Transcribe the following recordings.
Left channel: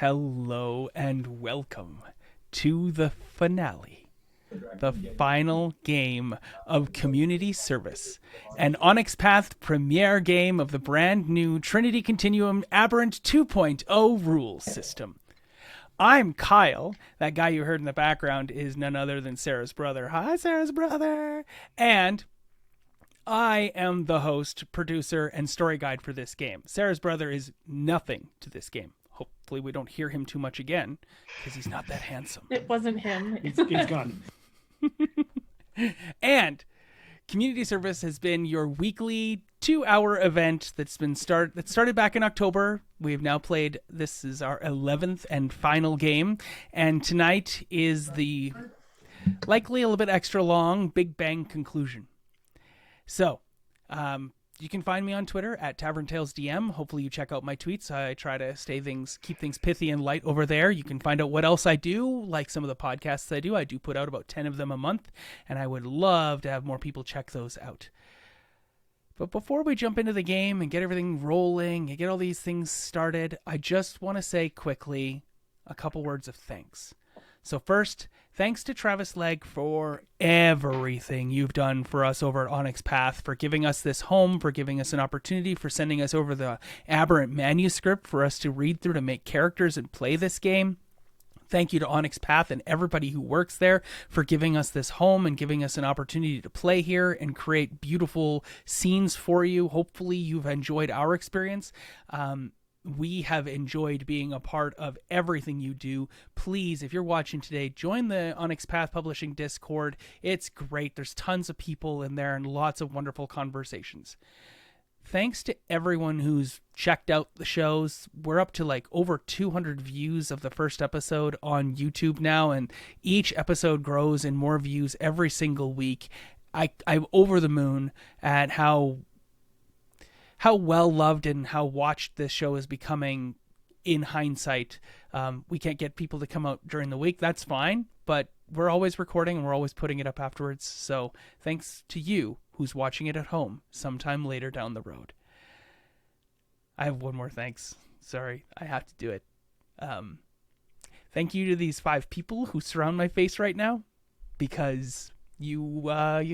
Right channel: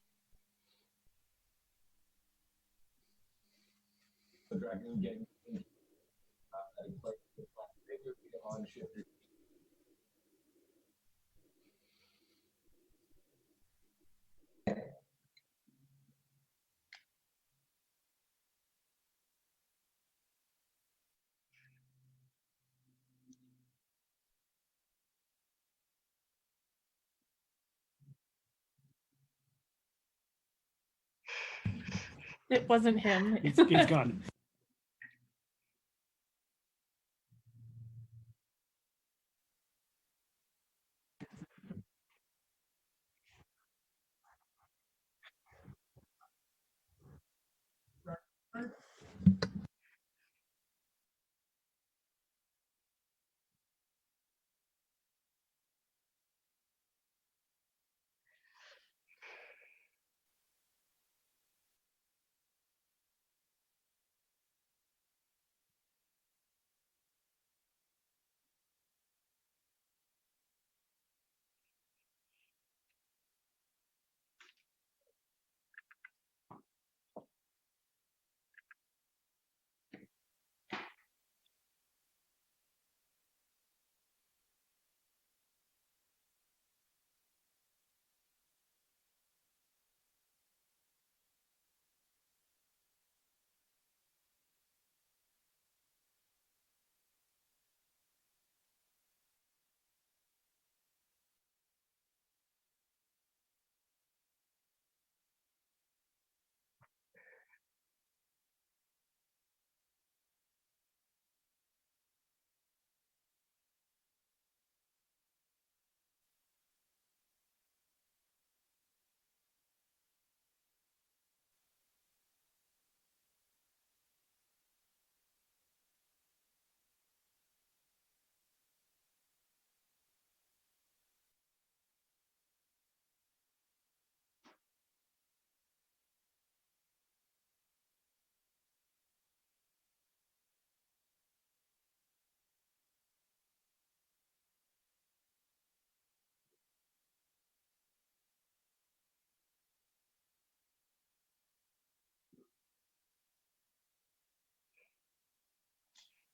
Hello and welcome to the finale, the final game of Community Service, an Onyx Path premiere game of the brand new Trinity Continuum Aberrant 2.0 rules system. I'm Kyle. That guy you heard in the background is none other than Sarah's brother. Hi, Sarah's brother. And I am the host, producer, and story guide for this game. Sarah's brother is nothing to this game. Hopefully, we don't hear him too much again because he's not that handsome. It wasn't him. He's gone. And Community Service has been your weekly 2-hour event that started back in October. We've now played, this is our 11th and final game. And tonight is the likely a little bit extra long Big Bang conclusion. So, you can find me on Twitter at TavernTalesDM. Hopefully you check out my tweets. I try to keep things pithy and light over there. You can find out what else I do, like some of the podcasts I do. I do put out about 10 of them a month, and I would love to have more people check those out. But before we jump into the game and get everything rolling and get all these things started, I just want to say quickly a couple words of thanks. So first, thanks to Travis Legg for everything you've done for us over at Onyx Path, for giving us this home, for giving us an opportunity, for sending us over the Aberrant manuscript for us to read through to make characters and play this game. Thank you to Onyx Path and everybody who works there for giving us this home and giving us an opportunity to play here and create beautiful scenes for you. Hopefully you've enjoyed our experience. We have enjoyed being a part of everything you do. Please, if you're watching today, join the Onyx Path Publishing Discord. It's great. There's tons of people in there and lots of wonderful conversations. Thanks to everyone who's checked out the shows. We're up to over 200 views of the first episode on YouTube now, and each episode grows and more views every single week. I'm over the moon at how well loved and how watched this show is becoming in hindsight. We can't get people to come out during the week. That's fine, but we're always recording and we're always putting it up afterwards. So thanks to you who's watching it at home sometime later down the road. I have one more thanks. Sorry, I have to do it. Thank you to these 5 people who surround my face right now, because you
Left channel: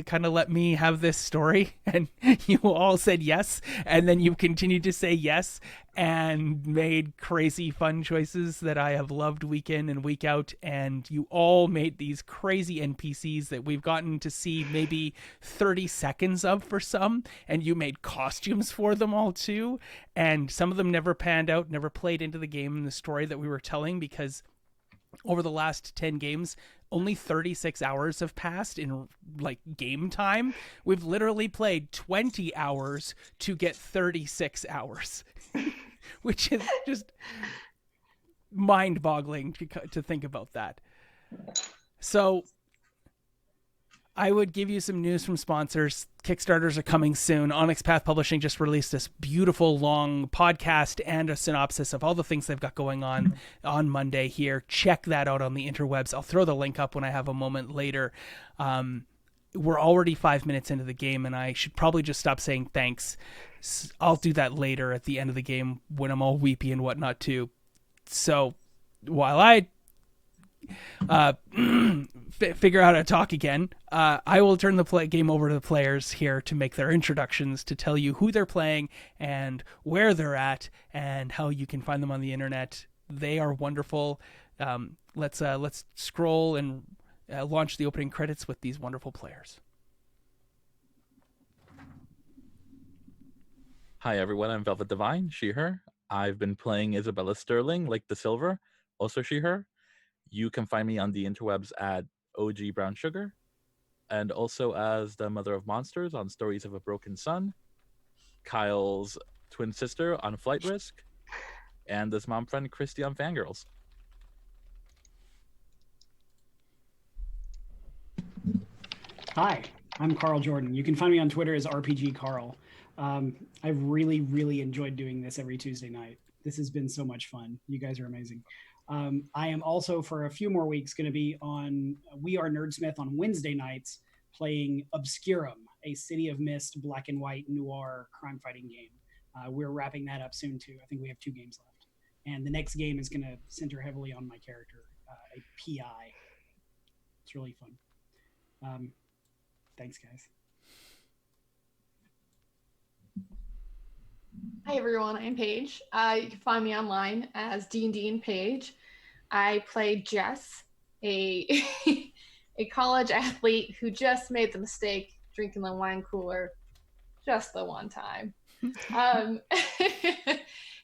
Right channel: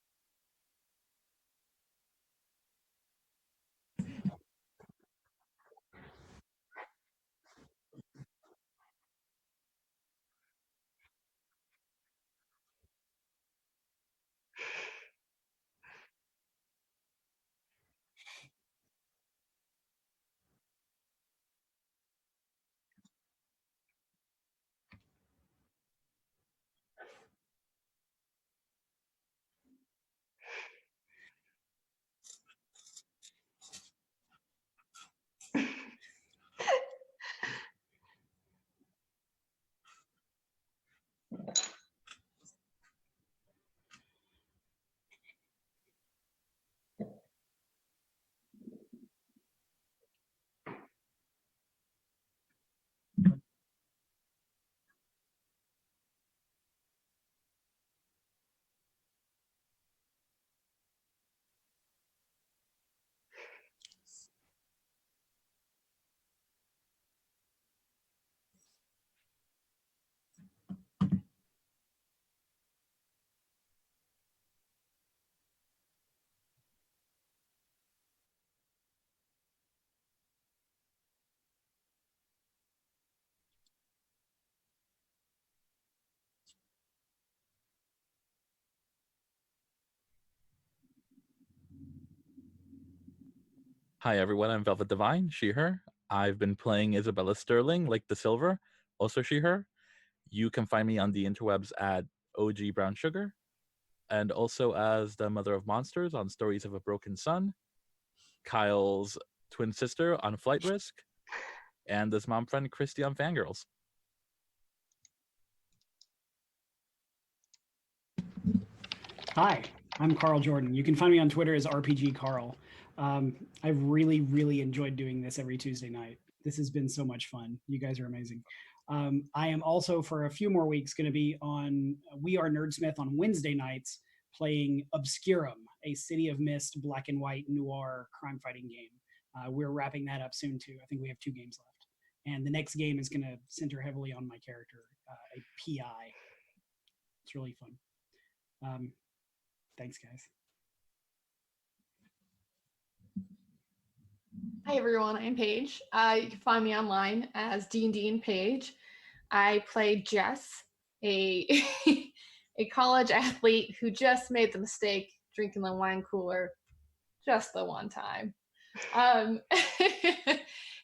kind of let me have this story and you all said yes, and then you continued to say yes and made crazy fun choices that I have loved week in and week out, and you all made these crazy NPCs that we've gotten to see maybe 30 seconds of for some, and you made costumes for them all too, and some of them never panned out, never played into the game and the story that we were telling, because over the last 10 games, only 36 hours have passed in game time. We've literally played 20 hours to get 36 hours, which is just mind-boggling to think about that. So I would give you some news from sponsors. Kickstarters are coming soon. Onyx Path Publishing just released this beautiful long podcast and a synopsis of all the things they've got going on Monday here. Check that out on the interwebs. I'll throw the link up when I have a moment later. We're already 5 minutes into the game, and I should probably just stop saying thanks. I'll do that later at the end of the game when I'm all weepy and whatnot too. So while I figure out how to talk again, I will turn the game over to the players here to make their introductions, to tell you who they're playing and where they're at and how you can find them on the internet. They are wonderful. Let's scroll and launch the opening credits with these wonderful players. Hi everyone, I'm Velvet Divine, she, her. I've been playing Isabella Sterling, like the Silver, also she, her. You can find me on the interwebs at OG Brown Sugar, and also as the Mother of Monsters on Stories of a Broken Sun, Kyle's twin sister on Flight Risk, and this mom friend Christy on Fangirls. Hi, I'm Carl Jordan. You can find me on Twitter as RPG Carl. I've really enjoyed doing this every Tuesday night. This has been so much fun. You guys are amazing. I am also, for a few more weeks, going to be on We Are Nerdsmith on Wednesday nights, playing Obscurum, a City of Mist black and white noir crime fighting game. We're wrapping that up soon too. I think we have 2 games left. And the next game is going to center heavily on my character, a PI. It's really fun. Thanks, guys. Hi everyone, I'm Paige. You can find me online as D&D and Paige. I play Jess, a a college athlete who just made the mistake drinking the wine cooler just the one time,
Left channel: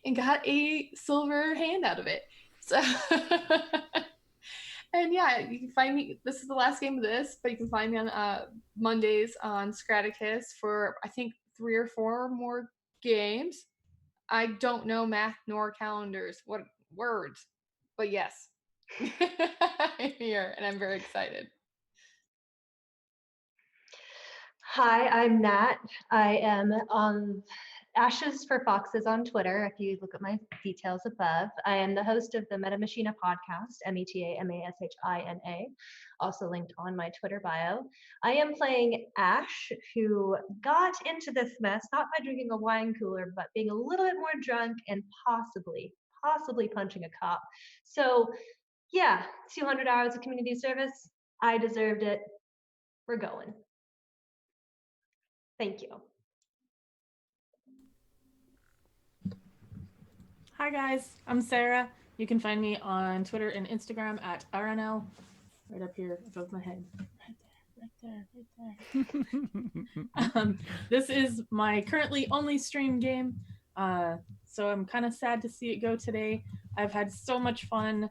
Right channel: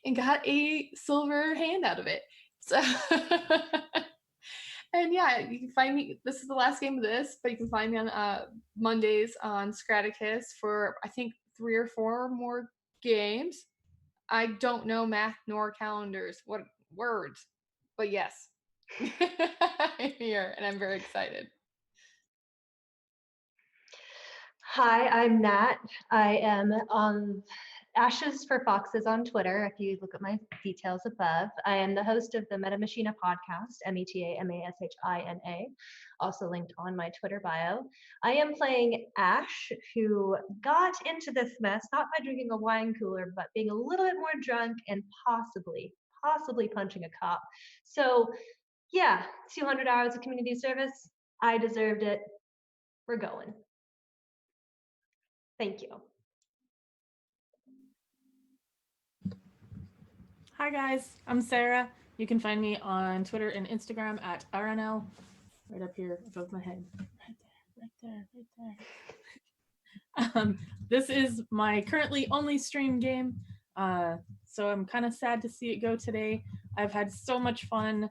and got a silver hand out of it. So, and yeah, you can find me. This is the last game of this, but you can find me on Mondays on Scraticus for I think 3 or 4 more games. I don't know math nor calendars. What words? But yes, I'm here and I'm very excited. Hi, I'm Nat. I am on Ashes for Foxes on Twitter, if you look at my details above. I am the host of the Meta Machina podcast, METAMASHINA, also linked on my Twitter bio. I am playing Ash, who got into this mess, not by drinking a wine cooler, but being a little bit more drunk and possibly punching a cop. So yeah, 200 hours of community service. I deserved it. We're going. Thank you. Hi guys, I'm Sarah. You can find me on Twitter and Instagram at RNL, right up here above my head. Right there. This is my currently only stream game, so I'm kind of sad to see it go today. I've had so much fun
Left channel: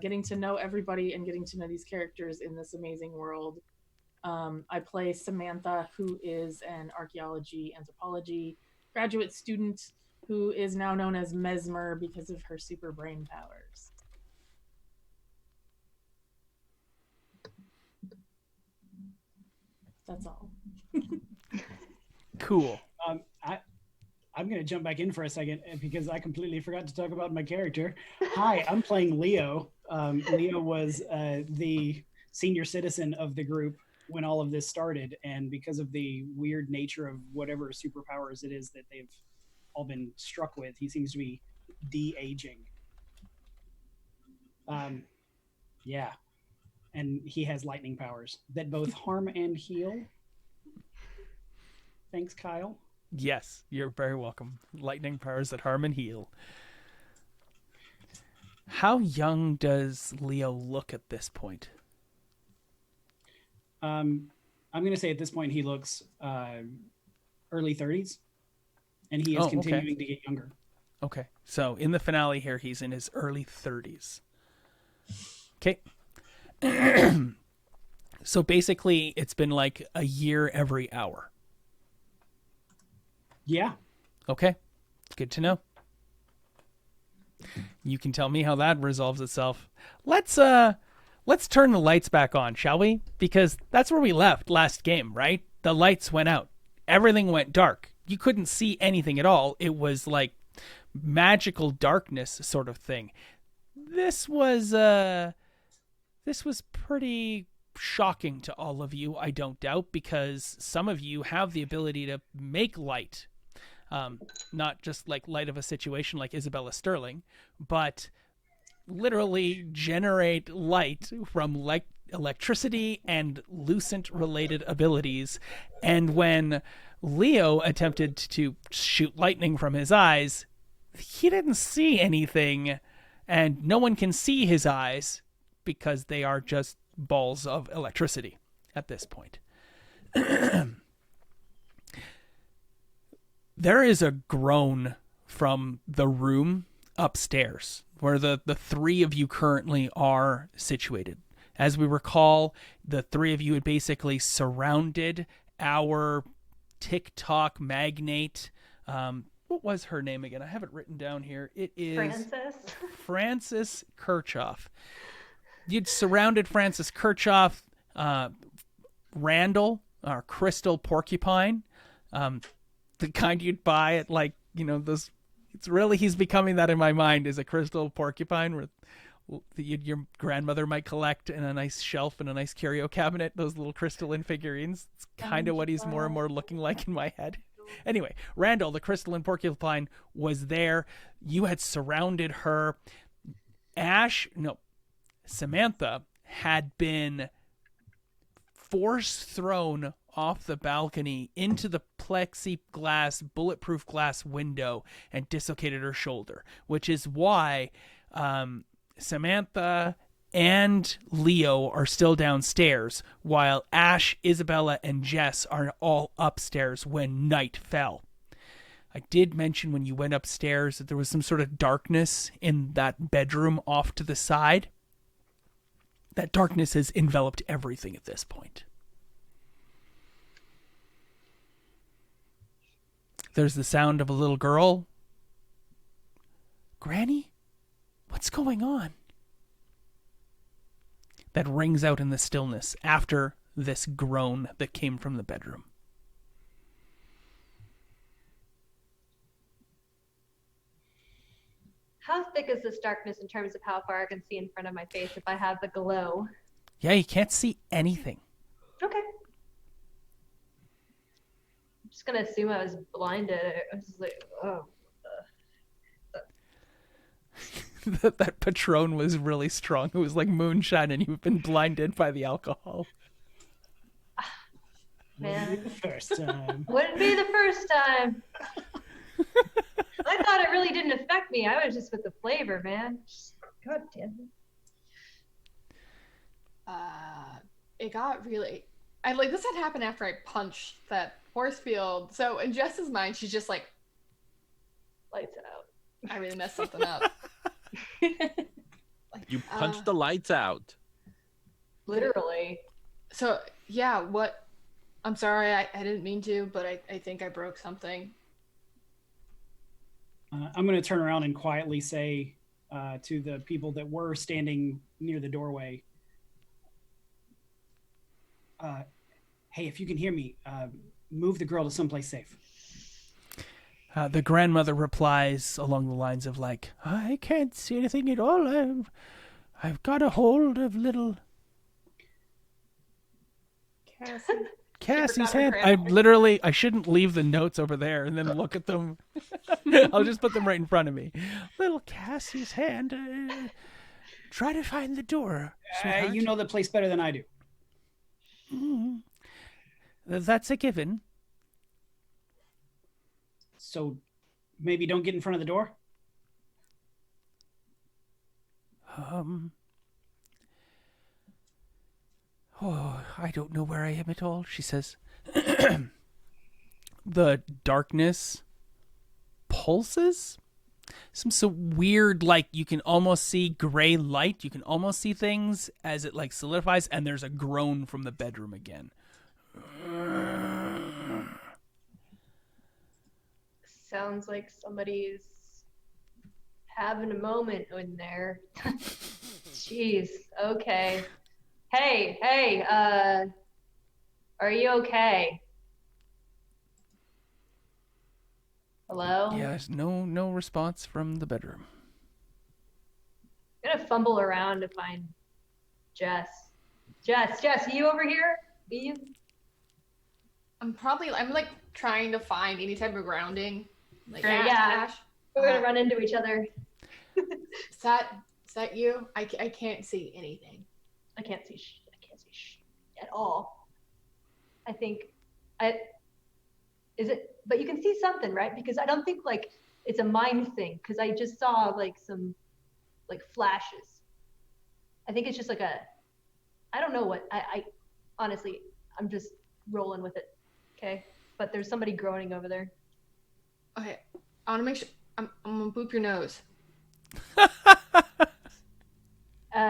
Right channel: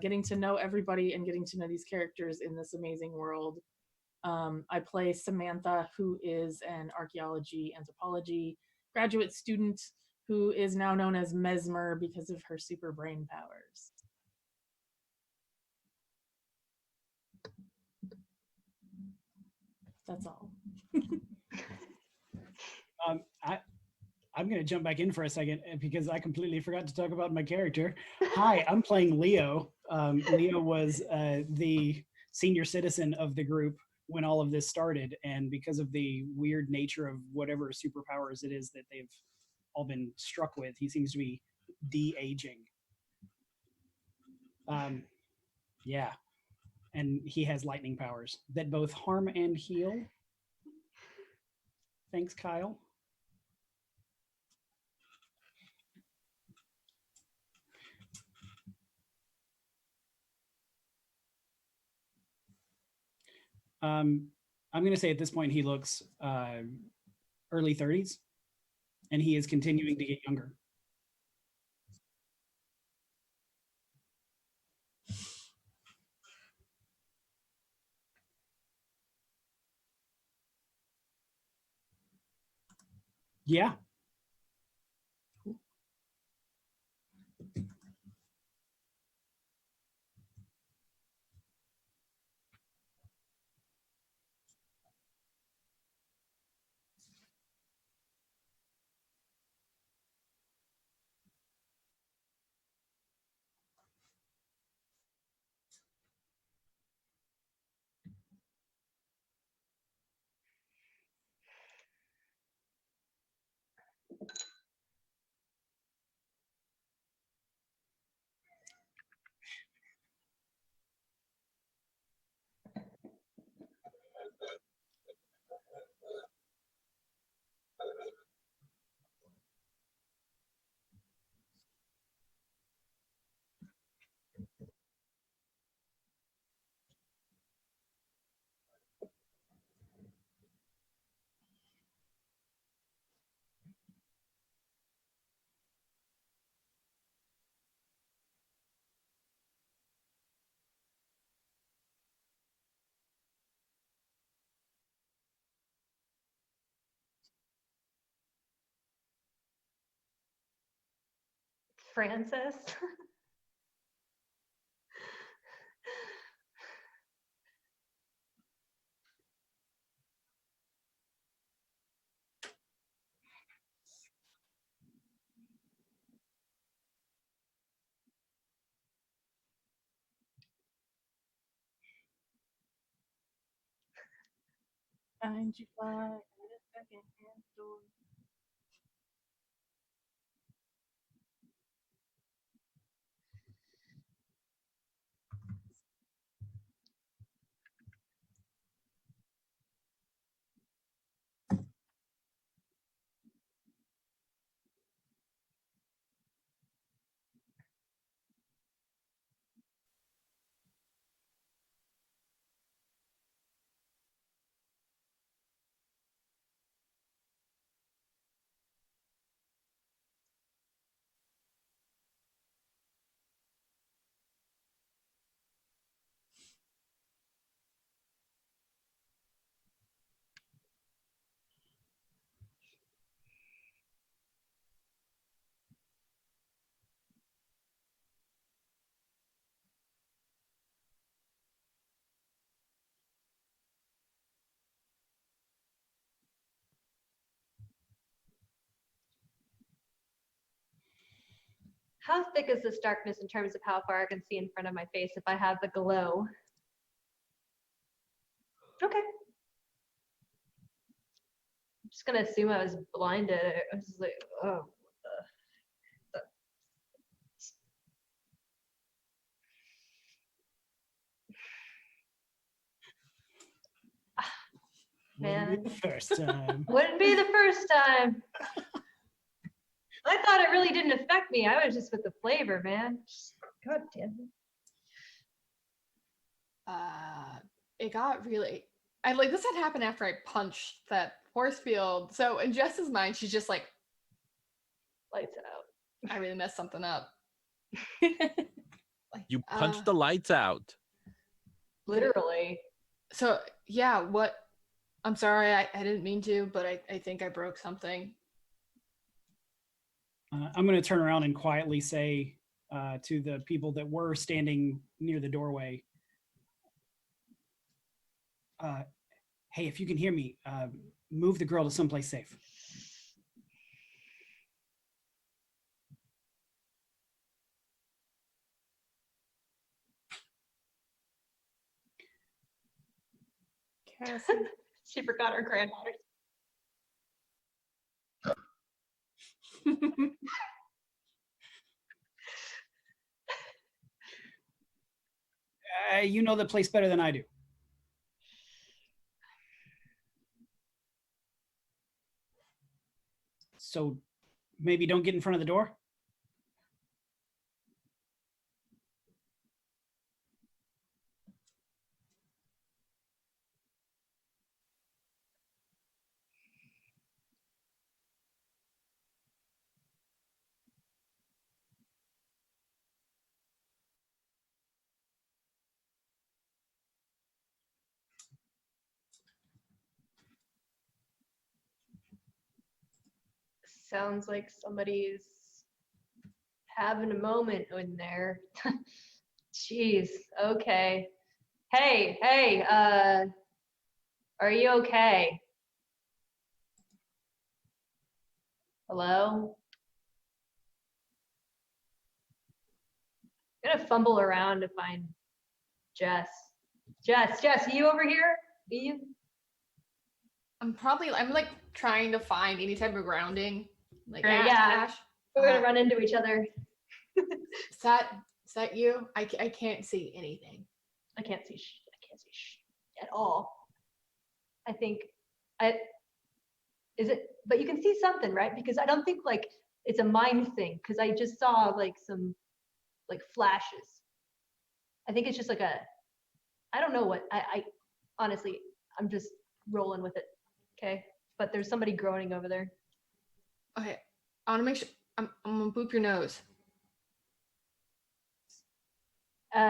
getting to know everybody and getting to know these characters in this amazing world. I play Samantha, who is an archaeology anthropology graduate student who is now known as Mesmer because of her super brain powers. That's all. Cool. I'm going to jump back in for a second because I completely forgot to talk about my character. Hi, I'm playing Leo. Leo was the senior citizen of the group when all of this started, and because of the weird nature of whatever superpowers it is that they've all been struck with, he seems to be de-aging. Yeah, and he has lightning powers that both harm and heal. Thanks, Kyle. Yes, you're very welcome. Lightning powers that harm and heal. How young does Leo look at this point? I'm going to say at this point he looks early 30s, and he is continuing to get younger. Okay, so in the finale here, he's in his early 30s. Okay. So basically, it's been like a year every hour. Yeah. Okay, good to know. You can tell me how that resolves itself. Let's turn the lights back on, shall we? Because that's where we left last game, right? The lights went out. Everything went dark. You couldn't see anything at all. It was like magical darkness sort of thing. This was pretty shocking to all of you, I don't doubt, because some of you have the ability to make light. Not just like light of a situation like Isabella Sterling, but literally generate light from electricity and lucent related abilities. And when Leo attempted to shoot lightning from his eyes, he didn't see anything, and no one can see his eyes because they are just balls of electricity at this point. There is a groan from the room upstairs where the three of you currently are situated. As we recall, the three of you had basically surrounded our TikTok magnate. What was her name again? I have it written down here. It is Francis Kirchhoff. You'd surrounded Francis Kirchhoff, Randall, our crystal porcupine, the kind you'd buy at those. It's really, he's becoming that in my mind, is a crystal porcupine where your grandmother might collect in a nice shelf in a nice curio cabinet, those little crystalline figurines. It's kind of what he's more and more looking like in my head. Anyway, Randall, the crystalline porcupine, was there. you had surrounded her. Samantha had been force thrown off the balcony into the plexiglass, bulletproof glass window and dislocated her shoulder, which is why Samantha and Leo are still downstairs, while Ash, Isabella, and Jess are all upstairs when night fell. I did mention when you went upstairs that there was some sort of darkness in that bedroom off to the side. That darkness has enveloped everything at this point. There's the sound of a little girl. Granny? What's going on? That rings out in the stillness after this groan that came from the bedroom. How thick is this darkness in terms of how far I can see in front of my face if I have the glow? Yeah, you can't see anything. Okay. I'm just gonna assume I was blinded. I was just like, oh. That Patron was really strong. It was like moonshine and you've been blinded by the alcohol. Man. Wouldn't be the first time. Wouldn't be the first time. I thought it really didn't affect me. I was just with the flavor, man. God damn it. It got really. I like this had happened after I punched that force field. So in Jess's mind, she's just like, Lights out. I really messed something up. Like, You punched the lights out. Literally. So yeah, what? I'm sorry, I didn't mean to, but I think I broke something. I'm going to turn around and quietly say to the people that were standing near the doorway, hey, if you can hear me, move the girl to someplace safe. The grandmother replies along the lines of like, I can't see anything at all. I've got a hold of little Cassie's hand. I shouldn't leave the notes over there and then look at them. I'll just put them right in front of me. Little Cassie's hand. Try to find the door. You know the place better than I do. Mm. That's a given. So maybe don't get in front of the door? Oh, I don't know where I am at all, she says. The darkness pulses. Some so weird, like you can almost see gray light. You can almost see things as it like solidifies, and there's a groan from the bedroom again. Sounds like somebody's having a moment in there. Jeez. Okay. Hey, are you okay? Hello? Yes, no response from the bedroom. I'm gonna fumble around to find Jess. Jess, are you over here? Are you? I'm like trying to find any type of grounding. Like Right, Ash. We're gonna run into each other. Is that you? I can't see anything. I can't see at all. I think is it, but you can see something, right? Because I don't think like it's a mind thing, because I just saw like some like flashes. I think it's just like I don't know what, I honestly, I'm just rolling with it. Okay. But there's somebody groaning over there. Okay. I want to make sure, I'm gonna boop your nose.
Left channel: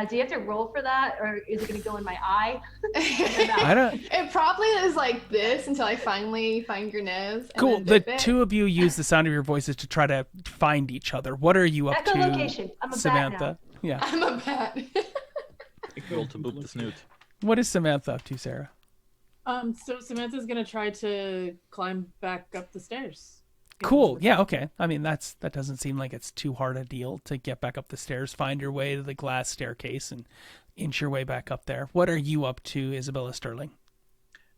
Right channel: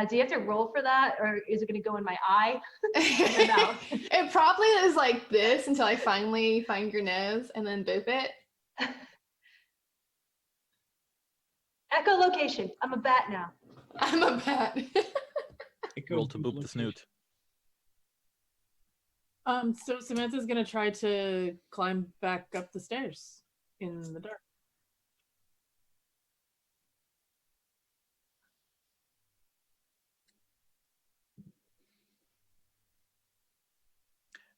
Do you have to roll for that, or is it going to go in my eye? I don't. It probably is like this until I finally find your nose. And Cool. then The dip it. two of you use the sound of your voices to try to find each other. What are you up to, Echolocation. I'm a bat Samantha? now. Yeah. I'm a bat. Roll to boop the snoot. What is Samantha up to, Sarah? So Samantha's gonna try to climb back up the stairs. Cool. Yeah. Okay. I mean, that doesn't seem like it's too hard a deal to get back up the stairs, find your way to the glass staircase, and inch your way back up there. What are you up to, Isabella Sterling?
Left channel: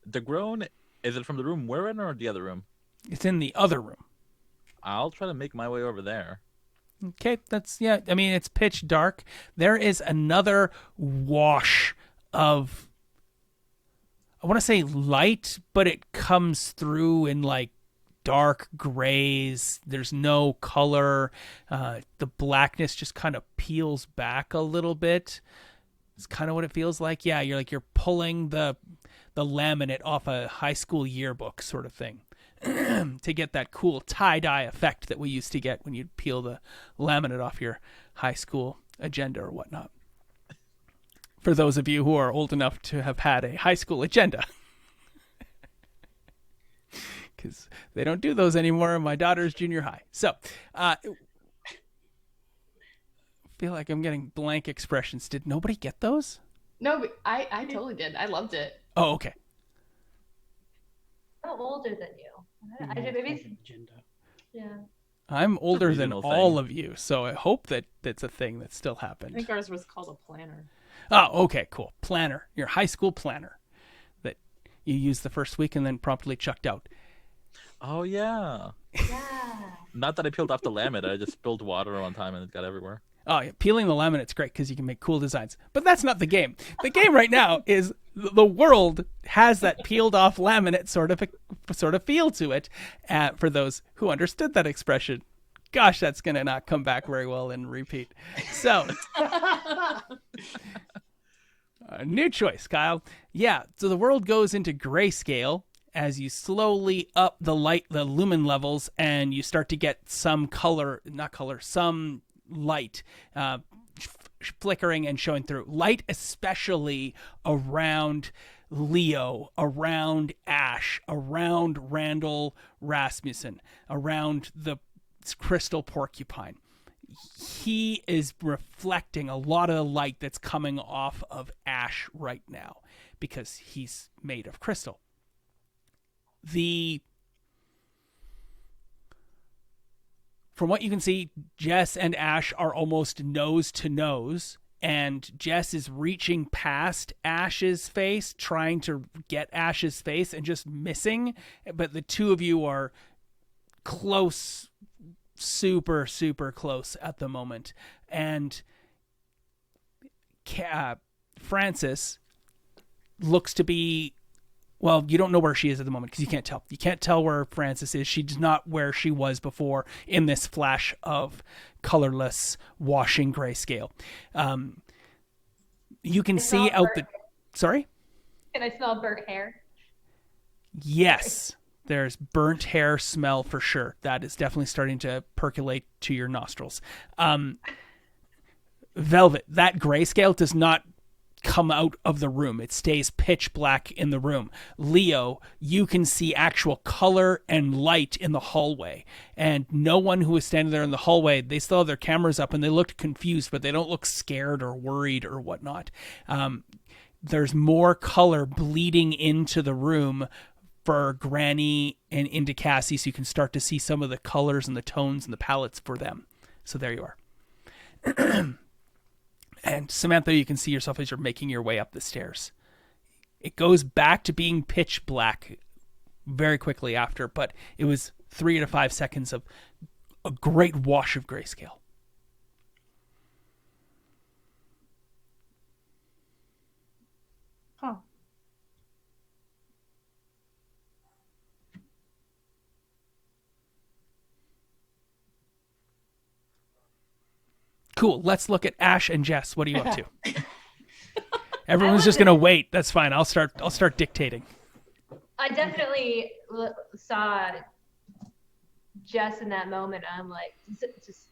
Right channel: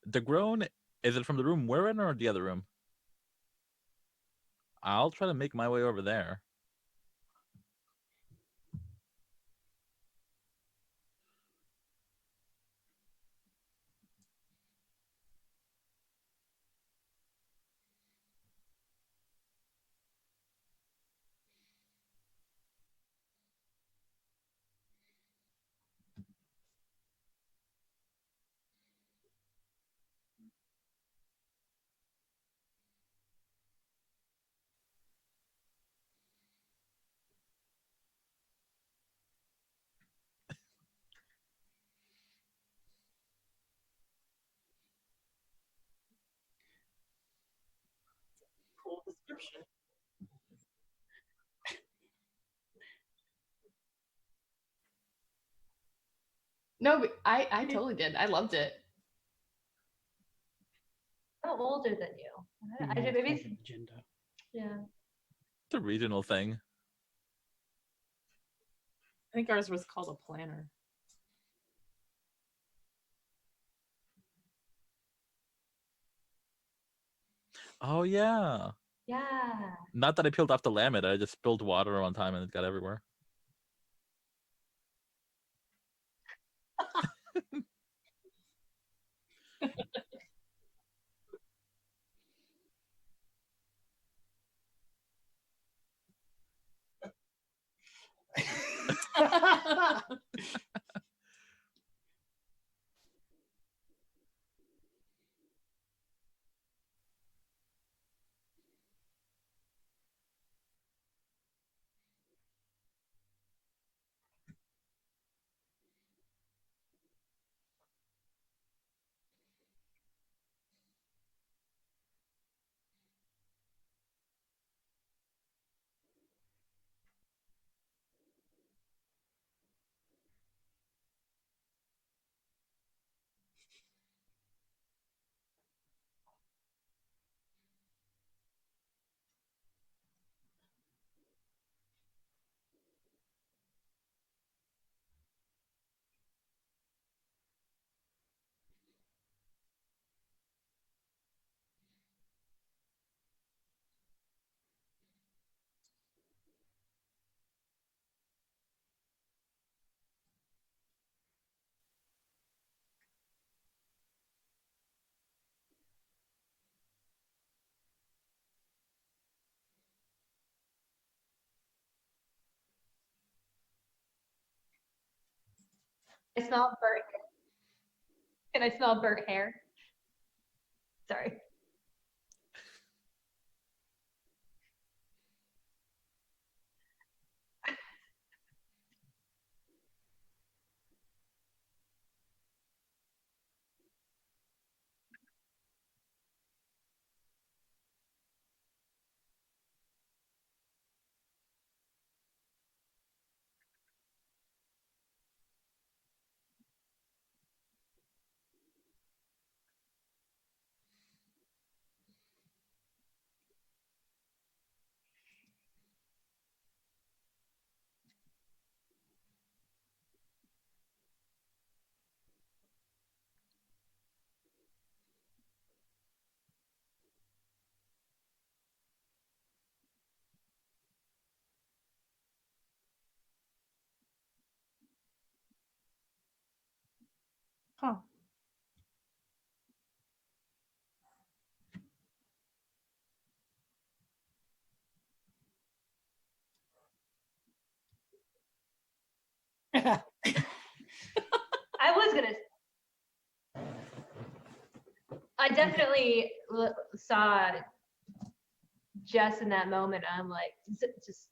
The groan, is it from the room we're in or the other room? It's in the other room. I'll try to make my way over there. Okay, I mean, it's pitch dark. There is another wash of, I want to say light, but it comes through in like dark grays. There's no color. The blackness just kind of peels back a little bit. It's kind of what it feels like. Yeah, you're pulling the laminate off a high school yearbook sort of thing. To get that cool tie-dye effect that we used to get when you'd peel the laminate off your high school agenda or whatnot. For those of you who are old enough to have had a high school agenda. Because they don't do those anymore in my daughter's junior high. So, feel like I'm getting blank expressions. Did nobody get those? No, but I totally did. I loved it. Oh, okay. I'm older than you. I did maybe. Agenda. Yeah. I'm older than regional thing. all of you, so I hope that that's a thing that still I happened. think ours was called a planner. Oh, okay, cool. Planner. Your high school planner that you used the first week and then promptly chucked out. Oh yeah. Yeah. Not that I peeled off the laminate. I just spilled water on time and it got everywhere. Oh, yeah. Peeling the laminate's great because you can make cool designs. But that's not the game. The game right now is the world has that peeled off laminate sort of feel to it. For those who understood that expression, gosh, that's going to not come back very well in repeat. So, new choice, Kyle. Yeah, so the world goes into grayscale as you slowly up the lumen levels, and you start to get some some light flickering and showing through. Light especially around Leo, around Ash, around Randall Rasmussen, around the crystal porcupine. He is reflecting a lot of the light that's coming off of Ash right now because he's made of crystal. From what you can see, Jess and Ash are almost nose to nose, and Jess is reaching past Ash's face, trying to get Ash's face and just missing. But the two of you are close, super, super close at the moment. And Frances looks to be, well, you don't know where she is at the moment because you can't tell. You can't tell where Frances is. She's not where she was before in this flash of colorless, washing grayscale. You can see out the... Sorry? Can I smell burnt hair? Yes. There's burnt hair smell for sure. That is definitely starting to percolate to your nostrils. Velvet, that grayscale does not come out of the room. It stays pitch black in the room. Leo, you can see actual color and light in the hallway. And no one who is standing there in the hallway, they still have their cameras up and they look confused, but they don't look scared or worried or whatnot. There's more color bleeding into the room for Granny and into Cassie, so you can start to see some of the colors and the tones and the palettes for them. So there you are. And Samantha, you can see yourself as you're making your way up the stairs. It goes back to being pitch black very quickly after, but it was 3 to 5 seconds of a great wash of grayscale. Huh. Cool. Let's look at Ash and Jess. What are you up to? Everyone's just gonna wait. That's fine. I'll start dictating. I definitely saw Jess in that moment. I'm like, just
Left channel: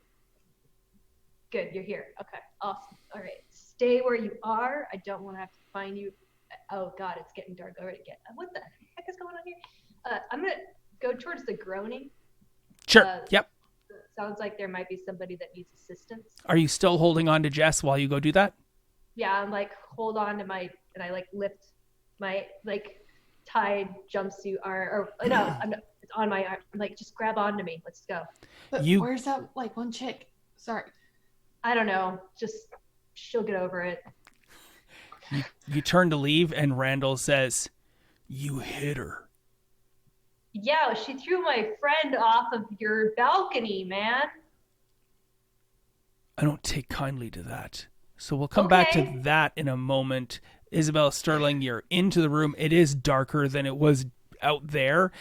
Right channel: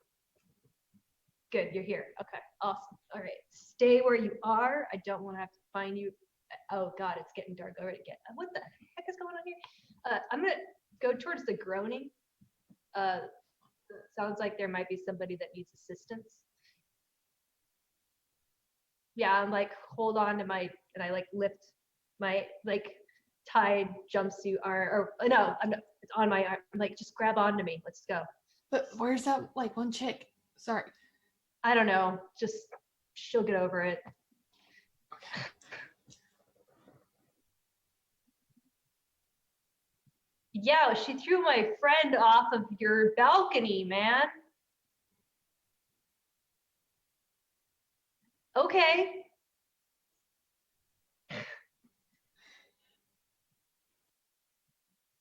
good. You're here. Okay. Awesome. All right. Stay where you are. I don't want to have to find you. Oh God, it's getting dark already. What the heck is going on here? I'm gonna go towards the groaning. Sure. Yep. Sounds like there might be somebody that needs assistance. Are you still holding on to Jess while you go do that? Yeah, I'm like, hold on to and I like lift my like tied jumpsuit or no, it's on my arm. I'm like, just grab onto me. Let's go. But where's that like one chick? Sorry. I don't know. Just she'll get over it. You turn to leave and Randall says, "You hit her." Yeah, she threw my friend off of your balcony, man. I don't take kindly to that. So we'll come back to Okay. that in a moment. Isabella Sterling, you're into the room. It is darker than it was out there.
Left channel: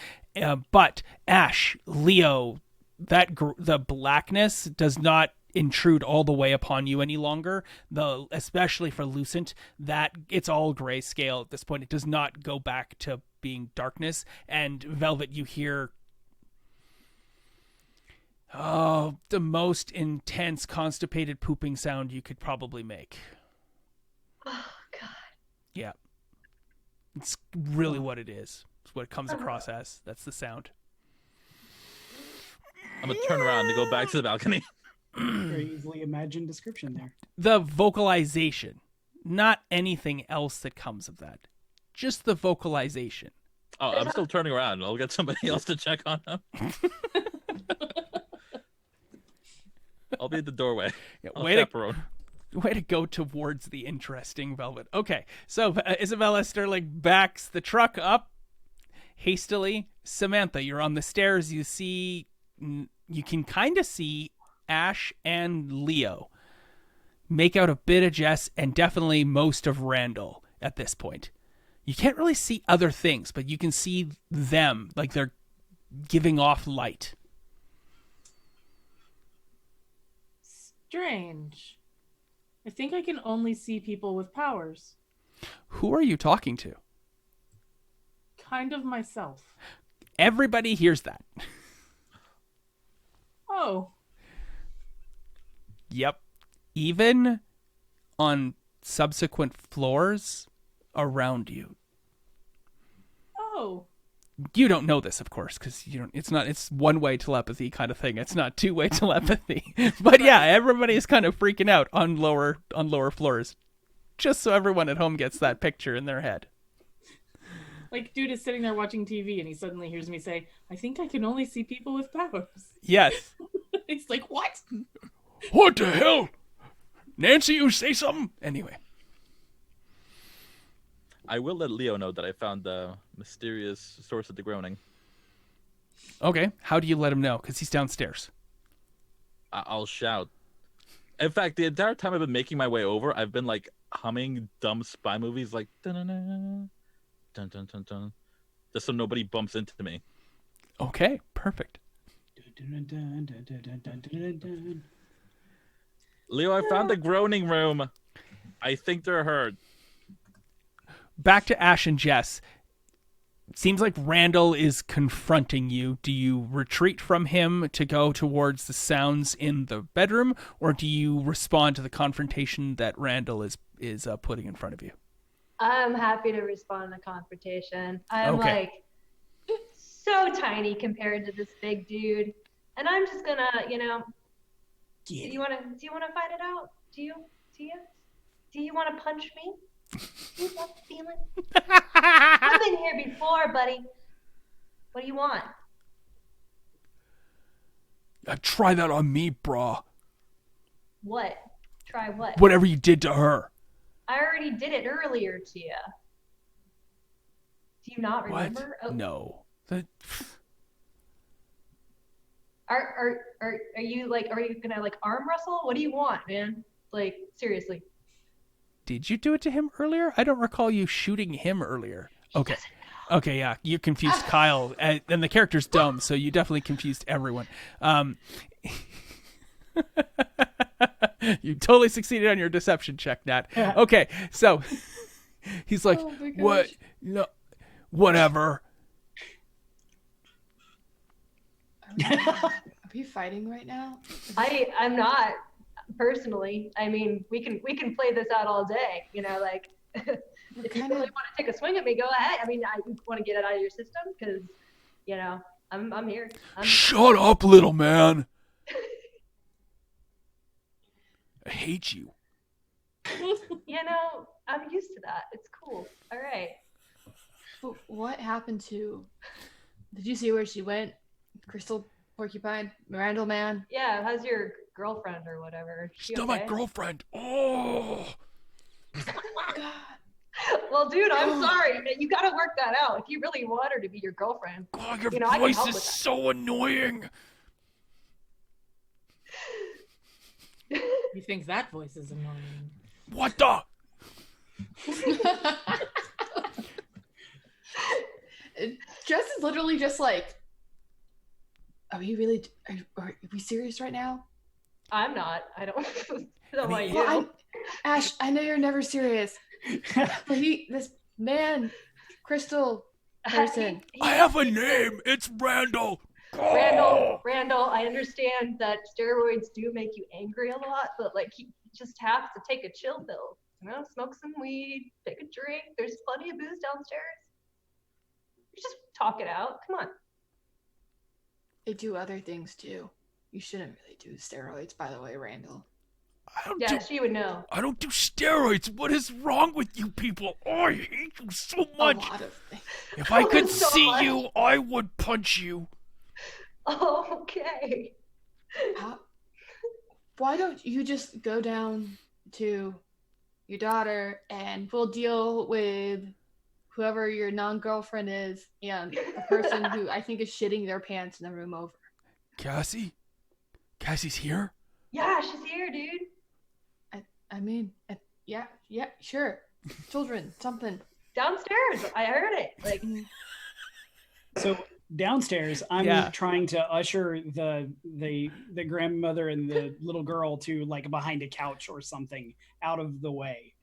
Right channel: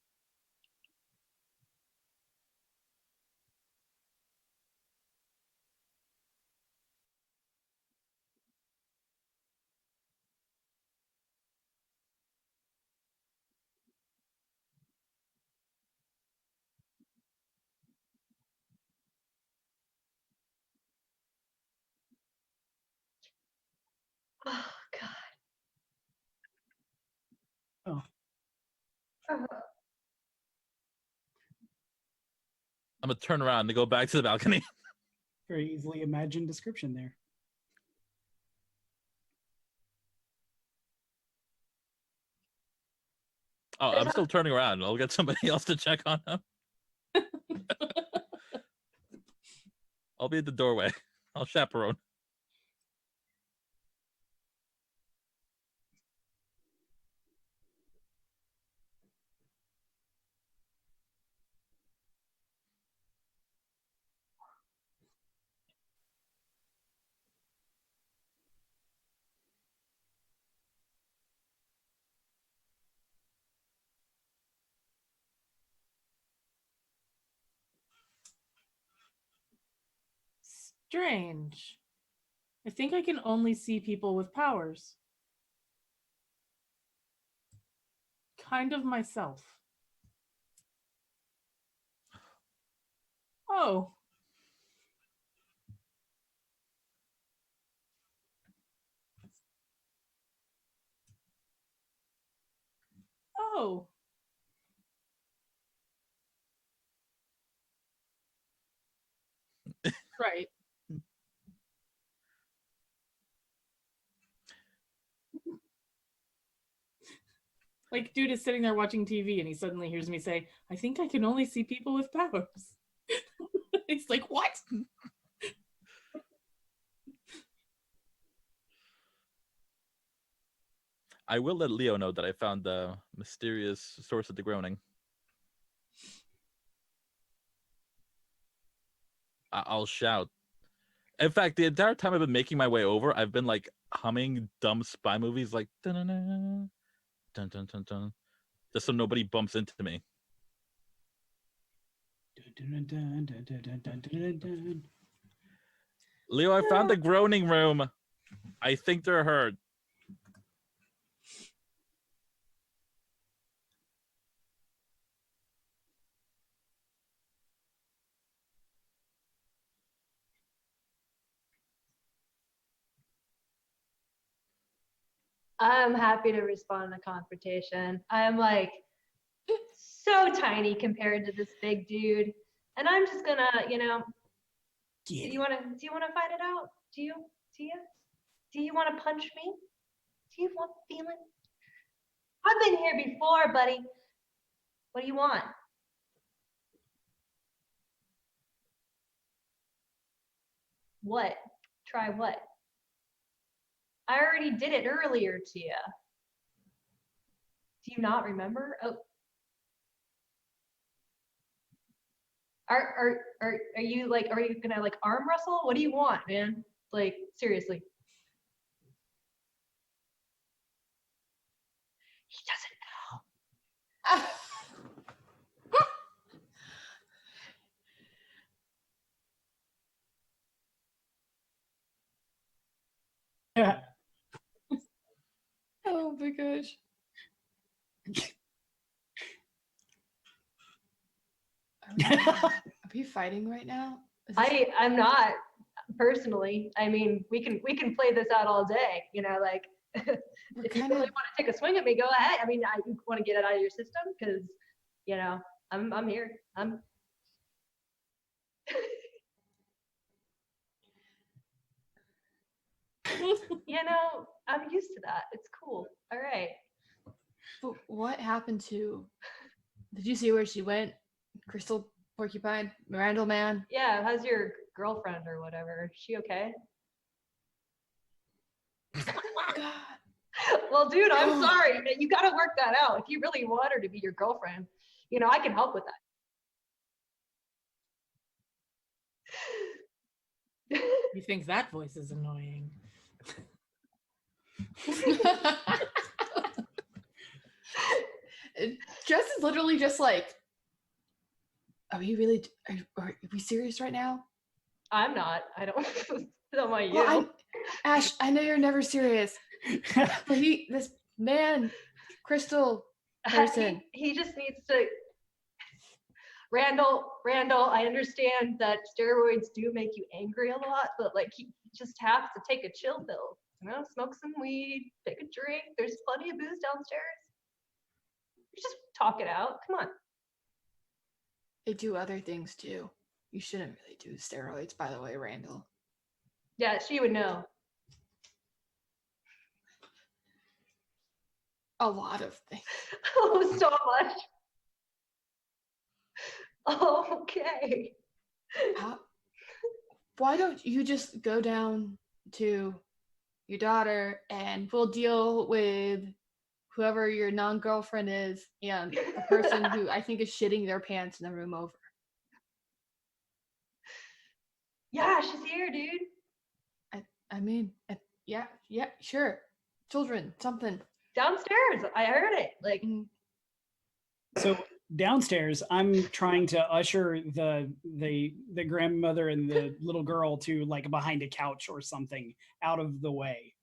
But Ash, Leo, the blackness does not intrude all the way upon you any longer. Especially for Lucent, that it's all grayscale at this point. It does not go back to being darkness. And Velvet, you hear the most intense constipated pooping sound you could probably make. Oh God. Yeah. It's really what it is. It's what it comes across as. That's the sound. I'm gonna turn around to go back to the balcony. Very easily imagined description there. The vocalization, not anything else that comes of that. Just the vocalization. Oh, I'm still turning around. I'll get somebody else to check on him. I'll be at the doorway. Yeah, I'll chaperone. Way to go towards the interesting Velvet. Okay, so Isabella Sterling backs the truck up hastily. Samantha, you're on the stairs. You can kind of see Ash and Leo make out a bit of Jess and definitely most of Randall at this point. You can't really see other things, but you can see them, like they're giving off light. Strange. I think I can only see people with powers. Who are you talking to? Kind of myself. Everybody hears that. Oh. Yep. Even on subsequent floors around you. Oh. You don't know this, of course, because it's one-way telepathy kind of thing. It's not two-way telepathy. But yeah, everybody is kind of freaking out on lower floors. Just so everyone at home gets that picture in their head. Like, dude is sitting there watching TV and he suddenly hears me say, I think I can only see people with powers. Yes. He's like, what? What the hell? Nancy, you say something? Anyway. I will let Leo know that I found the mysterious source of the groaning. Okay. How do you let him know? Because he's downstairs. I'll shout. In fact, the entire time I've been making my way over, I've been like humming dumb spy movies like dun dun dun dun dun, just so nobody bumps into me. Okay. Perfect. Leo, I found the groaning room. I think they're hurt. Back to Ash and Jess. It seems like Randall is confronting you. Do you retreat from him to go towards the sounds in the bedroom, or do you respond to the confrontation that Randall is putting in front of you? I'm happy to respond to confrontation. I'm Okay. like so tiny compared to this big dude, and I'm just gonna, do you want to fight it out? Do you want to punch me? Do you love the feeling? I've been here before, buddy. What do you want? Try that on me, brah. What? Try what? Whatever you did to her. I already did it earlier to you. Do you not What? remember? Oh, No. Are you gonna like arm wrestle? What do you want, man? Like, seriously. Did you do it to him earlier? I don't recall you shooting him earlier. He Okay. doesn't know. Okay, yeah. You confused Kyle, and the character's dumb, so you definitely confused everyone. You totally succeeded on your deception check, Nat. Okay, so he's like, Oh my what? gosh. No, whatever. Are we fighting right now? I'm not personally. I mean, we can play this out all day. Like We're if you kind really of want to take a swing at me, go ahead. I mean, you want to get it out of your system because I'm here. Shut up, little man. I hate you. I'm used to that. It's cool. All right. But what happened to? Did you see where she went? Crystal Porcupine, Randall man. Yeah. How's your girlfriend or whatever? Is she Still okay? my girlfriend. Oh. God. Well, dude, I'm sorry. You got to work that out. If you really want her to be your girlfriend, God, your I can voice help is with that. so annoying. You think that voice is annoying? What the? Jess is literally just like, are we serious right now? I'm not. I don't know about you. Well, Ash, I know you're never serious, but this man, Crystal person. I have a name. It's Randall. Randall, I understand that steroids do make you angry a lot, but like you just have to take a chill pill. You know, smoke some weed, take a drink. There's plenty of booze downstairs. You just talk it out. Come on. They do other things too. You shouldn't really do steroids, by the way, Randall. Yeah, she would know. I don't do steroids. What is wrong with you people? Oh, I hate you so A much. lot of things. If I could So see much. you, I would punch you. Oh, okay. Why don't you just go down to your daughter and we'll deal with whoever your non-girlfriend is and the person who I think is shitting their pants in the room over. Cassie? Cassie's here? Yeah, she's here, dude. I mean, yeah, sure. Children, something. Downstairs. I heard it. Like, So downstairs, I'm Yeah. trying to usher the grandmother and the little girl to like behind a couch or something out of the way.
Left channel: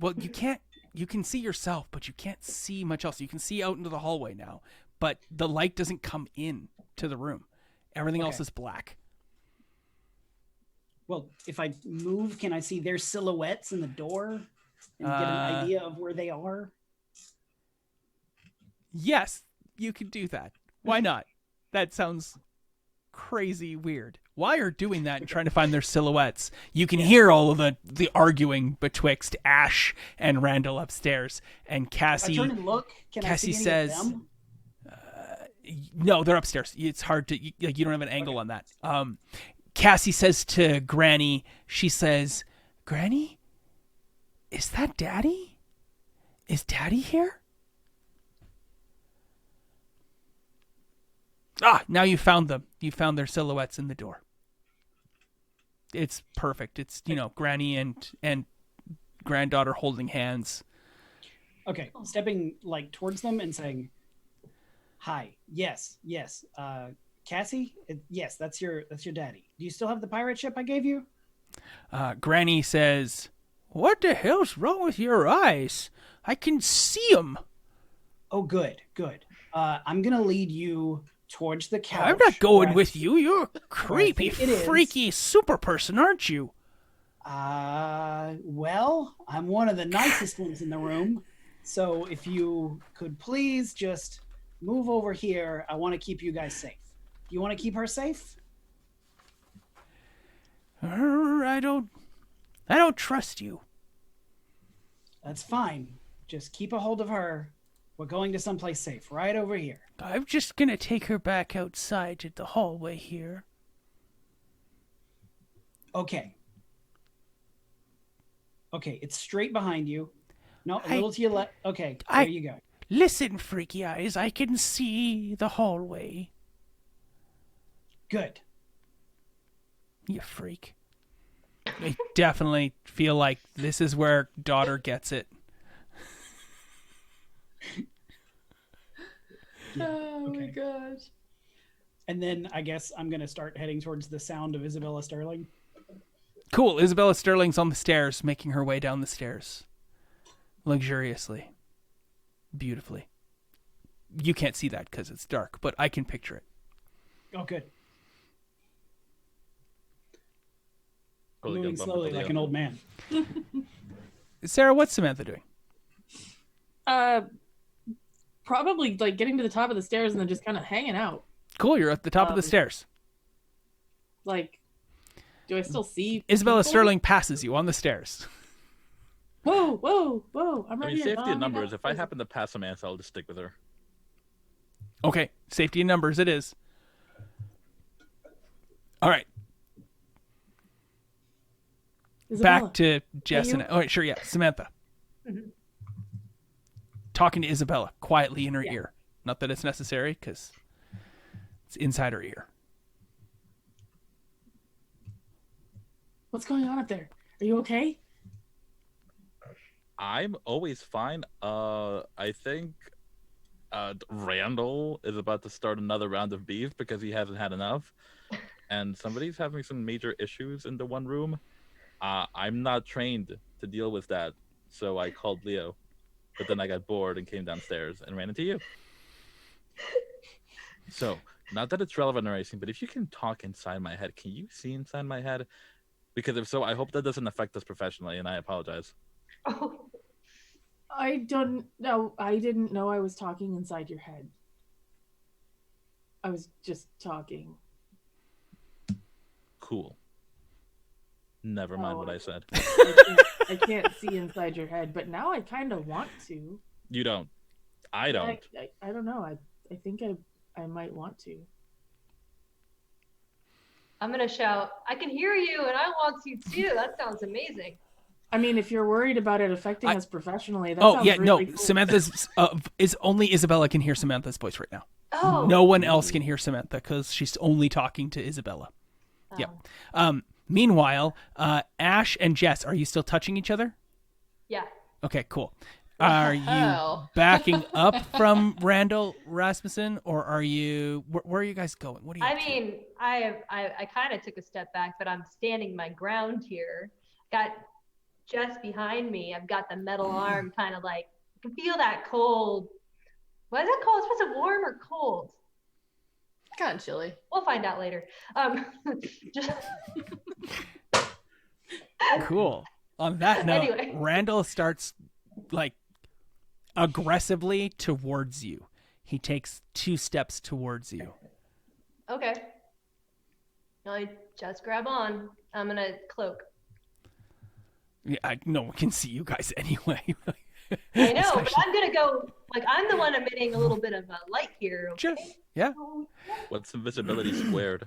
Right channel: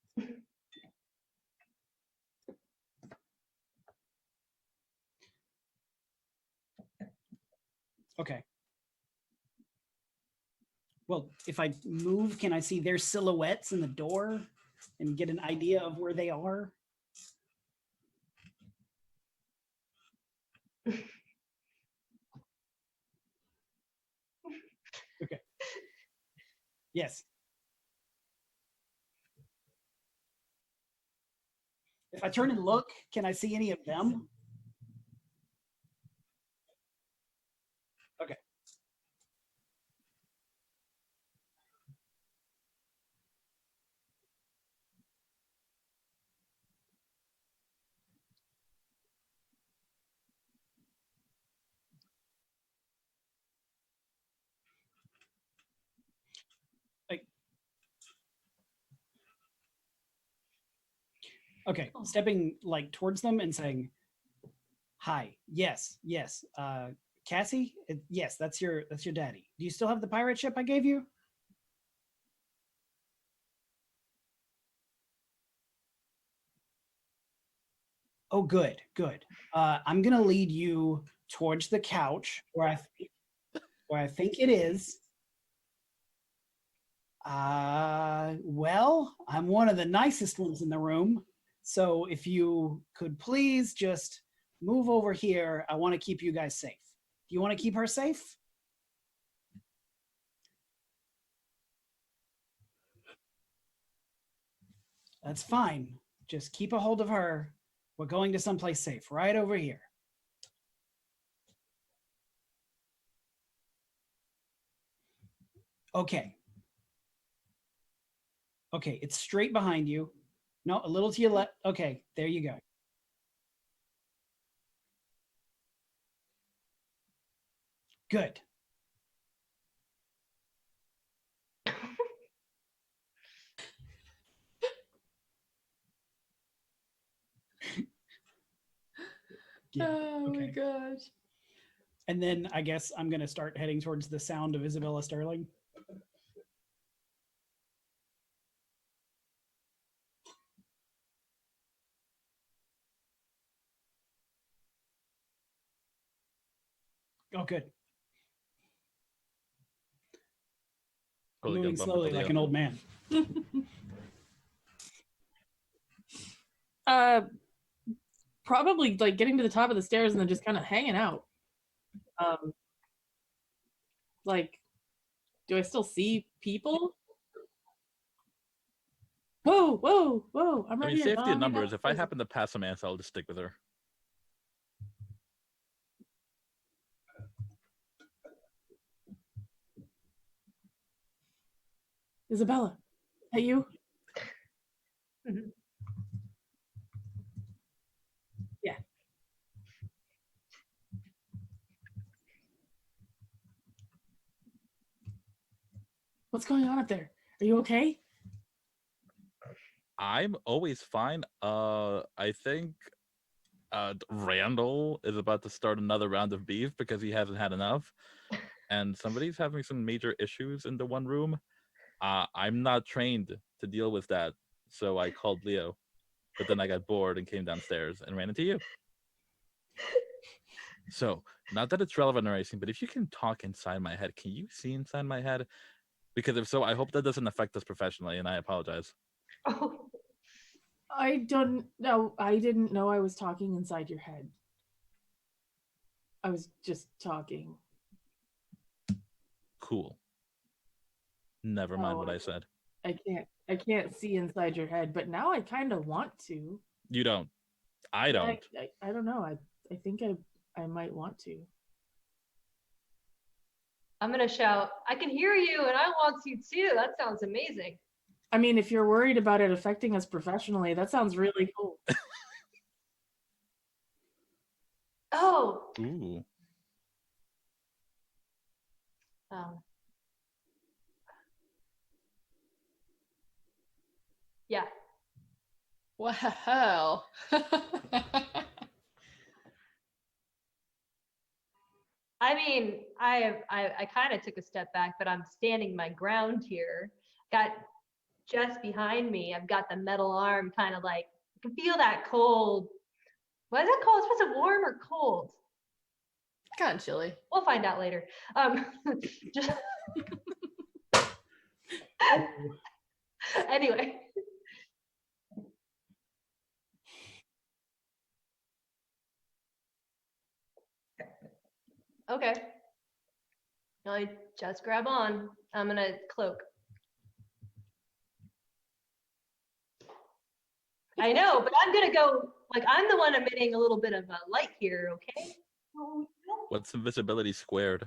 Well, you can't. You can see yourself, but you can't see much else. You can see out into the hallway now, but the light doesn't come in to the room. Everything else Okay. is black. Well, if I move, can I see their silhouettes in the door and get an idea of where they are? Yes, you can do that. Why not? That sounds crazy weird. While you're doing that and trying to find their silhouettes, you can hear all of the arguing betwixt Ash and Randall upstairs. And If Cassie, I turn and look, can I Cassie see any says, of them? no, they're upstairs. It's hard to, you don't have an angle Okay. on that. Cassie says to Granny, she says, Granny, is that Daddy? Is Daddy here? Ah, now you found them. You found their silhouettes in the door. It's perfect. It's, Granny and granddaughter holding hands. Okay, stepping like towards them and saying, "Hi, yes. Cassie, yes, that's your daddy. Do you still have the pirate ship I gave you?" Granny says, what the hell's wrong with your eyes? I can see them. Oh, good. I'm gonna lead you towards the couch. I'm not going where with you. You're a creepy, think it is. freaky super person, aren't you? Well, I'm one of the nicest ones in the room. So if you could please just move over here, I want to keep you guys safe. Do you want to keep her safe? I don't trust you. That's fine. Just keep a hold of her. We're going to someplace safe, right over here. I'm just gonna take her back outside to the hallway here. Okay, it's straight behind you. No, a little to your left. Okay, there you go. Listen, freaky eyes, I can see the hallway. Good. You freak. I definitely feel like this is where daughter gets it. Yeah, Oh my okay. gosh. And then I guess I'm going to start heading towards the sound of Isabella Sterling. Cool. Isabella Sterling's on the stairs, making her way down the stairs. Luxuriously. Beautifully. You can't see that because it's dark, but I can picture it. Oh, good. Totally Moving good bumper slowly video. like an old man. Sarah, what's Samantha doing? Probably like getting to the top of the stairs and then just kind of hanging out. Cool, you're at the top of the stairs. Like, do I still see Isabella people? Sterling passes you on the stairs. Whoa! I'm I right mean, here. safety in Mommy, numbers. If I there's a- happen to pass Samantha, I'll just stick with her. Okay, safety in numbers it is. All right, Isabella. back to Jess you? and... Oh, sure, yeah, Samantha. Mhm. Talking to Isabella quietly in her Yeah. ear. Not that it's necessary, because it's inside her ear. What's going on up there? Are you okay? I'm always fine. I think Randall is about to start another round of beef because he hasn't had enough, and somebody's having some major issues in the one room. I'm not trained to deal with that, so I called Leo, but then I got bored and came downstairs and ran into you. So, not that it's relevant or anything, but if you can talk inside my head, can you see inside my head? Because if so, I hope that doesn't affect us professionally, and I apologize. Oh, I don't know. I didn't know I was talking inside your head. I was just talking. Cool. Never mind what I said. I can't see inside your head, but now I kind of want to. You don't. I don't. I don't know. I think I might want to. I'm gonna shout, I can hear you and I want to too. That sounds amazing. I mean, if you're worried about it affecting us professionally, that sounds really cool. Samantha's is only Isabella can hear Samantha's voice right now. Oh. No one else can hear Samantha because she's only talking to Isabella. Oh. Yeah. Meanwhile, Ash and Jess, are you still touching each other? Yeah. Okay, cool. What the Are you hell? backing up from Randall Rasmussen, or are you? Where are you guys going? What are you? I mean, I kind of took a step back, but I'm standing my ground here. Got Jess behind me. I've got the metal arm, kind of like I can feel that cold. What is it called? It's supposed to warm or cold? Kind of chilly. We'll find out later. Just Cool. On that note, Anyway. Randall starts like aggressively towards you. He takes 2 steps towards you. Okay. I just grab on. I'm gonna cloak. Yeah, no one can see you guys anyway. I know, but I'm gonna go. Like I'm the one emitting a little bit of light here. Okay? Just, yeah. What's invisibility squared?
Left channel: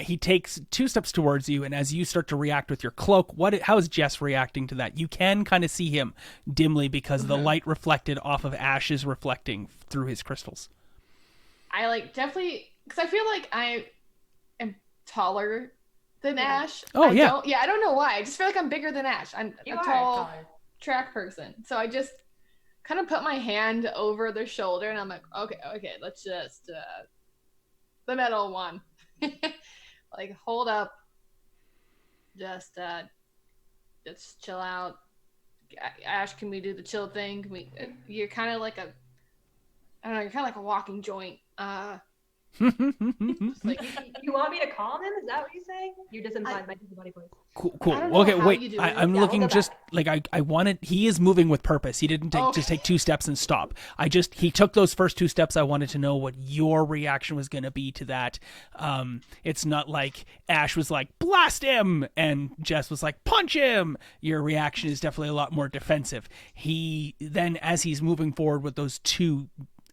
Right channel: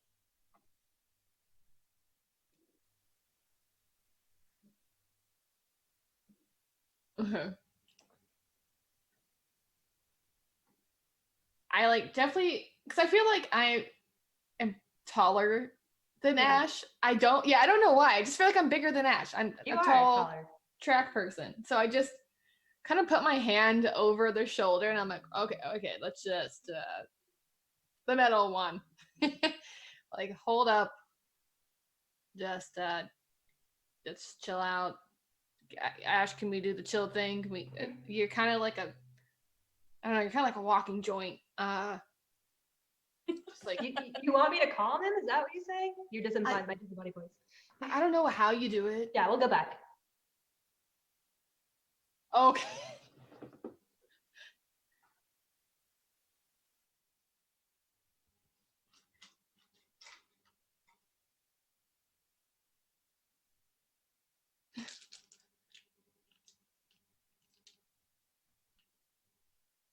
He takes 2 steps towards you, and as you start to react with your cloak, how is Jess reacting to that? You can kind of see him dimly because the light reflected off of Ash is reflecting through his crystals. I like definitely because I feel like I am taller than Ash. Oh, I yeah. I don't know why. I just feel like I'm bigger than Ash. I'm You a are tall taller. track person, so I just kind of put my hand over their shoulder, and I'm like, okay, let's just the metal one. Like hold up, just chill out. Ash, can we do the chill thing? Can we? You're kind of like I don't know. You're kind of like a walking joint. Just like You want me to calm him? Is that what you're saying? You're just implying my disembodied voice. Cool. I don't know Okay, how wait. you do I'm it. Yeah, looking we'll go just back. like I wanted. He is moving with purpose. He didn't Okay. just take 2 steps and stop. He took those first 2 steps. I wanted to know what your reaction was going to be to that. It's not like Ash was like blast him and Jess was like punch him. Your reaction is definitely a lot more defensive. He then, as he's moving forward with those 2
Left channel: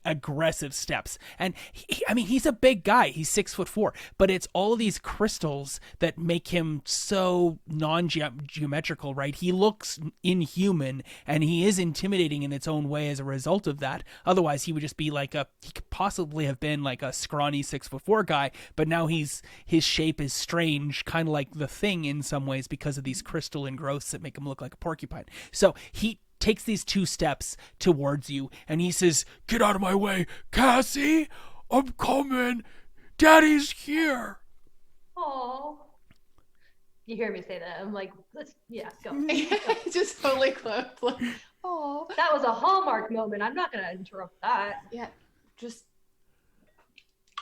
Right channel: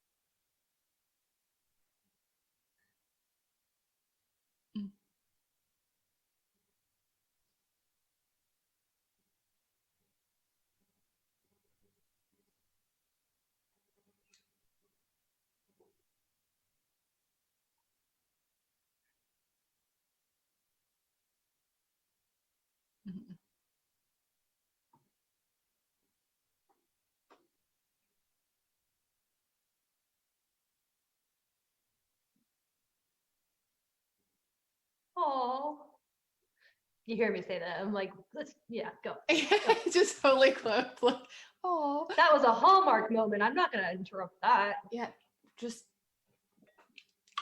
aggressive steps, and he's a big guy, he's 6'4", but it's all of these crystals that make him so non-geometrical, right? He looks inhuman, and he is intimidating in its own way as a result of that. Otherwise he would just be he could possibly have been like a scrawny 6'4" guy, but now his shape is strange, kind of like the Thing in some ways because of these crystal engrowths that make him look like a porcupine. So he takes these 2 steps towards you, and he says, "Get out of my way, Cassie! I'm coming! Daddy's here!" Oh. You hear me say that? I'm like, go. just totally close. Like, oh, That was a Hallmark moment. I'm not gonna interrupt that. yeah. Just,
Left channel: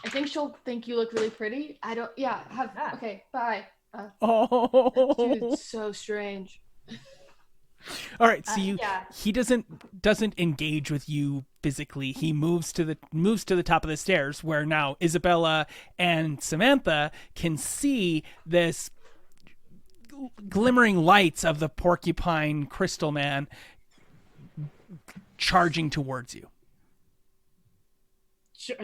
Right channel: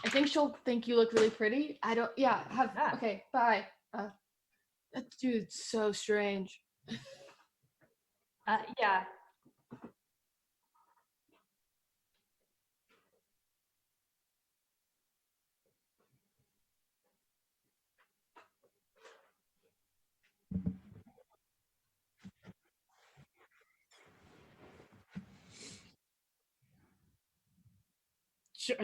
I think she'll think you look really pretty. I don't. Yeah. Okay. Bye. Oh, Dude's so strange. all right. So Yeah. he doesn't engage with you physically. He moves to the top of the stairs, where now Isabella and Samantha can see this glimmering lights of the Porcupine Crystal Man charging towards you.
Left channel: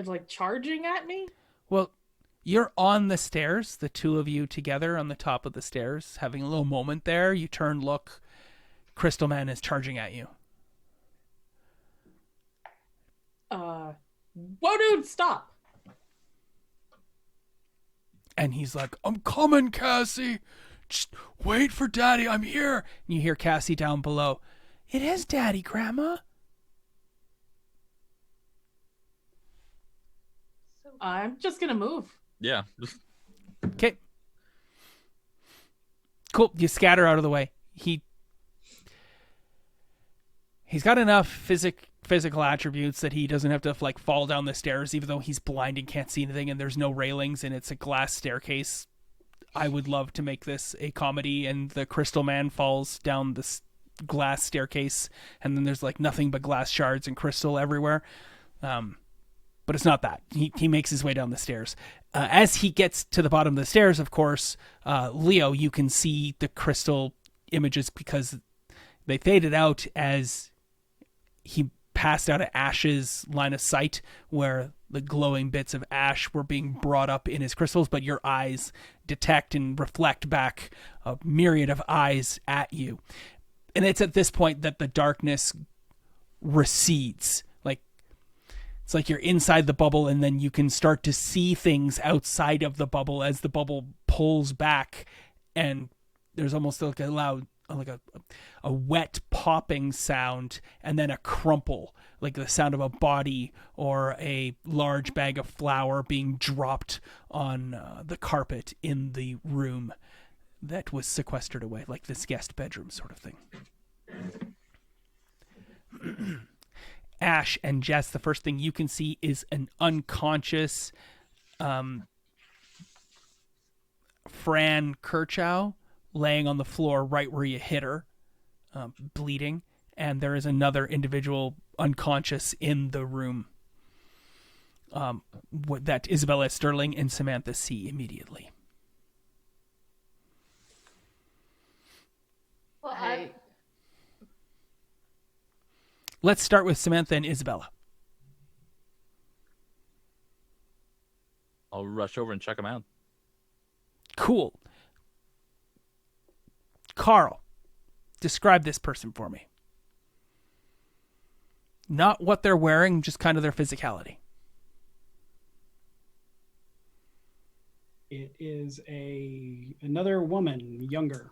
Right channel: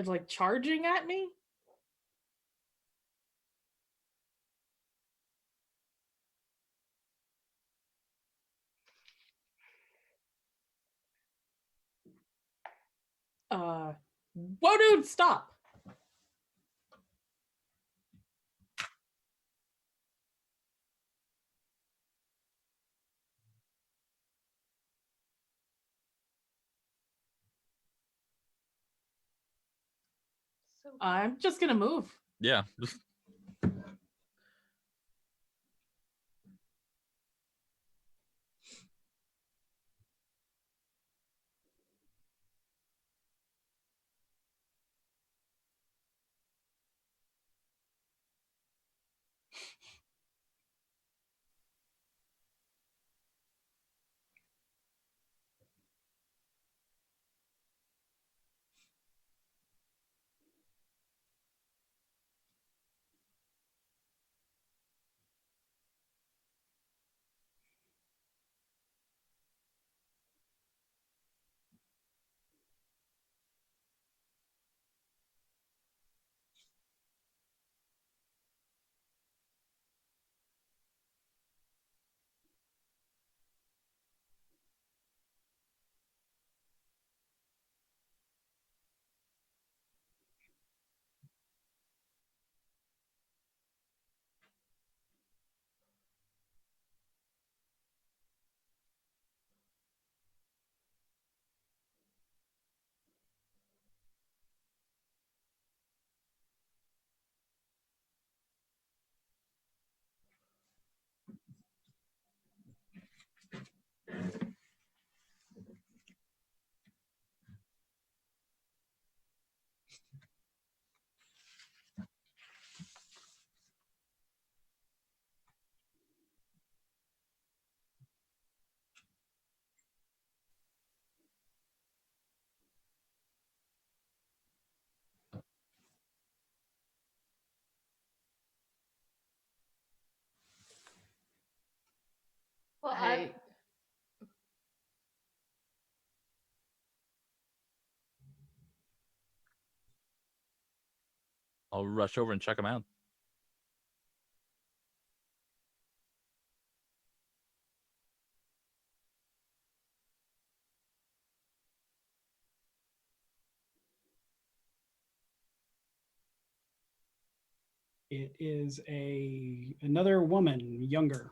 Like charging at me? Well, you're on the stairs, the 2 of you together on the top of the stairs, having a little moment there. You turn, look, Crystal Man is charging at you. Whoa, dude, stop! And he's like, "I'm coming, Cassie. Just wait for Daddy, I'm here. And you hear Cassie down below. It is Daddy, Grandma. I'm just gonna move. Yeah. Okay. Cool. You scatter out of the way. He's got enough physical attributes that he doesn't have to like fall down the stairs, even though he's blind and can't see anything, and there's no railings and it's a glass staircase. I would love to make this a comedy, and the Crystal Man falls down this glass staircase, and then there's like nothing but glass shards and crystal everywhere. But it's not that. He makes his way down the stairs. As he gets to the bottom of the stairs, of course, Leo, you can see the crystal images because they faded out as he passed out of Ash's line of sight, where the glowing bits of ash were being brought up in his crystals, but your eyes detect and reflect back a myriad of eyes at you. And it's at this point that the darkness recedes. It's like you're inside the bubble, and then you can start to see things outside of the bubble as the bubble pulls back, and there's almost like a loud, like a wet popping sound, and then a crumple, like the sound of a body or a large bag of flour being dropped on the carpet in the room that was sequestered away, like this guest bedroom sort of thing. Ash and Jess, the first thing you can see is an unconscious Fran Kirchow laying on the floor right where you hit her, bleeding, and there is another individual unconscious in the room that Isabella Sterling and Samantha see immediately. Well, Let's start with Samantha and Isabella. I'll rush over and check them out. Cool. Carl, describe this person for me. Not what they're wearing, just kind of their physicality. It is another woman, younger.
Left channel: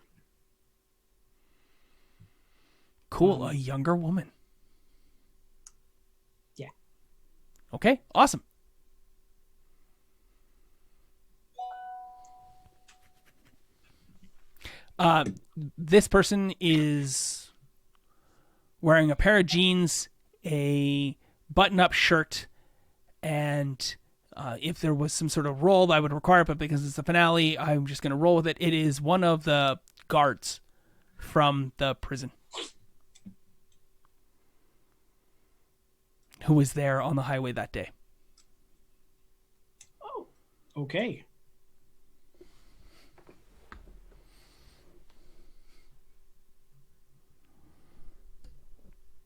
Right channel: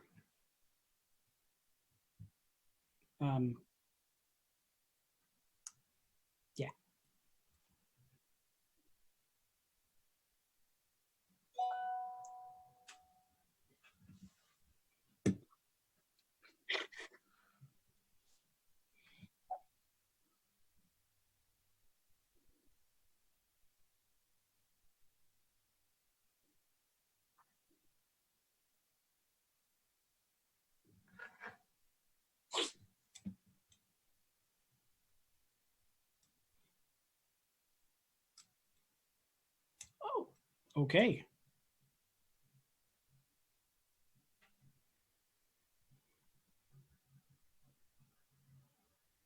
Cool, a younger woman. Yeah. Okay, awesome. This person is wearing a pair of jeans, a button-up shirt, and if there was some sort of roll I would require, but because it's the finale, I'm just going to roll with it. It is one of the guards from the prison who was there on the highway that day. Oh, Okay.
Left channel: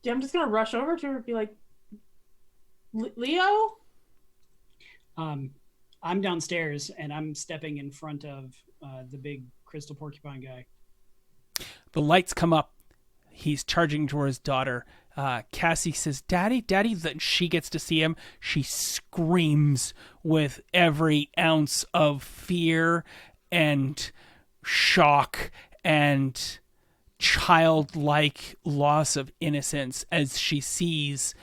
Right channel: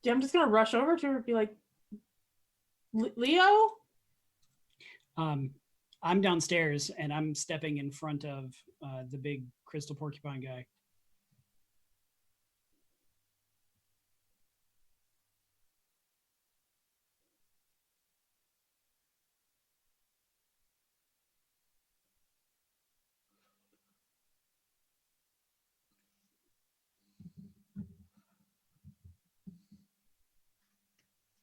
yeah, I'm just gonna rush over to her and be like, Leo? I'm downstairs and I'm stepping in front of the big crystal porcupine guy. The lights come up. He's charging towards his daughter. Cassie says, Daddy, Daddy. That she gets to see him. She screams with every ounce of fear and shock and childlike loss of innocence as she sees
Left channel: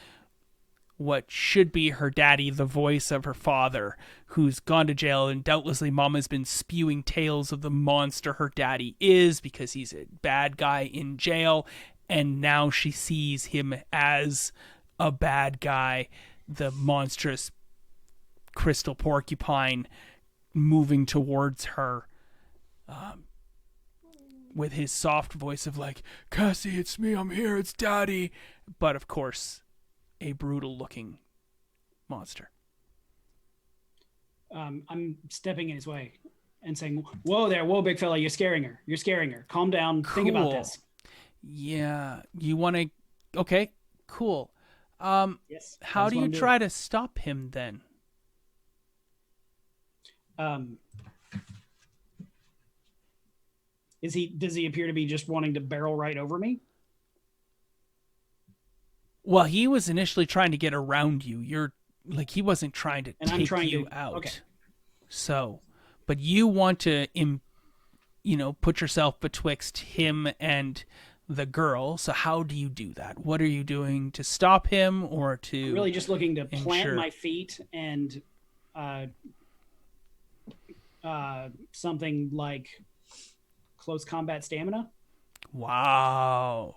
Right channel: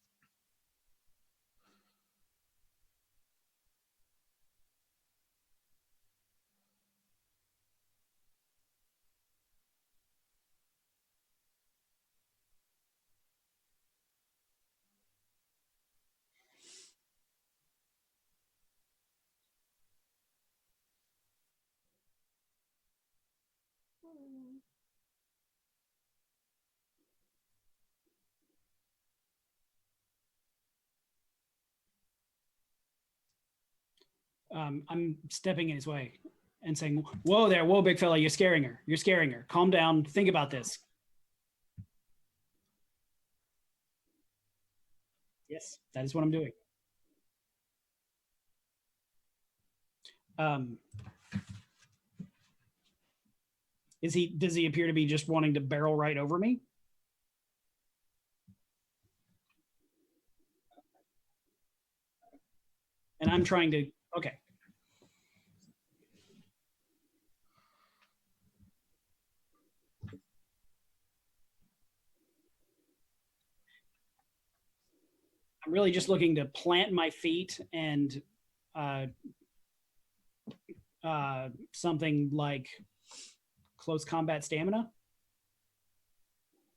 what should be her daddy, the voice of her father, who's gone to jail, and doubtlessly Mama's been spewing tales of the monster her daddy is because he's a bad guy in jail, and now she sees him as a bad guy, the monstrous crystal porcupine moving towards her with his soft voice of like, Cassie, it's me, I'm here, it's Daddy. But of course, a brutal looking monster. I'm stepping in his way and saying, whoa there, whoa, big fella, you're scaring her. You're scaring her. Calm down. Think about Cool. this. Yeah, you want to... Okay, cool. Yes. How that's do what you I'm doing. try to stop him then? Does he appear to be just wanting to barrel right over me? Well, he was initially trying to get around you. You're like, he wasn't trying to And I'm take trying you to- out. okay. So, but you want to put yourself betwixt him and the girl. So how do you do that? What are you doing to stop him or to I'm really just looking to plant ensure- my feet and something like close combat stamina. Wow.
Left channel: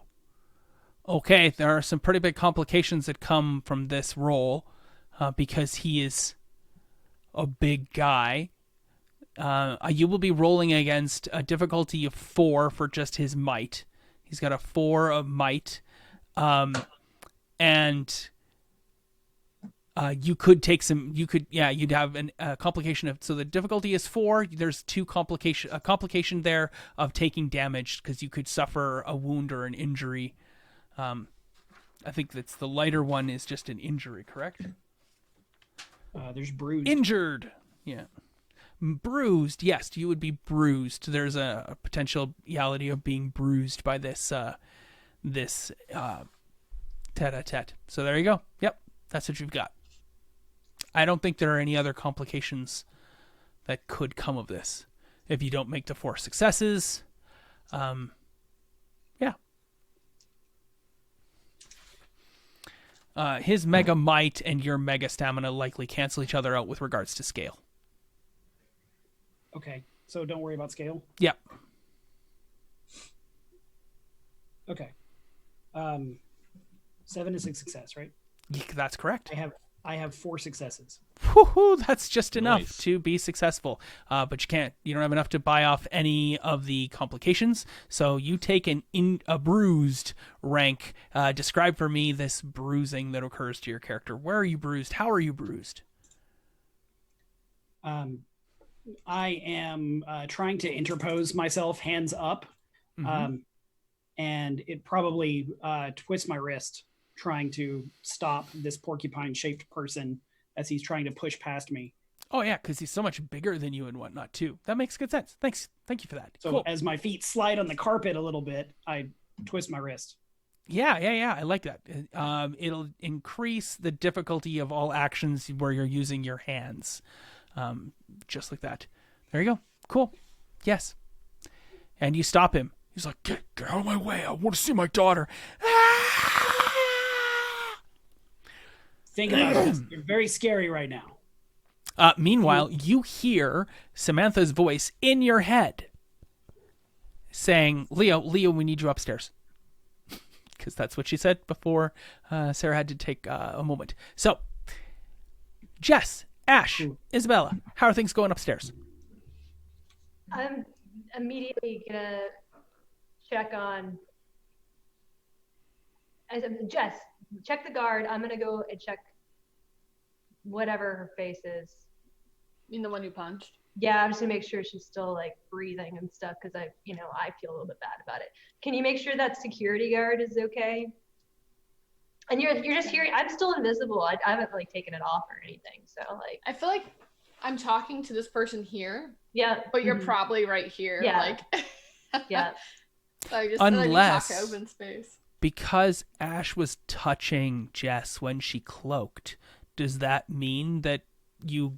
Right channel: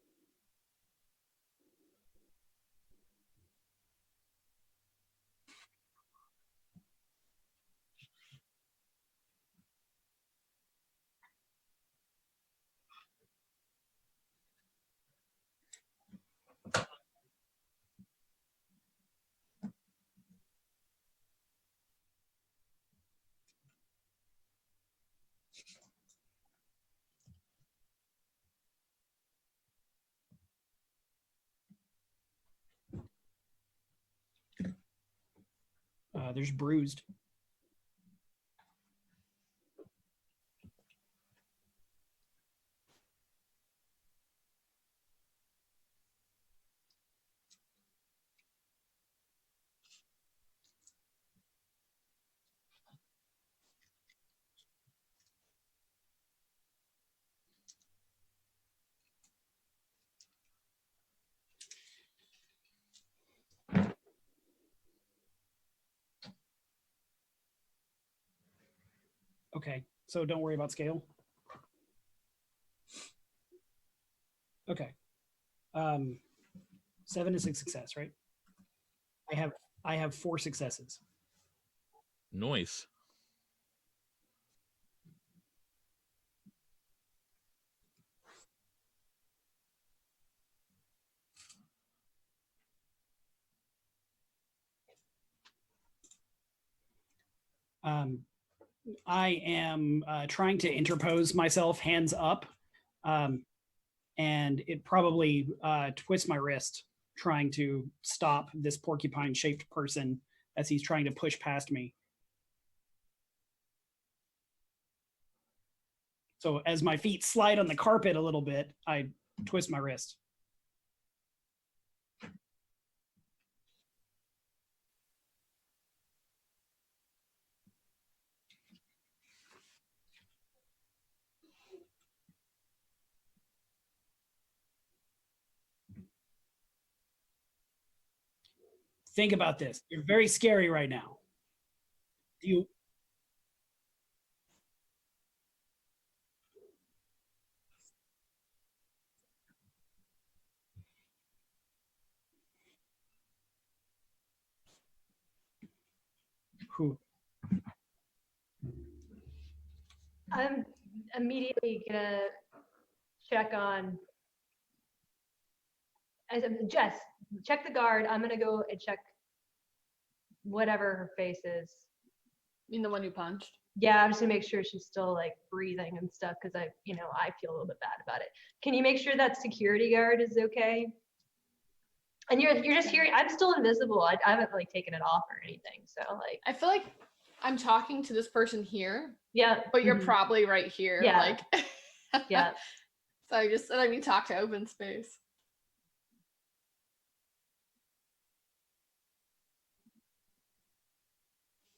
Okay, there are some pretty big complications that come from this roll because he is a big guy. You will be rolling against a difficulty of 4 for just his might. He's got a 4 of might. And you could take you'd have a complication of, so the difficulty is 4. There's a complication there of taking damage because you could suffer a wound or an injury. I think that's the lighter one is just an injury, correct? There's bruised. Injured. Yeah. Bruised. Yes, you would be bruised. There's a potentiality of being bruised by this tete-a-tete. So there you go. Yep. That's what you've got. I don't think there are any other complications that could come of this. If you don't make the 4 successes, yeah. His mega might and your mega stamina likely cancel each other out with regards to scale. Okay, so don't worry about scale. Yeah. Okay. 7 is a success, right? That's correct. I have 4 successes. Woohoo, that's just enough Nice. to be successful. But you don't have enough to buy off any of the complications. So you take a bruised rank. Describe for me this bruising that occurs to your character. Where are you bruised? How are you bruised? I am trying to interpose myself, hands up, and it probably twists my wrist, trying to stop this porcupine-shaped person as he's trying to push past me. Oh yeah, because he's so much bigger than you and whatnot too. That makes good sense. Thank you for that. So Cool. as my feet slide on the carpet a little bit, I twist my wrist. Yeah. I like that. It'll increase the difficulty of all actions where you're using your hands, just like that. There you go. Cool. Yes. And you stop him. He's like, get out of my way. I want to see my daughter. Think about this. You're very scary right now. Meanwhile, you hear Samantha's voice in your head saying, Leo, we need you upstairs. Because that's what she said before Sarah had to take a moment. So, Jess, Ash, Isabella, how are things going upstairs? I'm immediately gonna check on. Jess, check the guard. I'm gonna go and check whatever her face is. You mean the one who punched? Yeah, I'm just gonna make sure she's still like breathing and stuff because I feel a little bit bad about it. Can you make sure that security guard is okay? And you're just hearing. I'm still invisible. I haven't like taken it off or anything. So like, I feel like I'm talking to this person here. yeah, But you're probably right here. Yeah. Like, yeah. So I just let me talk to Unless- open space. Because Ash was touching Jess when she cloaked, does that mean that you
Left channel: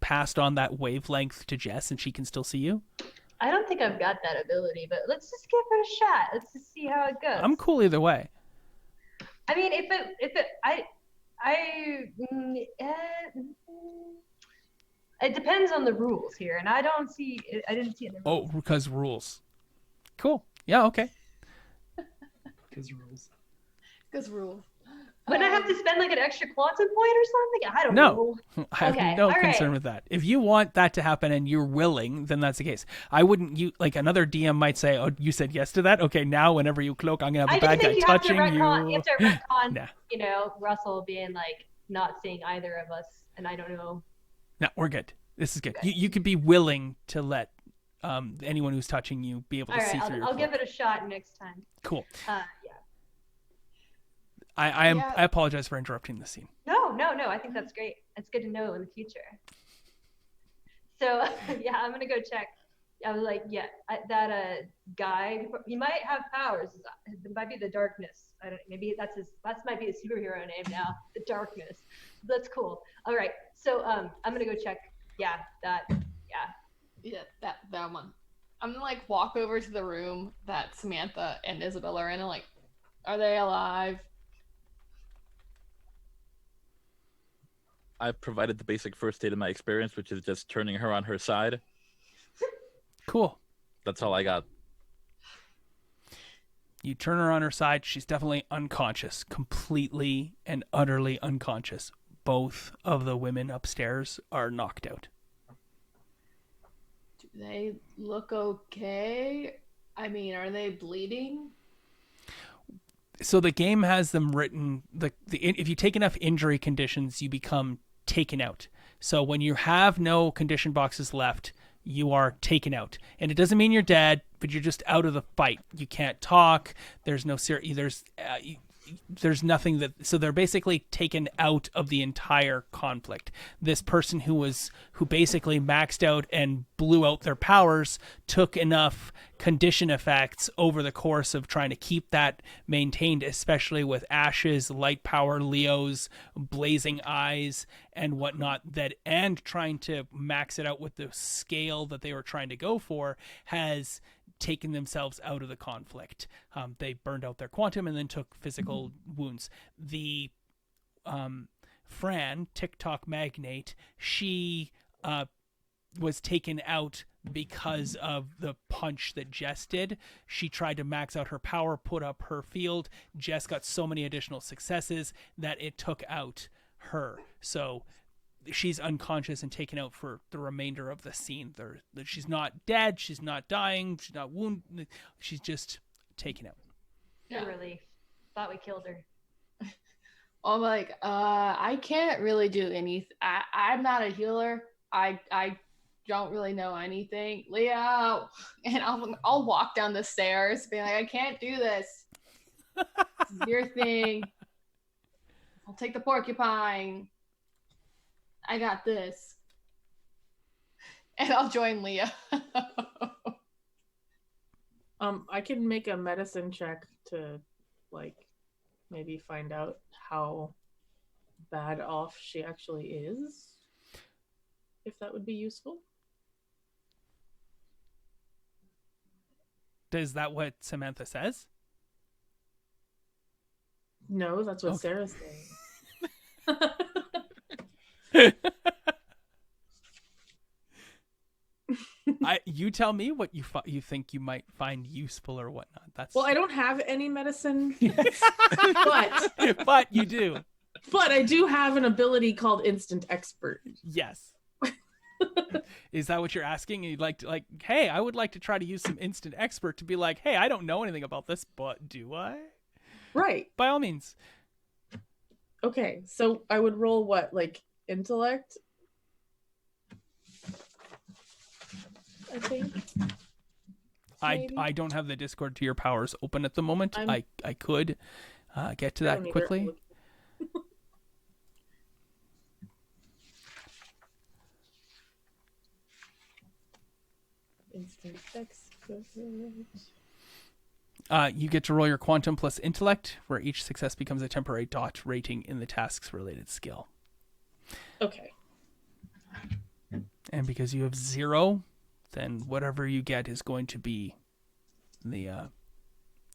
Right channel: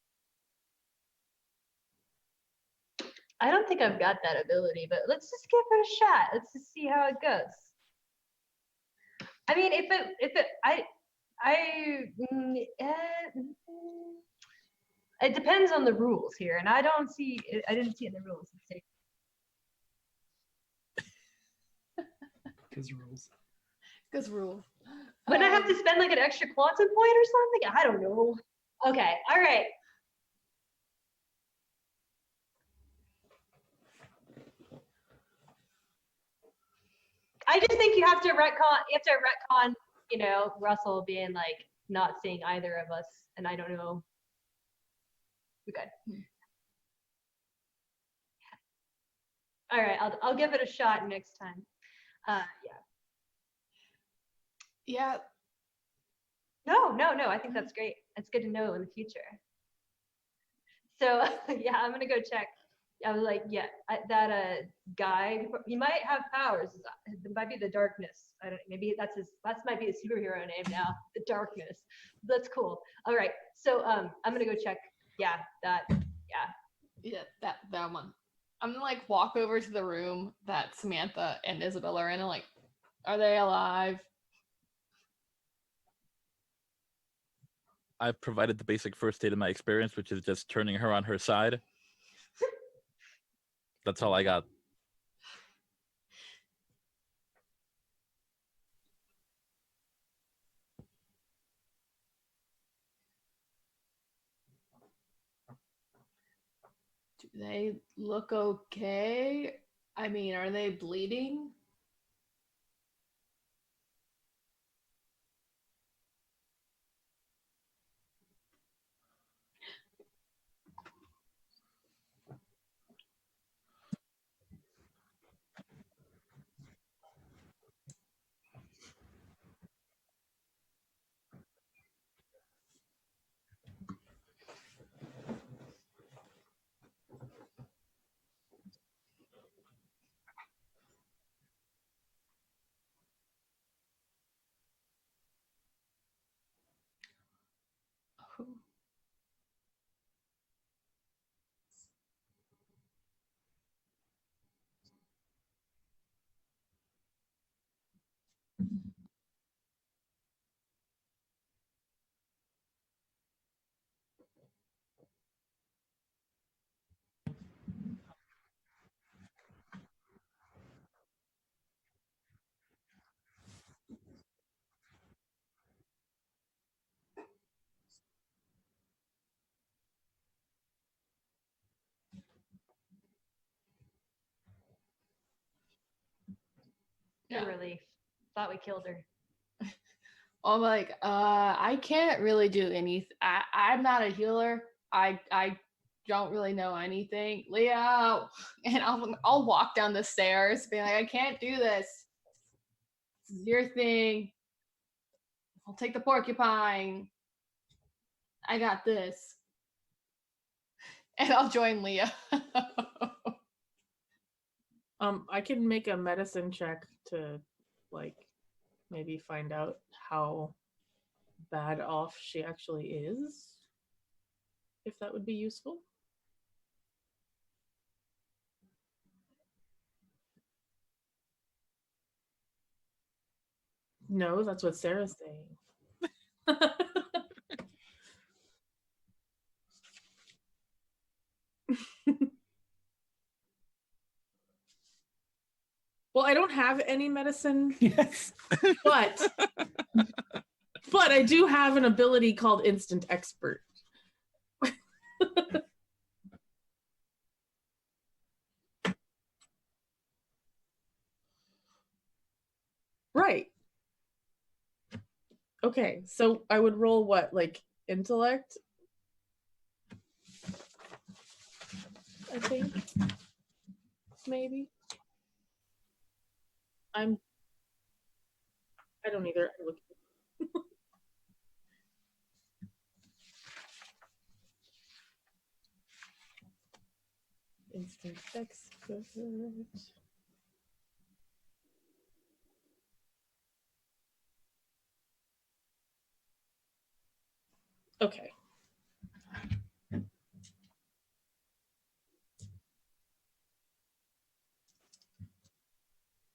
passed on that wavelength to Jess and she can still see you? I don't think I've got that ability, but let's just give it a shot. Let's just see how it goes. I'm cool either way. I mean, it depends on the rules here, and I didn't see it in the rules. Oh, because rules. Cool. Yeah, okay. Because rules. Because rules. Wouldn't I have to spend like an extra quantum point or something? I don't No. know. I have Okay, no all concern right. with that. If you want that to happen and you're willing, then that's the case. I wouldn't, like another DM might say, oh, you said yes to that? Okay, now whenever you cloak, I'm going to have I a just bad think guy you have to touching retcon. You have to retcon. Nah. Russell being like not seeing either of us, and I don't know. No, we're good. This is good. Okay. You could be willing to let anyone who's touching you be able All to right, see through your I'll give cloak. it a shot next time. Cool. Yeah. Yeah. I apologize for interrupting the scene. No. I think that's great. It's good to know in the future. So yeah, I'm gonna go check. I was like, yeah, that guy. He might have powers. It might be the darkness. I don't. Maybe that might be his superhero name now. The darkness. That's cool. All right. So I'm gonna go check. Yeah, that. Yeah. Yeah, that one. I'm gonna like walk over to the room that Samantha and Isabella are in and like, are they alive? I've provided the basic first aid of my experience, which is just turning her on her side. Cool. That's all I got. You turn her on her side. She's definitely unconscious, completely and utterly unconscious. Both of the women upstairs are knocked out. Do they look okay? I mean, are they bleeding? So the game has them written. If you take enough injury conditions, you become taken out. So when you have no condition boxes left, you are taken out, and it doesn't mean you're dead, but you're just out of the fight. You can't talk. There's no there's nothing that. So they're basically taken out of the entire conflict. This person who basically maxed out and blew out their powers took enough condition effects over the course of trying to keep that maintained, especially with Ash's light power, Leo's blazing eyes and whatnot, and trying to max it out with the scale that they were trying to go for, has taken themselves out of the conflict. They burned out their quantum and then took physical wounds. The Fran, TikTok magnate, she was taken out because of the punch that Jess did. She tried to max out her power, put up her field. Jess got so many additional successes that it took out her. So she's unconscious and taken out for the remainder of the scene. She's not dead. She's not dying. She's not wounded. She's just taken out. Good relief. Thought we killed her. I'm like, I can't really do anything. I'm not a healer. I don't really know anything. Leo, and I'll walk down the stairs, being like, I can't do this. This is your thing. I'll take the porcupine. I got this. And I'll join Leah. I can make a medicine check to like maybe find out how bad off she actually is. If that would be useful. Is that what Samantha says? No, that's what Okay. Sarah's saying. You tell me what you think you might find useful or whatnot. That's Well, I don't have any medicine, but but you do. but I do have an ability called Instant Expert. Yes. Is that what you're asking? You'd like to hey, I would like to try to use some instant expert to be like, hey, I don't know anything about this, but do I? Right. By all means. Okay, so I would roll what, like intellect? I think. Maybe? I don't have the Discord to your powers open at the moment. I'm- I could get to I that don't either. quickly. Instant Expert. You get to roll your quantum plus intellect, where each success becomes a temporary dot rating in the task's related skill. Okay. And because you have 0, then whatever you get is going to be the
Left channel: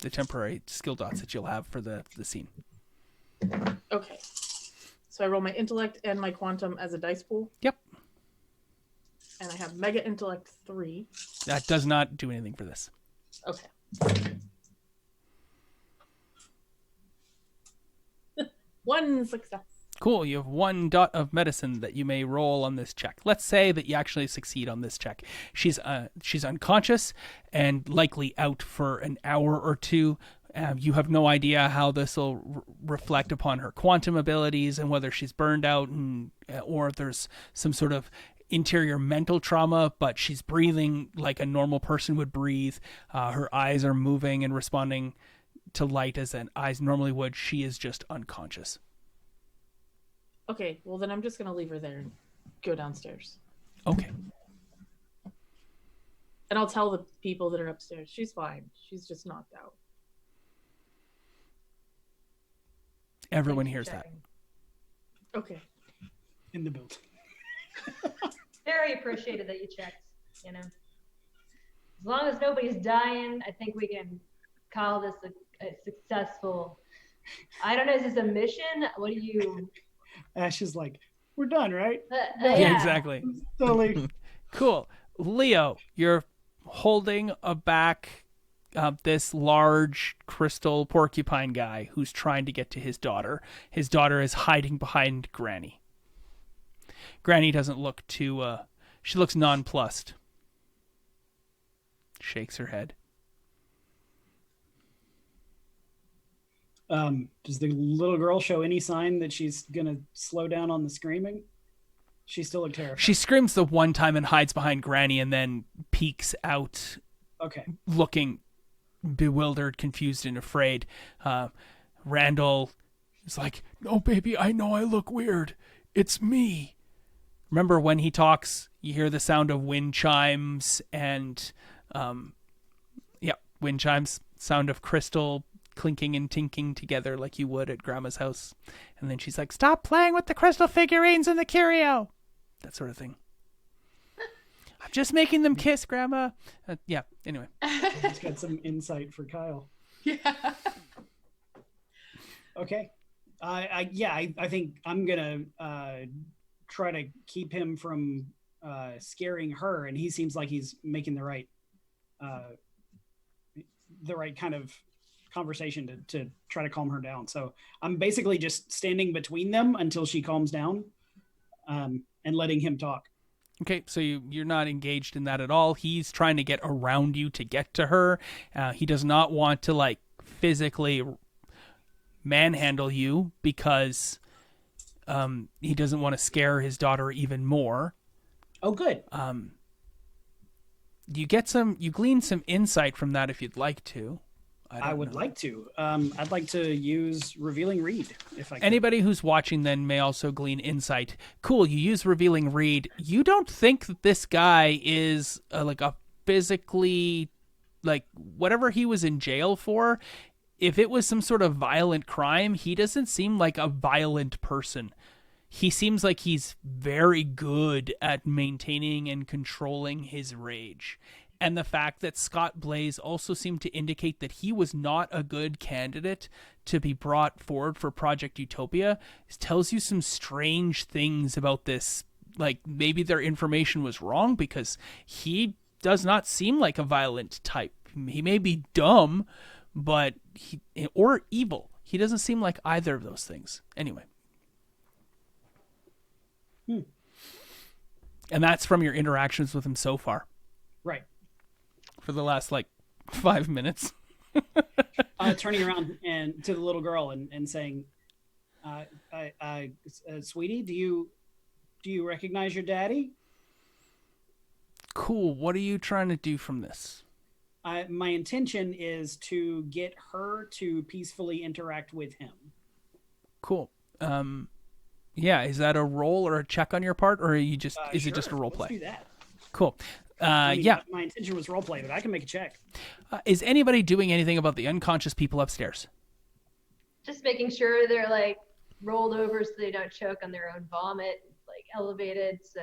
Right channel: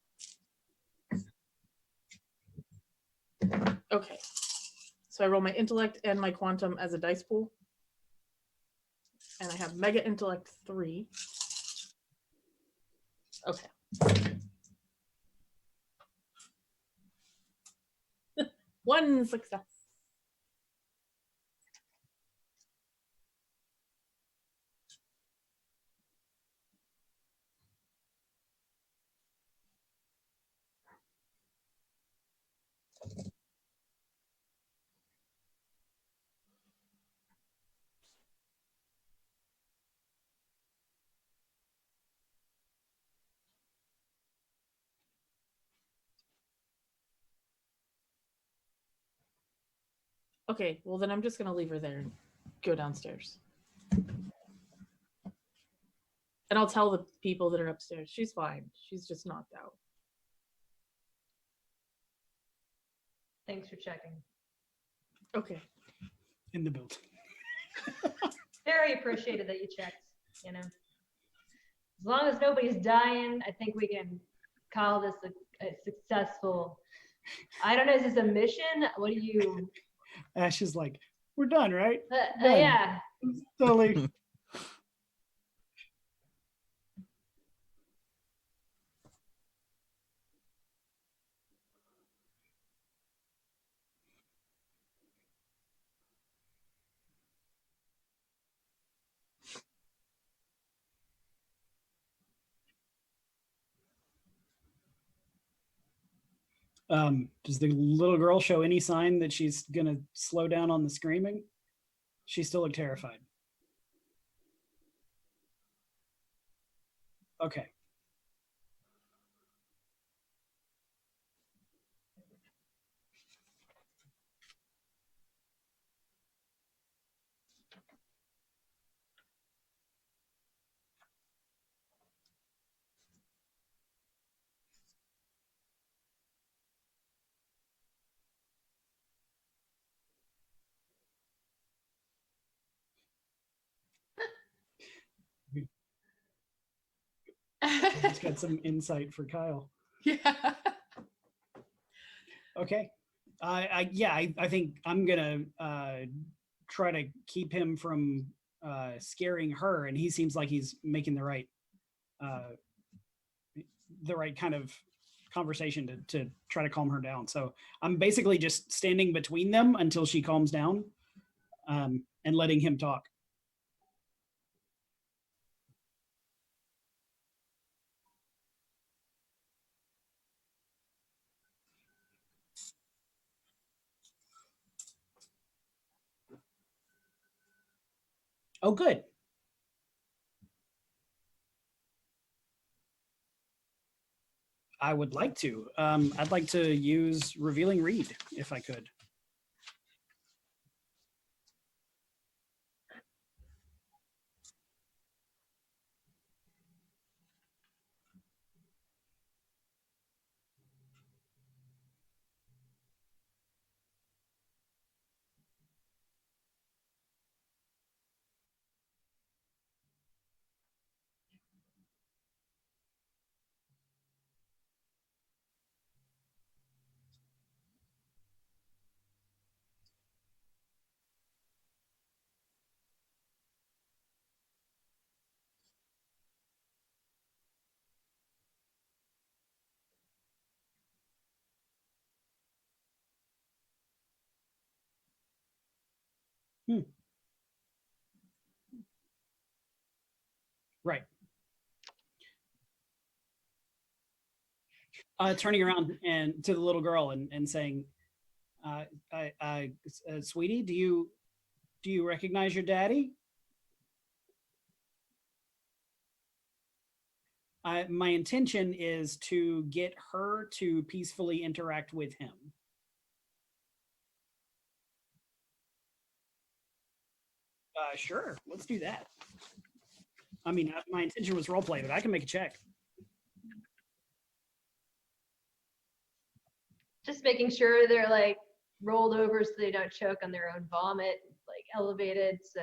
temporary skill dots that you'll have for the scene. Okay. So I roll my intellect and my quantum as a dice pool. Yep. And I have mega intellect 3. That does not do anything for this. Okay. One success. Cool. You have 1 dot of medicine that you may roll on this check. Let's say that you actually succeed on this check. She's unconscious and likely out for an hour or 2. You have no idea how this will reflect upon her quantum abilities and whether she's burned out or if there's some sort of interior mental trauma, but she's breathing like a normal person would breathe. Her eyes are moving and responding to light as an eyes normally would. She is just unconscious. Okay, well then I'm just gonna leave her there and go downstairs. Okay. And I'll tell the people that are upstairs, she's fine. She's just knocked out. Everyone Thanks for hears that. checking. Okay. In the build. Very appreciated that you checked, you know. As long as nobody's dying, I think we can call this a successful. I don't know. Is this a mission? What do you? Ash is like, we're done, right? Yeah. Exactly. Totally. Cool. Leo, you're holding back this large crystal porcupine guy who's trying to get to his daughter. His daughter is hiding behind Granny. Granny doesn't look too, she looks nonplussed. Shakes her head. Does the little girl show any sign that she's gonna slow down on the screaming? She still looked terrified. She screams the one time and hides behind Granny and then peeks out, okay. looking bewildered, confused, and afraid. Randall is like, "No, baby, I know I look weird. It's me." Remember when he talks, you hear the sound of wind chimes and, wind chimes, sound of crystal clinking and tinking together like you would at Grandma's house. And then she's like, "Stop playing with the crystal figurines and the curio." That sort of thing. "I'm just making them kiss, Grandma." Anyway. I just got some insight for Kyle. Yeah. Okay. I think I'm gonna try to keep him from scaring her, and he seems like he's making the right kind of conversation to try to calm her down. So I'm basically just standing between them until she calms down, and letting him talk. Okay, so you're not engaged in that at all. He's trying to get around you to get to her. He does not want to like physically manhandle you because he doesn't want to scare his daughter even more. Oh, good. You glean some insight from that if you'd like to. I would like to. I'd like to use Revealing Read if I can. Anybody who's watching then may also glean insight. Cool, you use Revealing Read. You don't think that this guy is like a physically, like whatever he was in jail for, if it was some sort of violent crime, he doesn't seem like a violent person. He seems like he's very good at maintaining and controlling his rage. And the fact that Scott Blaze also seemed to indicate that he was not a good candidate to be brought forward for Project Utopia tells you some strange things about this. Like maybe their information was wrong because he does not seem like a violent type. He may be dumb, but or evil. He doesn't seem like either of those things. Anyway. And that's from your interactions with him so far. Right. For the last, 5 minutes. Turning around and to the little girl and saying, "Sweetie, do you recognize your daddy?" Cool. What are you trying to do from this? My intention is to get her to peacefully interact with him. Cool. Yeah, is that a roll or a check on your part, or are you just is Sure. it just a role play? Let's do that. Cool. My intention was role play, but I can make a check. Is anybody doing anything about the unconscious people upstairs? Just making sure they're rolled over so they don't choke on their own vomit, elevated. So,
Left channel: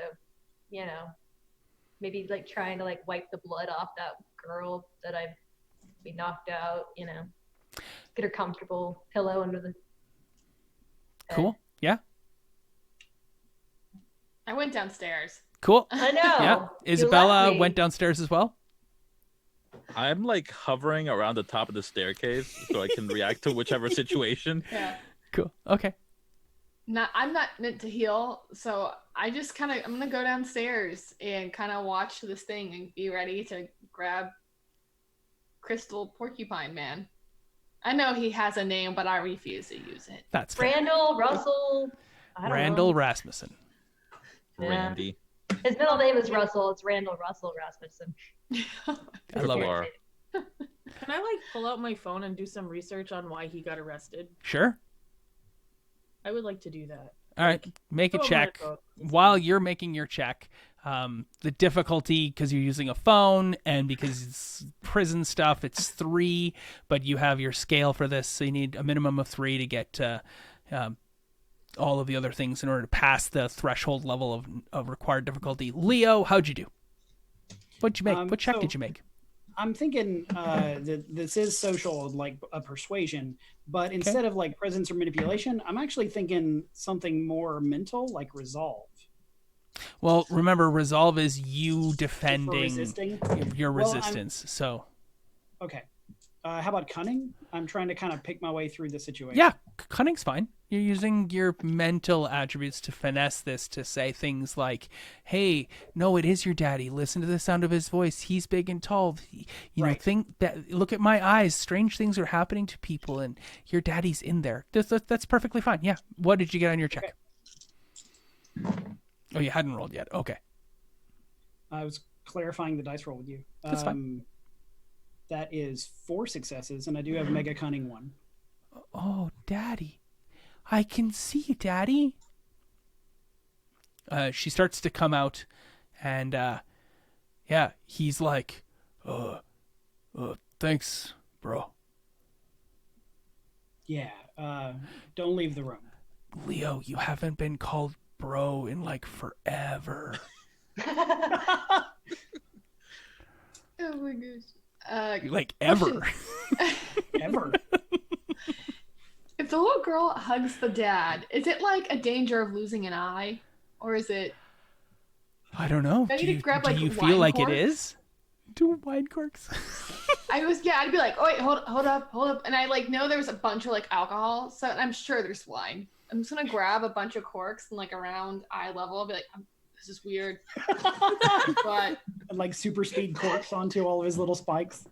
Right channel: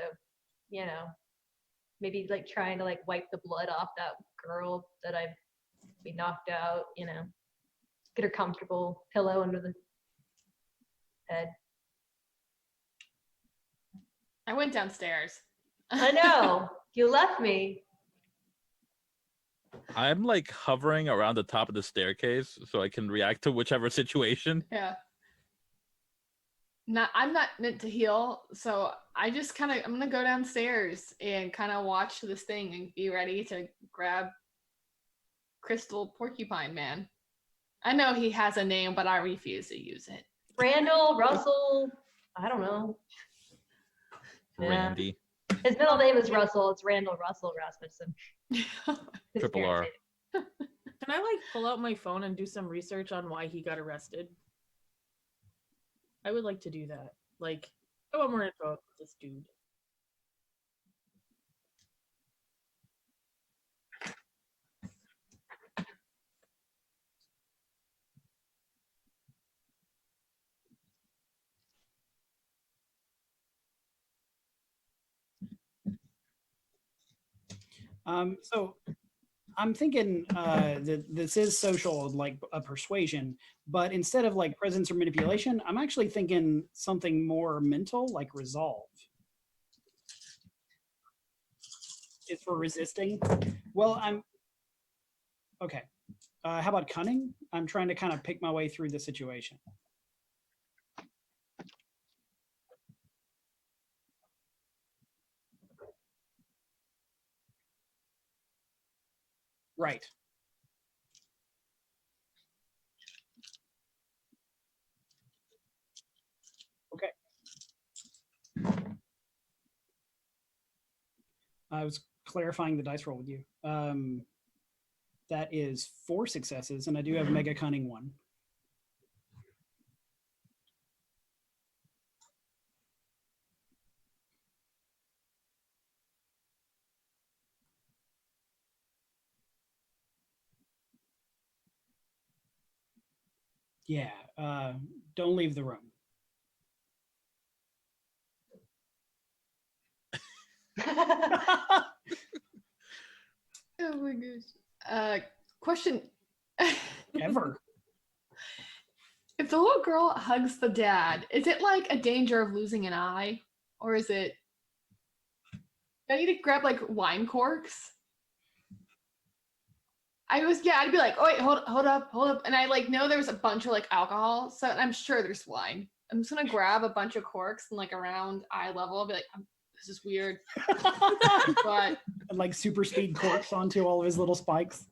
maybe trying to wipe the blood off that girl that we knocked out, get her comfortable, pillow under the bed. Cool. Yeah. I went downstairs. Cool. I know. Yeah. You Isabella left me. went downstairs as well. I'm hovering around the top of the staircase so I can react to whichever situation. Yeah. Cool. Okay. I'm not meant to heal, so I just I'm gonna go downstairs and kind of watch this thing and be ready to grab Crystal Porcupine Man. I know he has a name, but I refuse to use it. That's fair. Randall, Russell, I don't Randall know. Rasmussen. Yeah. Randy. His middle name is Russell. It's Randall Russell Rasmussen. Triple R. Can I pull out my phone and do some research on why he got arrested? Sure. I would like to do that. All right. Make a check. While you're making your check, the difficulty, because you're using a phone and because it's prison stuff, it's 3, but you have your scale for this, so you need a minimum of 3 to get all of the other things in order to pass the threshold level of required difficulty. Leo, how'd you do? What'd you make? What check did you make? I'm thinking that this is social, like a persuasion, but instead of like presence or manipulation, I'm actually thinking something more mental, like resolve. Well, remember, resolve is you defending For resisting your Well, resistance. So okay. How about cunning? I'm trying to kind of pick my way through the situation. yeah, cunning's fine. You're using your mental attributes to finesse this, to say things like, "Hey, no, it is your daddy. Listen to the sound of his voice. He's big and tall. You know, Right. think that. Look at my eyes. Strange things are happening to people, and your daddy's in there. That's perfectly fine. Yeah. What did you get on your check? Okay. Oh, you hadn't rolled yet. Okay. I was clarifying the dice roll with you. That's fine. That is 4 successes, and I do have mega cunning 1. Oh, daddy. I can see you, daddy. She starts to come out, and yeah, he's like, thanks, bro. Yeah. Don't leave the room. Leo, you haven't been called bro in like forever. Oh my gosh. Like ever. Question. Ever. If the little girl hugs the dad, is it like a danger of losing an eye? Or is it... I don't know. I need to grab, like, do you wine feel like corks? it is? Do wine corks? I'd be like, oh wait, hold up. And I like know there was a bunch of like alcohol, so I'm sure there's wine. I'm just gonna grab a bunch of corks and like around eye level, I'll be like, this is weird. But And like super speed corks onto all of his little spikes.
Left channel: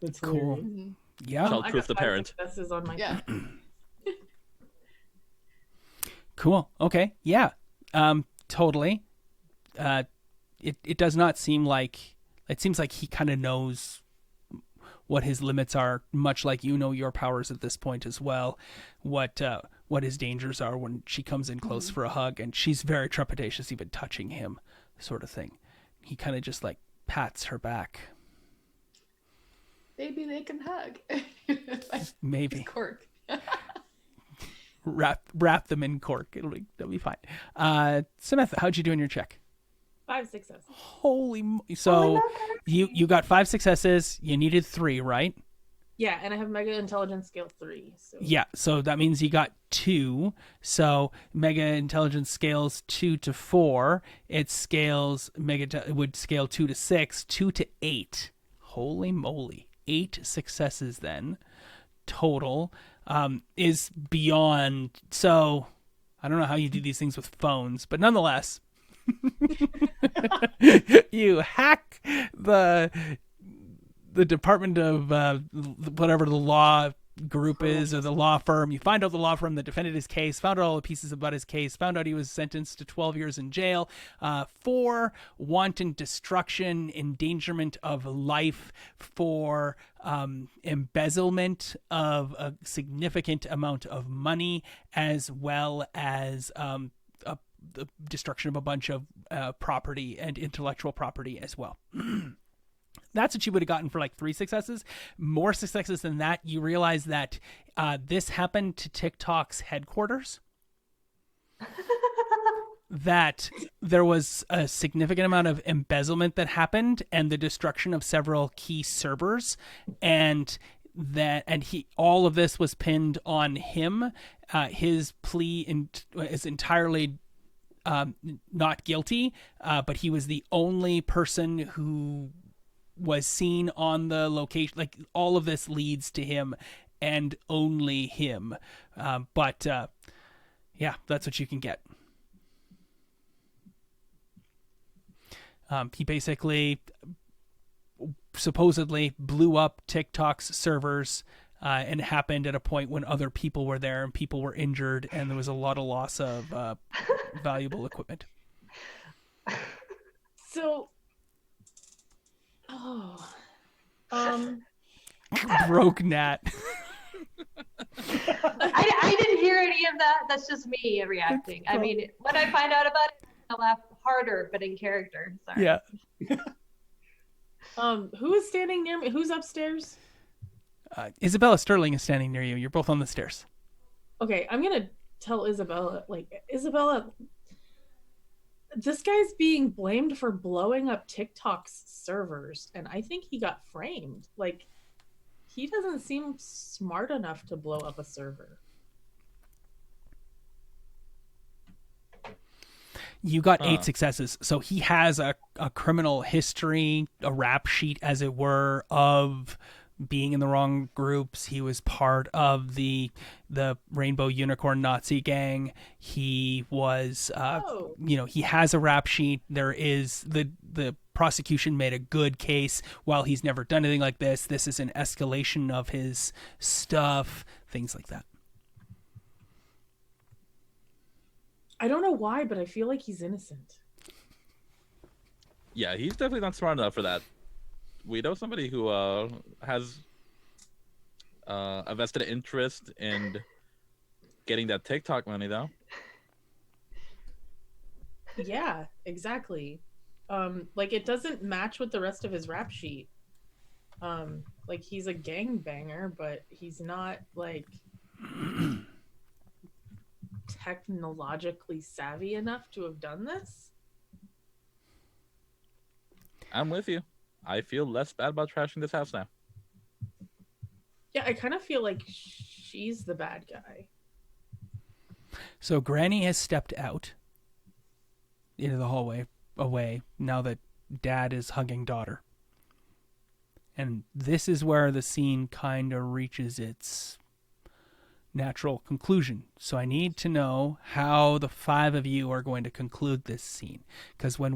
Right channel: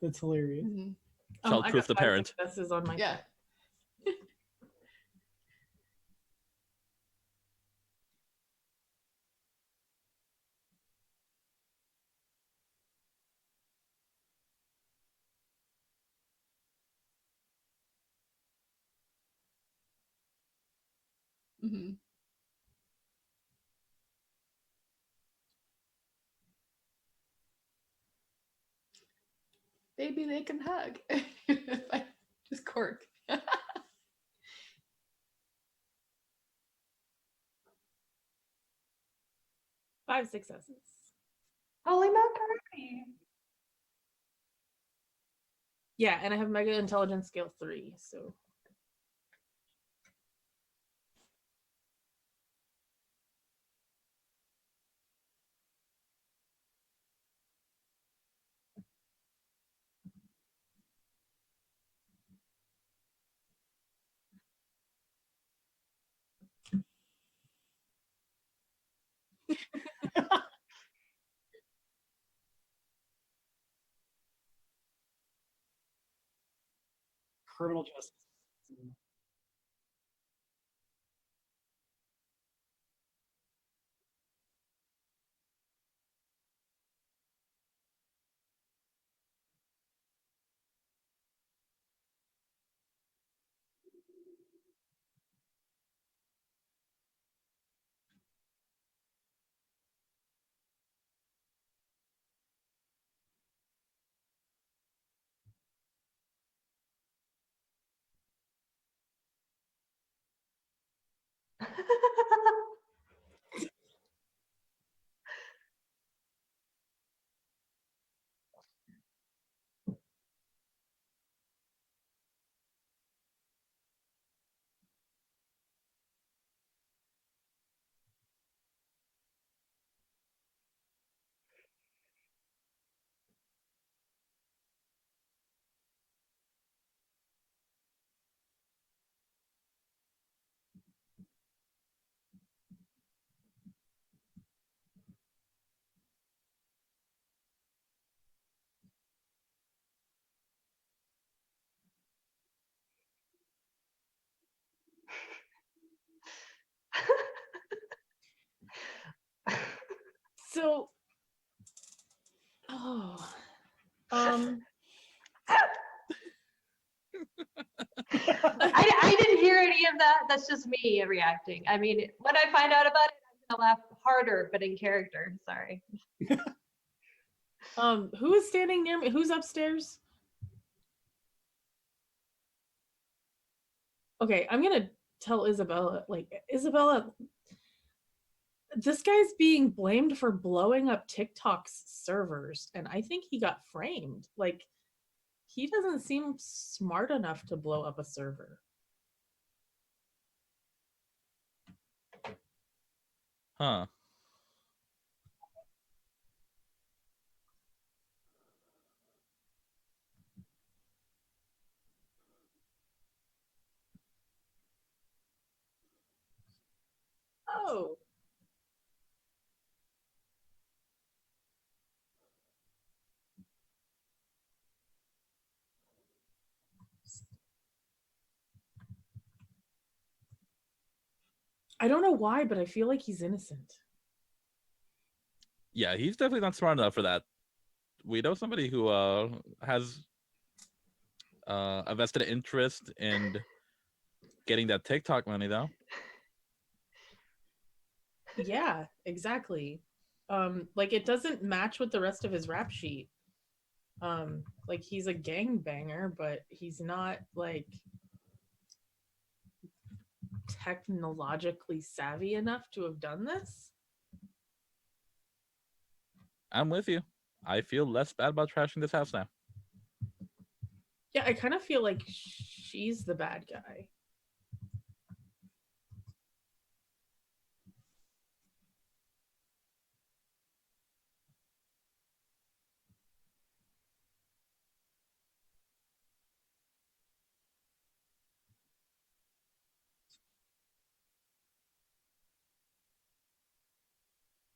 That's hilarious. mhm. Yeah. Child I proof got the 5 parent. successes on my Yeah. Cool. Okay. Yeah. Totally. It does not seem like, it seems like he kind of knows what his limits are, much like you know your powers at this point as well. What his dangers are when she comes in close for a hug, and she's very trepidatious even touching him, sort of thing. He kind of just like pats her back. Maybe they can hug. Maybe. Just cork. Wrap them in cork. That'll be fine. Samantha, how'd you do in your check? 5 successes. So you got 5 successes. You needed 3, right? Yeah, and I have Mega Intelligence Scale 3. So Yeah. So that means you got 2. So Mega Intelligence scales 2 to 4. It scales it would scale 2 to 6, 2 to 8. Holy moly! 8 successes then total. Is beyond. So I don't know how you do these things with phones, but nonetheless. You hack the department of whatever the law group is, or the law firm. You find out the law firm that defended his case, found out all the pieces about his case, found out he was sentenced to 12 years in jail for wanton destruction, endangerment of life, for embezzlement of a significant amount of money, as well as the destruction of a bunch of property and intellectual property as well. That's what you would have gotten for like 3 successes. More successes than that, you realize that this happened to TikTok's headquarters. That there was a significant amount of embezzlement that happened, and the destruction of several key servers, and all of this was pinned on him. His plea is entirely not guilty, but he was the only person who was seen on the location. Like, all of this leads to him and only him. But yeah, that's what you can get. He basically supposedly blew up TikTok's servers, and it happened at a point when other people were there and people were injured, and there was a lot of loss of valuable equipment. So, Broke Nat. I didn't hear any of that. That's just me reacting. I mean, when I find out about it, I'll laugh harder, but in character. Sorry. Yeah. who is standing near me? Who's upstairs? Isabella Sterling is standing near you. You're both on the stairs. Okay, I'm gonna tell Isabella, Isabella, This guy's being blamed for blowing up TikTok's servers, and I think he got framed. Like, he doesn't seem smart enough to blow up a server. You got 8 successes. So he has a criminal history, a rap sheet, as it were, of being in the wrong groups. He was part of the Rainbow Unicorn Nazi gang. He was, he has a rap sheet. There is the prosecution made a good case. While he's never done anything like this, this is an escalation of his stuff, things like that. I don't know why, but I feel like he's innocent. Yeah, he's definitely not smart enough for that. We know somebody who has a vested interest in getting that TikTok money, though. Yeah, exactly. Like, it doesn't match with the rest of his rap sheet. Like, he's a gangbanger, but he's not, like, technologically savvy enough to have done this. I'm with you. I feel less bad about trashing this house now. Yeah, I kind of feel like she's the bad guy. So Granny has stepped out into the hallway away now that Dad is hugging daughter. And this is where the scene kind of reaches its natural conclusion. So I need to know how the 5 of you are going to conclude this scene. Because when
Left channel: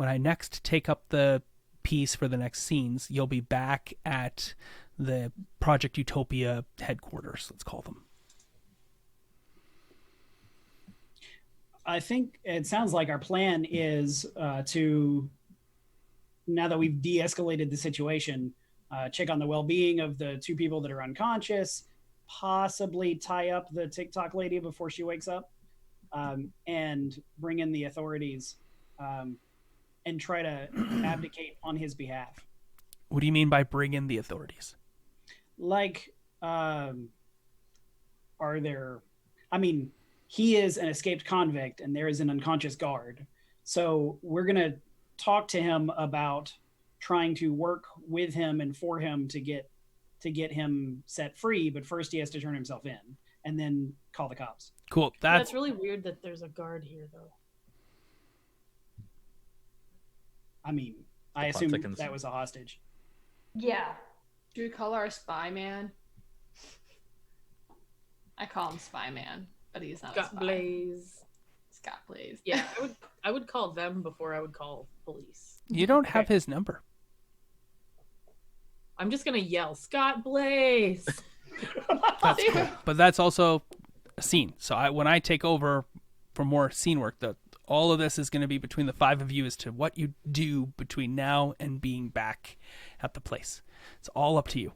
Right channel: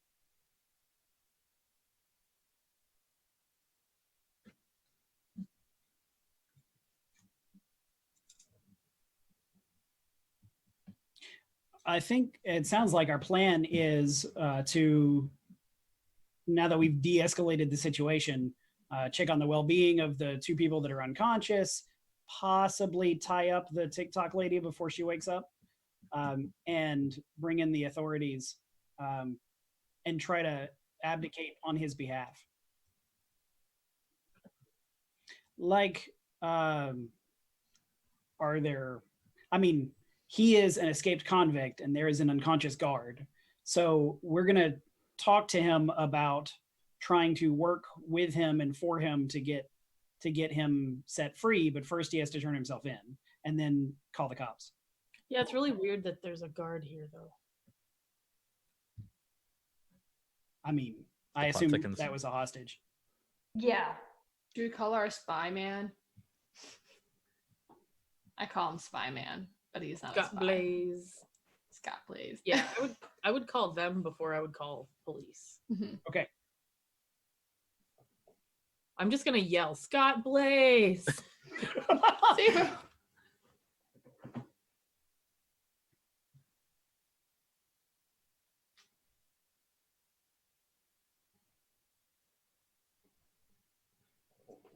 I next take up the piece for the next scenes, you'll be back at the Project Utopia headquarters, let's call them. I think it sounds like our plan is to, now that we've de-escalated the situation, check on the well-being of the 2 people that are unconscious, possibly tie up the TikTok lady before she wakes up, and bring in the authorities and try to abdicate on his behalf. What do you mean by bring in the authorities? Like, he is an escaped convict and there is an unconscious guard. So we're going to talk to him about trying to work with him and for him to get him set free. But first he has to turn himself in and then call the cops. Cool. That's really weird that there's a guard here, though. I mean, I assume that was a hostage. Yeah. Do we call our spy man? I call him Spy Man, but he's not Scott a spy. Blaze. Scott Blaze. Yeah, I would call them before I would call police. You don't have his number. I'm just gonna yell, Scott Blaze. But that's also a scene. So when I take over for more scene work, all of this is going to be between the 5 of you as to what you do between now and being back at the place. It's all up to you.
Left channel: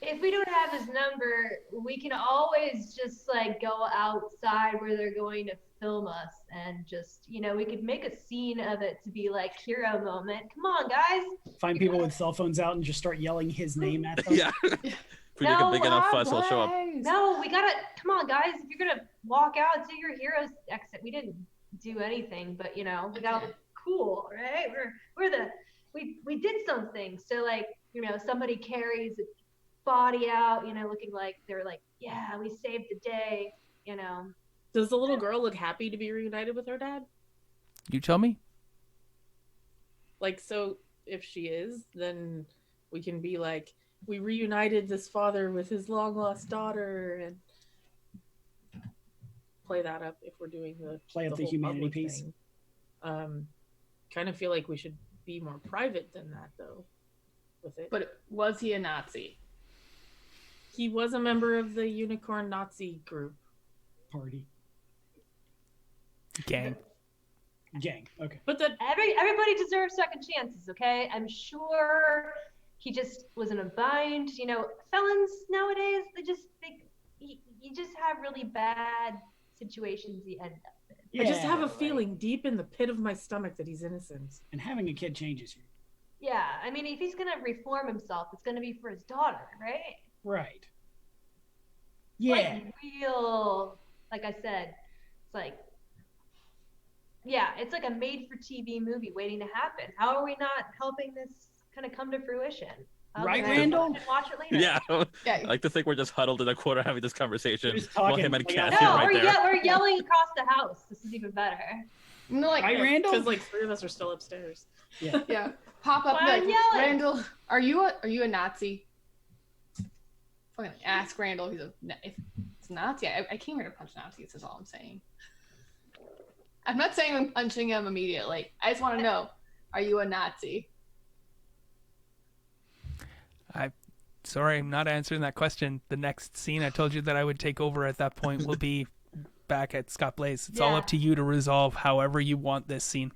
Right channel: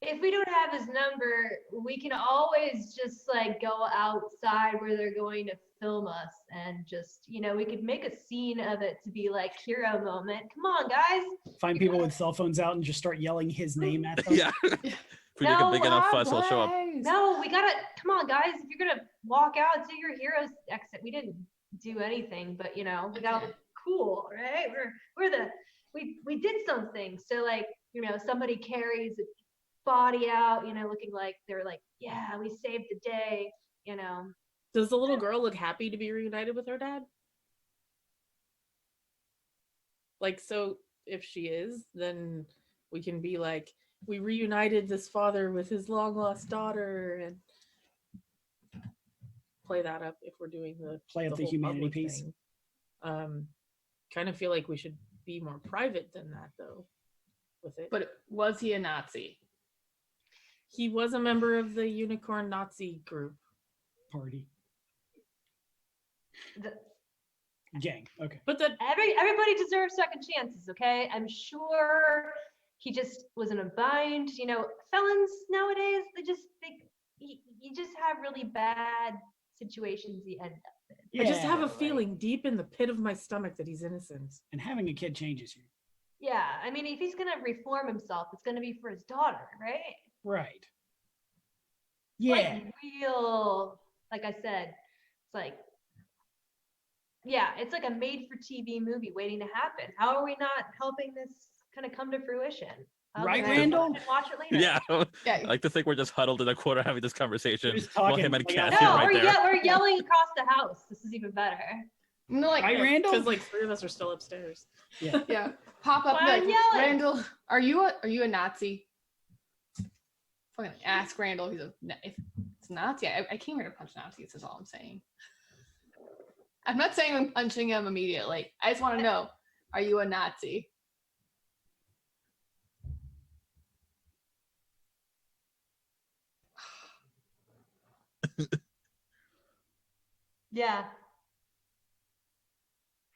If we don't have his number, we can always just like go outside where they're going to film us and just, we could make a scene of it to be like hero moment. Come on, guys. Find people with cell phones out and just start yelling his name at them. Yeah. If we make a big enough fuss, he'll show up. No, we gotta, come on, guys. If you're gonna walk out to your hero's exit, we didn't do anything, but we gotta look cool, right? We did something. So like, somebody carries a body out, looking like they're like, yeah, we saved the day, Does the little girl look happy to be reunited with her dad? You tell me. Like, so if she is, then we can be like, we reunited this father with his long lost daughter, and play that up if we're doing the the humanity piece. Thing. Kind of feel like we should be more private than that, though, with it. But was he a Nazi? He was a member of the Unicorn Nazi group. Party. Gang. Okay. But that everybody deserves second chances, okay? I'm sure he just was in a bind. Felons nowadays, you just have really bad situations you end up in. I just have a feeling deep in the pit of my stomach that he's innocent. And having a kid changes you. Yeah, I mean, if he's gonna reform himself, it's gonna be for his daughter, right? Right. Yeah. Like real, like I said, it's like Yeah, it's like a made-for-TV movie waiting to happen. How are we not helping this kind of come to fruition? Right, Let's Randall? And watch it later. Yeah. Yeah. I like to think we're just huddled in a corner having this conversation We're just while talking, him and like, Cassie out are No, right there. we're yelling across the house. This is even better. No, like, Right, Randall? Because like 3 of us are still upstairs. yeah, pop up Why and I'm be like, yelling? Randall, are you a Nazi? Fucking ask Randall if it's a Nazi. I came here to punch Nazis. Is all I'm saying. I'm not saying I'm punching him immediately. I just want to know, are you a Nazi? Sorry, I'm not answering that question. The next scene I told you that I would take over at that point will be back at Scott Blaze. It's all Yeah. up to you to resolve however you want this scene.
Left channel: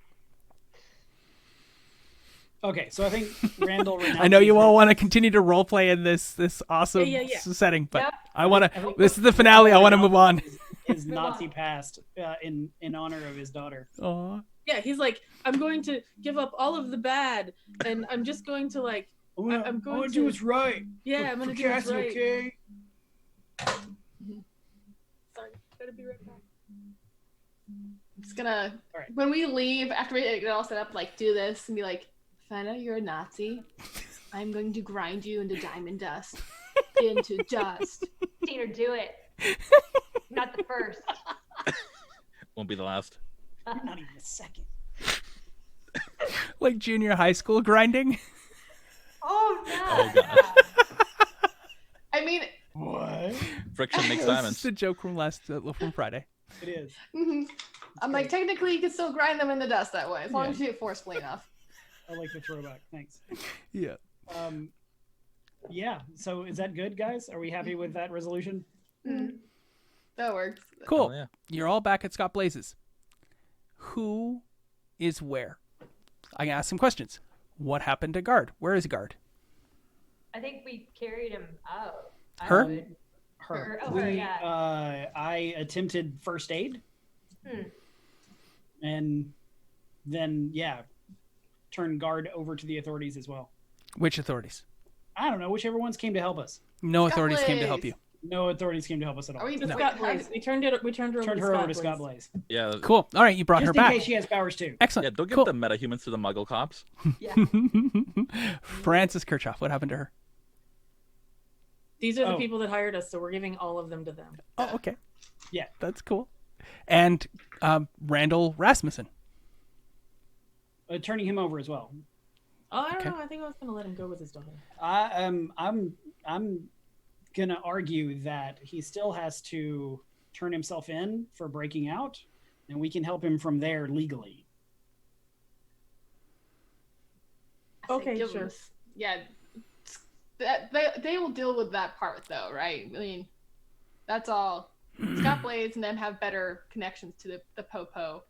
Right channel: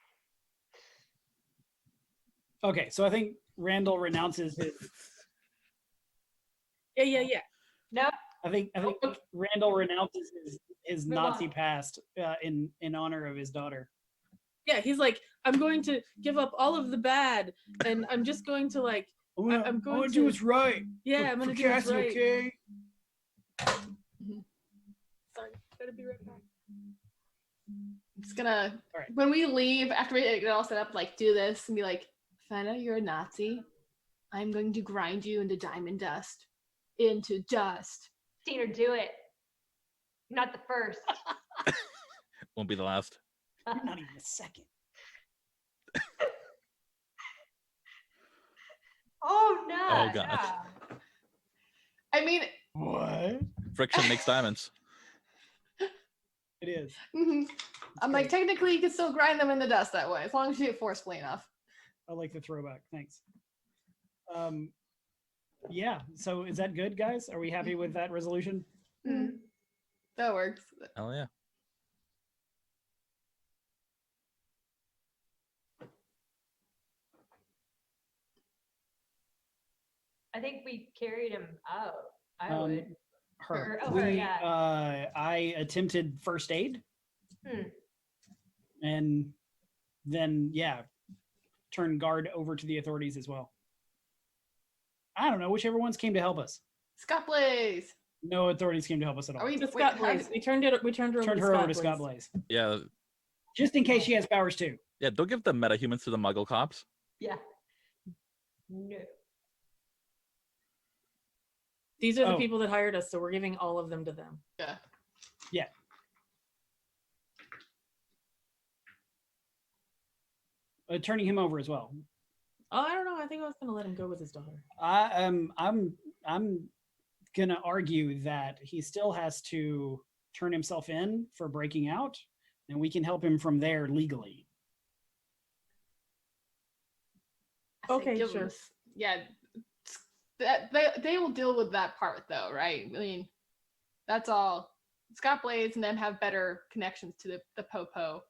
Okay, so I think Randall renounces I know you all his- want to continue to roleplay in this awesome Yeah. setting, but Yep. I want I to. think This is the finale. I Randall want to move on. renounces His Nazi past in honor of his daughter. Aw. Yeah, he's like, I'm going to give up all of the bad, and I'm just going to like, I'm going to to- do what's right. yeah, I'm for gonna do what's Cassie, right. okay? Sorry, gotta be right back. I'm just gonna All right. when we leave after we get it all set up, like do this and be like, find out you're a Nazi. I'm going to grind you into diamond dust. Into dust. Seen her do it. Not the first. Won't be the last. Not even a second. Like junior high school grinding. Oh no. Oh, God. I mean, What? Friction makes diamonds. It's a joke from from Friday. It is. I'm like, technically you can still grind them in the dust that way, as long as you do it forcefully enough. I like the throwback. Thanks. Yeah. Yeah. So is that good, guys? Are we happy with that resolution? Mm. That works. Cool. Oh, yeah. You're all back at Scott Blazes. Who is where? I can ask some questions. What happened to Guard? Where is Guard? I think we carried him out. Her? I would. Her. Oh, her, yeah. I attempted first aid. Hmm. And then, turned Guard over to the authorities as well. Which authorities? I don't know, whichever ones came to help us. No Scott authorities came to help Blaze. you. No authorities came to help us at all. Are we To wait, Scott how Blaze. did- We turned her over Turned her over to Scott Blaze. Yeah. Cool. All right, you brought Just her in back. case she has powers too. Excellent. Yeah, don't give Cool. the meta humans to the Muggle cops. Yeah. Francis Kirchhoff. What happened to her? These are the Oh. people that hired us, so we're giving all of them to them. Oh, okay. Yeah. That's cool. And Randall Rasmussen. Turning him over as well. Oh, I don't Okay. know. I think I was gonna let him go with his daughter. I'm gonna argue that he still has to turn himself in for breaking out, and we can help him from there legally. I say Okay, give sure. them- Yeah. That they will deal with that part though, right? I mean, that's all. Scott Blaze and them have better connections to the Popo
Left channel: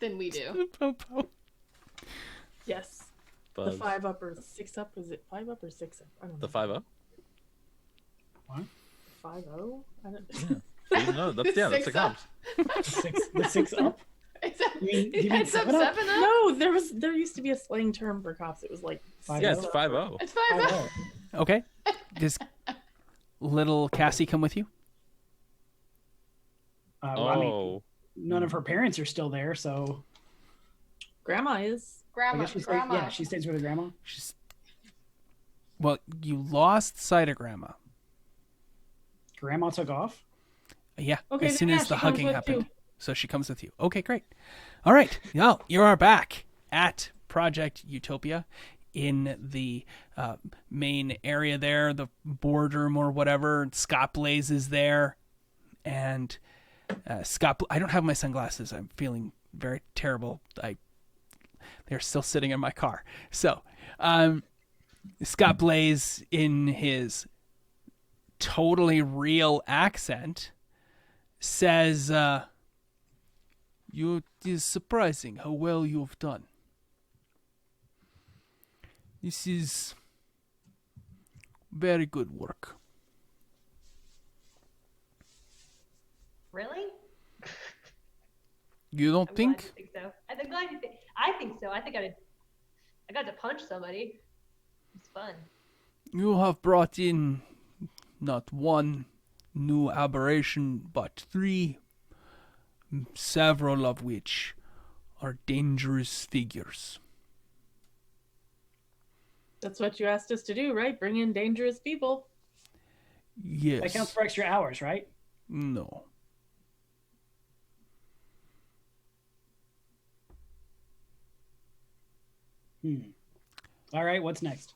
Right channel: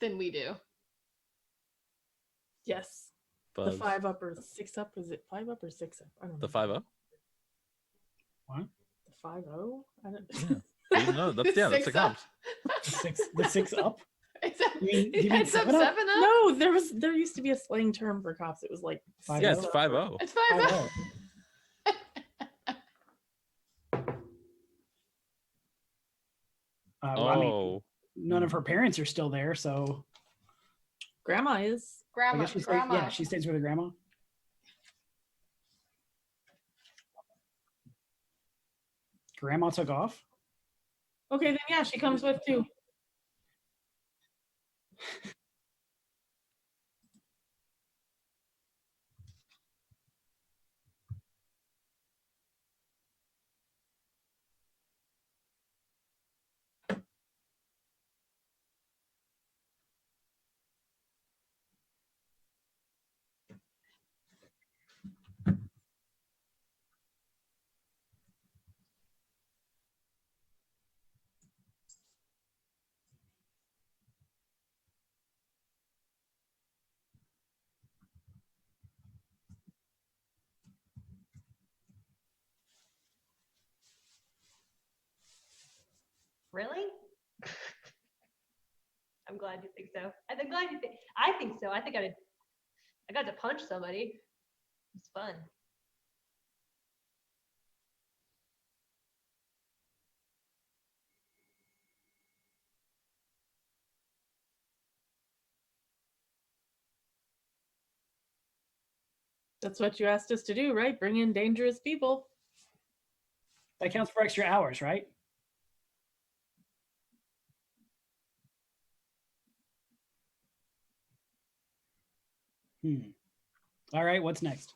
than we do. Popo. Yes. Buzz. The 5 up or 6 up? Is it 5 up or 6 up? I don't know. The 5-0? The 5-0? I don't No, that's the Six up. comps. The six up. It's a, You mean it's up 7 up? 7 up. No, there used to be a slang term for cops. It was like 5-0. Yeah, it's 5-0. It's 5 up. 5-0. Okay. Does little Cassie come with you? Well, I mean, Oh. none of her parents are still there, so grandma is. I Grandma, guess she stays, grandma. yeah, she stays with her grandma. She's... Well, you lost sight of Grandma. Grandma took off. Yeah. Okay, as then soon yeah, as the she comes hugging with happened. too. So she comes with you. Okay, great. All right. Now you are back at Project Utopia in the main area there, the boardroom or whatever. Scott Blaze is there. And I don't have my sunglasses. I'm feeling very terrible. They're still sitting in my car. So Scott Blaze, in his totally real accent, says, it is surprising how well you've done. This is very good work. Really? You don't I'm think? glad you think so. I'm glad you think. I think so. I think I got to punch somebody. It's fun. You have brought in not one new aberration, but 3 several of which are dangerous figures. That's what you asked us to do, right? Bring in dangerous people. Yes. That counts for extra hours, right? No. All right, what's next?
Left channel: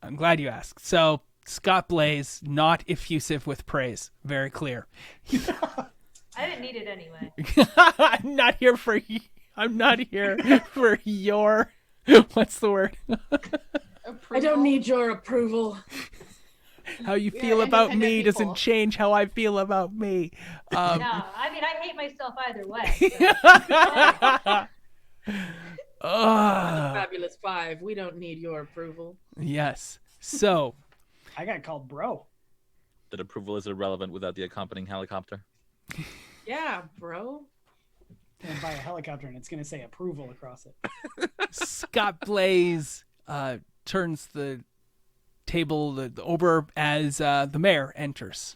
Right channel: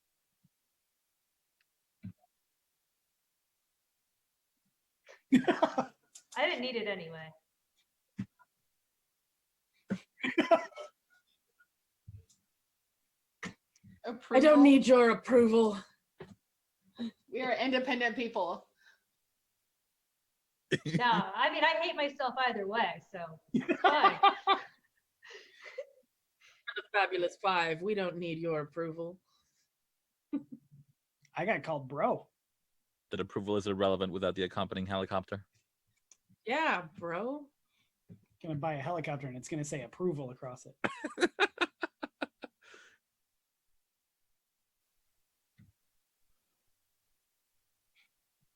I'm glad you asked. So, Scott Blaze, not effusive with praise. Very clear. I didn't need it anyway. I'm not here for your what's the word? I don't need your approval. How you We are feel about independent me people. doesn't change how I feel about me. No, I mean, I hate myself either way. So. We're the Fabulous Five. We don't need your approval. Yes. So, I got called bro. That approval is irrelevant without the accompanying helicopter. Yeah, bro. And buy a helicopter, and it's going to say approval across it. Scott Blaze turns the table over as the mayor enters.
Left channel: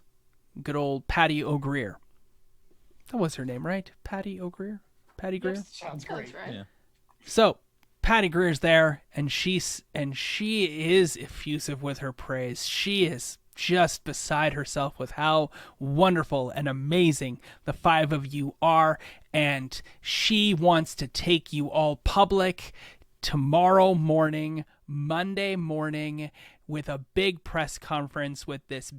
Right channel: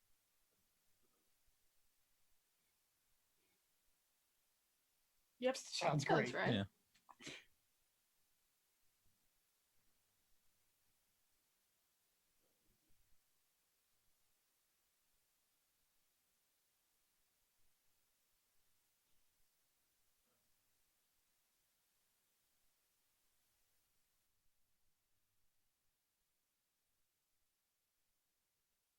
Good old Patty O'Greer. That was her name, right? Patty O'Greer? Patty Greer? Sounds That's great. right. Yeah. So Patty Greer's there, and she is effusive with her praise. She is just beside herself with how wonderful and amazing the five of you are, and she wants to take you all public tomorrow morning, Monday morning, with a big press conference with this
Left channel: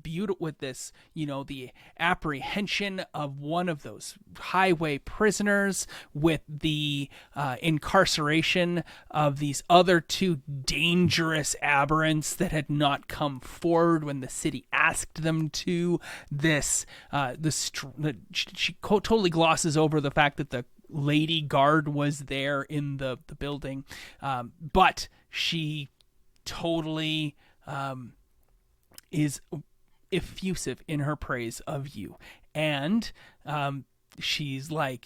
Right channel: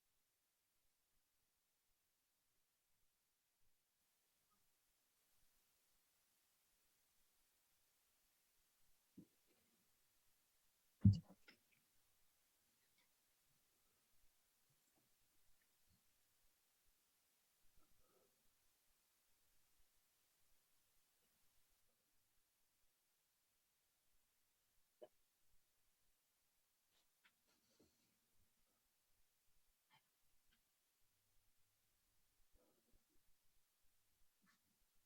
the apprehension of one of those highway prisoners, with the incarceration of these other two dangerous aberrants that had not come forward when the city asked them to. She totally glosses over the fact that the lady guard was there in the building, but she totally is effusive in her praise of you. And she's the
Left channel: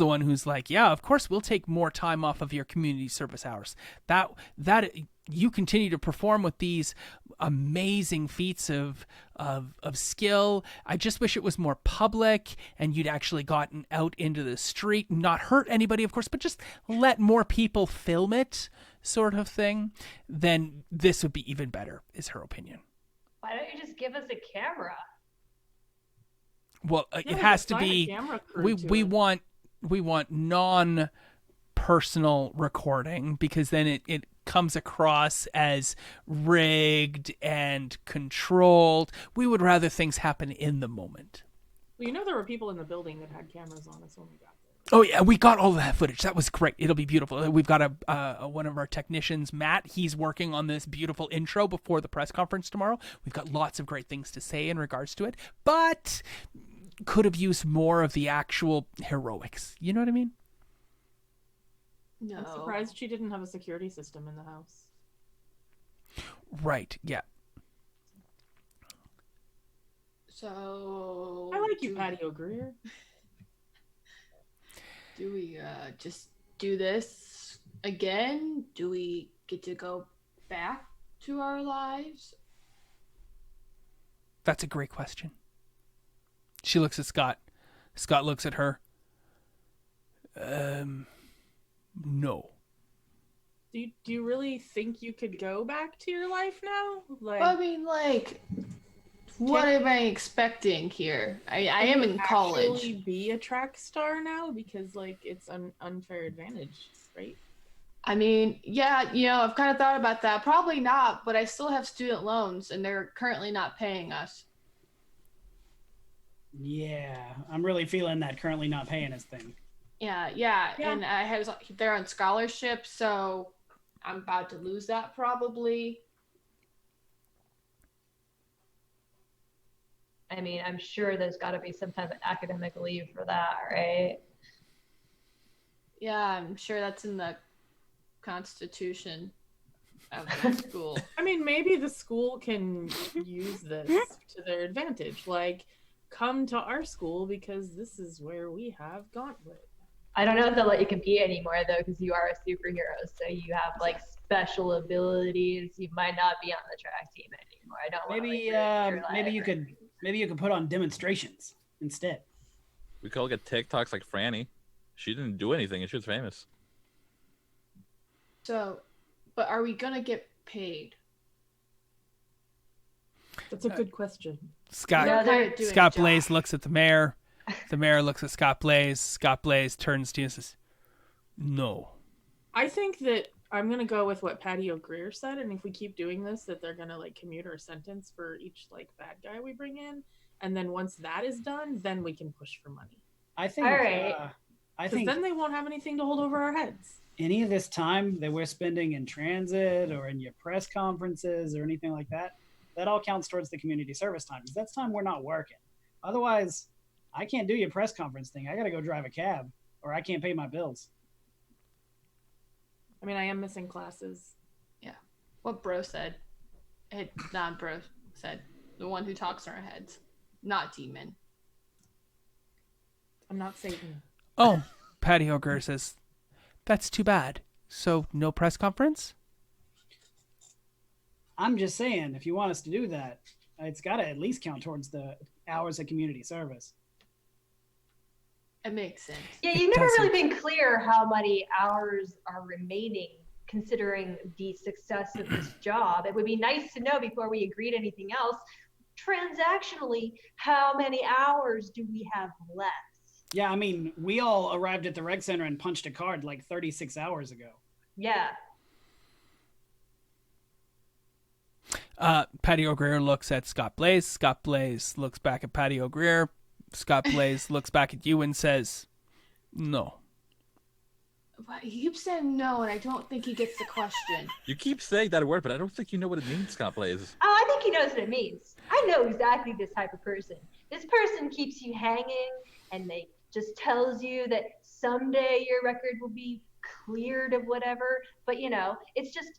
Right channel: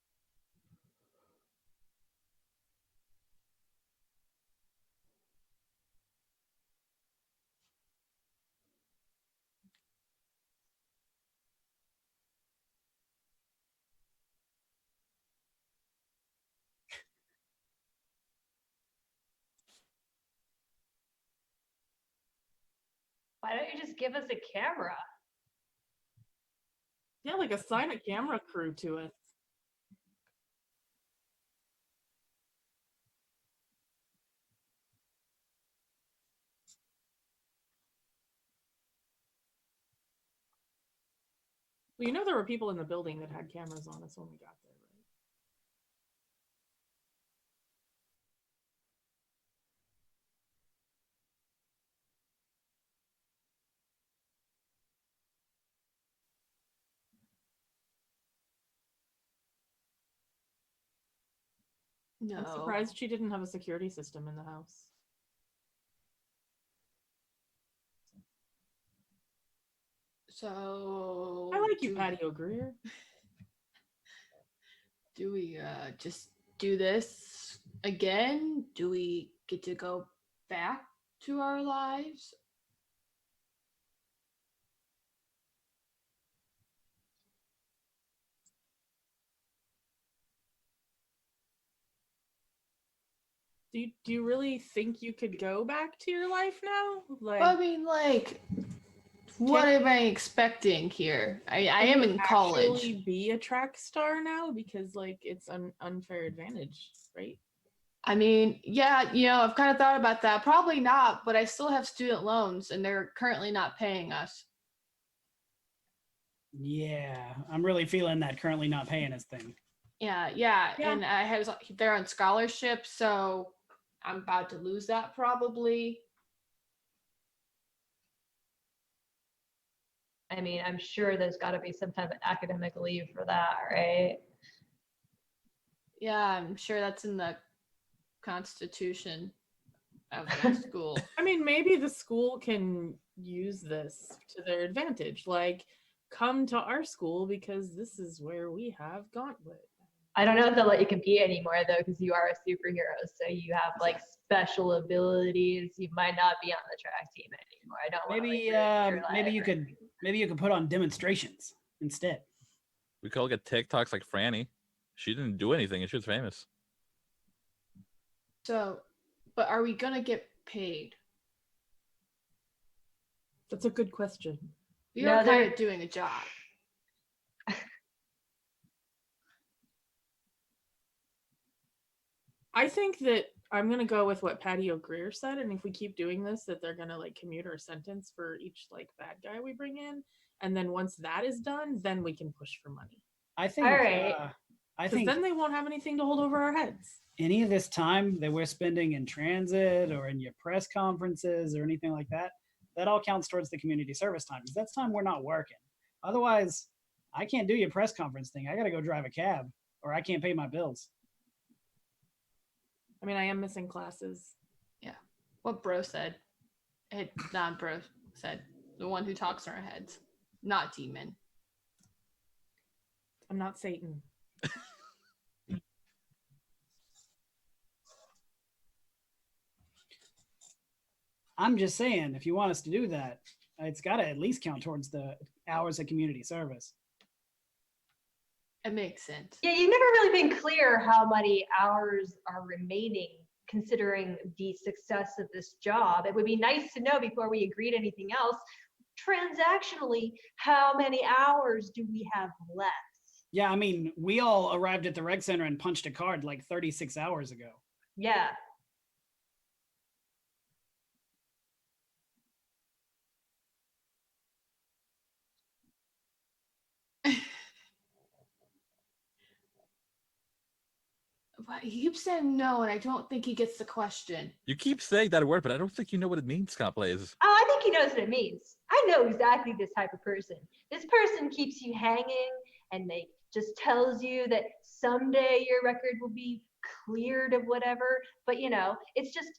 one who's like, yeah, of course we'll take more time off of your community service hours. That you continue to perform with these amazing feats of skill. I just wish it was more public and you'd actually gotten out into the street, not hurt anybody, of course, but just let more people film it, sort of thing. Then this would be even better, is her opinion. Why don't you just give us a camera? Well, Yeah, it has to assign a be. camera crew to We it. want non-personal recording, because then it comes across as rigged and controlled. We would rather things happen in the moment. Well, there were people in the building that had cameras on us when we got there. Oh yeah, we got all of that footage. That was great. It'll be beautiful. We've got one of our technicians, Matt. He's working on this beautiful intro before the press conference tomorrow. We've got lots of great things to say in regards to it, but could have used more of the actual heroics. You know what I mean? No. I'm surprised she didn't have a security system in the house. Right. Yeah. So I like you, Patty O'Greer. Do we just do this again? Do we get to go back to our lives? That's a great question. She looks at Scott. Scott looks at her. No. Do you really think you could go back to your life now? I mean, what am I expecting here? I am in college. Actually be a track star now, because it's an unfair advantage, right? I mean, yeah, I've kind of thought about that. Probably not, but I still have student loans, and they're currently not paying us. Yeah, I'm really feeling that currently not paying us thing. Yeah. And they're on scholarship, so I'm about to lose that probably. I mean, I'm sure there's got to be some type of academic leave for that, right? Yeah, I'm sure that's in the constitution of the school. I mean, maybe the school can use this to their advantage. Come to our school because this is where we have Gauntlet. I don't know if they'll let you compete anymore though, because you are a superhero, so you have special abilities. You might not be on the track team anymore. I don't want Maybe to, maybe you could put on demonstrations instead. We could all get TikToks like Franny. She didn't do anything and she was famous. So, but are we gonna get paid? That's a good question. Scott We're No, kind they're- of doing Scott a job. Blaze looks at the mayor. The mayor looks at Scott Blaze. Scott Blaze turns to you and says, "No." I think that I'm gonna go with what Patty O'Greer said, and if we keep doing this, that they're gonna like commute our sentence for each like bad guy we bring in, and then once that is done, then we can push for money. I think. All right. I Because think then they won't have anything to hold over our heads. any of this time that we're spending in transit or in your press conferences or anything like that, that all counts towards the community service time because that's time we're not working. Otherwise, I can't do your press conference thing. I got to go drive a cab or I can't pay my bills. I mean, I am missing classes. What bro said. Not bro said. The one who talks in our heads. Not demon. I'm not Satan. Oh, Patty Ogre says, "That's too bad. So no press conference?" I'm just saying, if you want us to do that, it's got to at least count towards the hours of community service. It makes sense. Yeah, you've never doesn't- really been clear how many hours are remaining considering the success of this job. It would be nice to know before we agree to anything else, transactionally, how many hours do we have left? Yeah, I mean, we all arrived at the rec center and punched a card like 36 hours ago. Yeah. Patty O'Greer looks at Scott Blaze. Scott Blaze looks back at Patty O'Greer. Scott Blaze looks back at you and says, "No." But he keeps saying no, and I don't think he gets the question. You keep saying that word, but I don't think you know what it means, Scott Blaze. Oh, I think he knows what it means. I know exactly this type of person. This person keeps you hanging and they just tells you that someday your record will be cleared of whatever. But it's just,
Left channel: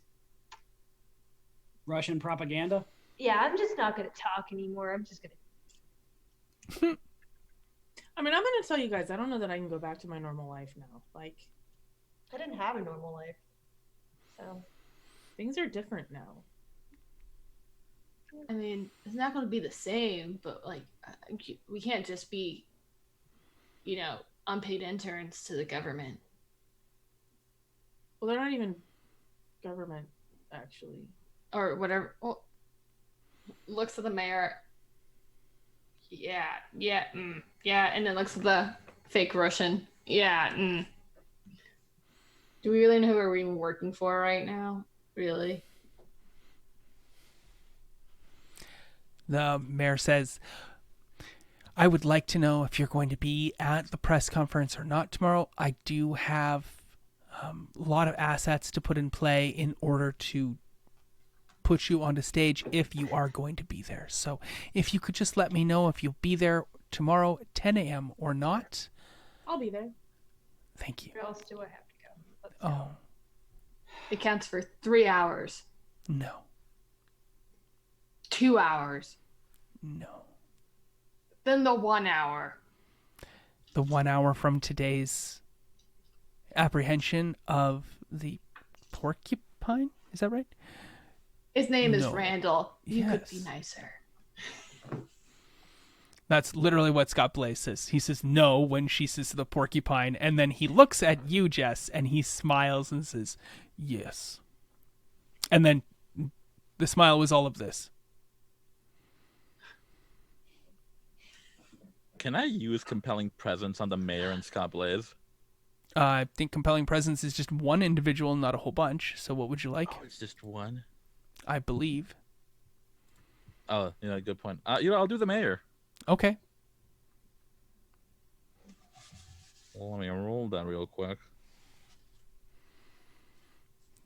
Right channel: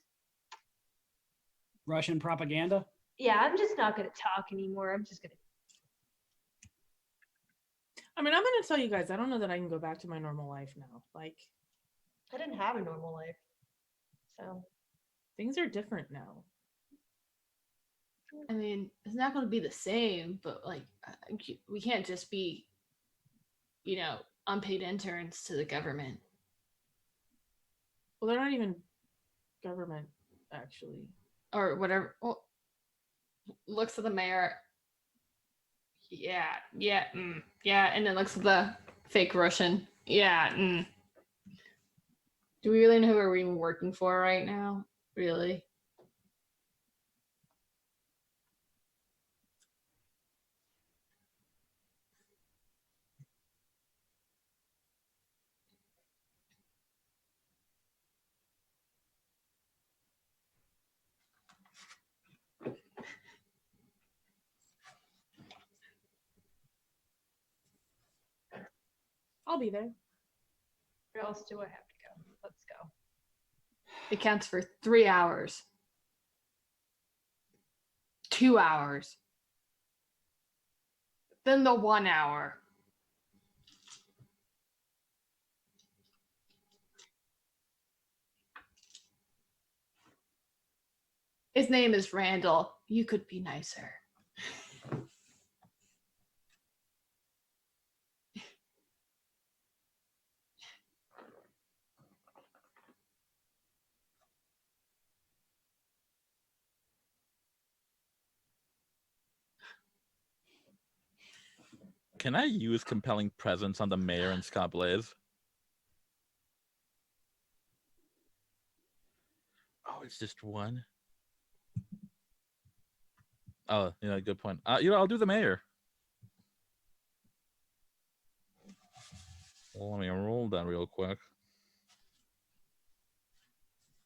Russian propaganda. yeah, I'm just not going to talk anymore. I'm just going to. I mean, I'm gonna tell you guys, I don't know that I can go back to my normal life now. Like, I didn't have a normal life. So. things are different now. I mean, it's not going to be the same, but like, we can't just be, unpaid interns to the government. Well, they're not even government, actually. Or whatever. Well, looks at the mayor. Yeah, yeah, and then looks at the fake Russian. Yeah. Do we really know who we're even working for right now? Really? The mayor says, "I would like to know if you're going to be at the press conference or not tomorrow. I do have a lot of assets to put in play in order to put you onto stage if you are going to be there. So if you could just let me know if you'll be there tomorrow at 10 a.m. or not." I'll be there. Thank you. Where else do I have to go? Let's go. Oh, It counts for 3 hours, no. 2 hours, No. then the 1 hour. The 1 hour from today's apprehension of the Porcupine? Is that right? His name is No. Randall. You could be Yes. nicer. That's literally what Scott Blaze says. He says no when she says the Porcupine, and then he looks at you, Jess, and he smiles and says, "Yes." And then the smile was all of this. Can I use compelling presence on the mayor and Scott Blaze? I think compelling presence is just one individual, not a whole bunch. So what would you like? Oh, it's just one. I believe. Oh, good point. I'll do the mayor. Okay. Well, let me roll that real quick.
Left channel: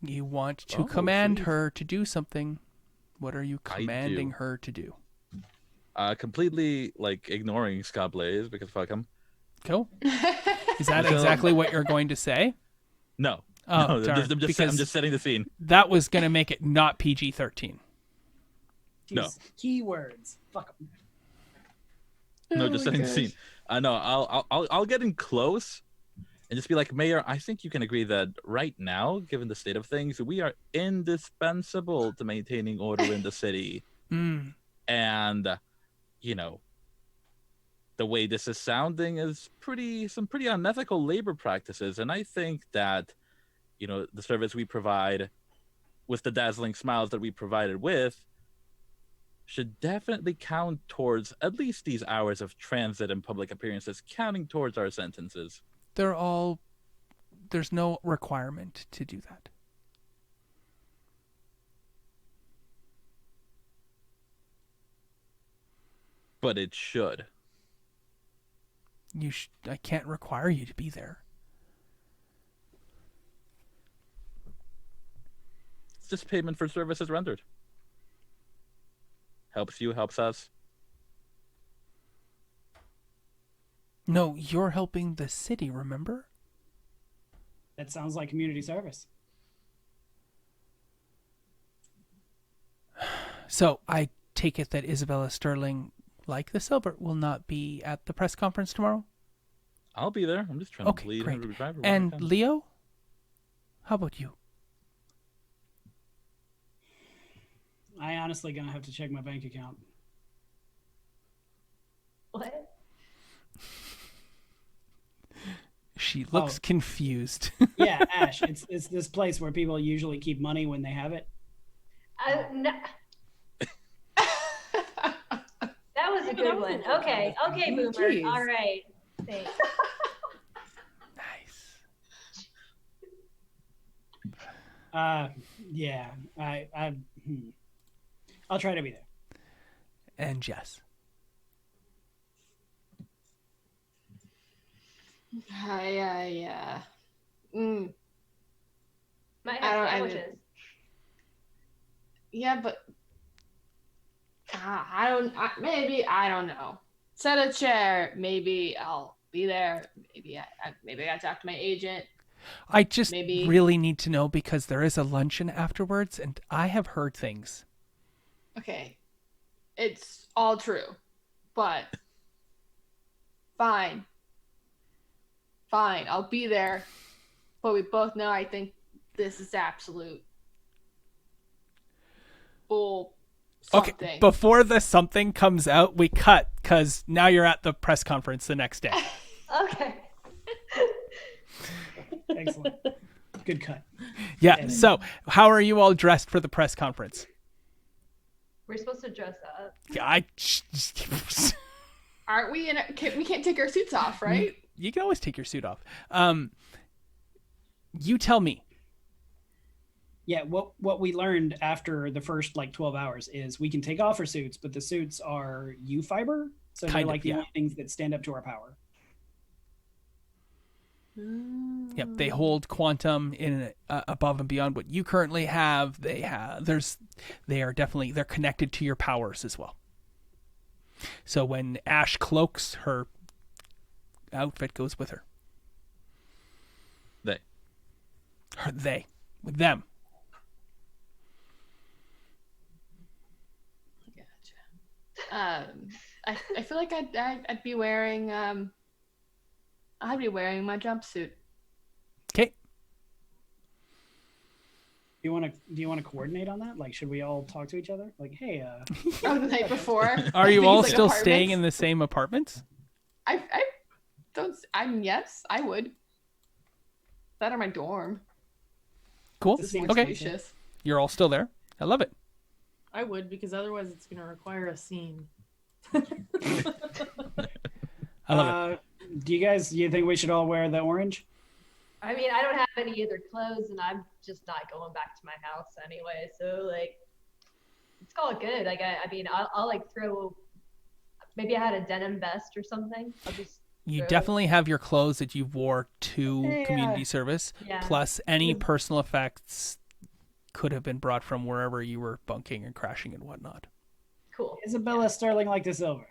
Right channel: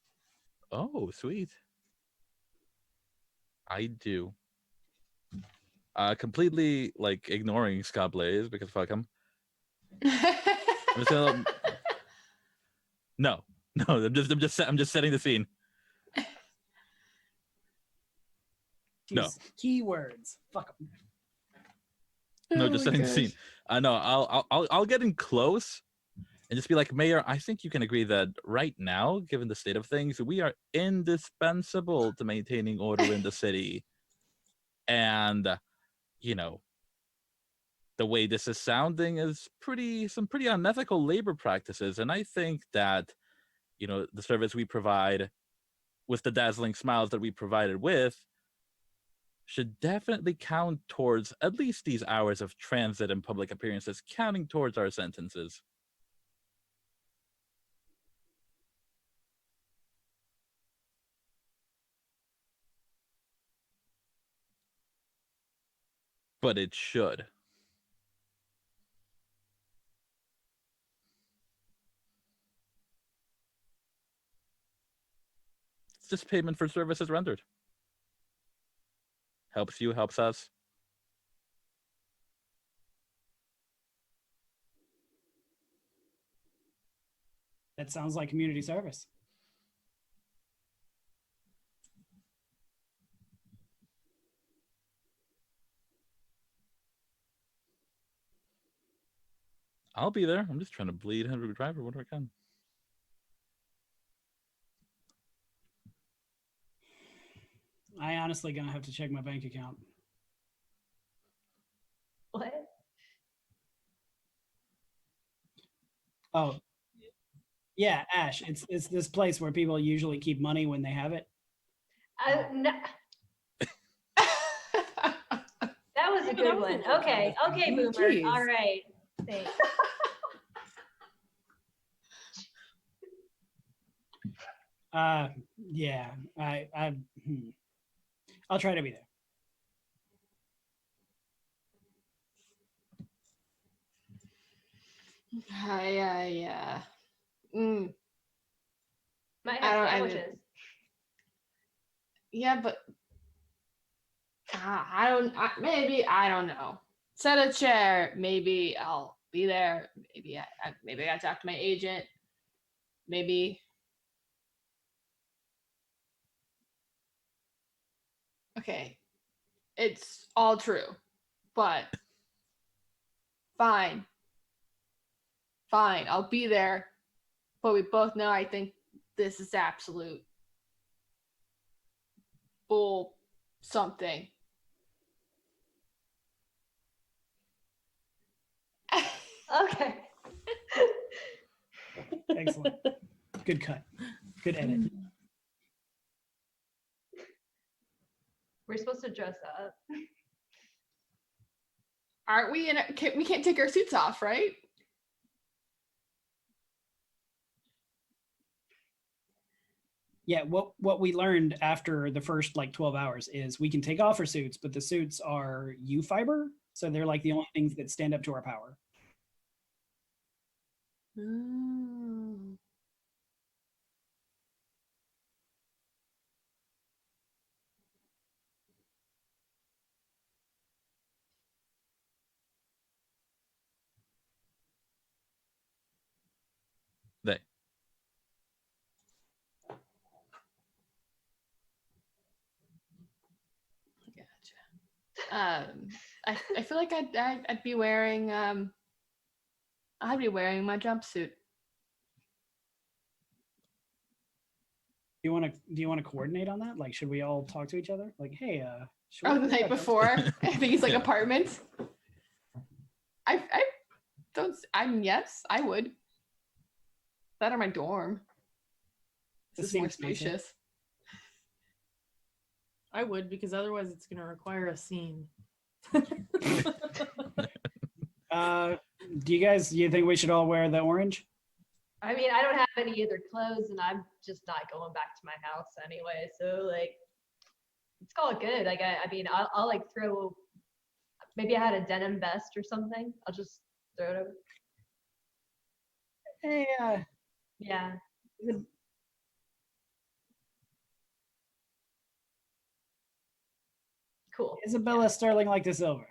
You want to Oh, command sweet. her to do something. What are you I do. commanding her to do? Completely ignoring Scott Blaze because fuck him. Cool. Is that So- exactly what you're going to say? No, Oh, no, darn, I'm because just setting the scene. that was going to make it not PG-13. No. Jeez, keywords. Fuck 'em. No, Oh just my setting the gosh. scene. No, I'll get in close and just be like, Mayor, I think you can agree that right now, given the state of things, we are indispensable to maintaining order in the city. Mm. And, the way this is sounding is some pretty unethical labor practices. And I think that, the service we provide with the dazzling smiles that we provided with should definitely count towards at least these hours of transit and public appearances, counting towards our sentences. There's no requirement to do that. But it should. I can't require you to be there. It's just payment for services rendered. Helps you, helps us. No, you're helping the city, remember? That sounds like community service. So I take it that Isabella Sterling, like the Silver, will not be at the press conference tomorrow? I'll be there. I'm just trying to bleed great. Henry Driver. And Leo? How about you? I honestly gonna have to check my bank account. What? She looks confused. Yeah, Ash, it's this place where people usually keep money when they have it. No. That was a good one. Okay, Boomer. Jeez. All right. Thanks. Nice. Yeah, I'll try to be there. And Jess. Yeah. Mm. Might I have don't- sandwiches. Yeah, but maybe I don't know. Set a chair. Maybe I'll be there. Maybe I gotta talk to my agent. I just Maybe. really need to know because there is a luncheon afterwards, and I have heard things. Okay, it's all true, but fine. I'll be there. But we both know I think this is absolute bull something. Okay, before the something comes out, we cut because now you're at the press conference the next day. Okay. Excellent. Good cut. Yeah. So, how are you all dressed for the press conference? We're supposed to dress up. Aren't we we can't take our suits off, right? You can always take your suit off. You tell me. Yeah, what we learned after the first 12 hours is we can take off our suits, but the suits are U fiber, so they're the only things that stand up to our power. Yep, they hold quantum in above and beyond what you currently have. They're connected to your powers as well. So when Ash cloaks, her outfit goes with her. With them. Gotcha. I feel like I'd be wearing my jumpsuit. Okay. Do you want to coordinate on that? Should we all talk to each other? Hey, Oh, the night before. Are you all still apartments? staying in the same apartments? Yes, I would. That or my dorm. Cool. This is more Okay. spacious. You're all still there. I love it. I would, because otherwise it's going to require a scene. do you think we should all wear the orange? I mean, I don't have any other clothes, and I'm just not going back to my house anyway. So it's all good. I'll throw. Maybe I had a denim vest or something. I'll just. You definitely have your clothes that you wore to community service, Yeah. plus any personal effects could have been brought from wherever you were bunking and crashing and whatnot. Cool. Isabella Sterling like the silver.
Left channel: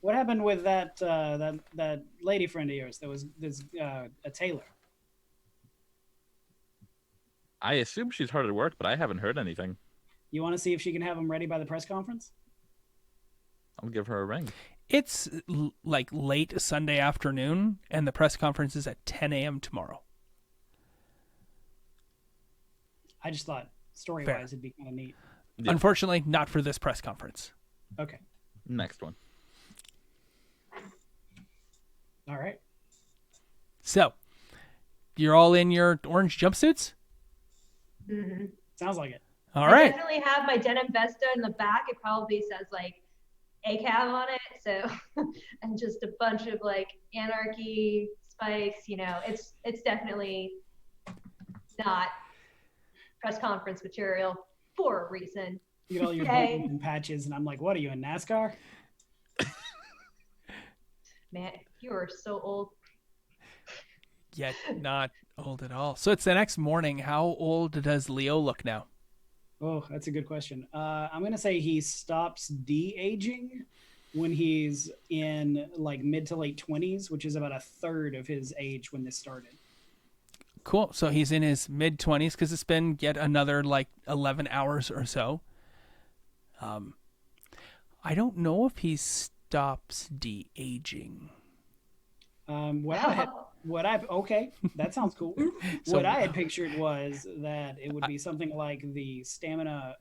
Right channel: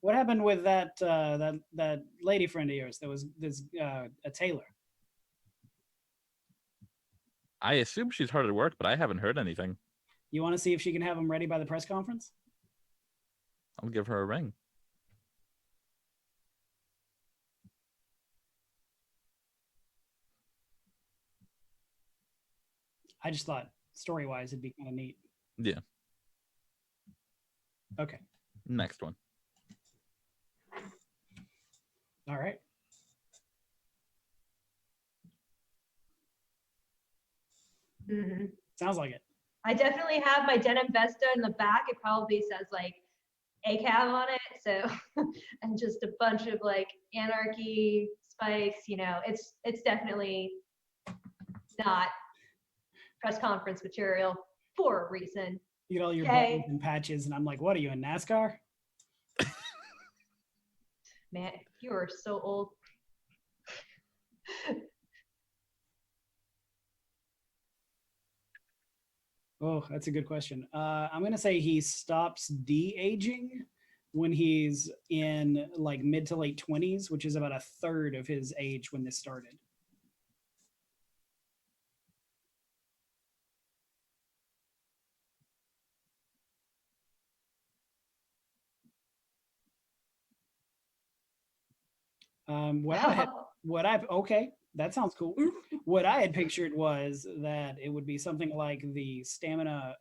What happened with that lady friend of yours that was a tailor? I assume she's hard at work, but I haven't heard anything. You want to see if she can have them ready by the press conference? I'll give her a ring. It's late Sunday afternoon, and the press conference is at 10 a.m. tomorrow. I just thought story-wise it'd be kind of neat. Yeah. Unfortunately, not for this press conference. Okay. Next one. All right. So, you're all in your orange jumpsuits? Mm-hmm. Sounds like it. All I right. definitely have my denim vesta in the back. It probably says like ACAB on it. So, and just a bunch of like anarchy spikes. It's definitely not press conference material for a reason. You get all your Yay. buttons and patches, and I'm like, what are you, in NASCAR? Man, you are so old. Yet not old at all. So it's the next morning. How old does Leo look now? Oh, that's a good question. I'm going to say he stops de-aging when he's in like mid to late 20s, which is about a third of his age when this started. Cool. So he's in his mid-20s because it's been yet another like 11 hours or so. I don't know if he stops de-aging. Okay, that sounds cool. What I had pictured was that it would be something like the stamina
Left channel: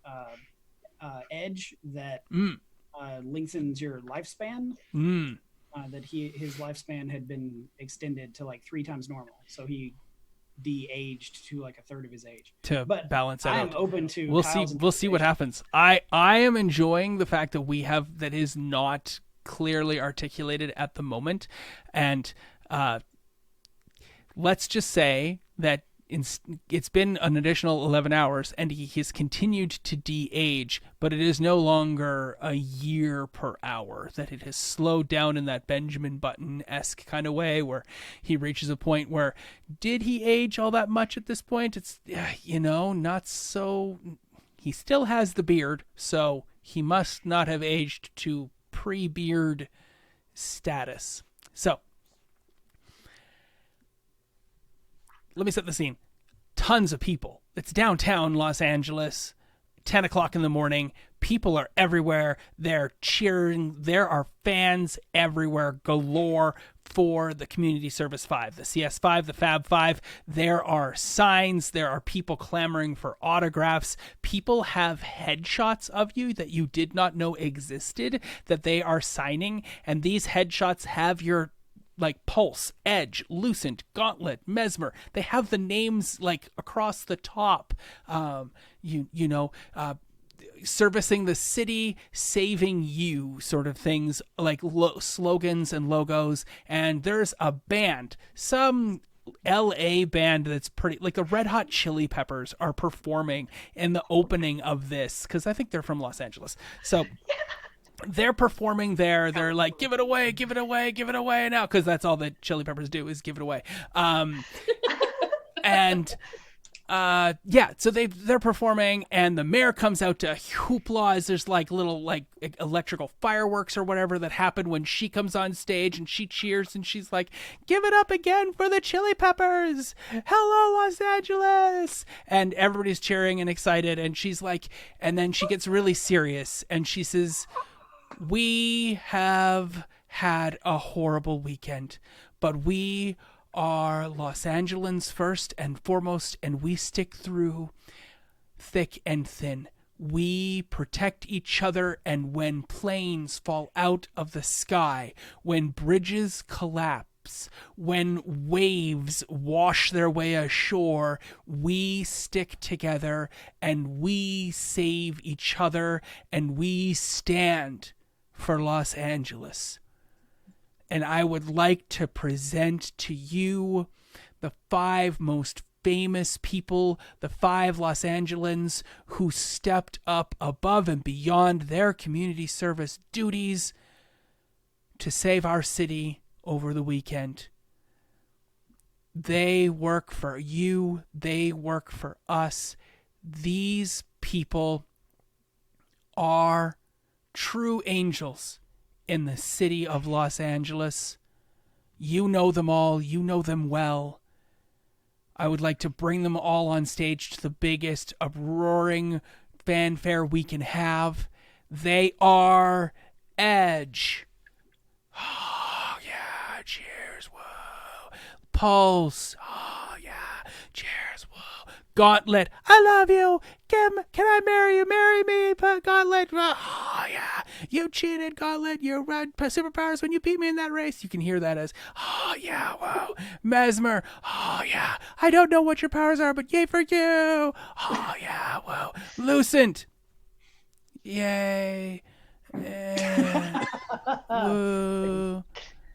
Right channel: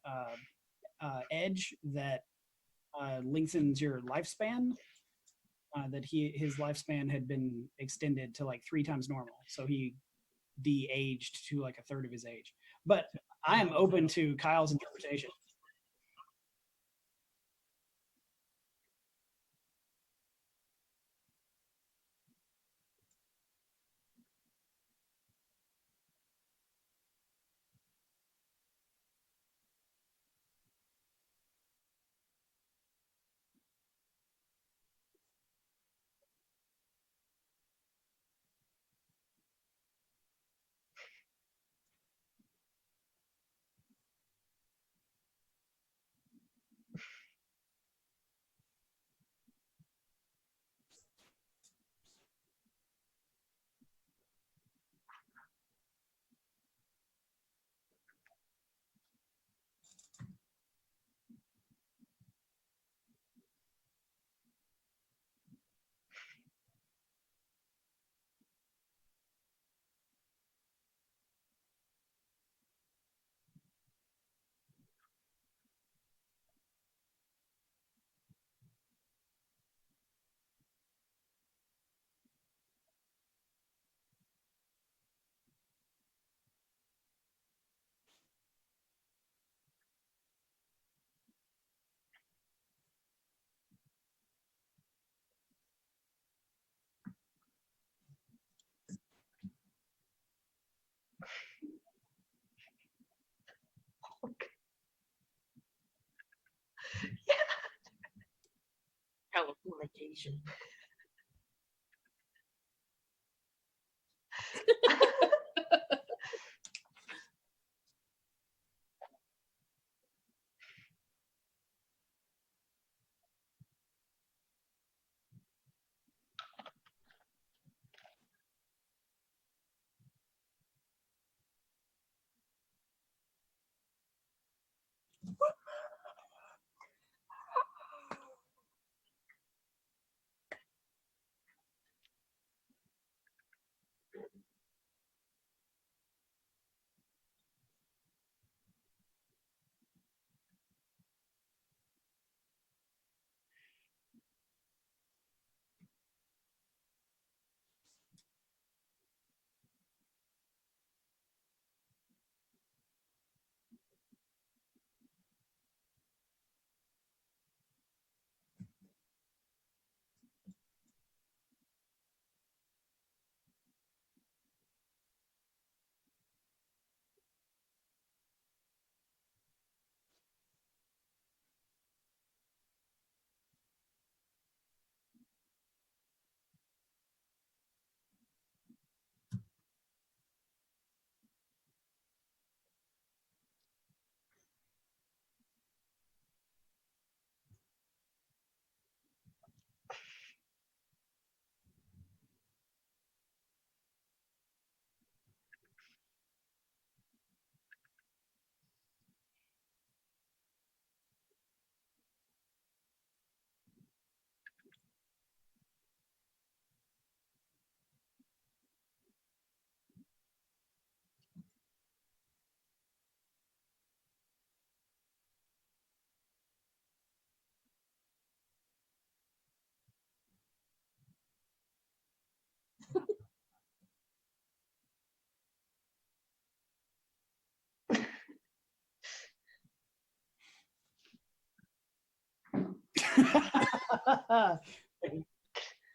edge that lengthens your lifespan. That his lifespan had been extended to like 3 times normal, so he de-aged to like a third of his age. But balance out. I am open to. We'll see what happens. I am enjoying the fact that we have that is not clearly articulated at the moment, and let's just say that it's been an additional 11 hours and he has continued to de-age, but it is no longer a year per hour, that it has slowed down in that Benjamin Button-esque kind of way where he reaches a point where, did he age all that much at this point? It's, not so. He still has the beard, so he must not have aged to pre-beard status. So, let me set the scene. Tons of people. It's downtown Los Angeles, 10 o'clock in the morning. People are everywhere. They're cheering. There are fans everywhere galore for the Community Service 5, the CS5, the Fab 5. There are signs. There are people clamoring for autographs. People have headshots of you that you did not know existed that they are signing. And these headshots have your like Pulse, Edge, Lucent, Gauntlet, Mesmer. They have the names like across the top. Servicing the city, saving you, sort of things like slogans and logos. And there's a band, some LA band that's pretty, like the Red Hot Chili Peppers are performing in the opening of this because I think they're from Los Angeles. So. They're performing there. They're like, give it away, give it away, give it away now, because that's all that Chili Peppers do is give it away. So they're performing, and the mayor comes out to hoopla as there's like little like electrical fireworks or whatever that happen when she comes on stage, and she cheers and she's like, give it up again for the Chili Peppers, hello Los Angeles, and everybody's cheering and excited, and she's like, and then she gets really serious and she says, we have had a horrible weekend, but we are Los Angelans first and foremost, and we stick through thick and thin. We protect each other, and when planes fall out of the sky, when bridges collapse, when waves wash their way ashore, we stick together, and we save each other, and we stand for Los Angeles. And I would like to present to you the 5 most famous people, the 5 Los Angelans who stepped up above and beyond their community service duties to save our city over the weekend. They work for you. They work for us. These people are true angels in the city of Los Angeles. You know them all. You know them well. I would like to bring them all on stage to the biggest uproaring fanfare we can have. They are Edge. Oh, yeah. Cheers. Whoa. Pulse. Oh, yeah. Cheers. Whoa. Gauntlet. I love you. Kim, can I marry you? Marry me, Gauntlet. Oh, yeah. You cheated, Gauntlet. You had superpowers when you beat me in that race. You can hear that as, oh, yeah, wow. Mesmer. Oh, yeah. I don't know what your powers are, but yay for you. Oh, yeah, wow. Lucent. Yay. Woo.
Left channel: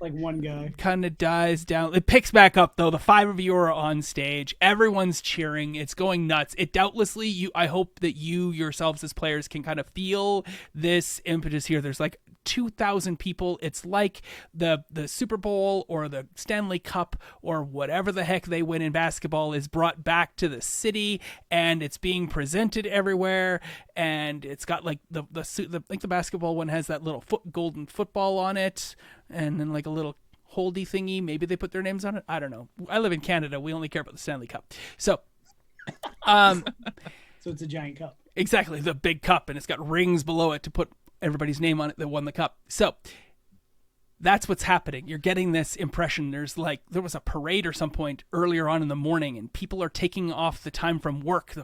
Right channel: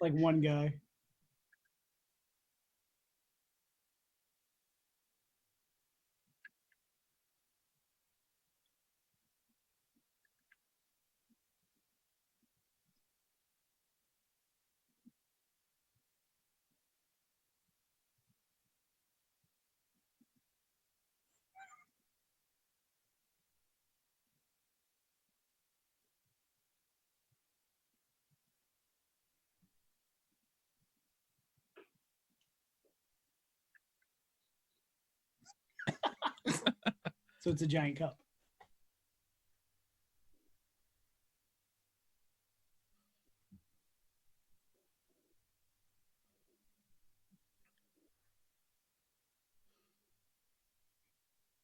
Like one guy. Kind of dies down. It picks back up though. The 5 of you are on stage. Everyone's cheering. It's going nuts. It doubtlessly, I hope that you yourselves as players can kind of feel this impetus here. There's like 2,000 people. It's like the Super Bowl or the Stanley Cup or whatever the heck they win in basketball is brought back to the city, and it's being presented everywhere. And it's got like the basketball one has that little golden football on it, and then like a little holdy thingy. Maybe they put their names on it. I don't know. I live in Canada. We only care about the Stanley Cup. So, So it's a giant cup. Exactly, the big cup, and it's got rings below it to put everybody's name on it that won the cup. So that's what's happening. You're getting this impression. There was a parade or some point earlier on in the morning, and people are taking off the time from work.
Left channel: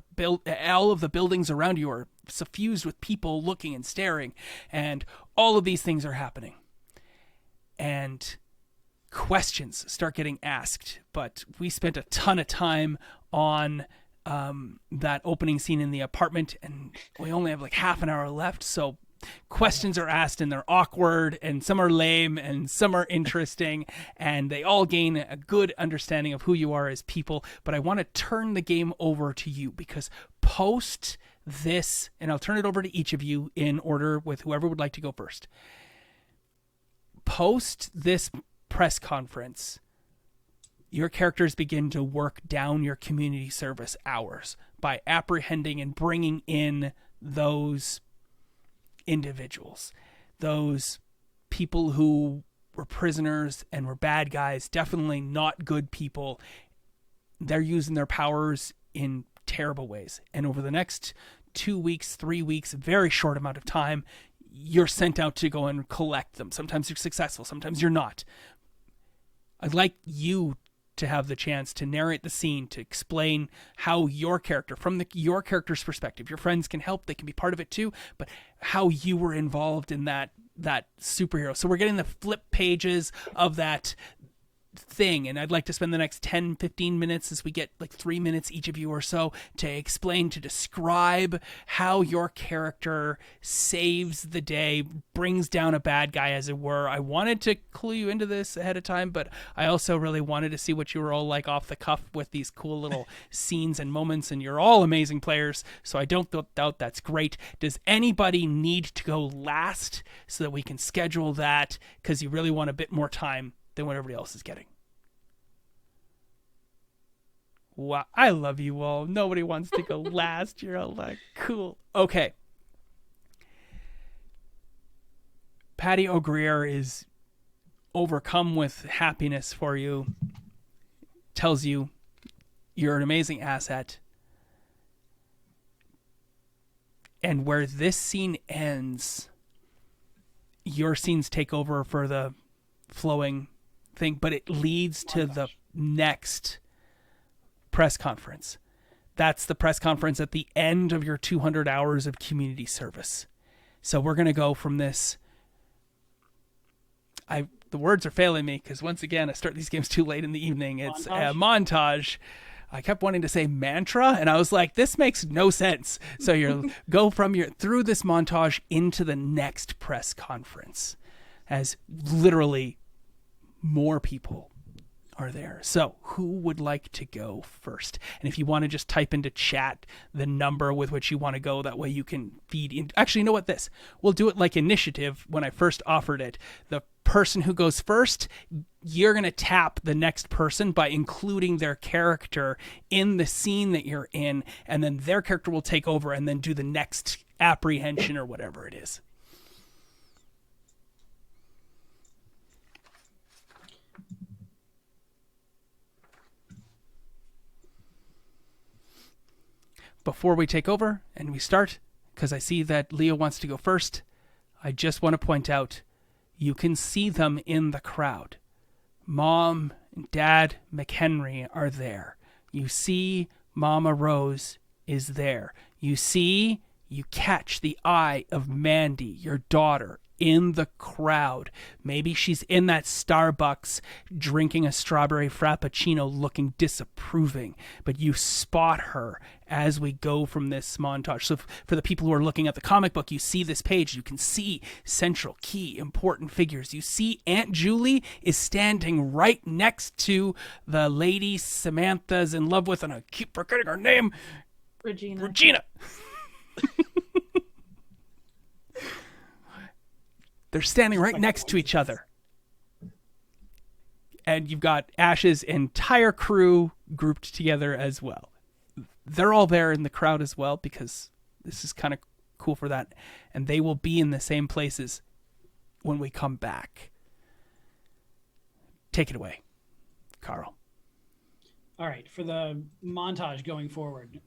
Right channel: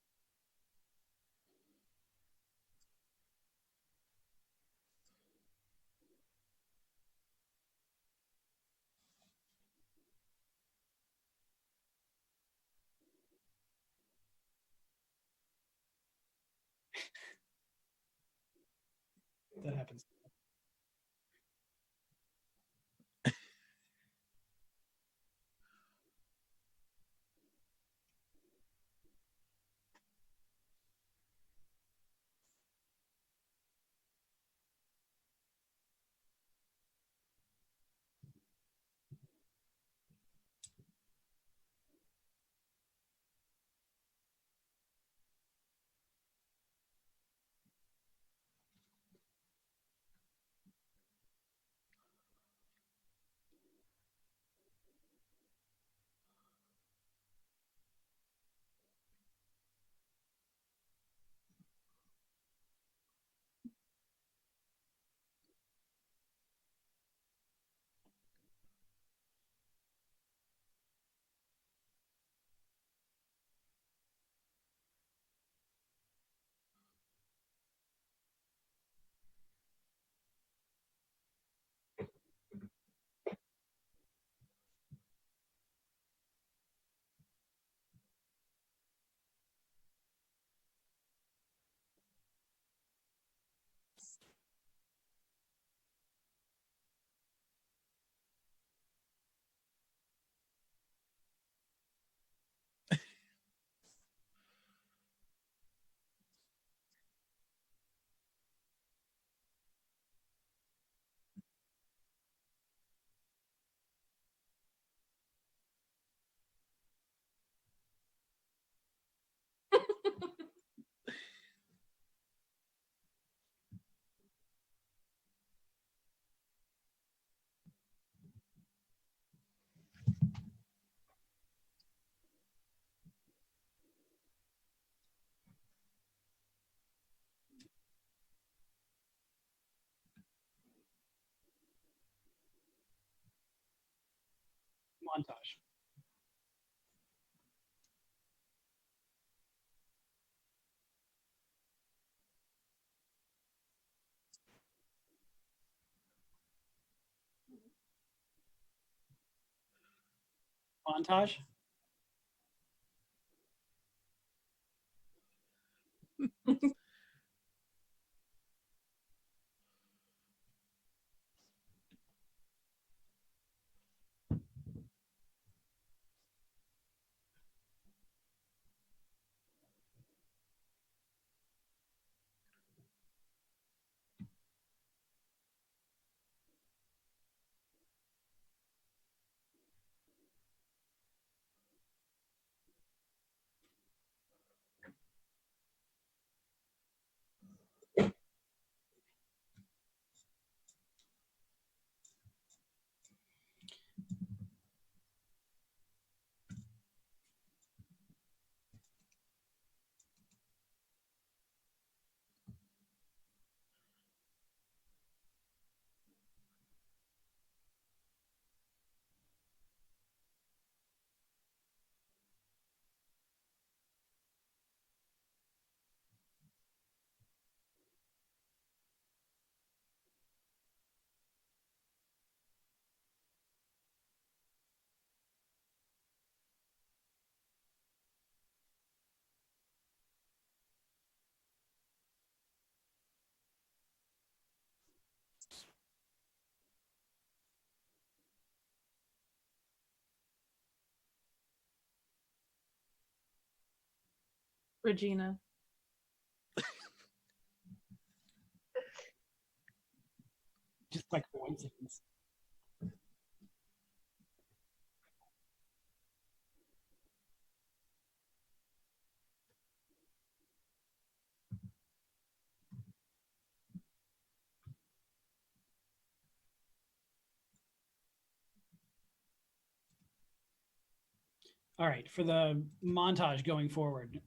All of the buildings around you are suffused with people looking and staring, and all of these things are happening. And questions start getting asked, but we spent a ton of time on that opening scene in the apartment, and we only have like half an hour left, so questions are asked, and they're awkward, and some are lame, and some are interesting, and they all gain a good understanding of who you are as people. But I want to turn the game over to you, because post this, and I'll turn it over to each of you in order with whoever would like to go first. Post this press conference, your characters begin to work down your community service hours by apprehending and bringing in those individuals, those people who were prisoners and were bad guys, definitely not good people. They're using their powers in terrible ways. And over the next 2 weeks, 3 weeks, very short amount of time, you're sent out to go and collect them. Sometimes you're successful, sometimes you're not. I'd like you to have the chance to narrate the scene, to explain how your character, from your character's perspective, your friends can help, they can be part of it too, but how you were involved in that superhero. So we're getting the flip pages of that thing, and I'd like to spend the next 10-15 minutes, as we get like 3 minutes each of you or so, to explain, to describe how your character saves the day, brings down a bad guy, as it were. I wanted to clue you into this ahead of time, but I also really wanted to see what you were all like off the cuff with these cool little scenes and moments, and you're all amazing players, so I don't doubt that's great. Does anybody need to go last so that we can schedule that, because you really want a bit more time than what everybody else is getting? Wow, I love you all. Nobody wants to go last. You're all like, cool. Okay. Patty O'Greer is overcome with happiness for you. Tells you you're an amazing asset. And where this scene ends, your scenes take over for the flowing thing, but it leads to the next press conference. That's the press conference at the end of your 200 hours of community service. So we're going to go from this. The words are failing me, because once again, I start these games too late in the evening. It's a montage. I kept wanting to say mantra, and I was like, this makes no sense. So you go through this montage into the next press conference, as literally more people are there. So who would like to go first? And if you want to just type into chat the number with which you want to go, that way you can feed in. Actually, you know what, we'll do it like initiative. When I first offered it, the person who goes first, you're going to tap the next person by including their character in the scene that you're in, and then their character will take over and then do the next apprehension or whatever it is. Before we take over and we start, because I see that Leo wants to go first, I just want to point out, you can see them in the crowd. Mom and Dad McHenry are there. You see Mama Rose is there. you catch the eye of Mandy, your daughter, in the crowd. Maybe she's in that Starbucks drinking a strawberry frappuccino looking disapproving, but you spot her as we go from this montage. So for the people who are looking at the comic book, you see this page, you can see central key important figures. You see Aunt Julie is standing right next to the lady Samantha's in love with, and I keep forgetting her name. Regina. They're standing right next to each other. And you've got Ash's entire crew grouped together as well. They're all there in the crowd as well because this is kind of cool for that. And they will be in the same places when we come back. Take it away, Carl. All right, for the montage going forward,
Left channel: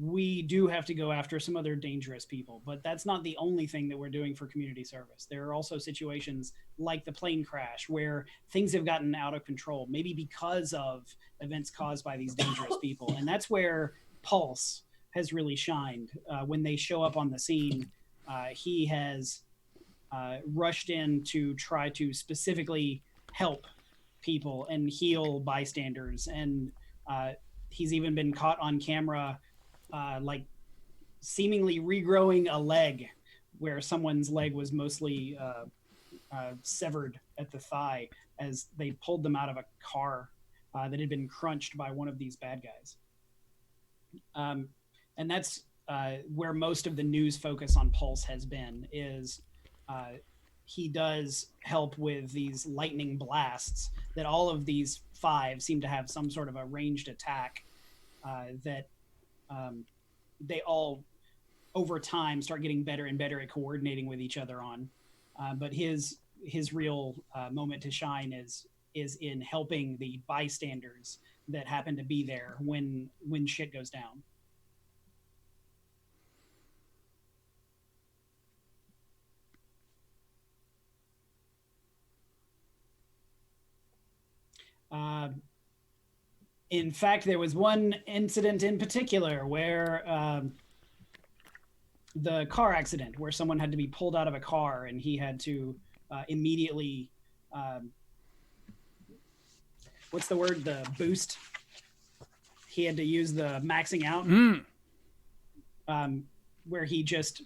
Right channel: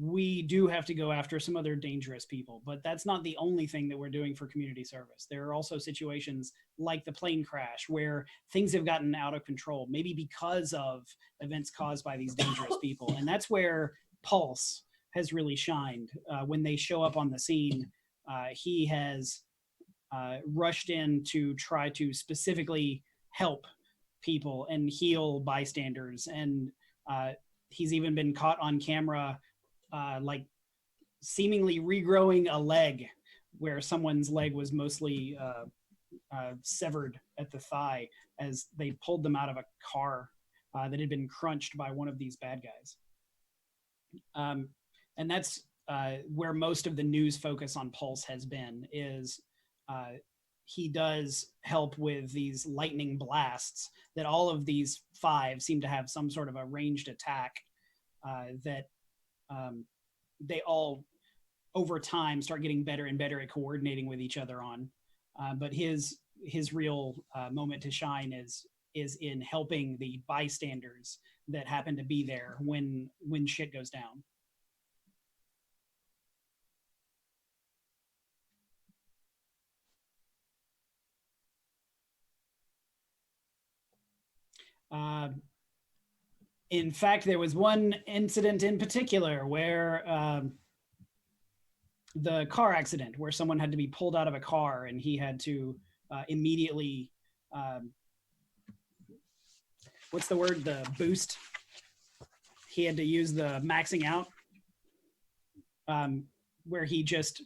we do have to go after some other dangerous people, but that's not the only thing that we're doing for community service. There are also situations like the plane crash where things have gotten out of control, maybe because of events caused by these dangerous people. And that's where Pulse has really shined. When they show up on the scene, he has rushed in to try to specifically help people and heal bystanders. And he's even been caught on camera like seemingly regrowing a leg where someone's leg was mostly severed at the thigh as they pulled them out of a car that had been crunched by one of these bad guys. And that's where most of the news focus on Pulse has been, is he does help with these lightning blasts that all of these 5 seem to have some sort of a ranged attack that they all over time start getting better and better at coordinating with each other on. But his real moment to shine is in helping the bystanders that happen to be there when shit goes down. In fact, there was one incident in particular where the car accident where someone had to be pulled out of a car and he had to immediately, what's the word? The boost. He had to use the maxing out, where he just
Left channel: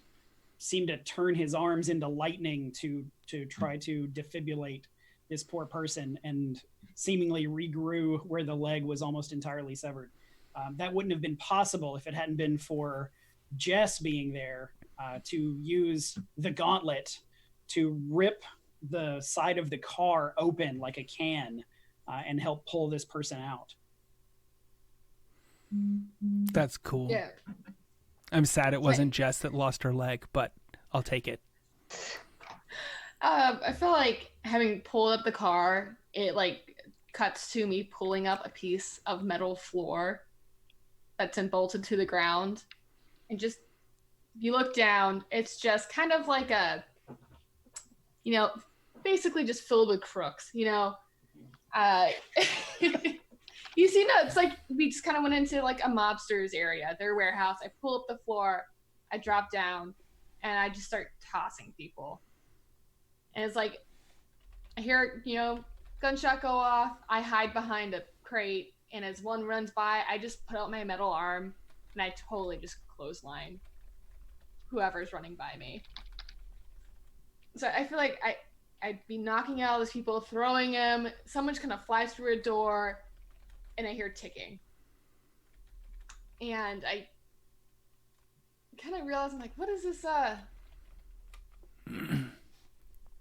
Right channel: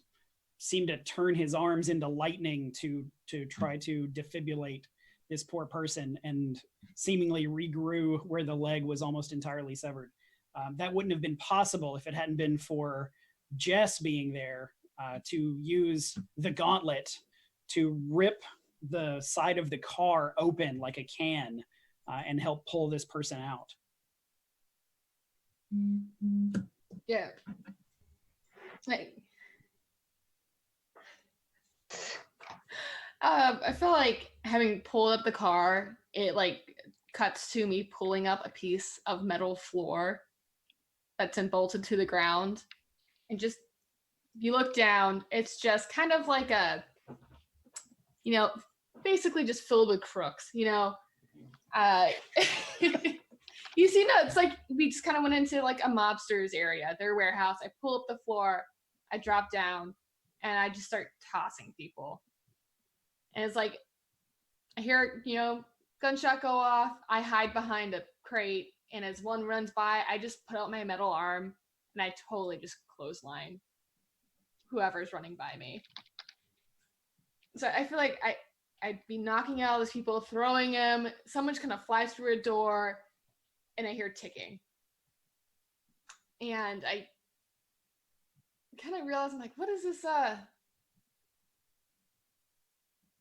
seemed to turn his arms into lightning to try to defibrillate this poor person, and seemingly regrew where the leg was almost entirely severed. That wouldn't have been possible if it hadn't been for Jess being there to use the gauntlet to rip the side of the car open like a can and help pull this person out. That's cool. Yeah. I'm sad it wasn't Jess that lost her leg, but I'll take it. I feel like having pulled up the car, it like cuts to me pulling up a piece of metal floor that's bolted to the ground, and just you look down, it's just kind of like a, basically just filled with crooks. You see, no, it's like we just kind of went into like a mobster's area, their warehouse. I pull up the floor, I drop down, and I just start tossing people. And it's like, I hear, gunshot go off. I hide behind a crate. And as one runs by, I just put out my metal arm and I totally just clothesline whoever's running by me. So I feel like I'd be knocking out all those people, throwing them. Someone just kind of flies through a door and I hear ticking. And I kind of realize, I'm like, what is this,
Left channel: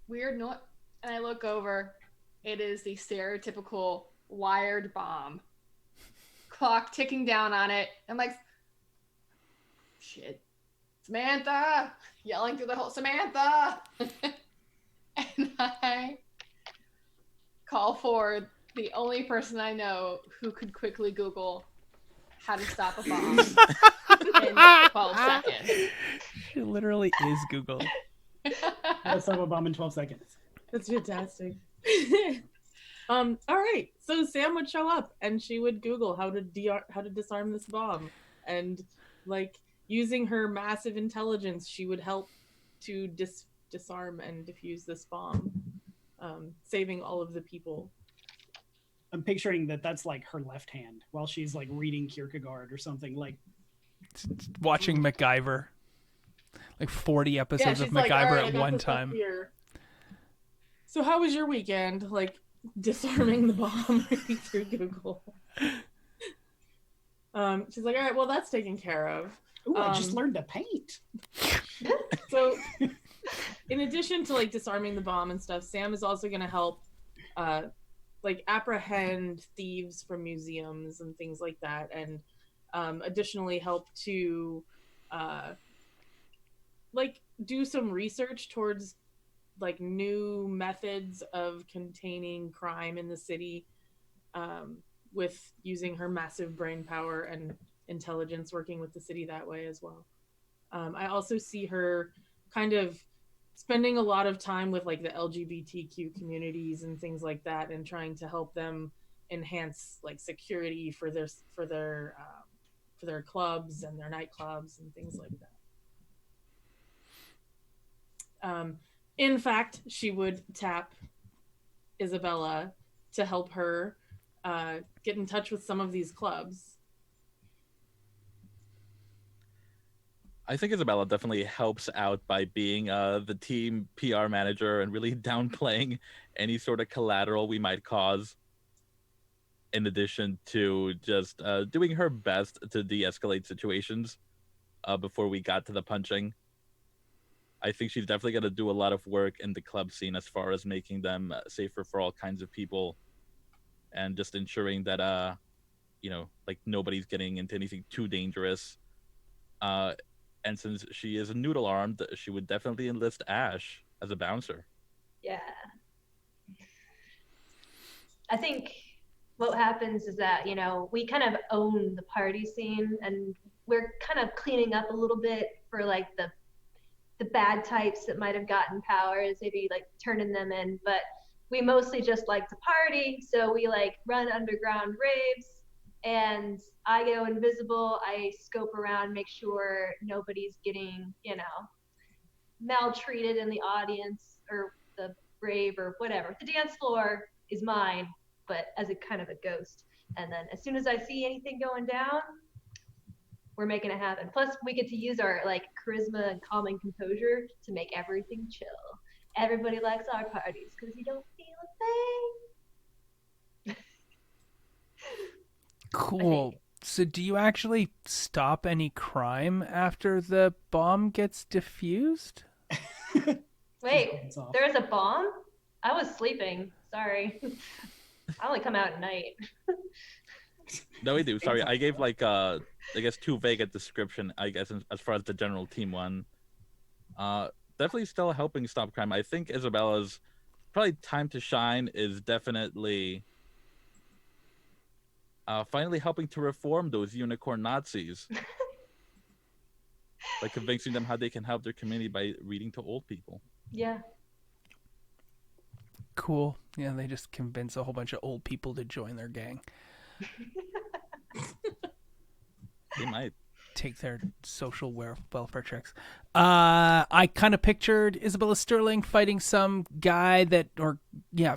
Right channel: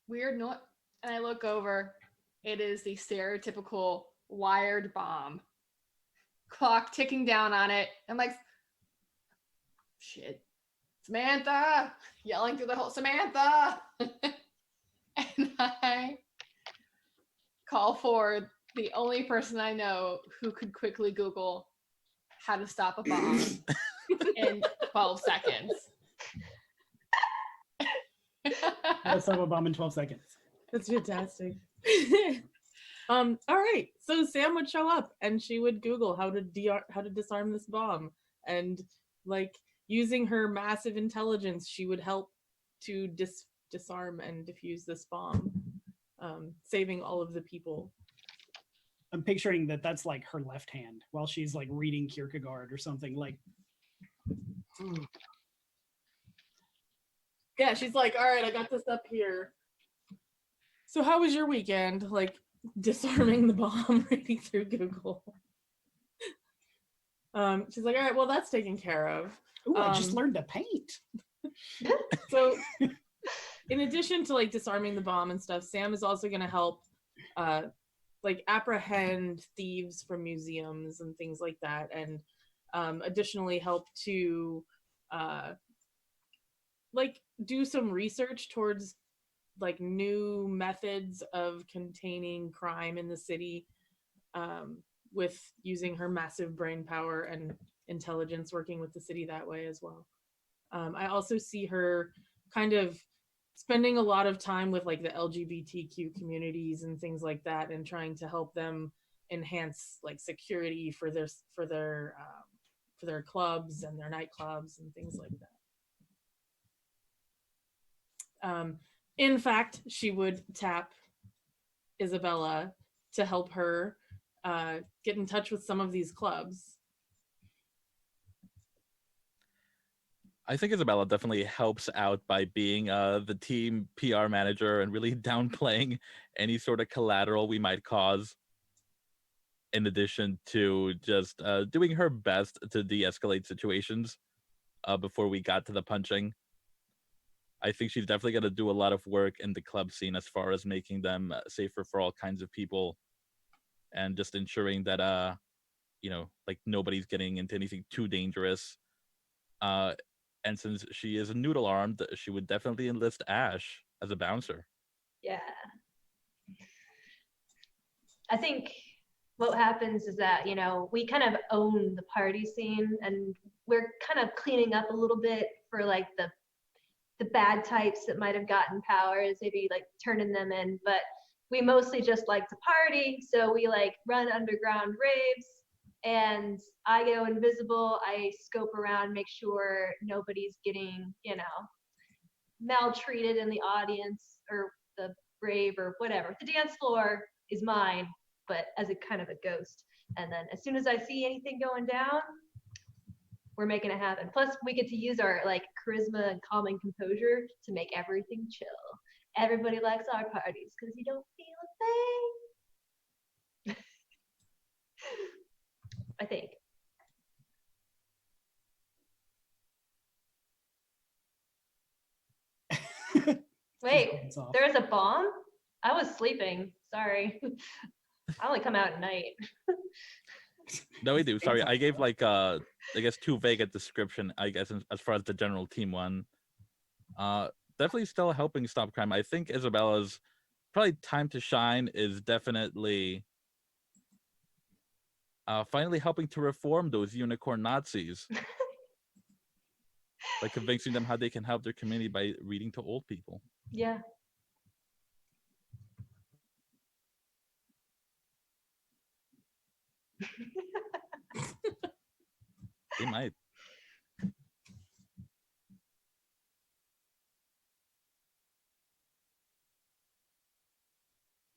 weird noise? And I look over, it is the stereotypical wired bomb. Clock ticking down on it. I'm like, shit. Samantha! Yelling through the whole, Samantha! And I call for the only person I know who could quickly Google how to stop a bomb in 12 seconds. It literally is Google. How to stop a bomb in 12 seconds. That's fantastic. All right. So Sam would show up and she would Google how to disarm this bomb. And Like using her massive intelligence, she would help to disarm and defuse this bomb, saving all of the people. I'm picturing that that's like her left hand while she's like reading Kierkegaard or something. Like Watching MacGyver, like 40 episodes Yeah, of she's MacGyver like, all right, I at got one this up time. here. So how was your weekend? Like disarming the bomb, reading through Google. She's like, all right, well, that's taken care of. ooh, I just learned to paint. So in addition to like disarming the bomb and stuff, Sam is also going to help like apprehend thieves from museums and things like that, and additionally help to like do some research towards like new methods of containing crime in the city, with using her massive brain power and intelligence, working with the city that way as well. I also see her kind of spending a lot of time with like the LGBTQ communities and things like that, and trying to help them enhance like security for their clubs and their nightclubs and things like that. In fact, she would tap Isabella to help her get in touch with some of these clubs. I think Isabella definitely helps out by being the team PR manager and really downplaying any sort of collateral we might cause, in addition to just doing her best to de-escalate situations before we got to the punching. I think she's definitely going to do a lot of work in the club scene as far as making them safer for all kinds of people, and just ensuring that like nobody's getting into anything too dangerous. And since she is noodle armed, she would definitely enlist Ash as a bouncer. Yeah. I think what happens is that, we kind of own the party scene, and we're kind of cleaning up a little bit for like the bad types that might have gotten powers, maybe like turning them in, but we mostly just like to party. So we like run underground raves, and I go invisible. I scope around, make sure nobody's getting, maltreated in the audience or the rave or whatever. The dance floor is mine, but as a kind of a ghost. And then as soon as I see anything going down, we're making it happen. Plus, we get to use our like charisma and calming composure to make everything chill. Everybody likes our parties because you don't feel a thing. Cool. So do you actually stop any crime after the bomb gets diffused? Wait, there's a bomb? I was sleeping. Sorry. I only come out at night. No, we do. Sorry, I gave like I guess too vague a description, I guess, as far as the general team one. Definitely still helping stop crime. I think Isabella's probably time to shine is definitely finally helping to reform those unicorn Nazis. By convincing them how they can help their community by reading to old people. Yeah. Cool. Yeah, they just convince a whole bunch of old people to join their gang. They might take their social welfare checks. I kind of pictured Isabella Sterling fighting some guy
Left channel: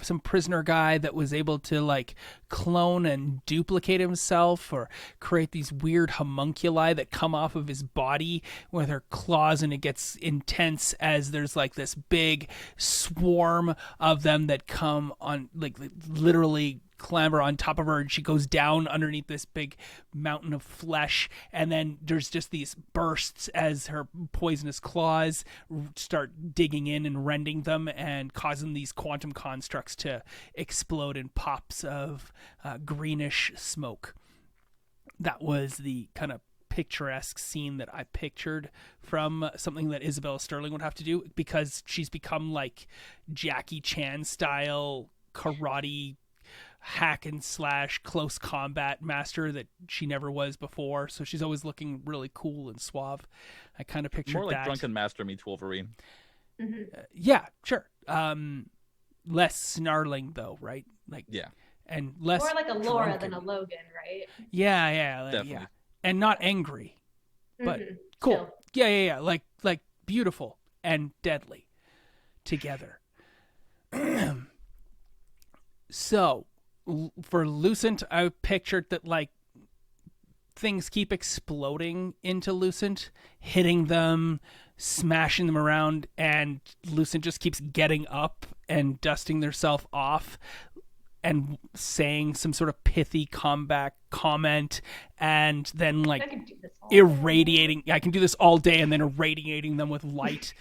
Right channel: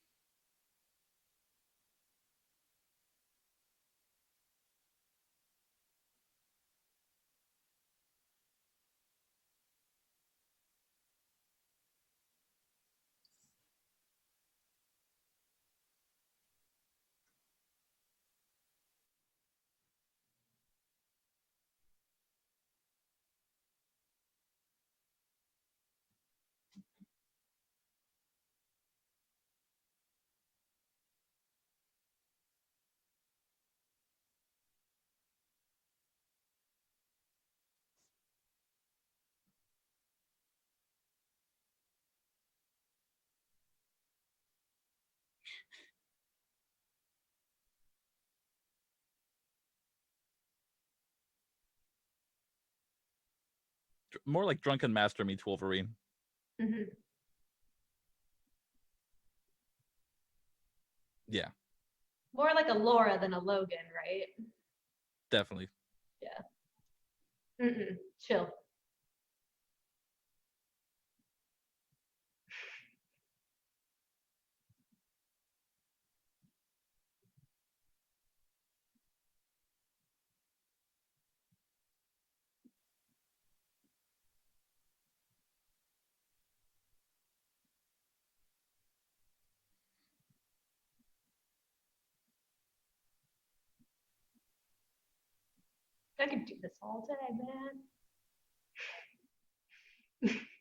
some prisoner guy that was able to like clone and duplicate himself, or create these weird homunculi that come off of his body with her claws, and it gets intense as there's like this big swarm of them that come on, like literally clamber on top of her, and she goes down underneath this big mountain of flesh, and then there's just these bursts as her poisonous claws start digging in and rending them and causing these quantum constructs to explode in pops of greenish smoke. That was the kind of picturesque scene that I pictured from something that Isabella Sterling would have to do, because she's become like Jackie Chan style karate hack and slash close combat master that she never was before, so she's always looking really cool and suave. I kind of picture more like that. Drunken Master meets Wolverine. Mm-hmm. Yeah, sure. Less snarling though, right? Like, yeah, and less more like a Laura drunken than a Logan, right? Yeah, definitely. yeah. And not angry. But Mhm. cool. Chill. Yeah. Like beautiful and deadly together. So, for Lucent, I pictured that like things keep exploding into Lucent, hitting them, smashing them around, and Lucent just keeps getting up and dusting herself off and saying some sort of pithy comeback comment, and then like I can do this all day. irradiating. I can do this all day, and then irradiating them with light.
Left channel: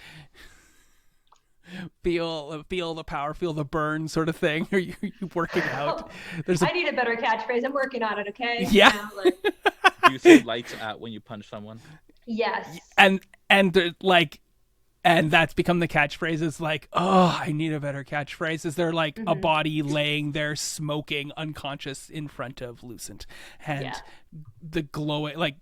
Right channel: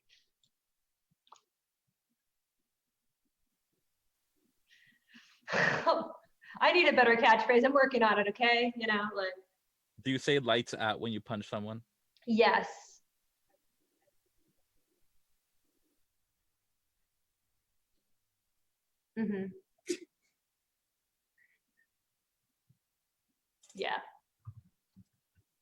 Feel the power, feel the burn, sort of thing. Are you working out? There's I need a better catchphrase. I'm working on it. Okay. Yeah. Now, like, Do you say lights at when you punch someone? yes. and like, and that's become the catchphrase. Is like, oh, I need a better catchphrase. Is there like a Mhm. body laying there smoking unconscious in front of Lucent, and Yeah. the glowing like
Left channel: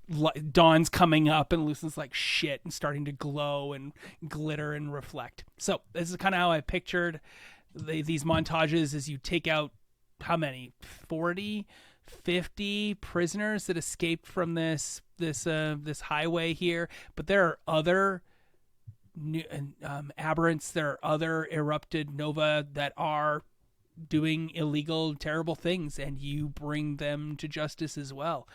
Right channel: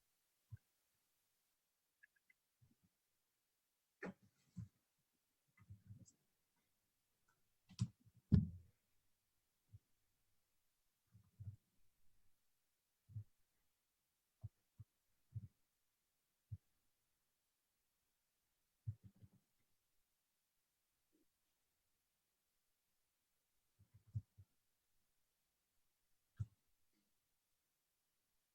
dawn's coming up, and Lucent's like shit and starting to glow and glitter and reflect. So this is kind of how I pictured these montages as you take out how many 40, 50 prisoners that escaped from this highway here, but there are other new aberrants. There are other erupted nova that are doing illegal, terrible things, and you bring them to justice as well.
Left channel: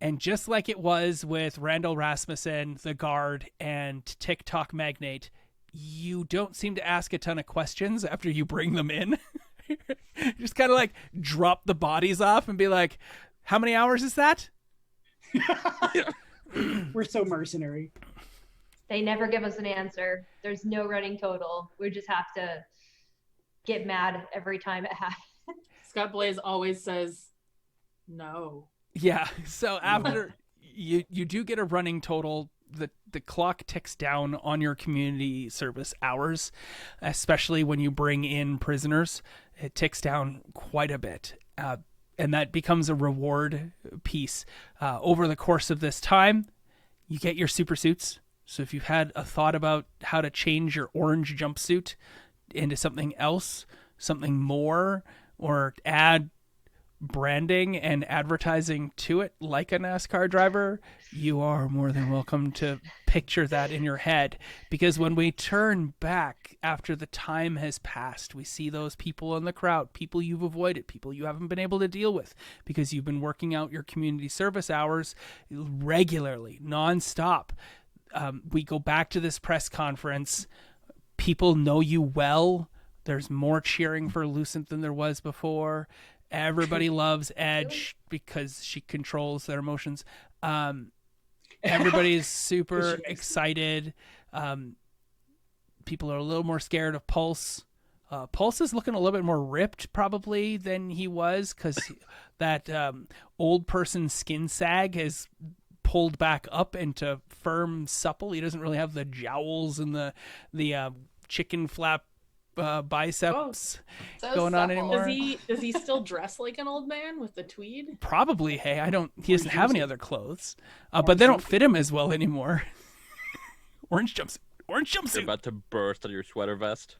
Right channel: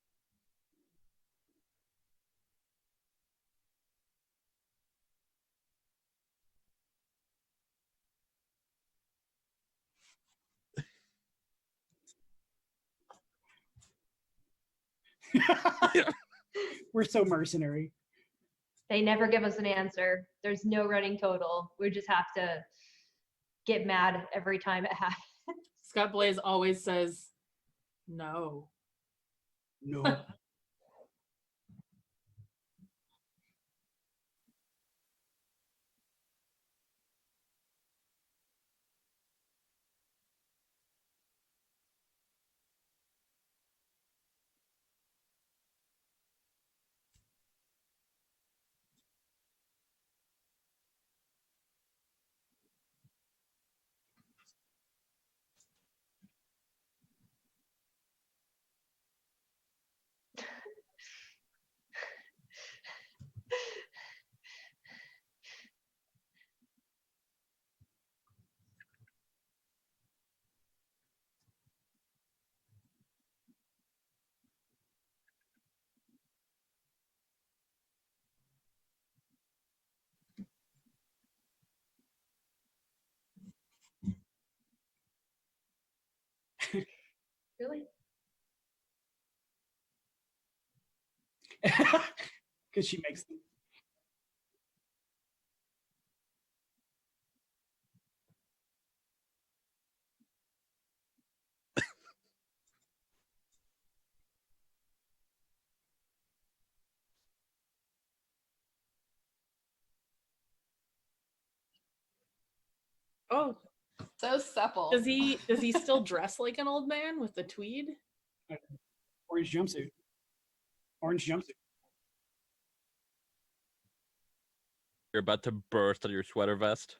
And just like it was with Randall Rasmussen, the guard, and TikTok magnate, you don't seem to ask a ton of questions after you bring them in. Just kind of like drop the bodies off and be like, how many hours is that? We're so mercenary. They never give us an answer. There's no running total. We just have to get mad every time it happens. Scott Blaze always says no. Yeah. So after you do get a running total, the clock ticks down on your community service hours, especially when you bring in prisoners. It ticks down quite a bit. And that becomes a reward piece. Over the course of this time, you get your super suits. So if you've had a thought about how to change your orange jumpsuit into something else, something more, or add branding and advertising to it like a NASCAR driver, you are more than welcome to picture that in your head. Because when we turn back after the time has passed, we see those people in the crowd, people you've avoided, people you haven't been able to deal with because you've been working out your community service hours regularly, nonstop. We go back to this press conference. People know you well. There's more cheering for Lucent than there was before. Everybody loves Edge because she controls their emotions. Everybody's super excited. People are a little more scared of Pulse. Pulse is looking a little bit more ripped probably than he was because that old person skin sag has pulled back up into firm supple. He doesn't really have the jowls and the chicken flap biceps So going on supple. anymore. Does he still dress like an old man with the tweed? Probably. Hey, he doesn't Orange have any jumpsuit. other clothes, but Orange they don't jumpsuit. fit him as well anymore. Orange jumpsuit. You're jumpsuit. about to burst out of your sweater vest.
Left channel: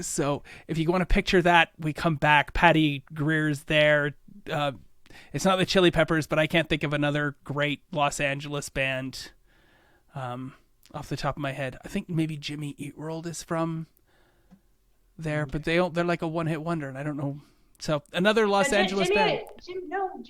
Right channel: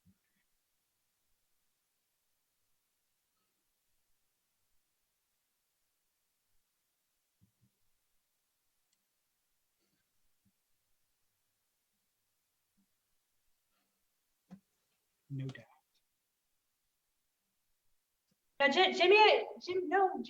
So if you want to picture that, we come back. Patty Greer's there. It's not the Chili Peppers, but I can't think of another great Los Angeles band off the top of my head. I think maybe Jimmy Eat World is from there, but they're like a one-hit wonder, and I don't know. So another Los Angeles band. Jimmy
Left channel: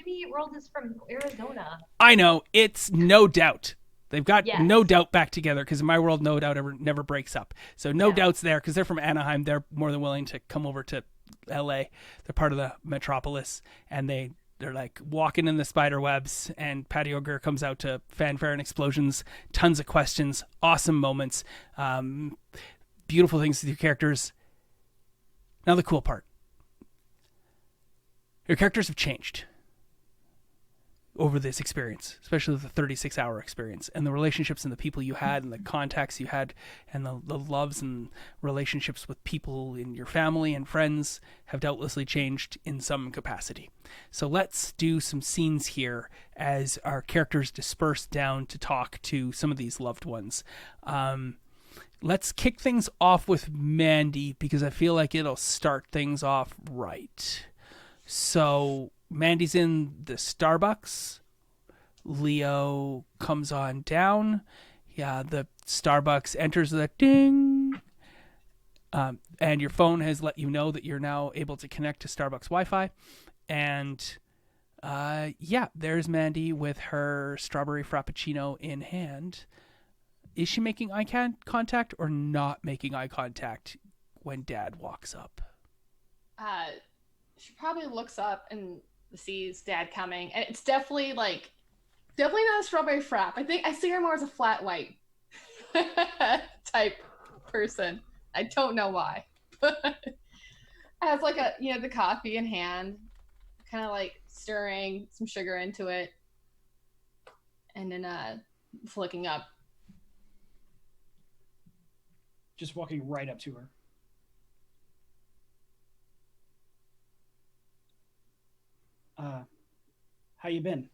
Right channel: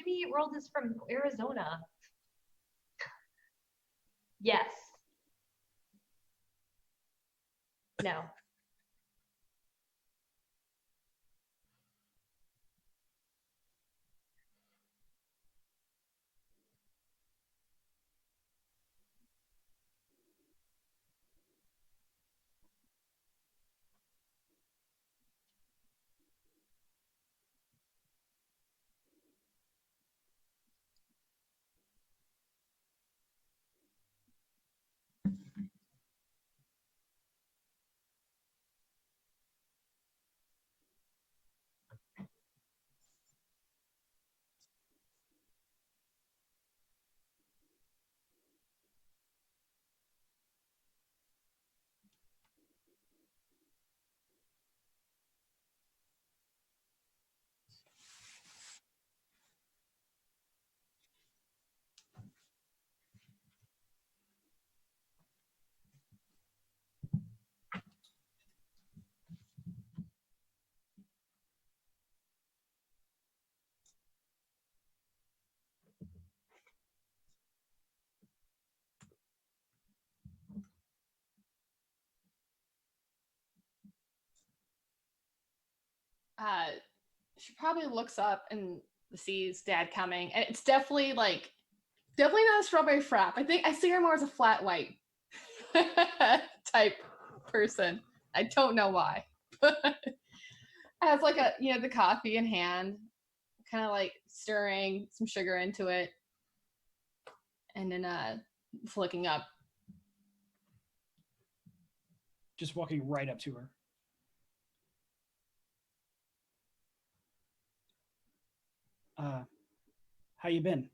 Eat World is from Arizona. I know, it's No Doubt. They've got Yes. No Doubt back together because in my world, No Doubt never breaks up. So No No. Doubt's there because they're from Anaheim. They're more than willing to come over to LA. They're part of the metropolis, and they're like walking in the spider webs, and Patty O'Gre comes out to fanfare and explosions, tons of questions, awesome moments, beautiful things with your characters. Now the cool part. Your characters have changed over this experience, especially the 36-hour experience, and the relationships and the people you had and the contacts you had and the loves and relationships with people in your family and friends have doubtlessly changed in some capacity. So let's do some scenes here as our characters disperse down to talk to some of these loved ones. Let's kick things off with Mandy because I feel like it'll start things off right. So Mandy's in the Starbucks. Leo comes on down. Yeah, the Starbucks enters the ding. And your phone has let you know that you're now able to connect to Starbucks Wi-Fi. And yeah, there's Mandy with her strawberry frappuccino in hand. Is she making eye contact or not making eye contact when Dad walks up? She probably looks up and sees Dad coming, and it's definitely not a strawberry frap. I think I see her more as a flat white type person. I don't know why. Has like the coffee in hand, kind of like stirring some sugar into it, and then flicking up. Just walking right up to her. How you been?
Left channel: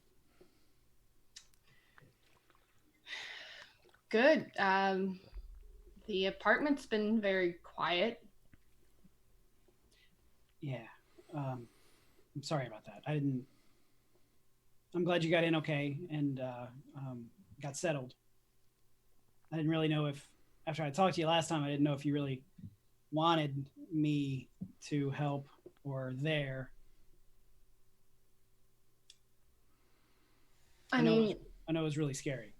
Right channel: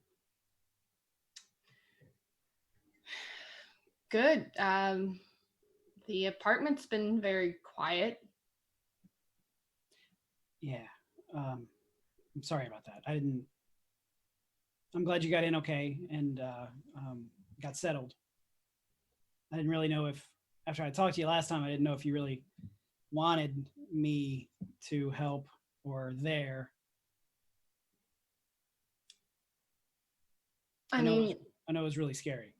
Good. The apartment's been very quiet. Yeah. I'm sorry about that. I'm glad you got in okay and got settled. I didn't really know if, after I talked to you last time, I didn't know if you really wanted me to help or there. I know it was really scary.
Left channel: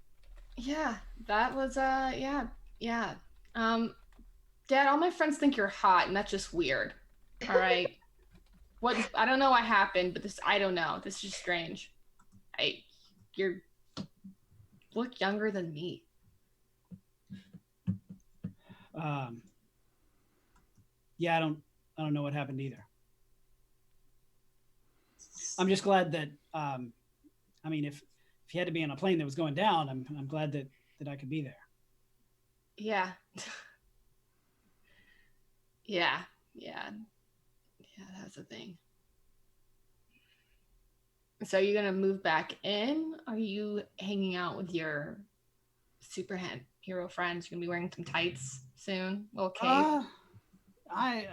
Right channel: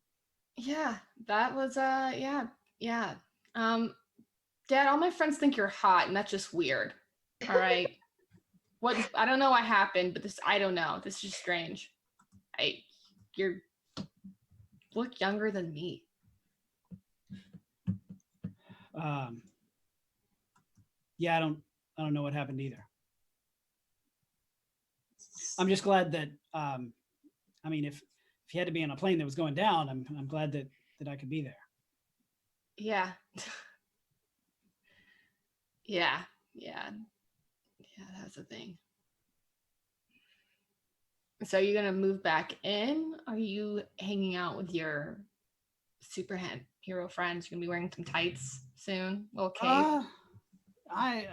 Yeah, that was yeah. Dad, all my friends think you're hot, and that's just weird. All right. I don't know what happened, but I don't know. This is just strange. You look younger than me. Yeah, I don't know what happened either. I'm just glad that if you had to be on a plane that was going down, I'm glad that I could be there. Yeah. Yeah, that's the thing. So you're gonna move back in? Are you hanging out with your hero friends? You're gonna be wearing some tights soon? Little cape? I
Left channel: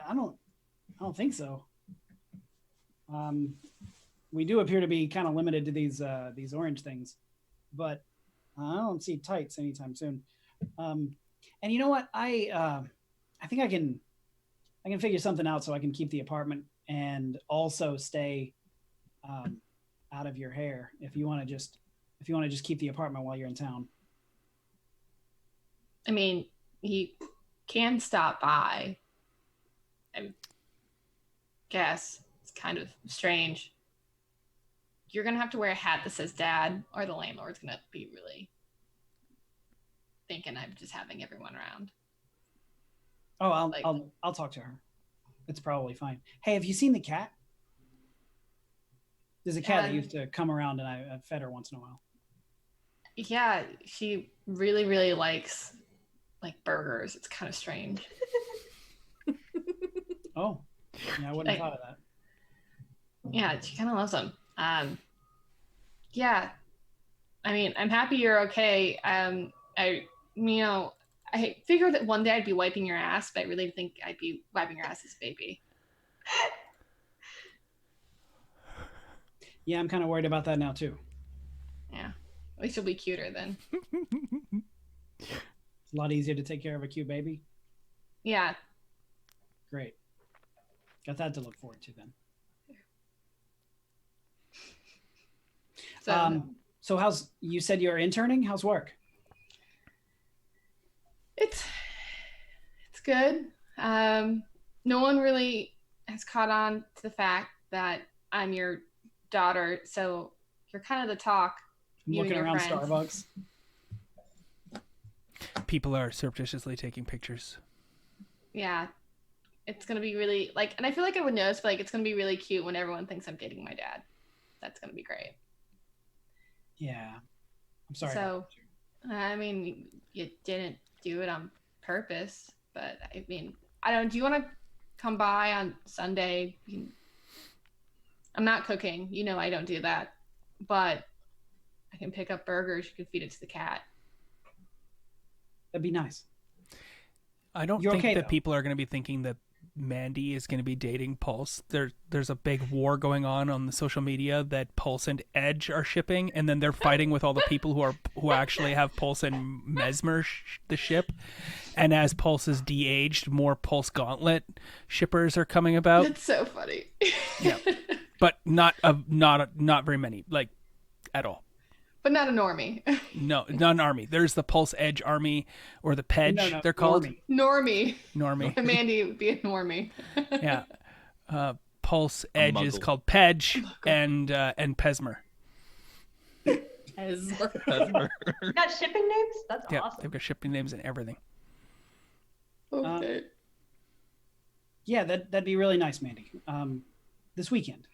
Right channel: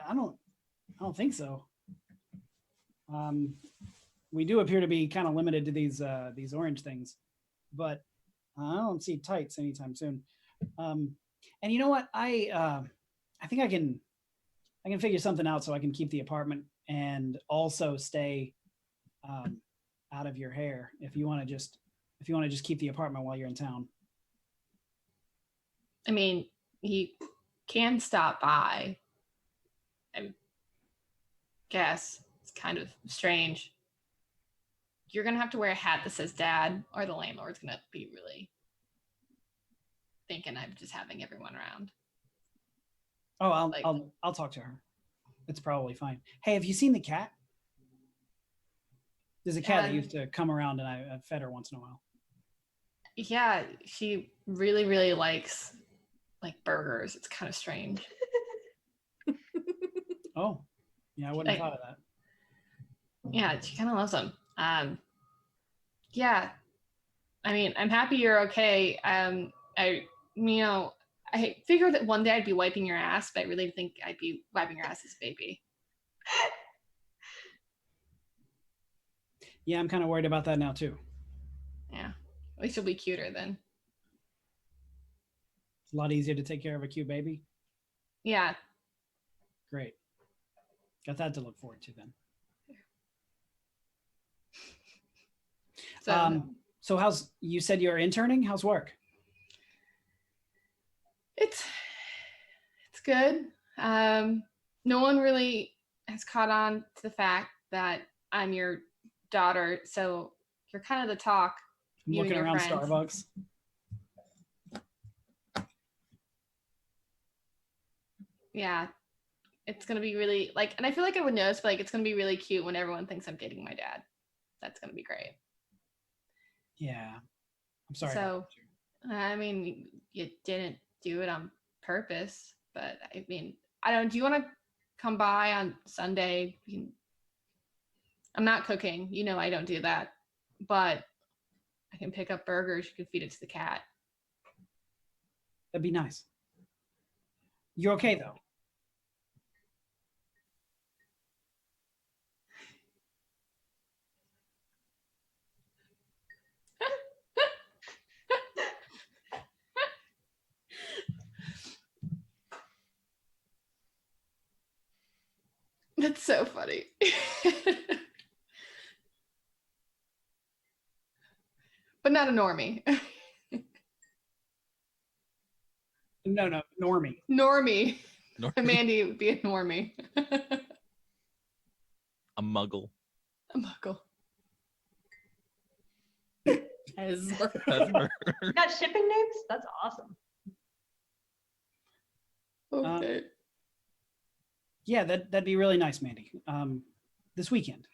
don't think so. We do appear to be kind of limited to these orange things, but I don't see tights anytime soon. And you know what? I think I can figure something out so I can keep the apartment and also stay out of your hair if you want to just keep the apartment while you're in town. I mean, he can stop by. I guess it's kind of strange. You're gonna have to wear a hat that says Dad, or the landlord's gonna be really thinking I'm just having everyone around. Oh, I'll talk to her. It's probably fine. Hey, have you seen the cat? There's a cat that used to come around, and I fed her once in a while. Yeah, she really, really likes burgers. It's kind of strange. Oh, yeah, I wouldn't have thought of that. Yeah, she kind of loves them. Yeah, I mean, I'm happy you're okay. I figured that one day I'd be wiping your ass, but I really think I'd be wiping your ass as a baby. Yeah, I'm kind of worried about that now too. Yeah, at least you'll be cuter then. It's a lot easier to take care of a cute baby. Yeah. Great. Got that to look forward to then. So you said you're interning? How's work? It's good. No one really has caught on to the fact that I'm your daughter, so you're kind of the talk. I'm looking around Starbucks. People are surreptitiously taking pictures. Yeah. It's going to be really and I feel like I would notice, but it's going to be really cute when everyone thinks I'm dating my dad. That's going to be great. Yeah. I'm sorry. So, I mean, you didn't do it on purpose, but I mean, I don't, do you want to come by on Sunday? I'm not cooking. I don't do that, but I can pick up burgers. You can feed it to the cat. That'd be nice. I don't You're think okay, that though. people are going to be thinking that Mandy is going to be dating Pulse. There's a big war going on the social media that Pulse and Edge are shipping, and then they're fighting with all the people who actually have Pulse and Mesmer the ship. And as Pulse is de-aged, more Pulse Gauntlet shippers are coming about. That's so funny. Yeah. But not very many, like at all. But not a normie. No, not an army. There's the Pulse Edge Army, or the Pedge. No, They're called Normie. Normie. And Mandy would be a normie. Yeah. Pulse A Edge is muggle. called Pedge and Pesmer. Pesmer. You got shipping names? That's Yeah, awesome. they've got shipping names and everything. Okay. Yeah, that'd be really nice, Mandy. This weekend.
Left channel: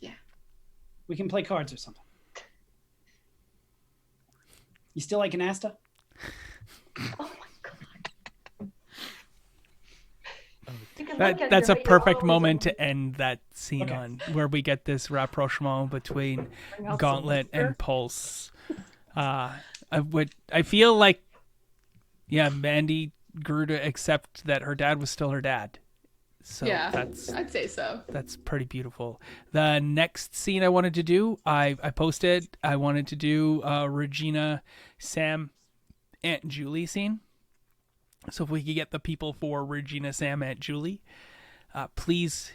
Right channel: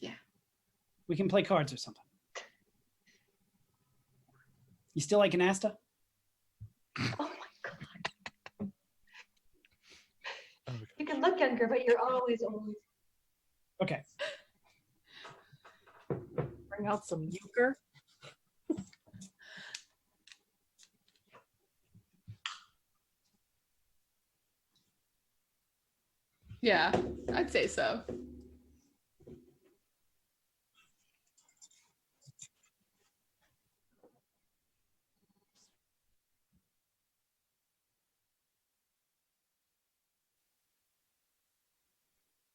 Yeah. We can play cards or something. You still like an Asta? Oh my god. You can look at That's her, a but you're perfect always moment on- to end that scene Okay. on, where we get this rapprochement between Bring out some Gauntlet liquor. and Pulse. I feel like, yeah, Mandy grew to accept that her dad was still her dad. So Yeah. that's I'd say so. That's pretty beautiful. The next scene I wanted to do, I posted. I wanted to do Regina, Sam, Aunt Julie scene. So if we could get the people for Regina, Sam, Aunt Julie, please,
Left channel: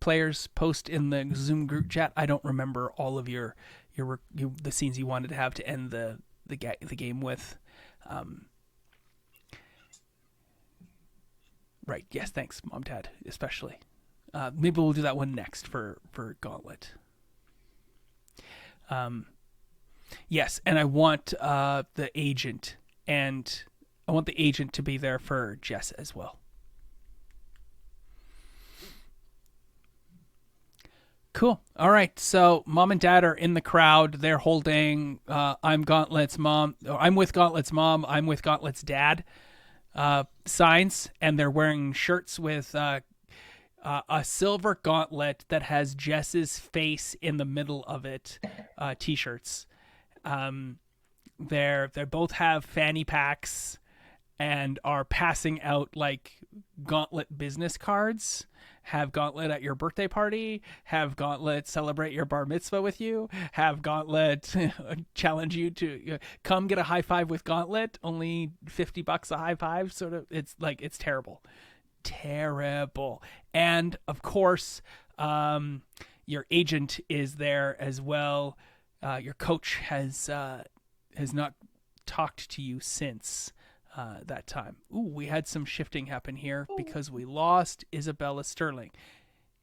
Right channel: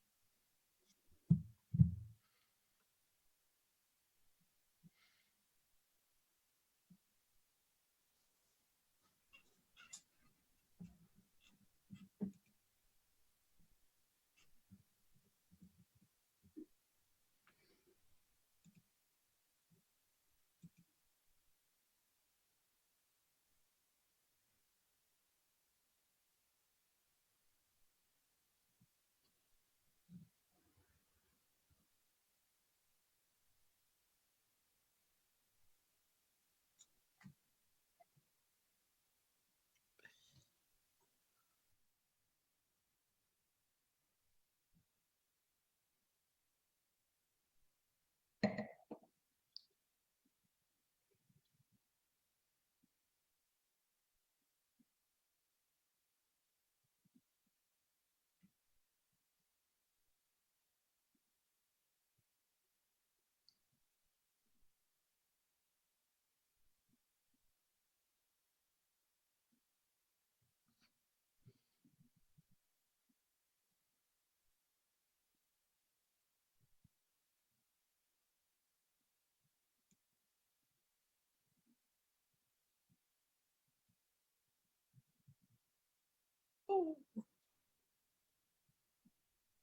players, post in the Zoom group chat. I don't remember all of the scenes you wanted to have to end the game with. Right. Yes. Thanks, Mom, Dad, especially. Maybe we'll do that one next for Gauntlet. Yes, and I want the agent, and I want the agent to be there for Jess as well. Cool. All right. So Mom and Dad are in the crowd. They're holding I'm Gauntlet's mom. Or I'm with Gauntlet's mom. I'm with Gauntlet's dad signs, and they're wearing shirts with a silver gauntlet that has Jess's face in the middle of it. T-shirts. They both have fanny packs and are passing out like Gauntlet business cards. Have Gauntlet at your birthday party. Have Gauntlet celebrate your bar mitzvah with you. Have Gauntlet challenge you to come get a high five with Gauntlet. Only $50 a high five. Sort of. It's like, it's terrible. Terrible. And of course, your agent is there as well. Your coach has not talked to you since that time. Ooh, we had some shifting happen here because we lost Isabella Sterling.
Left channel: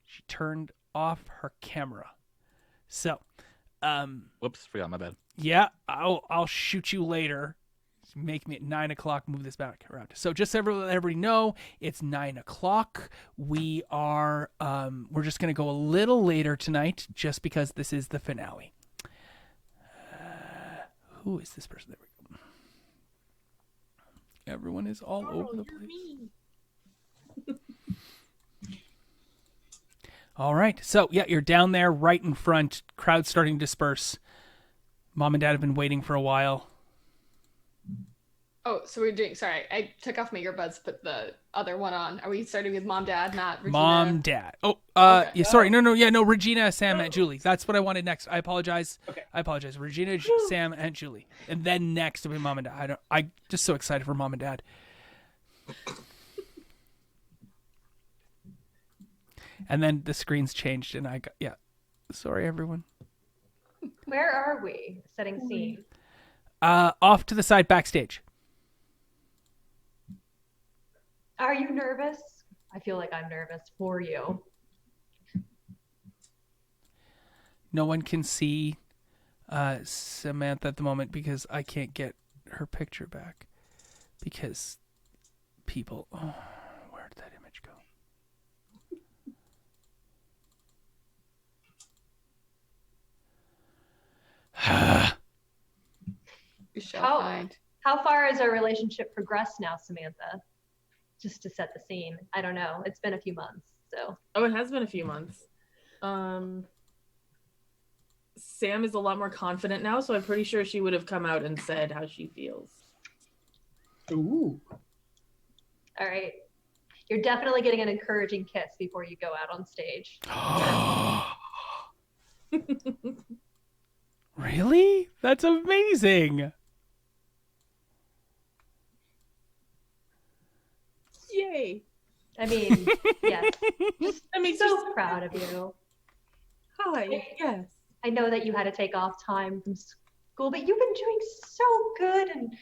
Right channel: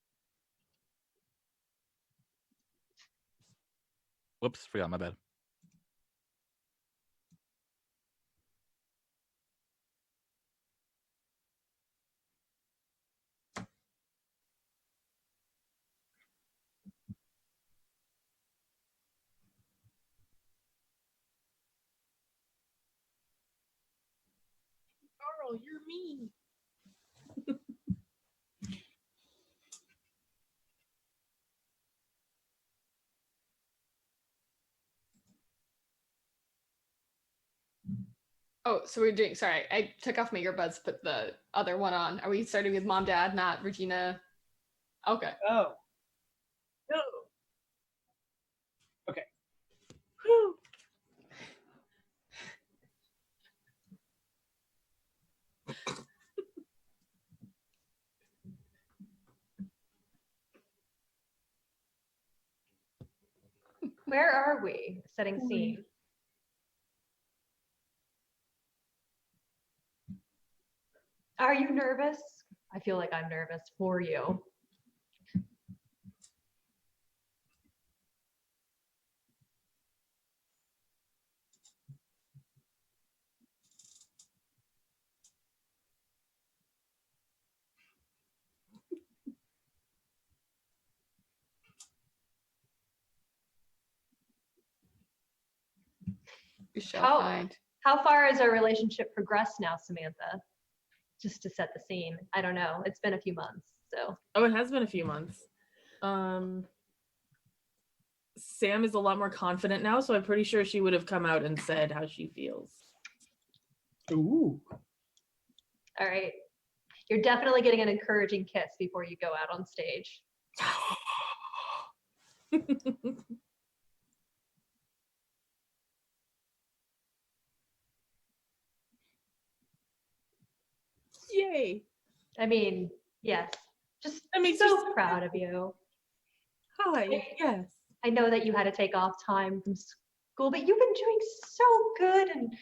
She turned off her camera. So, Whoops, forgot, my bad. yeah, I'll shoot you later. Make me at 9 o'clock. Move this back around. So just so everybody know, it's 9 o'clock. We are we're just gonna go a little later tonight, just because this is the finale. Who is this person? There we go. Everyone is all Carl, over the you're place. me. All right. So, yeah, you're down there right in front. Crowd starting to disperse. Mom and Dad have been waiting for a while. Oh, so we're doing. Sorry, I took off my earbuds, put the other one on. Are we starting with Mom, Dad, not Regina? Mom, Dad. Oh, Okay. yeah, sorry. No, Regina, Sam, Aunt Julie. That's what I wanted next. I apologize. Okay. I apologize. Regina, Sam, Aunt Julie. And then next will be Mom and Dad. I'm just so excited for Mom and Dad. And then the screen's changed, and sorry, everyone. Where are we? Setting scene. Off to the side backstage. Are you nervous? I feel like I'm nervous for you. No one can see Samantha at the moment because I can't get her picture back. Because people... Oh, where did that image go? We shall How- find. How far has our relationship progressed now, Samantha? Just to set the scene. I don't know. It's been a few months, so. Oh, it has been a few months. Sam is a lot more confident now, so I'm pretty sure she would have come out and said how she feels. Ooh. All right. You're definitely getting an encouraging kiss before you go out on stage. Really? That's amazing. Yay. I mean, yes. Just That makes so you proud of you. Hi. Yes. I know that you had to take off time from school, but you've been doing so good, and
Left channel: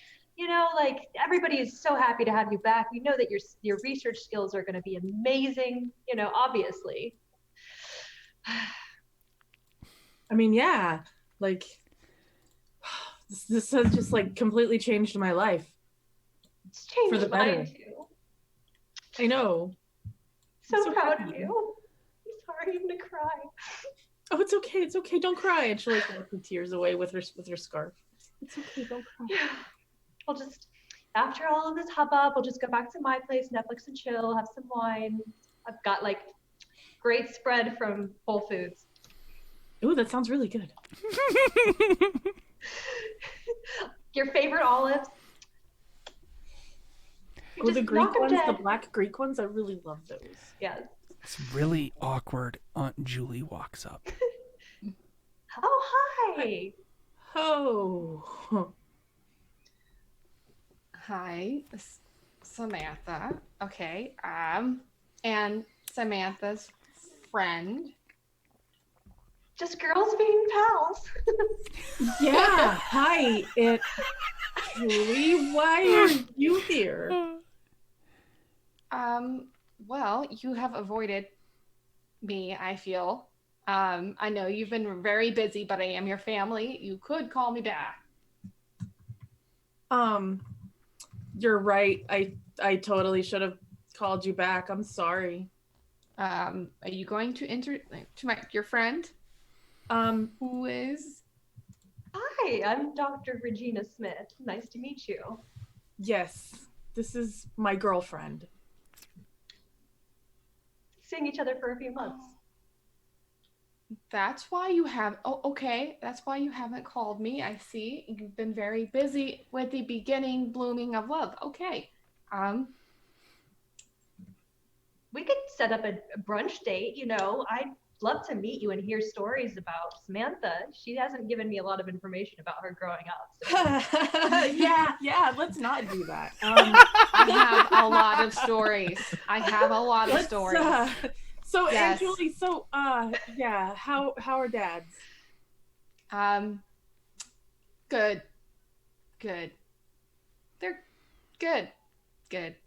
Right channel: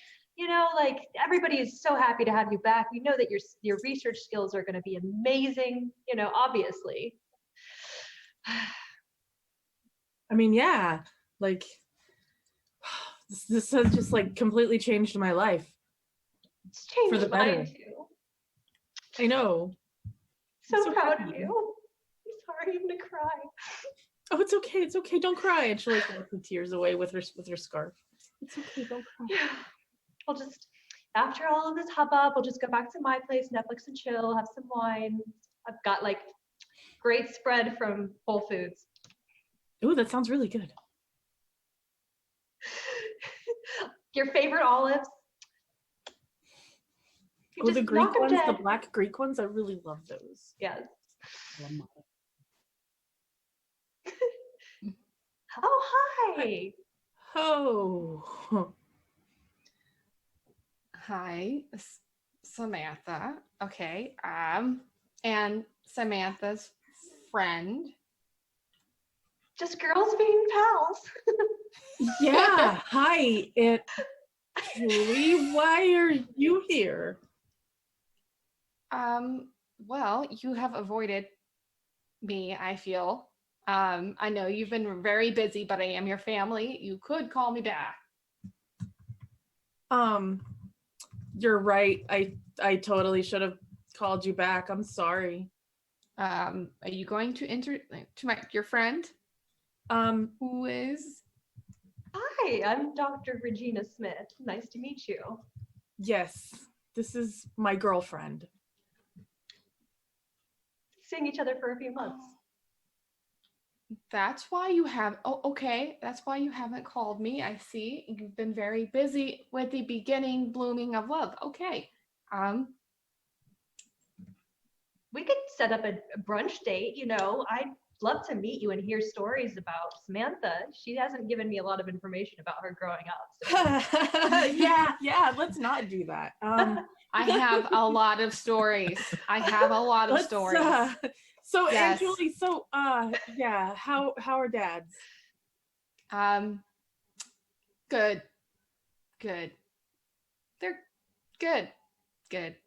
like everybody is so happy to have you back. We know that your research skills are going to be amazing, obviously. I mean, yeah, like this has just like completely changed my life. It's changed For the better. mine too. I know. So I'm proud happy. of you. I'm sorry, I'm gonna cry. Oh, it's okay. It's okay. Don't cry. And she like wipes the tears away with her scarf. It's okay. Don't cry. Yeah. I'll just, after all of this hubbub, we'll just go back to my place, Netflix and chill, have some wine. I've got like great spread from Whole Foods. Ooh, that sounds really good. Your favorite olives? Oh, the Just Greek knock 'em ones, the dead. black Greek ones, I really love those. Yes. It's really awkward. Aunt Julie walks up. Oh, hi. Oh. Hi, Samantha. Okay. And Samantha's friend. Just girls being pals. Yeah. Hi, Aunt Julie. Why are you here? Well, you have avoided me, I feel. I know you've been very busy, but I am your family. You could call me back. You're right. I totally should have called you back. I'm sorry. Are you going to enter to your friend? Who is? Hi, I'm Dr. Regina Smith. Nice to meet you. Yes. This is my girlfriend. Seeing each other for a few months. That's why you have. Oh, okay. That's why you haven't called me. I see. You've been very busy with the beginning blooming of love. Okay. We could set up a brunch date. I'd love to meet you and hear stories about Samantha. She hasn't given me a lot of information about her growing up. So. yeah. Let's not do that. I have a lot of stories. So Yes. Aunt Julie, yeah, how are dads? Good. They're good.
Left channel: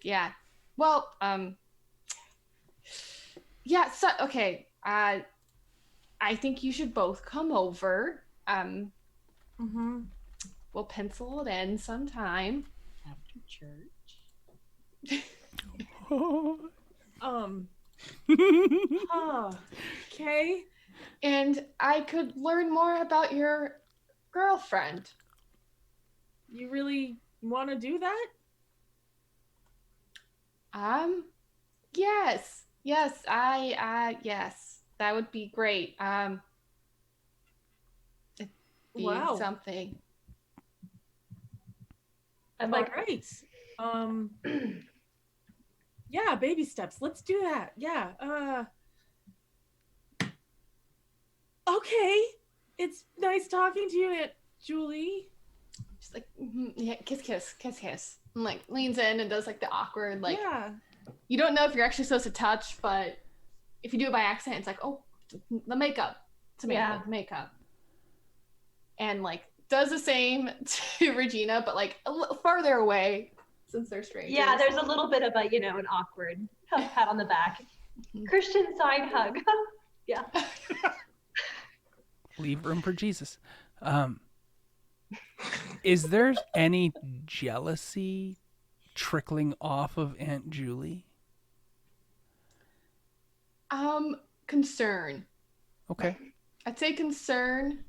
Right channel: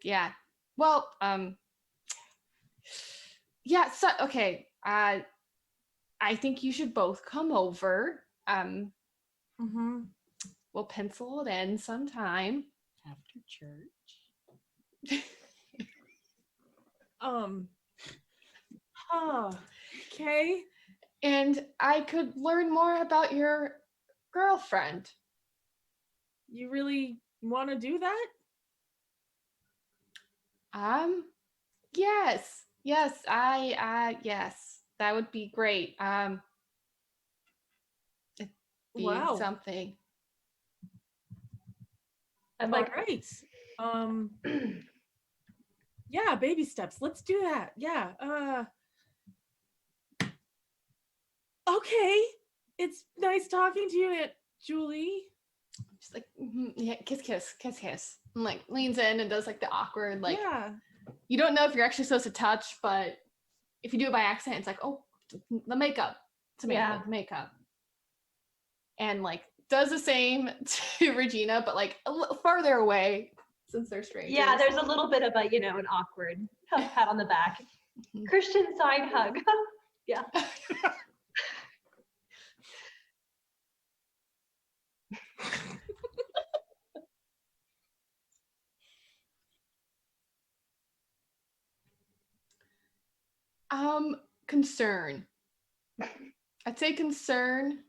Yeah. Well, yeah, so okay. I think you should both come over. Mm-hmm. We'll pencil it in sometime. After church. Okay. And I could learn more about your girlfriend. You really want to do that? Yes. Yes, yes. That would be great. It'd be Wow. something. I'm All like, right. Yeah, baby steps. Let's do that. Yeah. Okay. It's nice talking to you, Aunt Julie. Just like, yeah, kiss. And like leans in and does like the awkward, like, yeah. You don't know if you're actually supposed to touch, but if you do it by accident, it's like, oh, the makeup. Samantha, the makeup. And like does the same to Regina, but like a little farther away since they're strangers. yeah, there's a little bit of a, an awkward pat on the back. Christian side hug. Yeah. Leave room for Jesus. Is there any jealousy trickling off of Aunt Julie? Concern. Okay. I'd say concern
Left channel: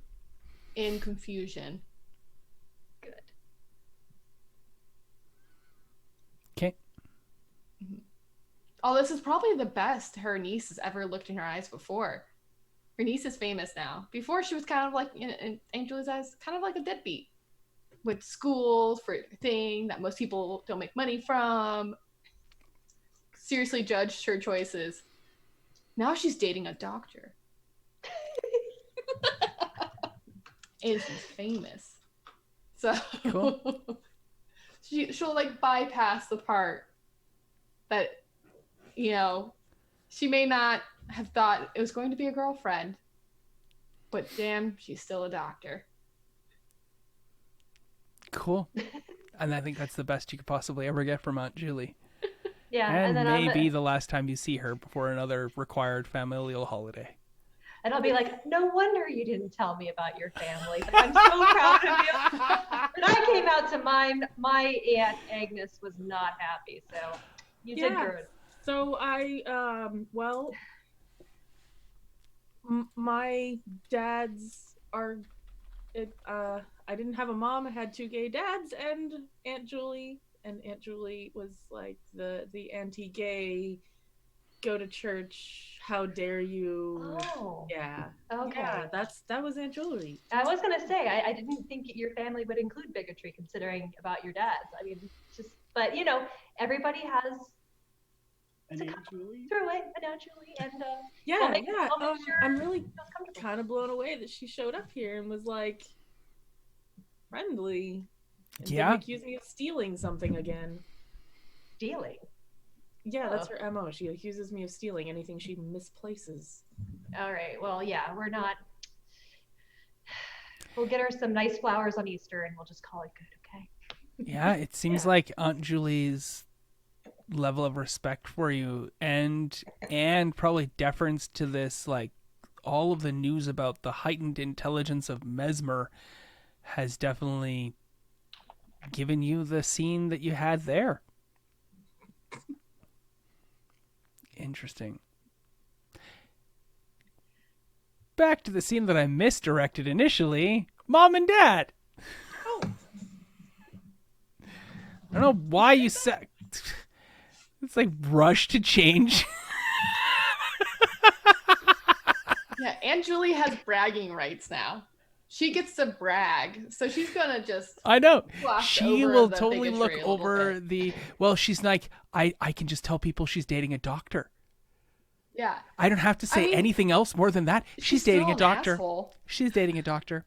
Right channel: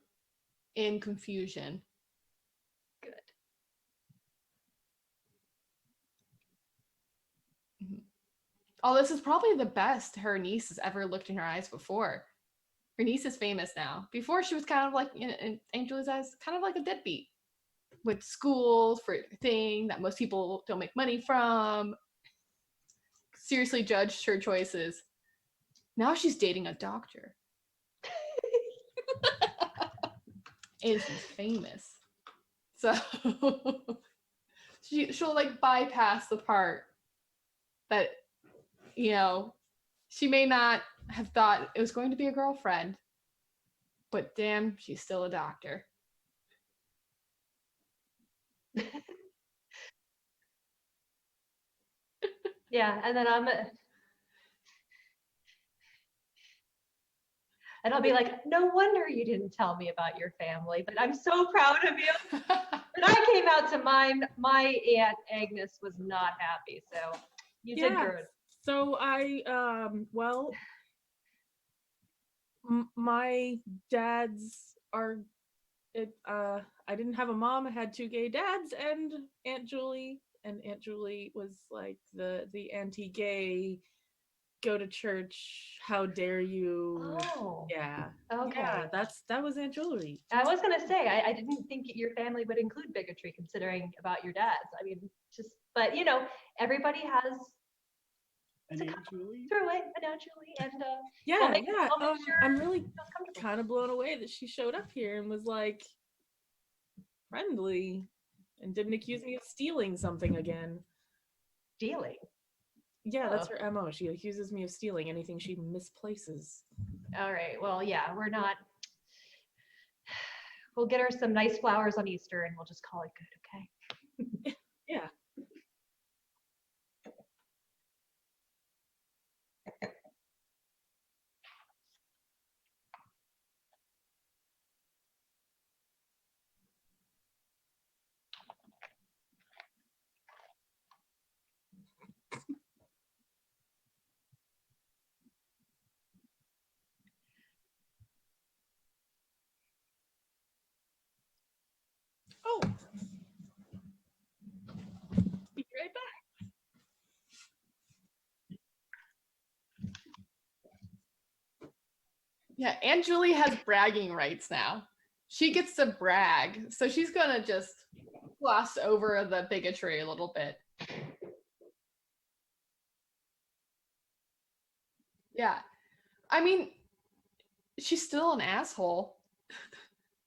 and confusion. Good. Okay. Oh, this is probably the best her niece has ever looked in her eyes before. Her niece is famous now. Before she was kind of like, in Aunt Julie's eyes, kind of like a deadbeat. With schools for a thing that most people don't make money from. seriously judged her choices. Now she's dating a doctor. And she's famous. So Cool. she'll like bypass the part that, you know, she may not have thought it was going to be a girlfriend, but damn, she's still a doctor. Cool. And I think that's the best you could possibly ever get from Aunt Julie. Yeah, And then maybe the last time you see her before another required familial holiday. and I'll be like, no wonder you didn't tell me about your family, but I'm so proud of you. When I came out to mine, my Aunt Agnes was not happy, so you did good. So my dads are, I didn't have a mom. I had 2 gay dads and Aunt Julie. And Aunt Julie was like the anti-gay, go to church, how dare you. Oh. Yeah. Okay. Yeah, that was Aunt Julie. I was going to say, I didn't think your family would include bigotry considering about your dads. I mean, but you know, everybody has And Aunt Julie? through it, and Aunt Julie, and Yeah, I'll make sure I'm really feels comfortable. kind of blown away that she showed up here and was like friendly and Yeah. didn't accuse me of stealing something again. Stealing. Yeah, that's her MO. She accuses me of stealing anything she misplaces. All right. Well, yeah, we're not. We'll get her some nice flowers on Easter, and we'll just call it good. Okay. Yeah, it seems like Aunt Julie's level of respect for you and probably deference to this, like all of the news about the heightened intelligence of Mesmer has definitely given you the scene that you had there. Interesting. Back to the scene that I misdirected initially. Mom and Dad. Oh. I don't know why you said it's like rush to change. Yeah, Aunt Julie has bragging rights now. She gets to brag, so she's gonna just I know. gloss She over will the totally look bigotry a little over bit. the. Well, she's like, I can just tell people she's dating a doctor. Yeah, I don't have to say mean, anything else more than that. She's still dating a an doctor. asshole, She's dating a doctor.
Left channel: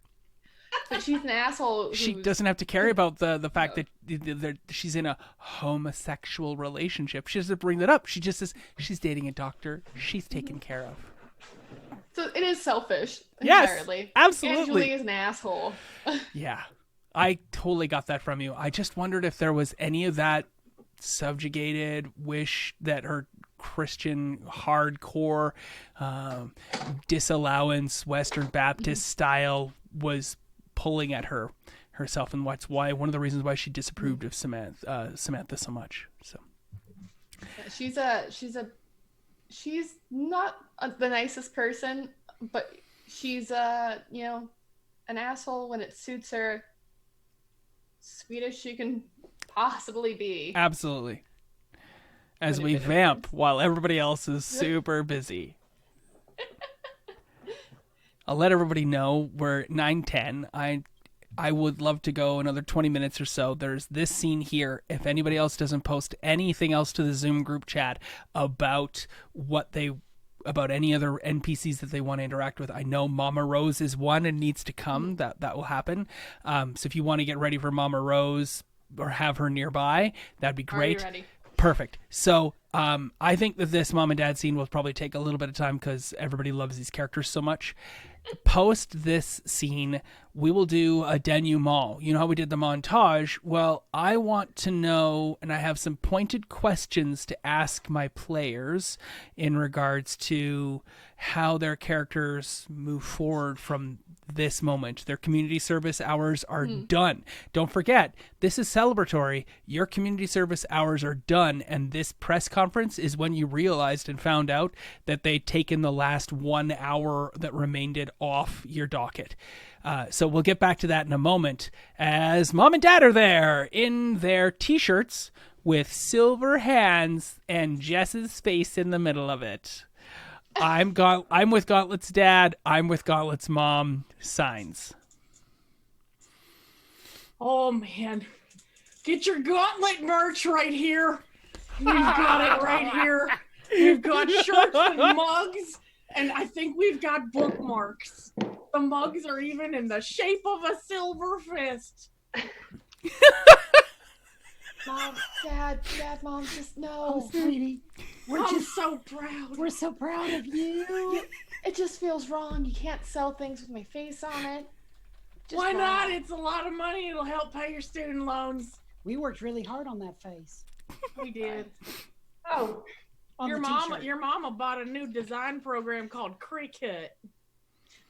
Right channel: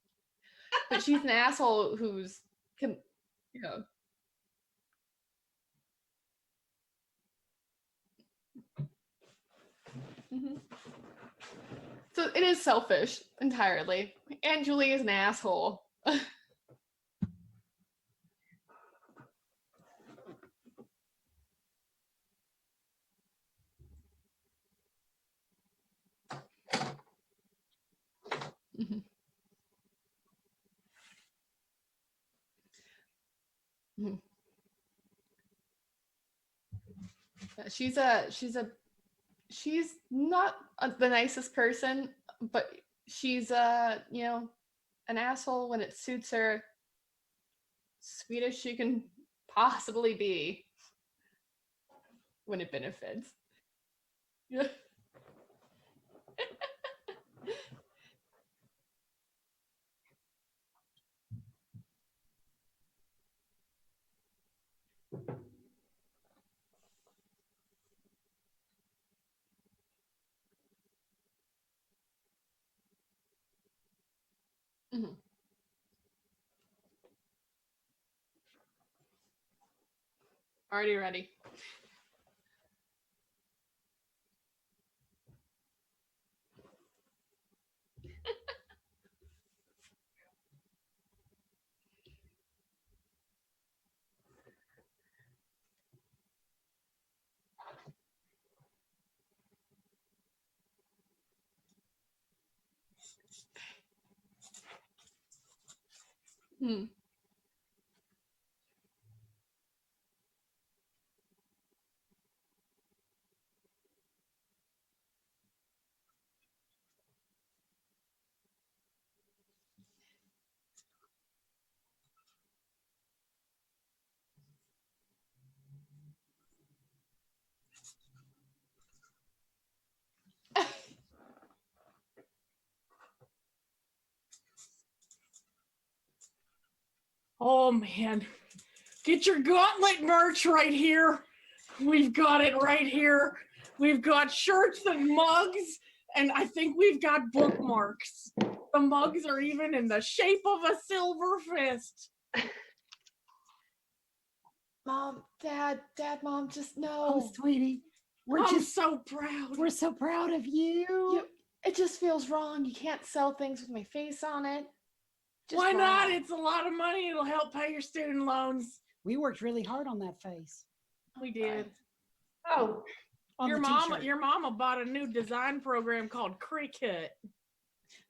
but she's an asshole. She who's- doesn't have to care about the fact No. that she's in a homosexual relationship. She doesn't bring that up. She just says she's dating a doctor. She's taken care of. So it is selfish Yes, entirely. absolutely. Aunt Julie is an asshole. Yeah, I totally got that from you. I just wondered if there was any of that subjugated wish that her Christian hardcore disallowance Western Baptist style was pulling at herself, and that's why one of the reasons why she disapproved of Samantha so much. So She's not the nicest person, but she's you know, an asshole when it suits her. Sweet as she can possibly be. absolutely. As When it we benefits. vamp while everybody else is super busy. I'll let everybody know we're 9:10. I would love to go another 20 minutes or so. There's this scene here. If anybody else doesn't post anything else to the Zoom group chat about about any other NPCs that they want to interact with, I know Mama Rose is one and needs to come. That will happen. So if you want to get ready for Mama Rose or have her nearby, that'd be Are you great. ready? Perfect. So I think that this mom and dad scene will probably take a little bit of time because everybody loves these characters so much. Post this scene, we will do a denouement. You know how we did the montage? Well, I want to know, and I have some pointed questions to ask my players in regards to how their characters move forward from this moment. Their community service hours are done. Don't forget, this is celebratory. Your community service hours are done, and this press conference is when you realized and found out that they'd taken the last 1 hour that remained it off your docket. So we'll get back to that in a moment as Mom and Dad are there in their t-shirts with silver hands and Jess's face in the middle of it. I'm with Gauntlet's dad. I'm with Gauntlet's mom. Signs. Oh man, get your Gauntlet merch right here. We've got it right here. We've got shirts and mugs, and I think we've got bookmarks. The mugs are even in the shape of a silver fist. Mom, Dad, Mom, just no. Oh, sweetie, I'm so proud. we're so proud of you. It just feels wrong. You can't sell things with my face on it. Just Why not? wrong. It's a lot of money. It'll help pay your student loans. We worked really hard on that face. We did. Oh, On Your the mama, t-shirt. your mama bought a new design program called Cricut.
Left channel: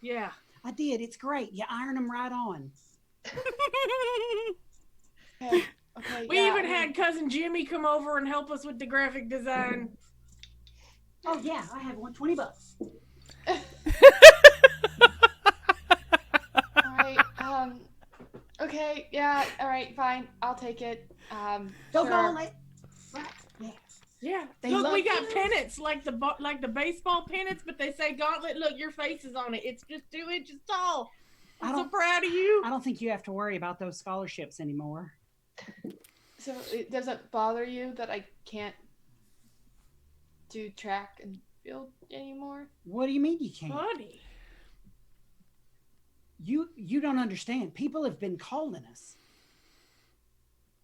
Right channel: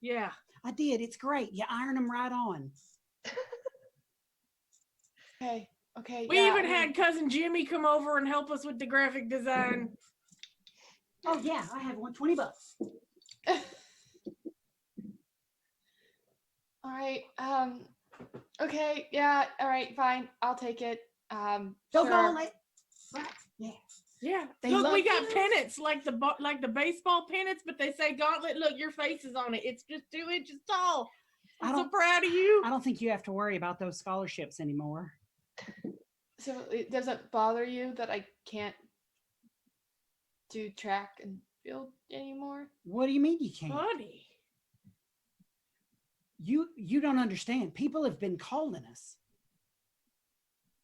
Yeah. I did. It's great. You iron them right on. Okay. We even had cousin Jimmy come over and help us with the graphic design. Oh yeah, I have one. $20. All right. Okay. Yeah. All right. Fine. I'll take it. Don't Sure. go on it. Right. Yeah. Yeah. They Look, love we got you. pennants like the baseball pennants, but they say gauntlet. Look, your face is on it. It's just 2 inches tall. I I'm so don't- proud of you. I don't think you have to worry about those scholarships anymore. So it doesn't bother you that I can't do track and field anymore? What do you mean you can't? Buddy. You don't understand. People have been calling us.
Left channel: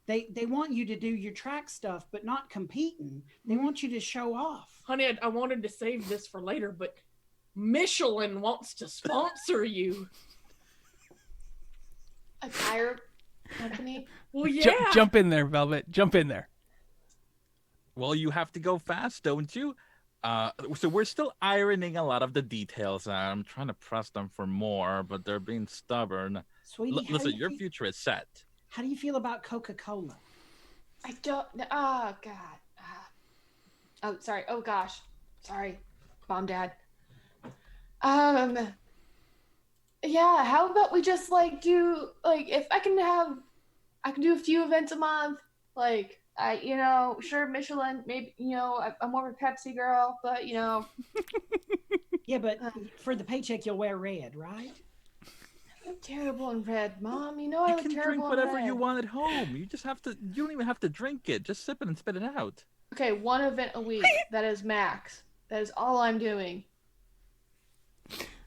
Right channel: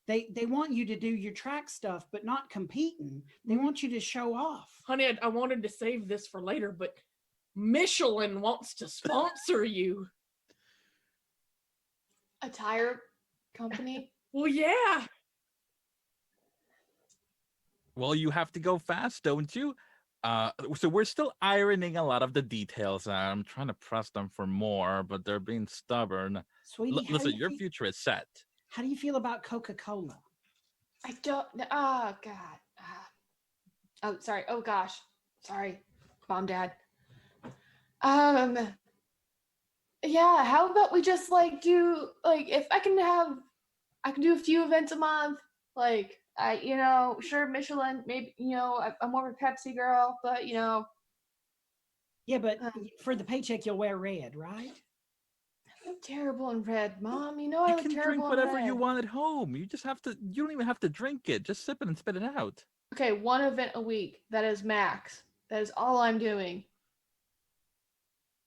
They want you to do your track stuff, but not competing. They want you to show off. Honey, I wanted to save this for later, but Michelin wants to sponsor you. A tire company? Well, yeah. Jump in there, Velvet. Jump in there. Well, you have to go fast, don't you? So we're still ironing a lot of the details out. I'm trying to press them for more, but they're being stubborn. Sweetie, how do Listen, you your feel- future is set. How do you feel about Coca-Cola? I don't. Oh God. Oh, sorry. Oh gosh. Sorry, Mom, Dad. Yeah. How about we just do if I can do a few events a month. Sure, Michelin. Maybe I'm more of a Pepsi girl, but Yeah, but for the paycheck, you'll wear red, right? I'm terrible in red, Mom. I You look can terrible drink in whatever red. you want at home. You just have to. You don't even have to drink it. Just sip it and spit it out. Okay, one event a week. That is max. That is all I'm doing.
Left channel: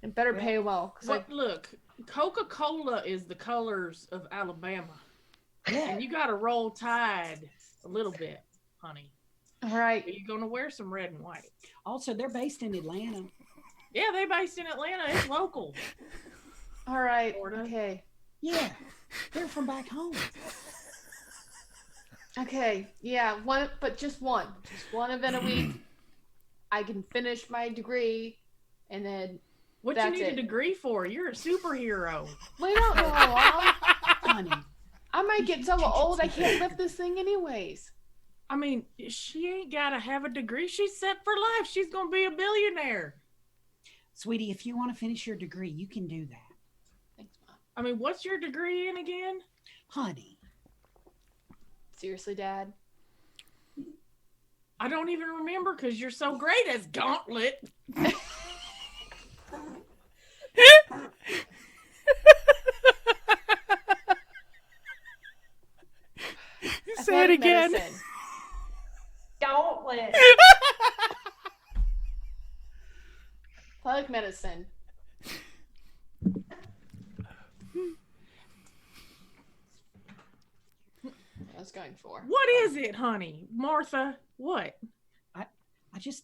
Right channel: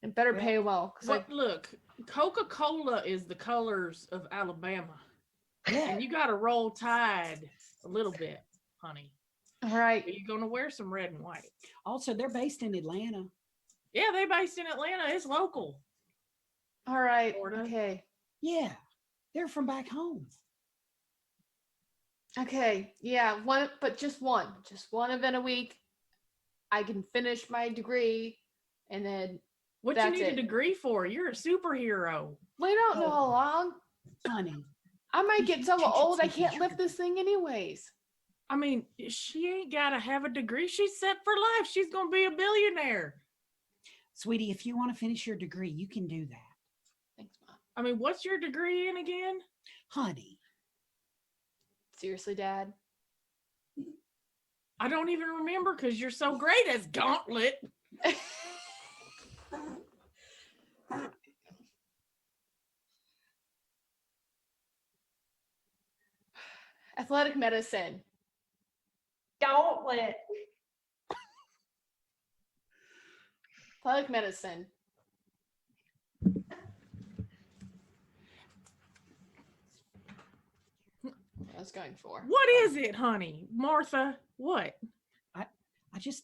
And better pay well. But look, Coca-Cola is the colors of Alabama. Yeah. And you got to roll Tide a little bit, honey. All right. You're going to wear some red and white. Also, they're based in Atlanta. Yeah, they based in Atlanta. It's local. All right. Florida. Okay. Yeah, they're from back home. Okay. Yeah. Just one event a week. I can finish my degree, and then What That's you need it. a degree for? You're a superhero. we don't know how long. Honey, I might get so old I can't lift this thing anyways. I mean, she ain't got to have a degree. She's set for life. She's going to be a billionaire. sweetie, if you want to finish your degree, you can do that. Thanks, Mom. I mean, what's your degree in again? Honey, Seriously, Dad. I don't even remember because you're so great as Gauntlet. Say it Athletic again. medicine. Gauntlet. Athletic medicine. I was going for. What is it, honey? Martha, what? I just,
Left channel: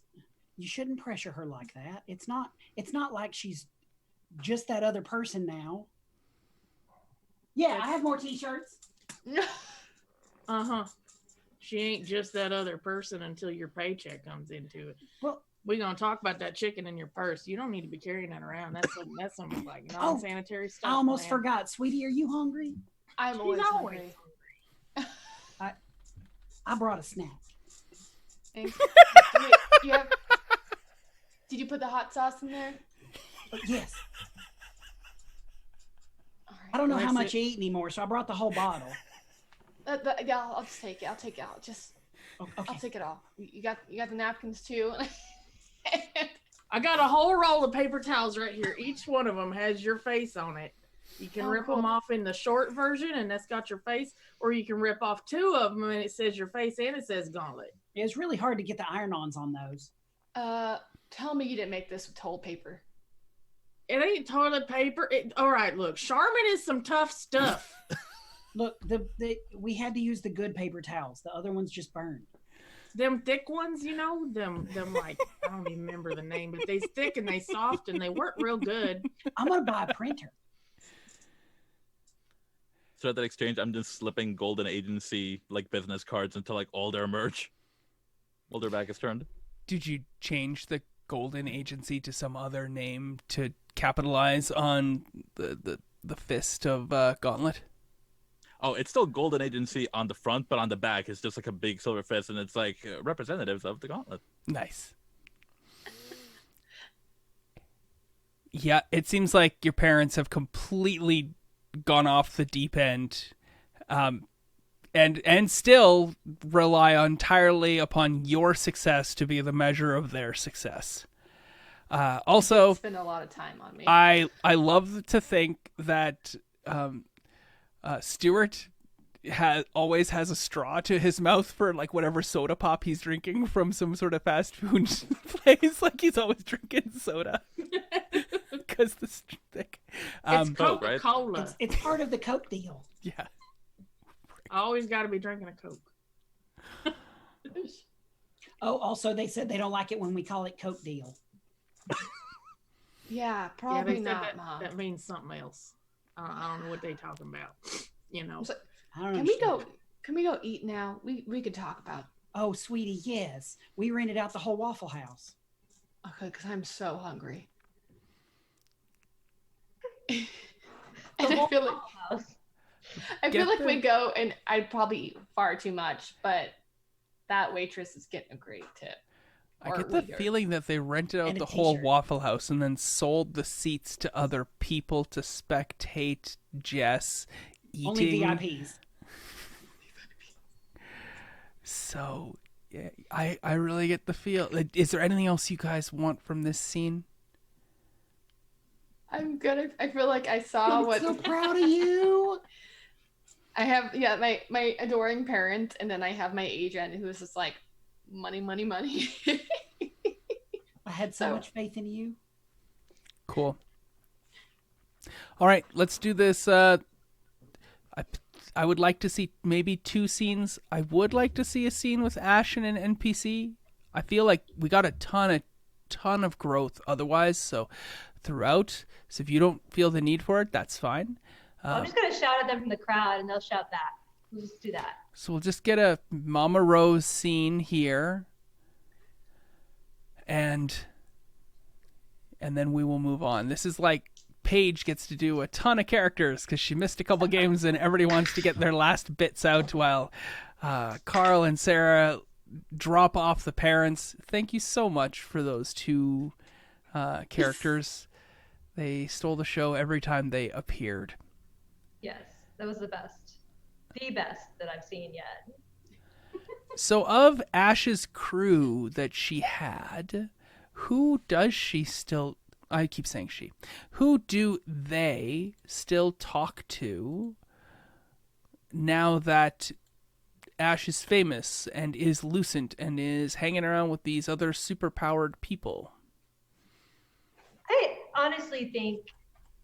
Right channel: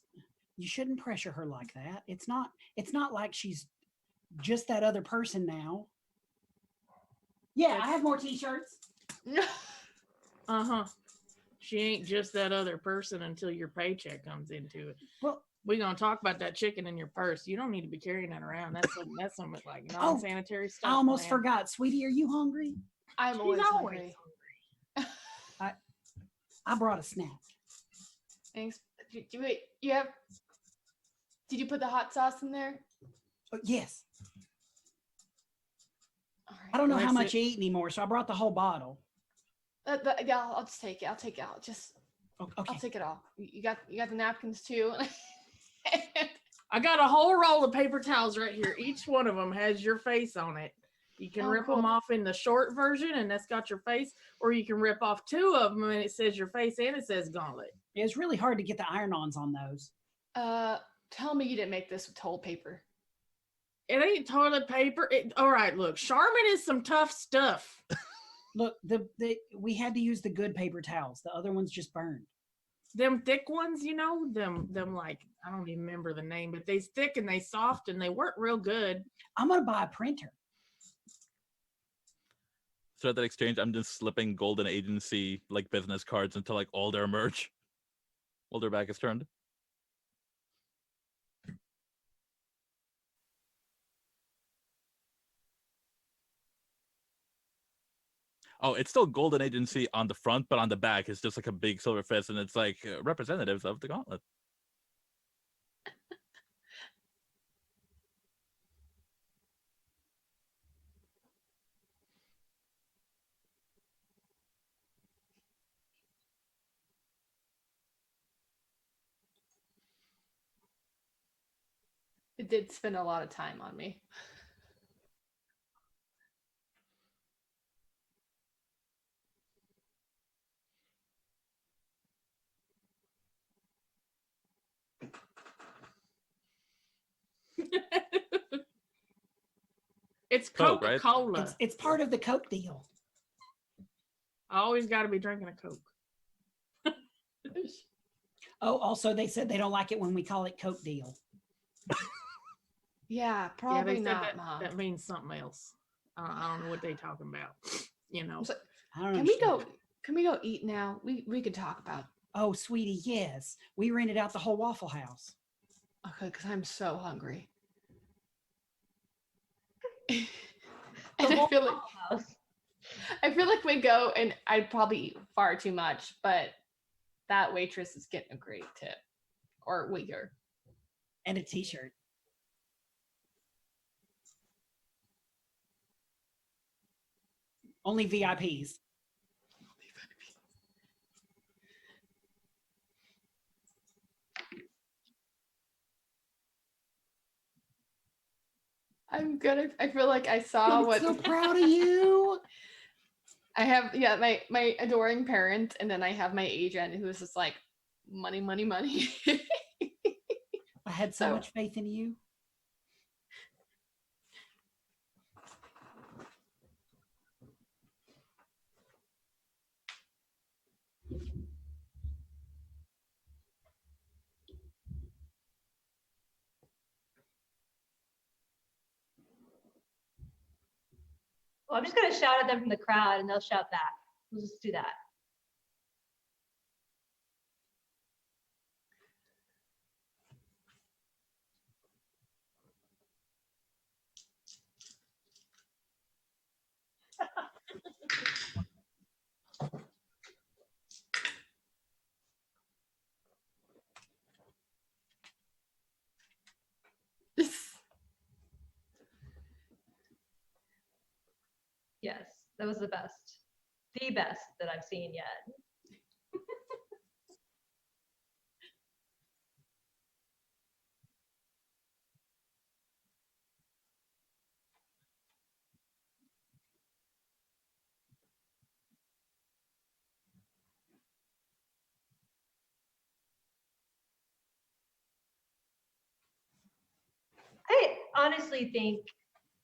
you shouldn't pressure her like that. It's not like she's just that other person now. Yeah, I have more t-shirts. Uh-huh. She ain't just that other person until your paycheck comes into it. Well, We're gonna talk about that chicken in your purse. You don't need to be carrying that around. That's some like non-sanitary stuff. I almost man. forgot. Sweetie, are you hungry? I'm She's always always hungry. I brought a snack. Thanks. Wait, did you put the hot sauce in there? Yes. All right. I don't know how Let's much see. you eat anymore, so I brought the whole bottle. Yeah, I'll just take it. I'll take it out. Okay. I'll take it all. You got the napkins too. I got a whole roll of paper towels right here. Each one of them has your face on it. You can Oh, rip them cool. off in the short version, and that's got your face, or you can rip off 2 of them, and it says your face and it says Gauntlet. It's really hard to get the iron-ons on those. Tell me you didn't make this with toilet paper. It ain't toilet paper. All right, look, Charmin is some tough stuff. Look, we had to use the good paper towels. The other ones just burned. Them thick ones, you know, them like, I don't even remember the name, but they thick and they soft and they work real good. I'm gonna buy a printer. So at that exchange, I'm just slipping Golden Agency like business cards until like all their merch, all their back is turned. Did you change the Golden Agency to some other name to capitalize on the fist of Gauntlet? Oh, it's still Golden Agency on the front, but on the back it's just like a big silver fist, and it's like representatives of the Gauntlet. Nice. Yeah, it seems like your parents have completely gone off the deep end, and still rely entirely upon your success to be the measure of their success. Also, Spend a lot of time on me. I love to think that Stuart always has a straw to his mouth for like whatever soda pop he's drinking from some sort of fast food place. Like he's always drinking soda because this thick. It's Coke, right? Coca-Cola. It's part of the Coke deal. Yeah. I always got to be drinking a Coke. Oh, also they said they don't like it when we call it Coke deal. Yeah, They probably said not, that, Mom. that means something else. I don't know what they talking about. You know. So, I don't can understand. we go eat now? We could talk about. Oh, sweetie, yes. We rented out the whole Waffle House. Okay, because I'm so hungry. And I feel like we'd go and I'd probably eat far too much, but that waitress is getting a great tip. I get the feeling that they rented out And a the whole t-shirt. Waffle House and then sold the seats to other people to spectate Jess eating. Only VIPs. So, yeah, I really get the feel. Like, is there anything else you guys want from this scene? I'm gonna. I feel like I saw I'm what so proud of you. I have. Yeah, my adoring parent, and then I have my agent who is just like, money, money, money. I had so much faith in you. Cool. All right, let's do this. I would like to see maybe 2 scenes. I would like to see a scene with Ash and an NPC. I feel like we got a ton of growth otherwise. So throughout. So if you don't feel the need for it, that's fine. I'm just gonna shout at them from the crowd, and they'll shout back. We'll just do that. So we'll just get a Mama Rose scene here, and then we will move on. This is like Paige gets to do a ton of characters because she missed a couple games, and everybody wants to get their last bits out while Carl and Sarah drop off the parents. Thank you so much for those 2 characters. They stole the show every time they appeared. Yes, that was the best. The best that I've seen yet. So of Ash's crew that she had, who does she still... I keep saying she. Who do they still talk to now that Ash is famous and is Lucent and is hanging around with these other superpowered people? I honestly think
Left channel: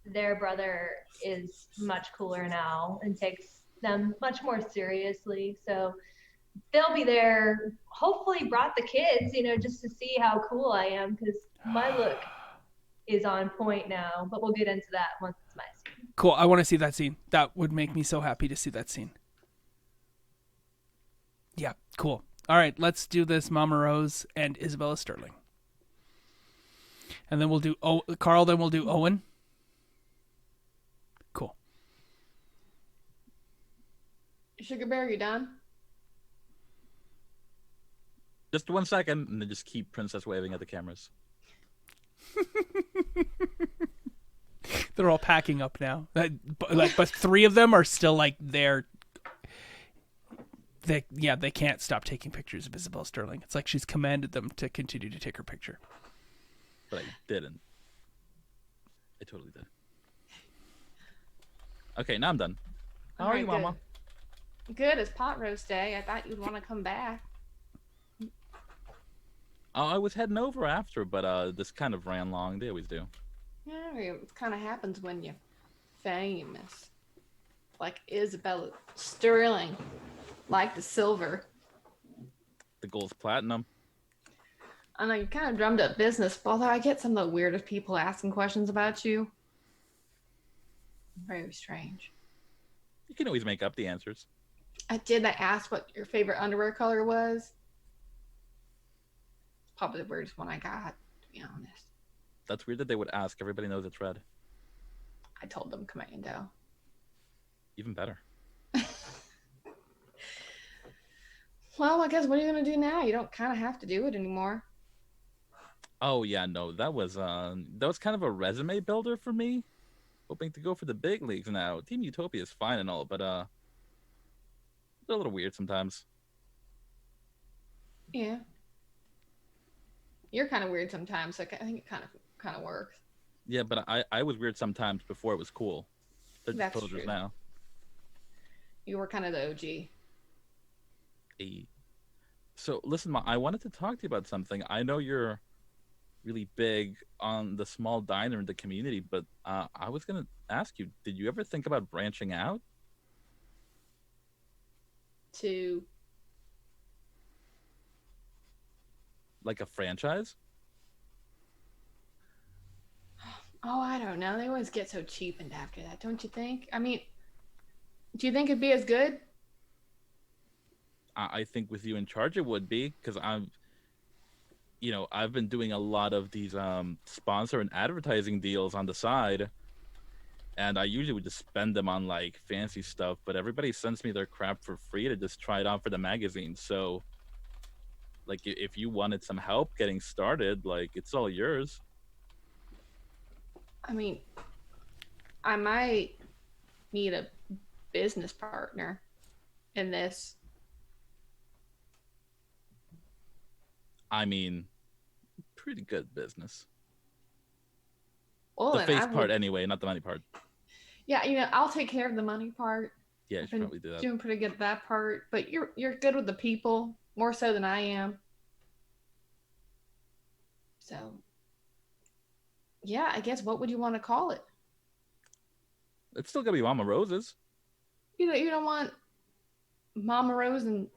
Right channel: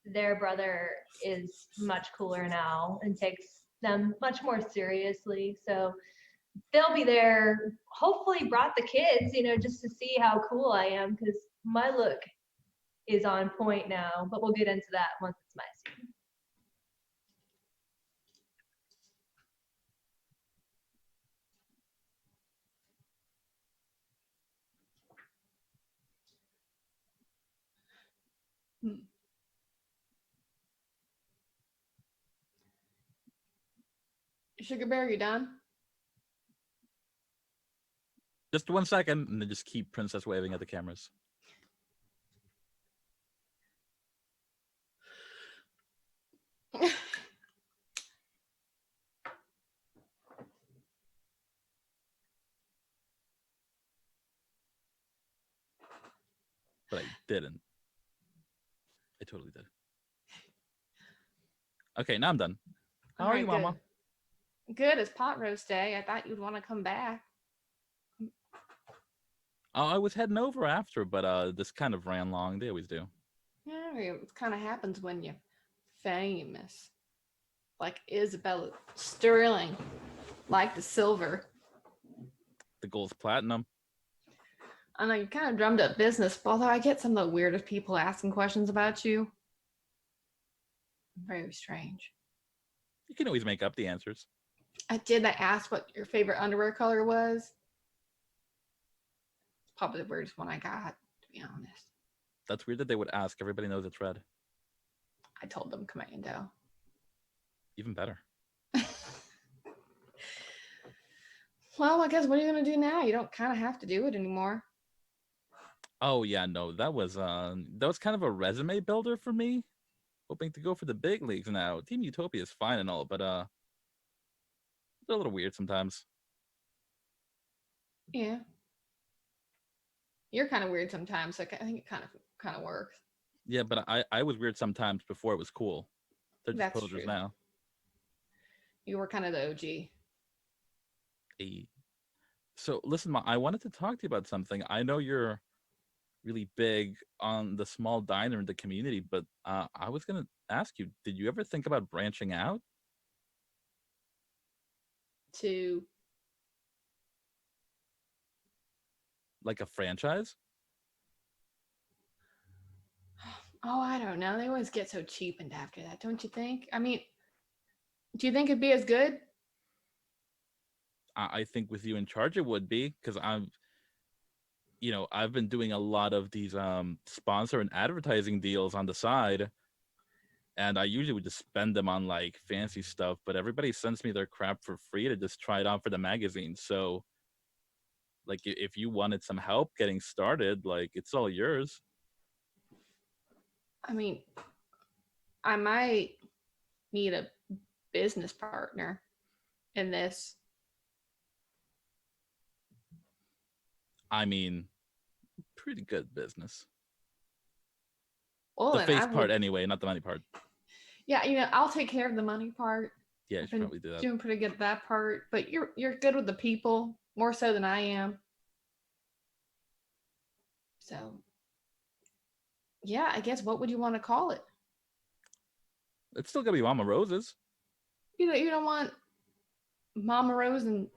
their brother is much cooler now and takes them much more seriously. So they'll be there. Hopefully brought the kids, just to see how cool I am, because my look is on point now. But we'll get into that once it's my scene. Cool. I want to see that scene. That would make me so happy to see that scene. Yeah, cool. All right, let's do this Mama Rose and Isabella Sterling. And then we'll do Carl, then we'll do Owen. Cool. Sugar Bear, you done? Just 1 second, and then just keep Princess waving at the cameras. They're all packing up now. But 3 of them are still like there. They can't stop taking pictures of Isabel Sterling. It's like she's commanded them to continue to take her picture. But I didn't. I totally did. Okay, now I'm done. How are you, Alright, Mama? Good. It's pot roast day. I thought you'd want to come back. I was heading over after, but this kind of ran long. They always do. Yeah, it kind of happens when you're famous. Like Isabella Sterling. Like the silver. The gold's platinum. I know you kind of drummed up business, but although I get some of the weirdest people asking questions about you. Very strange. You can always make up the answers. I asked what your favorite underwear color was. Probably the weirdest one I got, to be honest. That's weird that they would ask. Everybody knows it's red. I told them commando. Even better. Well, I guess what are you gonna do now? You don't kind of have to do it anymore. Oh yeah, no, that was kind of a resume builder for me. Hoping to go for the big leagues now. Team Utopia is fine and all, but they're a little weird sometimes. Yeah. You're kind of weird sometimes, so I think it kind of works. Yeah, but I was weird sometimes before it was cool. They're just That's posers true. now. You were kind of the OG. Hey. So listen, Ma, I wanted to talk to you about something. I know you're really big on the small diner in the community, but I was gonna ask you, did you ever think about branching out? To Like a franchise? Oh, I don't know. They always get so cheapened after that, don't you think? I mean, do you think it'd be as good? I think with you in charge it would be, because I've been doing a lot of these sponsor and advertising deals on the side, and I usually would just spend them on like fancy stuff, but everybody sends me their crap for free to just try it on for the magazine. So like if you wanted some help getting started, like it's all yours. I mean, I might need a business partner in this. I mean, pretty good business. Well, The then face I part would, anyway, not the money part. yeah, I'll take care of the money part. Yeah, you I've should been probably do that. doing pretty good at that part, but you're good with the people more so than I am. So, yeah, I guess what would you want to call it? It's still gonna be Mama Rose's. You don't want Mama Rose and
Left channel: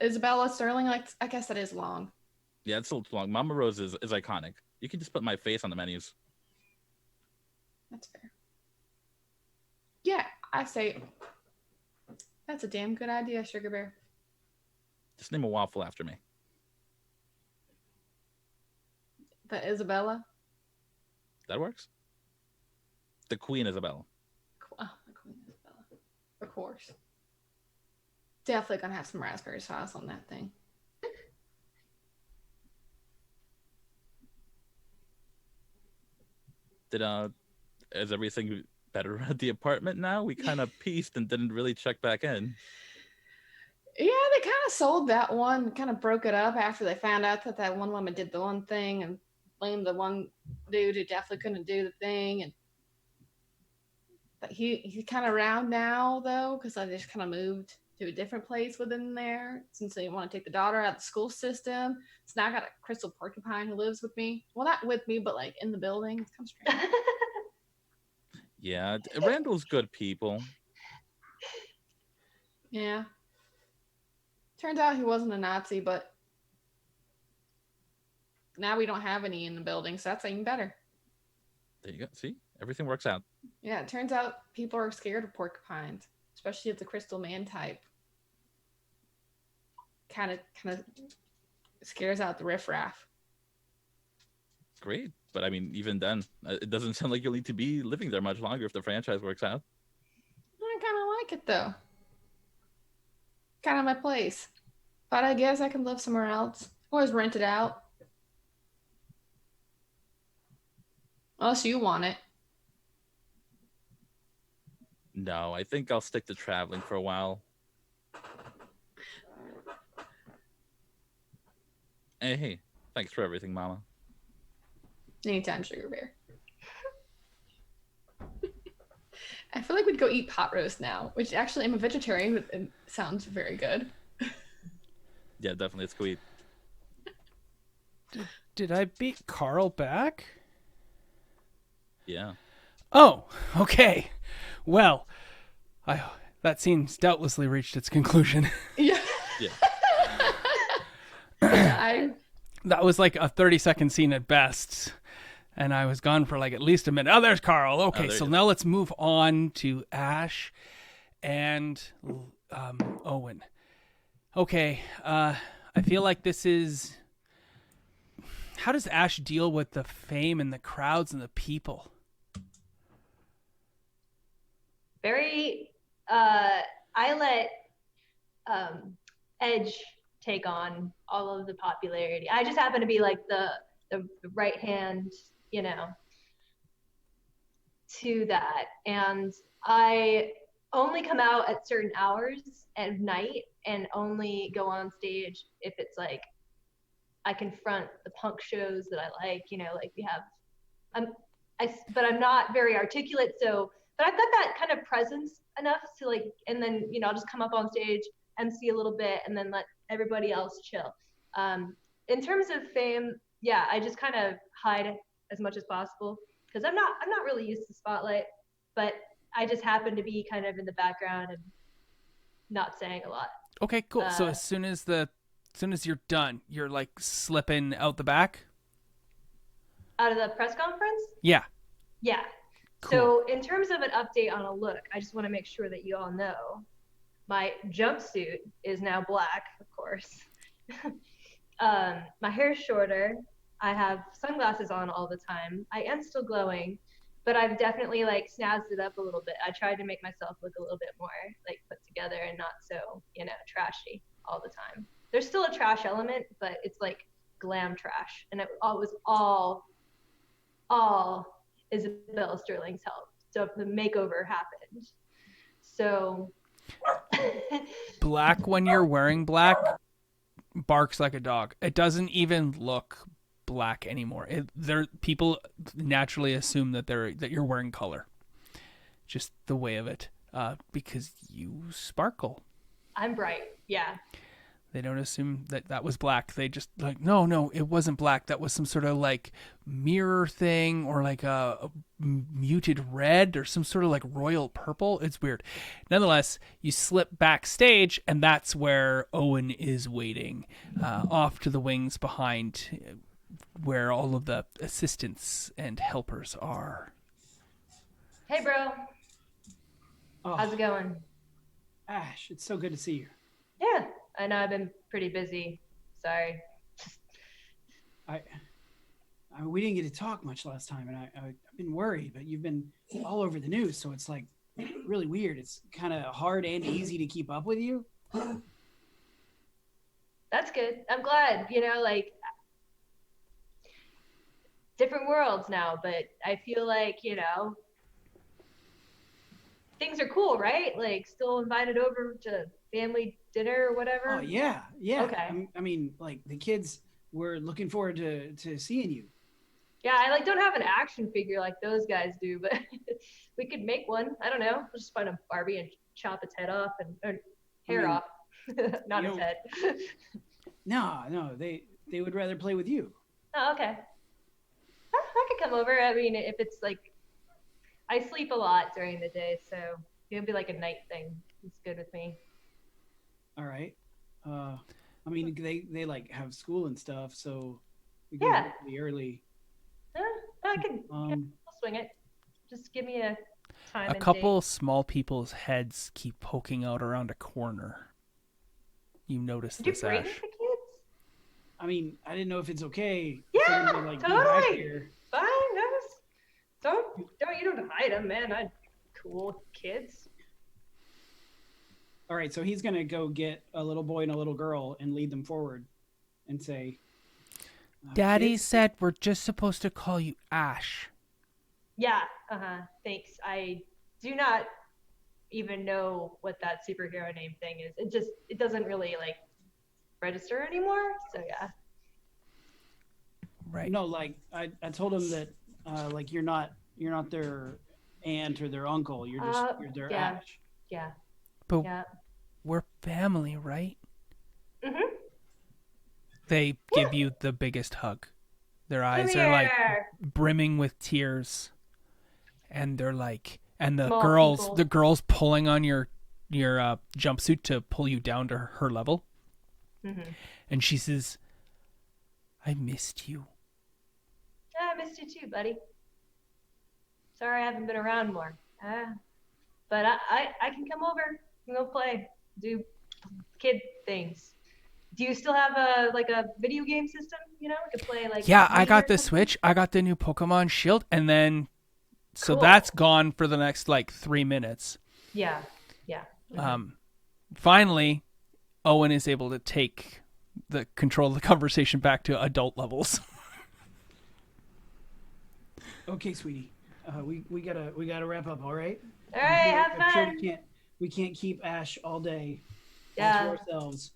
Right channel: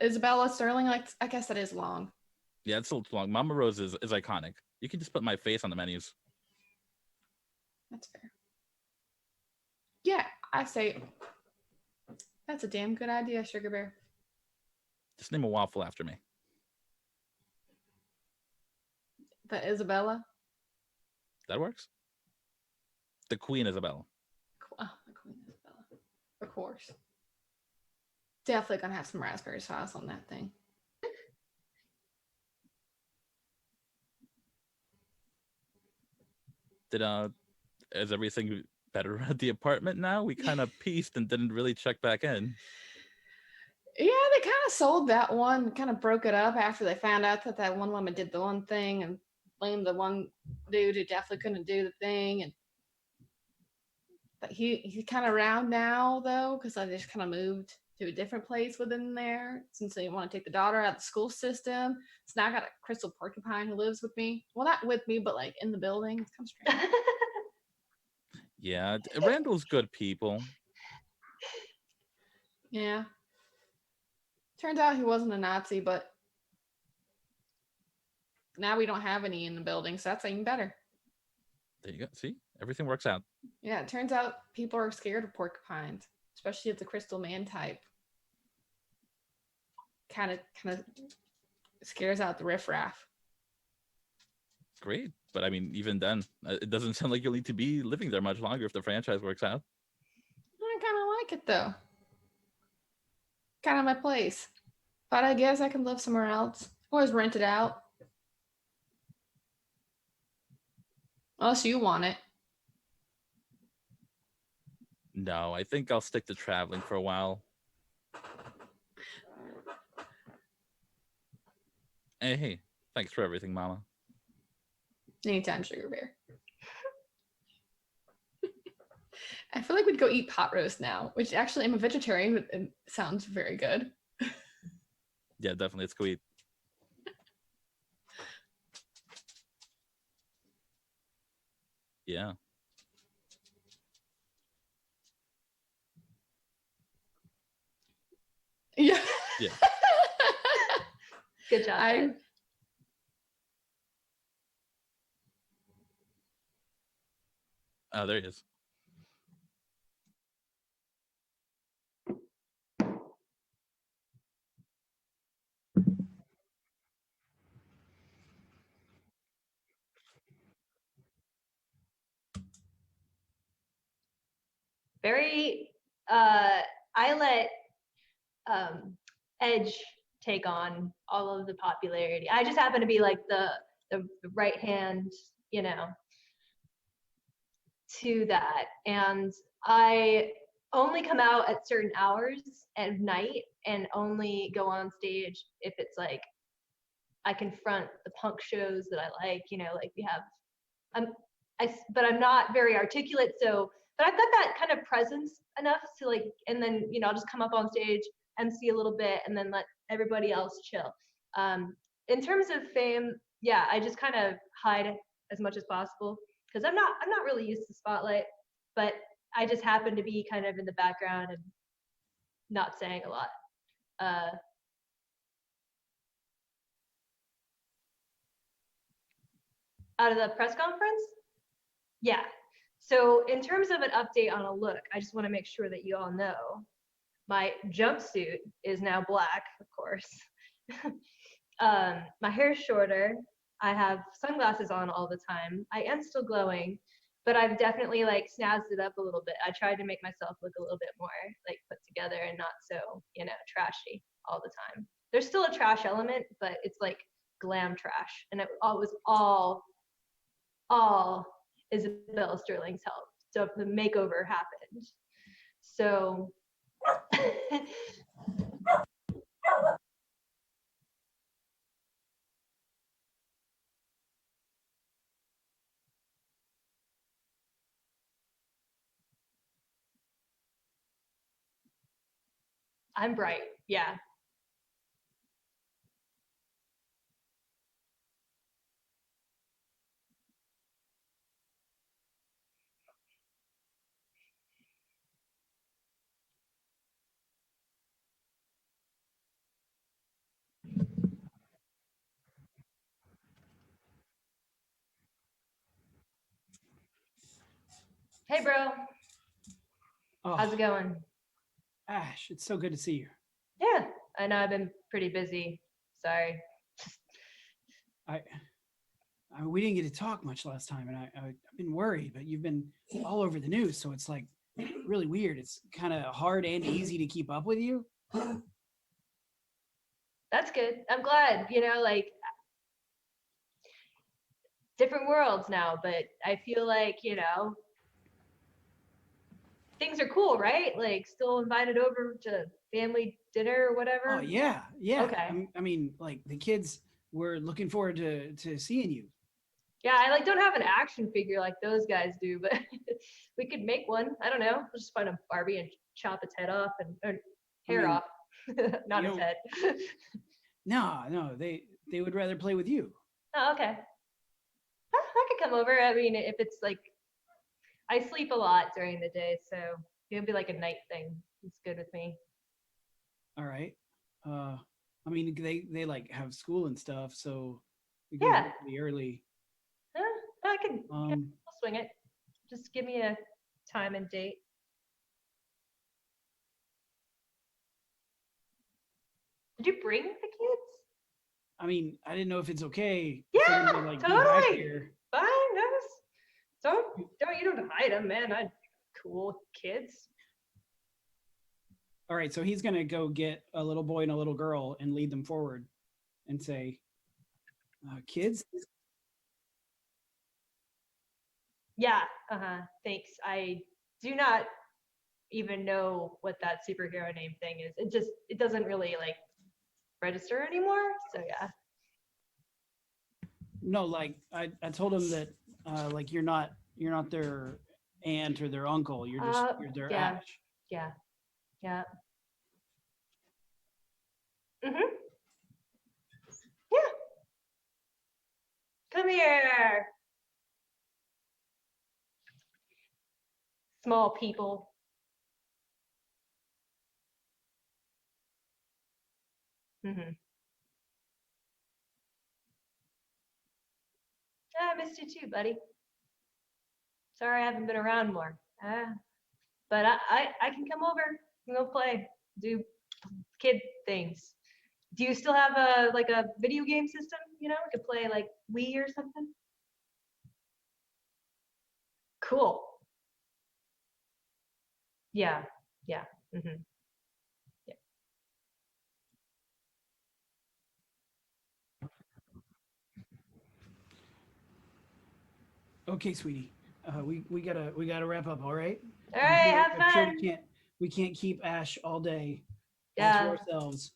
Isabella Sterling. Like, I guess that is long. Yeah, it's still too long. Mama Rose is iconic. You can just put my face on the menus. That's fair. Yeah, I say that's a damn good idea, Sugar Bear. Just name a waffle after me. The Isabella. That works. The Queen Isabella. Oh, the Queen Isabella. Of course. Definitely gonna have some raspberry sauce on that thing. Is everything better at the apartment now? We kind of pieced and didn't really check back in. Yeah, they kind of sold that one, kind of broke it up after they found out that one woman did the one thing and blamed the one dude who definitely couldn't do the thing. And but he's kind of around now though, because I just kind of moved to a different place within there since they want to take the daughter out of the school system. So now I got a crystal porcupine who lives with me. Well, not with me, but like in the building. It's kind of strange. Yeah, Randall's good people. Yeah. Turns out he wasn't a Nazi, but now we don't have any in the building, so that's even better. There you go. See? Everything works out. Yeah, it turns out people are scared of porcupines, especially if the crystal man type. Kind of scares out the riffraff. Great. But I mean, even then, it doesn't sound like you'll need to be living there much longer if the franchise works out. I kind of like it though. Kind of my place. But I guess I can live somewhere else. Always rent it out. Unless you want it. No, I think I'll stick to traveling for a while. Hey, thanks for everything, Mama. Anytime, Sugar Bear. I feel like we'd go eat pot roast now, which actually I'm a vegetarian, but it sounds very good. Yeah, definitely. Let's go eat. Did I beat Carl back? Yeah. Oh, okay. Well, that seems doubtlessly reached its conclusion. Yeah. Yeah. That was like a 30-second scene at best. And I was gone for like at least a minute. Oh, there's Carl. Okay, there so he is. now let's move on to Ash and Owen. Okay, I feel like this is... How does Ash deal with the fame and the crowds and the people? Very, I let Edge take on all of the popularity. I just happen to be like the right hand, to that. And I only come out at certain hours at night and only go on stage if it's like I confront the punk shows that I like, like we have, but I'm not very articulate. So, but I've got that kind of presence enough to like, and then, I'll just come up on stage, MC a little bit, and then let everybody else chill. In terms of fame, yeah, I just kind of hide as much as possible because I'm not really used to spotlight, but I just happen to be kind of in the background and not saying a lot. Okay, cool. So as soon as you're done, you're like slipping out the back? Out of the press conference? Yeah. Yeah. Cool. So in terms of an update on a look, I just want to make sure that you all know my jumpsuit is now black, of course. My hair's shorter. I have sunglasses on all the time. I am still glowing, but I've definitely like snazzed it up a little bit. I tried to make myself look a little bit more like put together and not so, trashy all the time. There's still a trash element, but it's like glam trash. And it was all Isabella Sterling's help. So the makeover happened. So black when you're wearing black barks like a dog. It doesn't even look black anymore. People naturally assume that you're wearing color. Just the way of it. Because you sparkle. I'm bright. Yeah. They don't assume that was black. They just like, no, it wasn't black. That was some sort of like mirror thing or like a muted red or some sort of like royal purple. It's weird. Nonetheless, you slip backstage and that's where Owen is waiting off to the wings behind where all of the assistants and helpers are. Hey, bro. Oh, How's it going? Ash, it's so good to see you. Yeah. I know I've been pretty busy. Sorry. We didn't get to talk much last time, and I've been worried, but you've been all over the news, so it's like really weird. It's kind of hard and easy to keep up with you. That's good. I'm glad, like different worlds now, but I feel like, things are cool, right? Like still invited over to family dinner or whatever. Oh yeah. Okay. I mean, like the kids were looking forward to seeing you. Yeah, I like don't have an action figure like those guys do, but we could make one. I don't know. We'll just find a Barbie and chop its head off or hair off, not its head. No, they would rather play with you. Oh, okay. I could come over. I mean, if it's like, I sleep a lot during the day, so it'll be like a night thing. It's good with me. All right. I mean, they like have school and stuff, so we Yeah. go pretty early. I can I'll swing it. Just give me a time A and couple date. small people's heads keep poking out around a corner. You notice Did you this, bring Ash. the kids? I mean, I didn't know if it's okay. Yeah, for them to, like, be back totally. here. Fine, guys. You don't hide them, man. I cool kids. All right, so he's gonna go get a little boy and a little girl and lead them forward, and say, Daddy "Kids?" said we're just supposed to call you Ash. Yeah, thanks. I do not even know what that superhero name thing is. It doesn't really like register anymore. So yeah. Right. No, like I told him that like you're not their aunt or their uncle. You're just you're their yeah. Ash. Yeah. But Yeah. we're family, right? Mm-hmm. They Yeah. give you the biggest hug. Their Come eyes are like here. brimming with tears, and they're like, and Small people. the girls pulling on your jumpsuit to pull you down to her level, Mm-hmm. and she says, "I missed you." I missed you too, buddy. Sorry I haven't been around more. But I can come over and go play, do kid things. Do you still have a video game system? We could play like. Yeah, I Wii got or the something? Switch. I got the new Pokemon Shield, and then so Cool. that's gone for the next like 3 minutes. Yeah. Yeah. Mhm. Finally, Owen is able to take the control of the conversation back to adult levels. Okay, sweetie. We gotta wrap up. All right. All right, have I'm sure fun. we can't keep Ash all day all Yeah. to ourselves.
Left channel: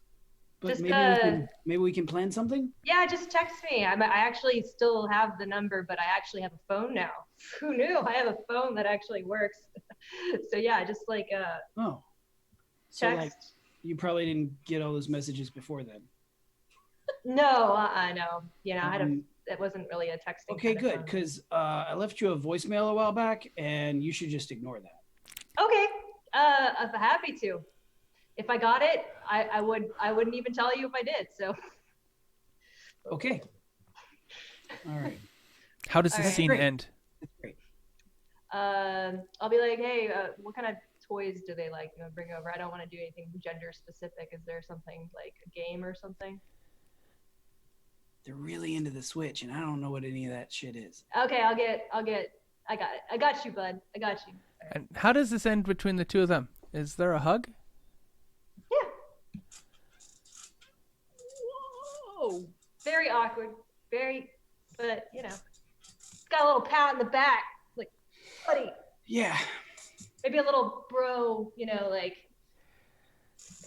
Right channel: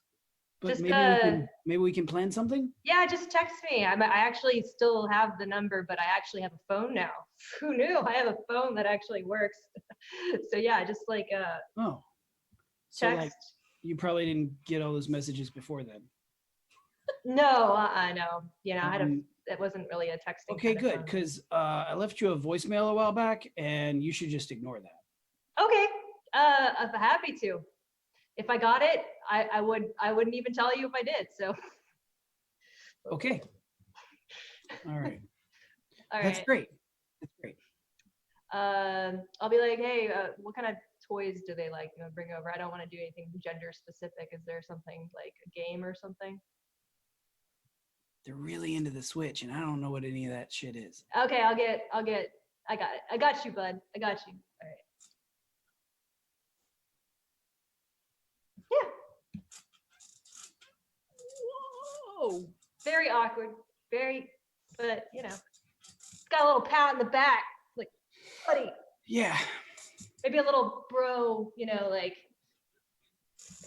But Just, maybe we can plan something. Yeah, just text me. I actually still have the number, but I actually have a phone now. Who knew? I have a phone that actually works. So yeah, just Oh. So text. like you probably didn't get all those messages before then. No, no. It wasn't really a texting. Okay, kind of good, phone. because I left you a voicemail a while back, and you should just ignore that. Okay, I'm happy to. If I got it, I wouldn't even tell you if I did. So. Okay. All right. How does All the right. scene Great. end? That's great. I'll be like, hey, what kind of toys do they bring over? I don't want to do anything gender specific. Is there something like a game or something? They're really into the Switch, and I don't know what any of that shit is. Okay, I got it. I got you, bud. I got you. All right. And how does this end between the two of them? Is there a hug? Yeah. Whoa. Very awkward. But got a little pat in the back, like, buddy. Yeah. Maybe a little bro,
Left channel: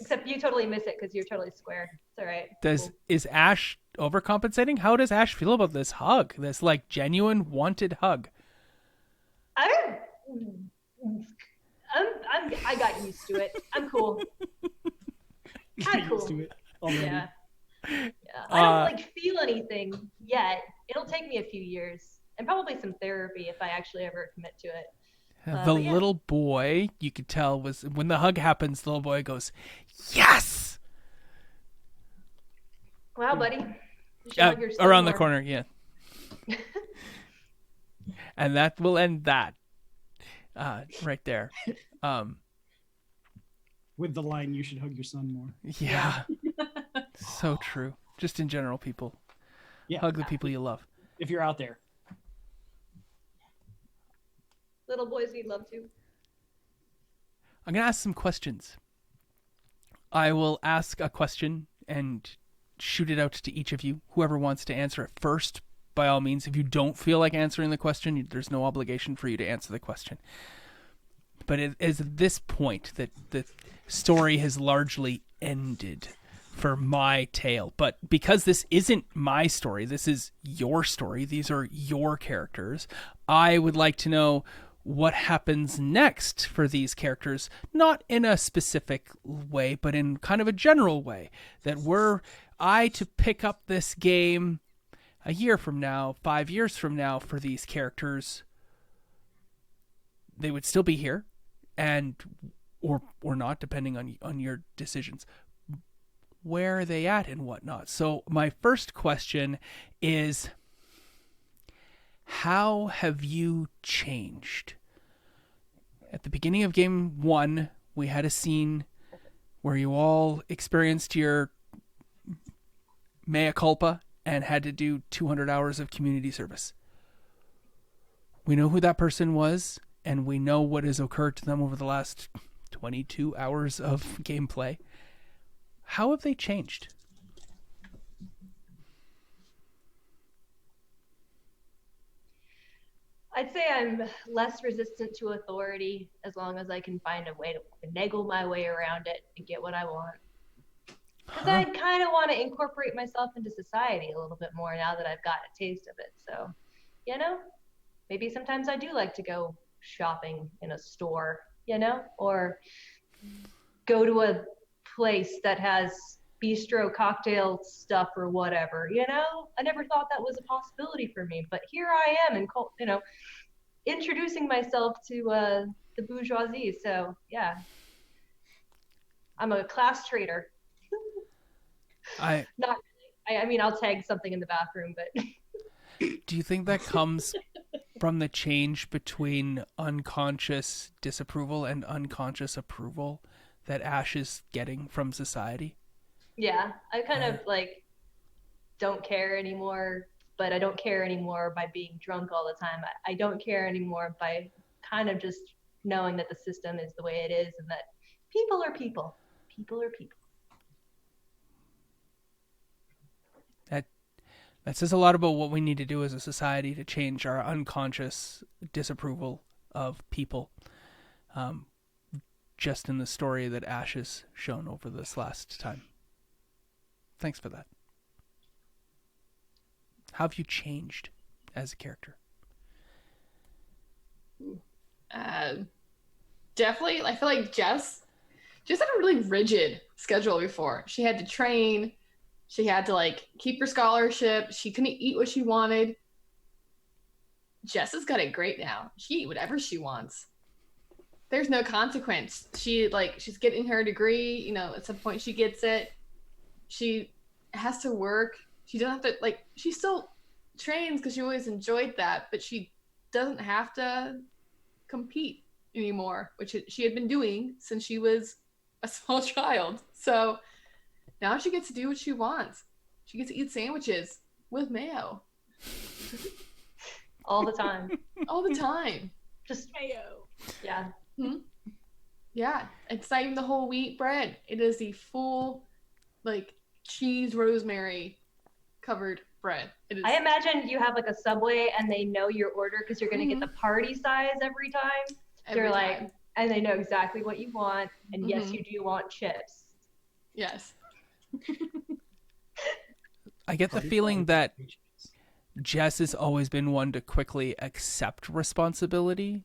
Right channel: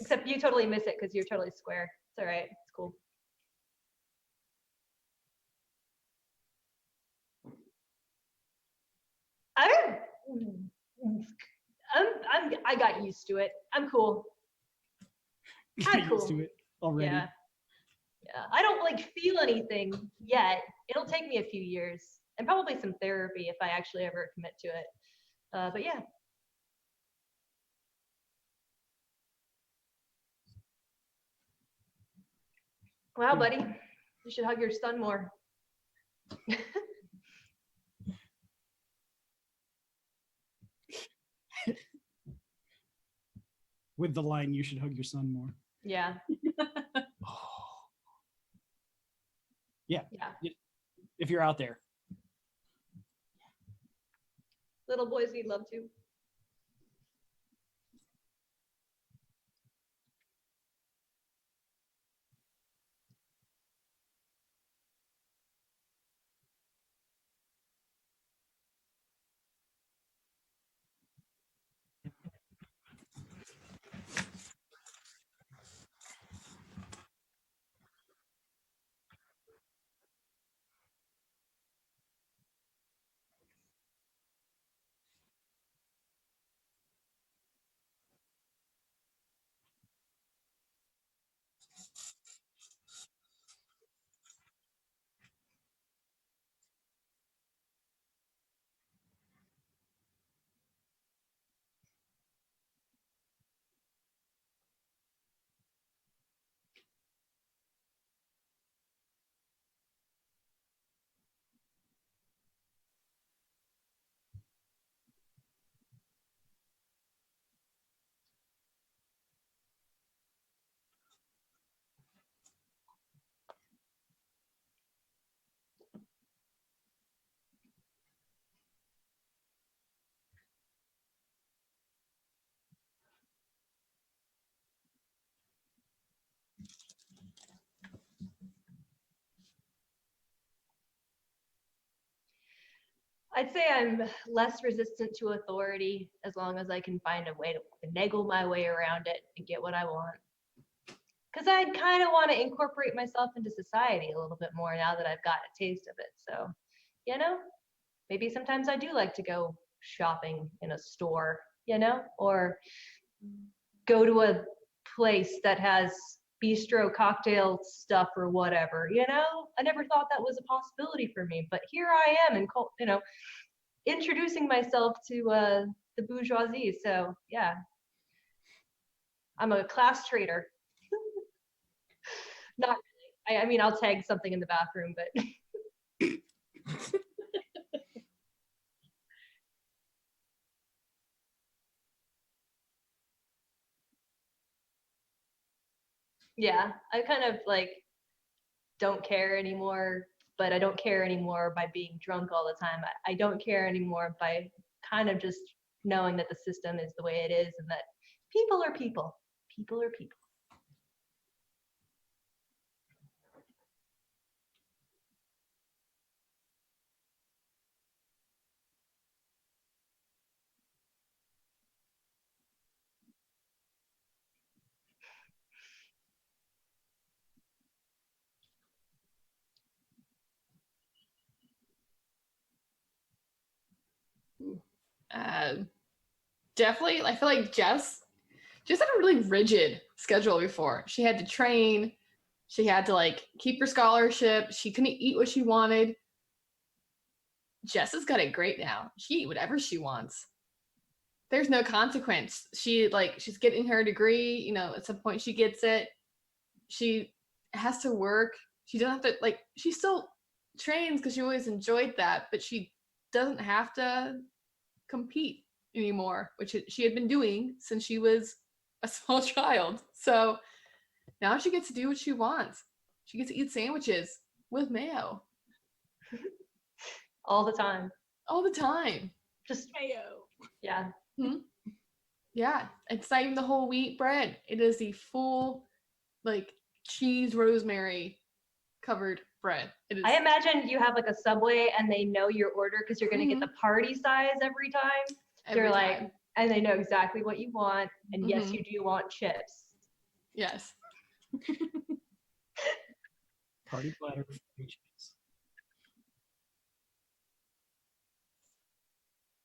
except you totally miss it because you're totally square. It's all right. Cool. Is Ash overcompensating? How does Ash feel about this hug? This like genuine wanted hug? I got used to it. I'm cool. I'm Get cool. used to it already. Yeah. I don't feel anything yet. It'll take me a few years and probably some therapy if I actually ever commit to it. The but yeah. little boy, you could tell, was when the hug happens, the little boy goes, "Yes!" Wow, buddy. You should hug your son around more. the corner, yeah. And that will end that right there. With the line, "You should hug your son more." Yeah. So true. Just in general, people. Yeah. Hug the people you love. If you're out there. Little boys need love too. I'm going to ask some questions. I will ask a question and shoot it out to each of you. Whoever wants to answer it first, by all means. If you don't feel like answering the question, there's no obligation for you to answer the question. But it is at this point that the story has largely ended for my tale. But because this isn't my story, this is your story. These are your characters. I would like to know what happens next for these characters, not in a specific way, but in kind of a general way. That were I to pick up this game a year from now, 5 years from now for these characters, they would still be here, and or not, depending on your decisions. Where are they at and whatnot? So my first question is, how have you changed? At the beginning of game 1, we had a scene where you all experienced your mea culpa and had to do 200 hours of community service. We know who that person was, and we know what has occurred to them over the last 22 hours of gameplay. How have they changed? I'd say I'm less resistant to authority as long as I can find a way to finagle my way around it and get what I want. Because I kind of want to incorporate myself into society a little bit more now that I've got a taste of it. So, maybe sometimes I do like to go shopping in a store, or go to a place that has bistro cocktail stuff or whatever. I never thought that was a possibility for me, but here I am, and introducing myself to the bourgeoisie. So yeah, I'm a class traitor. Not really. I mean, I'll tag something in the bathroom, but Do you think that comes from the change between unconscious disapproval and unconscious approval that Ash is getting from society? yeah, I kind of like don't care anymore, but I don't care anymore by being drunk all the time. I don't care anymore by kind of just knowing that the system is the way it is and that people are people. People are people. That says a lot about what we need to do as a society to change our unconscious disapproval of people. Just in the story that Ash has shown over this last time. Thanks for that. How have you changed as a character? Definitely, I feel like Jess had a really rigid schedule before. She had to train. She had to like keep her scholarship. She couldn't eat what she wanted. Jess has got it great now. She eat whatever she wants. There's no consequence. She's getting her degree. At some point she gets it. She has to work. She doesn't have to she still trains because she always enjoyed that, but she doesn't have to compete anymore, which she had been doing since she was a small child. So now she gets to do what she wants. She gets to eat sandwiches with mayo. All the time. All the time. Just Mayo. Yeah. Hmm? Yeah. It's not even the whole wheat bread. It is the full, cheese rosemary covered bread. It is. I imagine you have like a Subway and they know your order because you're going to get the party size every time. They're like, and they know exactly what you want. And yes, you do want chips. Yes. I get the feeling that Jess has always been one to quickly accept responsibility,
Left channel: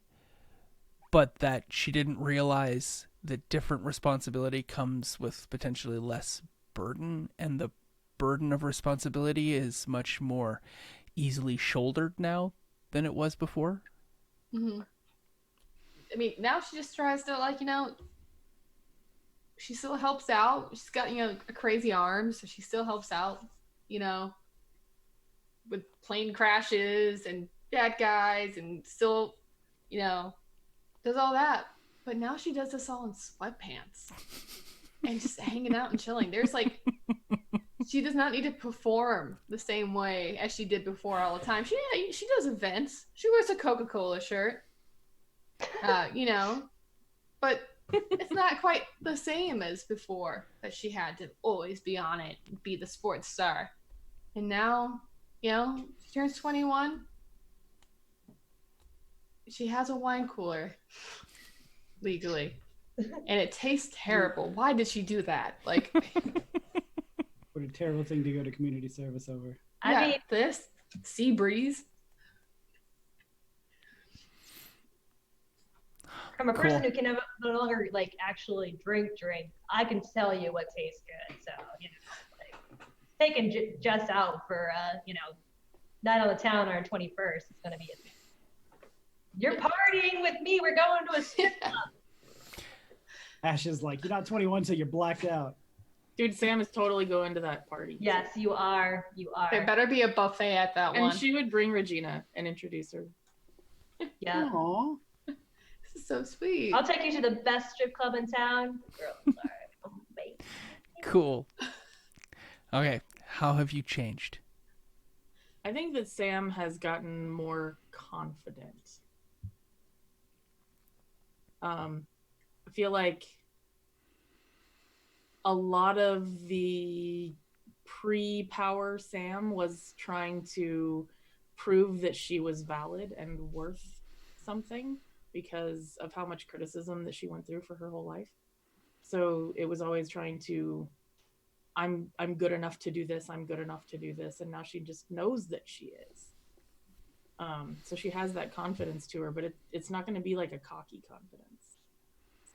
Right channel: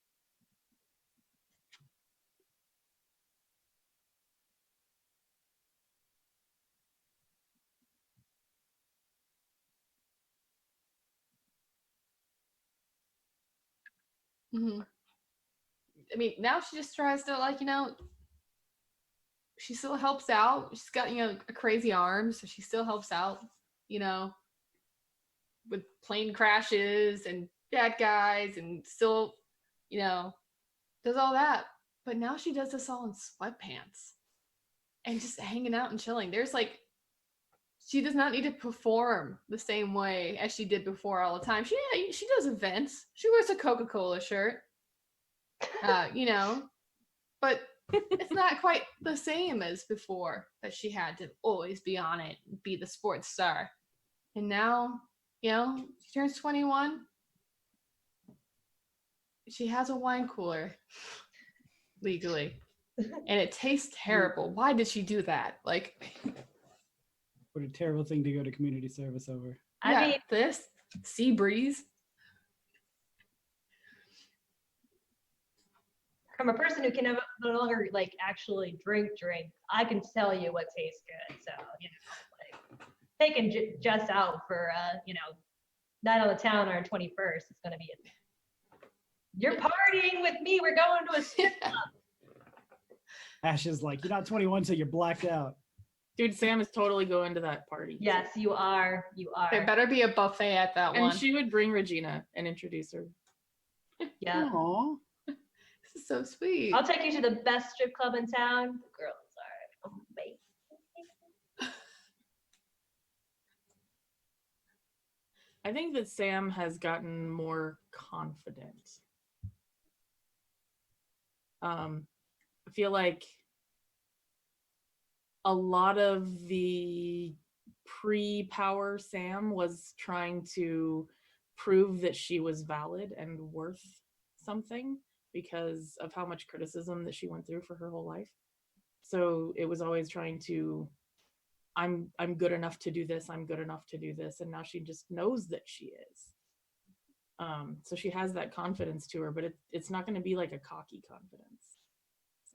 but that she didn't realize that different responsibility comes with potentially less burden, and the burden of responsibility is much more easily shouldered now than it was before. Mm-hmm. I mean, now she just tries to, she still helps out. She's got, a crazy arm, so she still helps out, with plane crashes and bad guys and still, does all that. But now she does this all in sweatpants and just hanging out and chilling. There's she does not need to perform the same way as she did before all the time. She does events. She wears a Coca-Cola shirt, but it's not quite the same as before that she had to always be on it and be the sports star. And now, she turns 21. She has a wine cooler legally. And it tastes terrible. Why did she do that? What a terrible thing to go to community service over. I mean, this sea breeze. From a person who can no longer actually drink, I can tell you what tastes good. So taking Jess out for night on the town on our 21st is gonna be you're partying with me. We're going to a strip club. Ash is like, you're not 21, so you're blacked out. Dude, Sam is totally going to that party. Yes, you are. There better be a buffet at that one. And she would bring Regina and introduce her. Yeah. Aww. This is so sweet. I'll take you to the best strip club in town. Girls are amazing. Cool. Okay, how have you changed? I think that Sam has gotten more confident. I feel like a lot of the pre-power Sam was trying to prove that she was valid and worth something because of how much criticism that she went through for her whole life. So it was always trying to, I'm good enough to do this, I'm good enough to do this, and now she just knows that she is. So she has that confidence to her, but it's not going to be like a cocky confidence.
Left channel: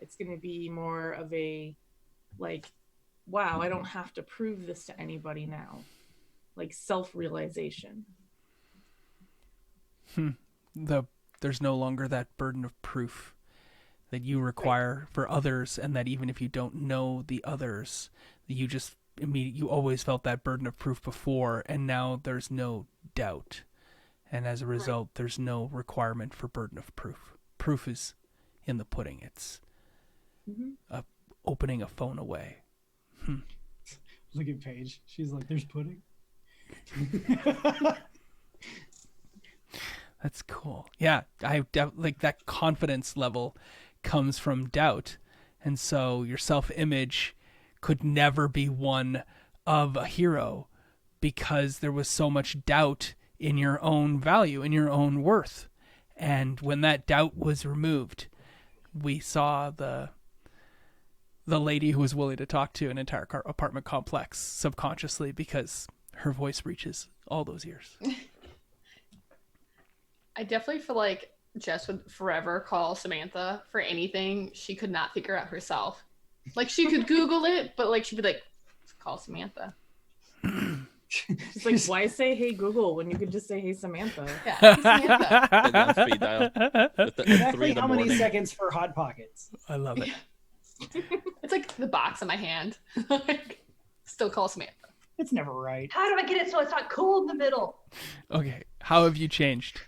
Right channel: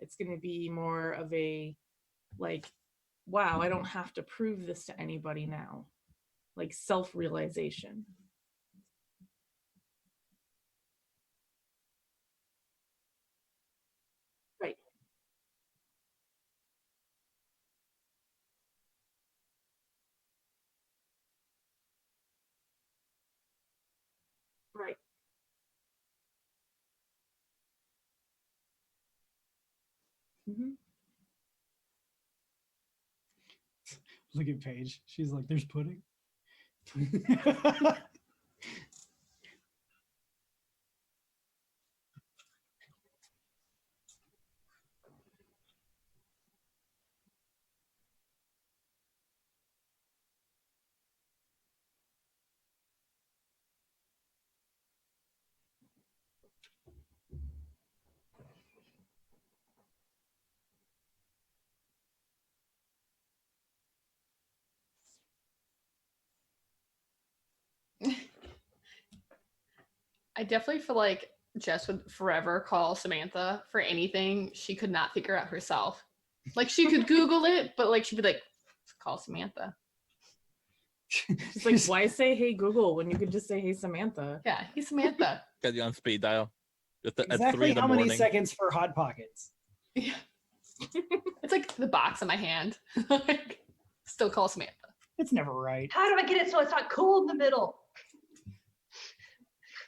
It's going to be more of a like, wow, I don't have to prove this to anybody now. Like self-realization. There's no longer that burden of proof that you require for others, and that even if you don't know the others, you always felt that burden of proof before, and now there's no doubt. And as a result, there's no requirement for burden of proof. Proof is in the pudding. It's opening a phone away. Look at Paige. She's like, there's pudding. That's cool. Yeah, like that confidence level comes from doubt. And so your self-image could never be one of a hero because there was so much doubt in your own value, in your own worth. And when that doubt was removed, we saw the lady who was willing to talk to an entire apartment complex subconsciously because her voice reaches all those ears. I definitely feel like Jess would forever call Samantha for anything she could not figure out herself. Like she could Google it, but like she'd be like, call Samantha. She's like, why say hey Google when you could just say hey Samantha? Yeah, hey Samantha. Get on speed dial. Exactly how many seconds for Hot Pockets? I love it. It's like the box in my hand. Like, still call Samantha. It's never right. How do I get it so it's not cool in the middle? Okay, how have you changed?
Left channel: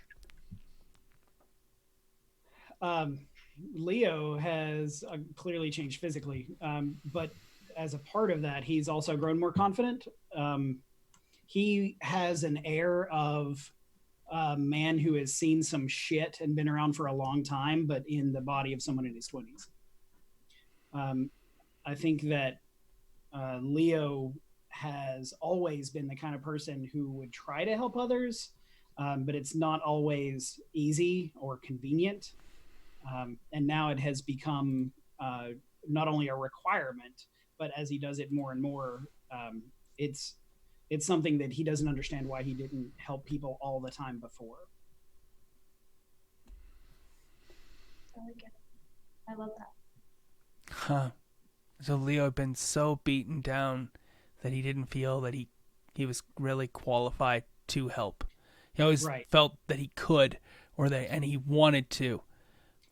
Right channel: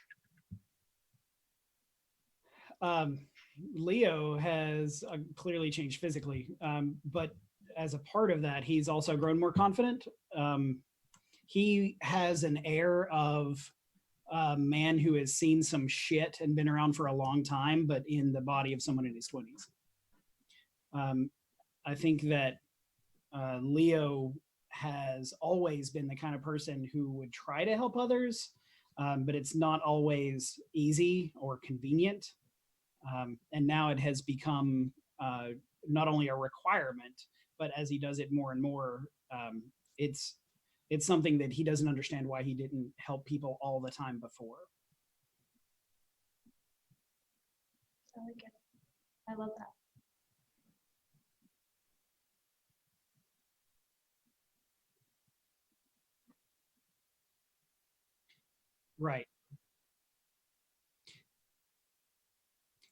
Leo has clearly changed physically, but as a part of that, he's also grown more confident. He has an air of a man who has seen some shit and been around for a long time, but in the body of someone in his 20s. I think that Leo has always been the kind of person who would try to help others, but it's not always easy or convenient. And now it has become not only a requirement, but as he does it more and more, it's something that he doesn't understand why he didn't help people all the time before. I get it. I love that. Huh. So Leo had been so beaten down that he didn't feel that he was really qualified to help. He always felt that he could, and he wanted to.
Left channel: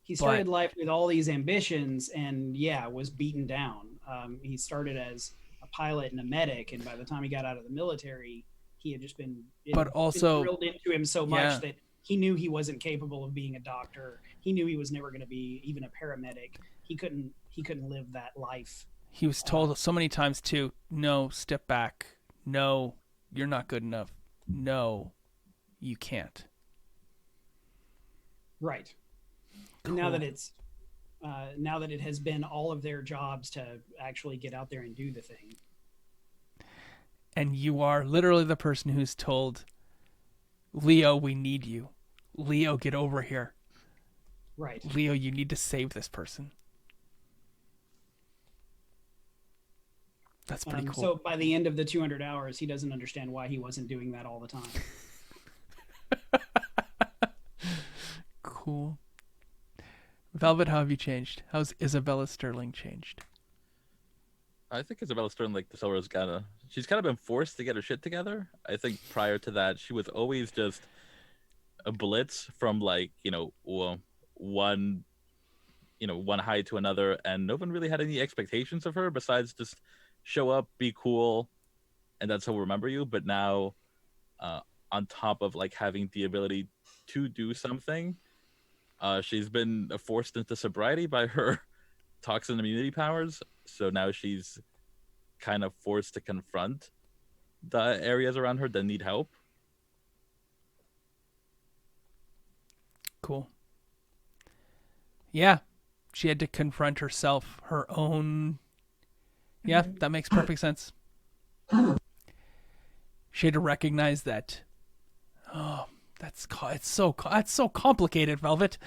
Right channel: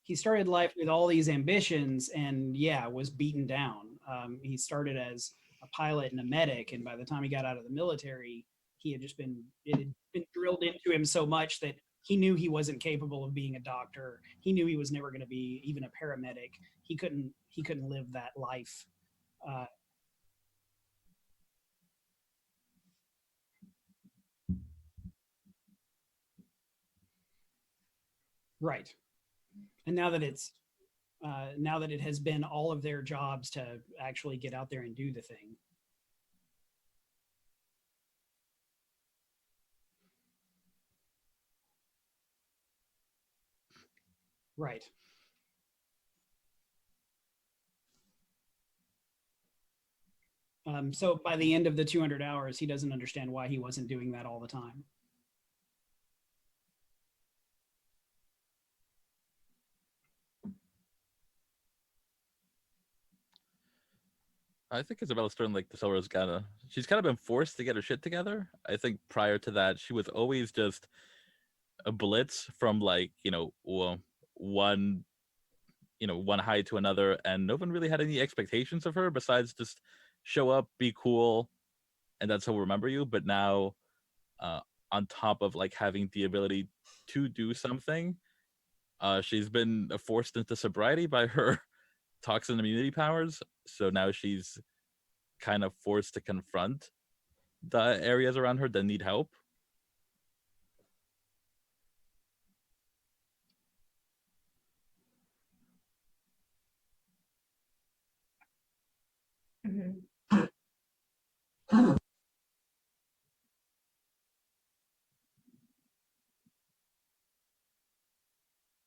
He started life with all these ambitions and was beaten down. He started as a pilot and a medic, and by the time he got out of the military, he had just been drilled into him so much that he knew he wasn't capable of being a doctor. He knew he was never going to be even a paramedic. He couldn't live that life. He was told so many times too, no, step back. No, you're not good enough. No, you can't. Right. And now that it has been all of their jobs to actually get out there and do the thing. And you are literally the person who's told, Leo, we need you. Leo, get over here. Right. Leo, you need to save this person. That's pretty cool. So by the end of the 200 hours, he doesn't understand why he wasn't doing that all the time. Cool. Velvet, how have you changed? How's Isabella Sterling changed? I think Isabella Sterling, like the Silver's she's kind of been forced to get her shit together. I think prior to that, she was always just a blitz from one high to another, and no one really had any expectations of her besides just show up, be cool, and that's how we'll remember you. But now, on top of having the ability to do something, she's been forced into sobriety by her toxin immunity powers. So now she's kind of forced to confront the areas around her that need help. Cool. Yeah, she had to confront herself, her own. Yeah, that makes perfect sense. She had to recognize that. Oh, that's so complicated, Velvet.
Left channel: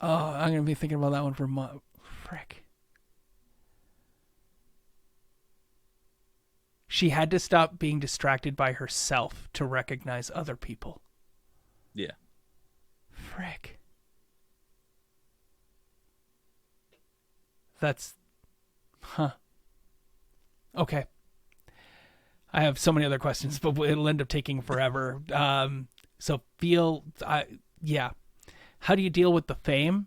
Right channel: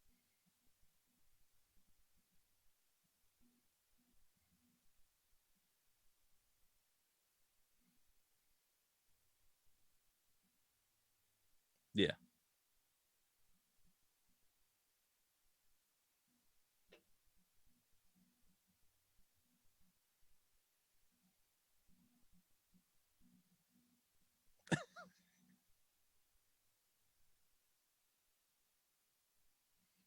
Oh, I'm gonna be thinking about that one for frick. She had to stop being distracted by herself to recognize other people. Yeah. Frick. That's... Huh. Okay. I have so many other questions, but it'll end up taking forever. So yeah. How do you deal with the fame?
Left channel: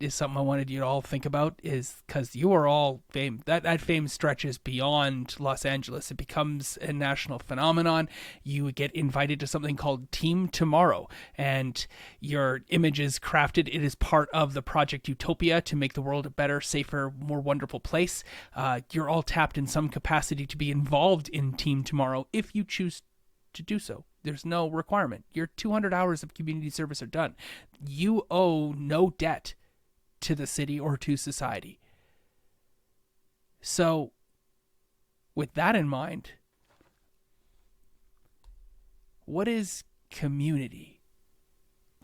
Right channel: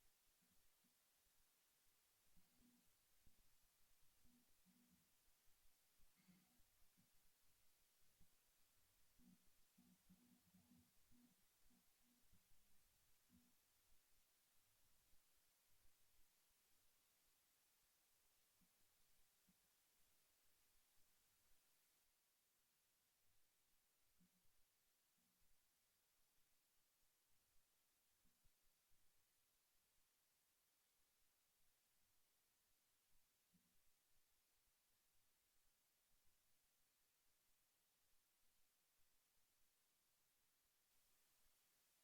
Is something I wanted you to all think about, is because you are all fame. That fame stretches beyond Los Angeles. It becomes a national phenomenon. You get invited to something called Team Tomorrow, and your image is crafted. It is part of the Project Utopia to make the world a better, safer, more wonderful place. You're all tapped in some capacity to be involved in Team Tomorrow if you choose to do so. There's no requirement. Your 200 hours of community service are done. You owe no debt to the city or to society. So, with that in mind, what is community?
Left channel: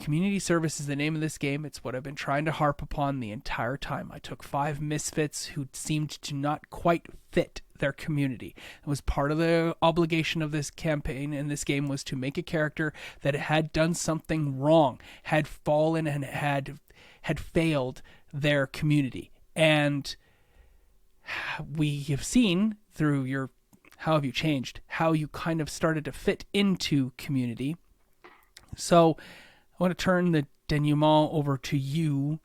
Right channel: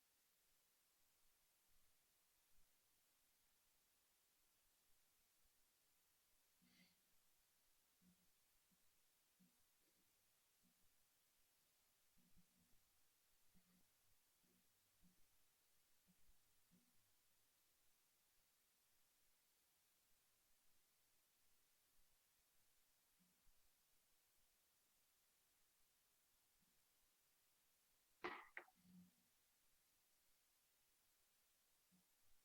Community service is the name of this game. It's what I've been trying to harp upon the entire time. I took 5 misfits who seemed to not quite fit their community. It was part of the obligation of this campaign and this game was to make a character that had done something wrong, had fallen and had failed their community. And we have seen through your How Have You Changed, how you kind of started to fit into community. So I want to turn the denouement over to you.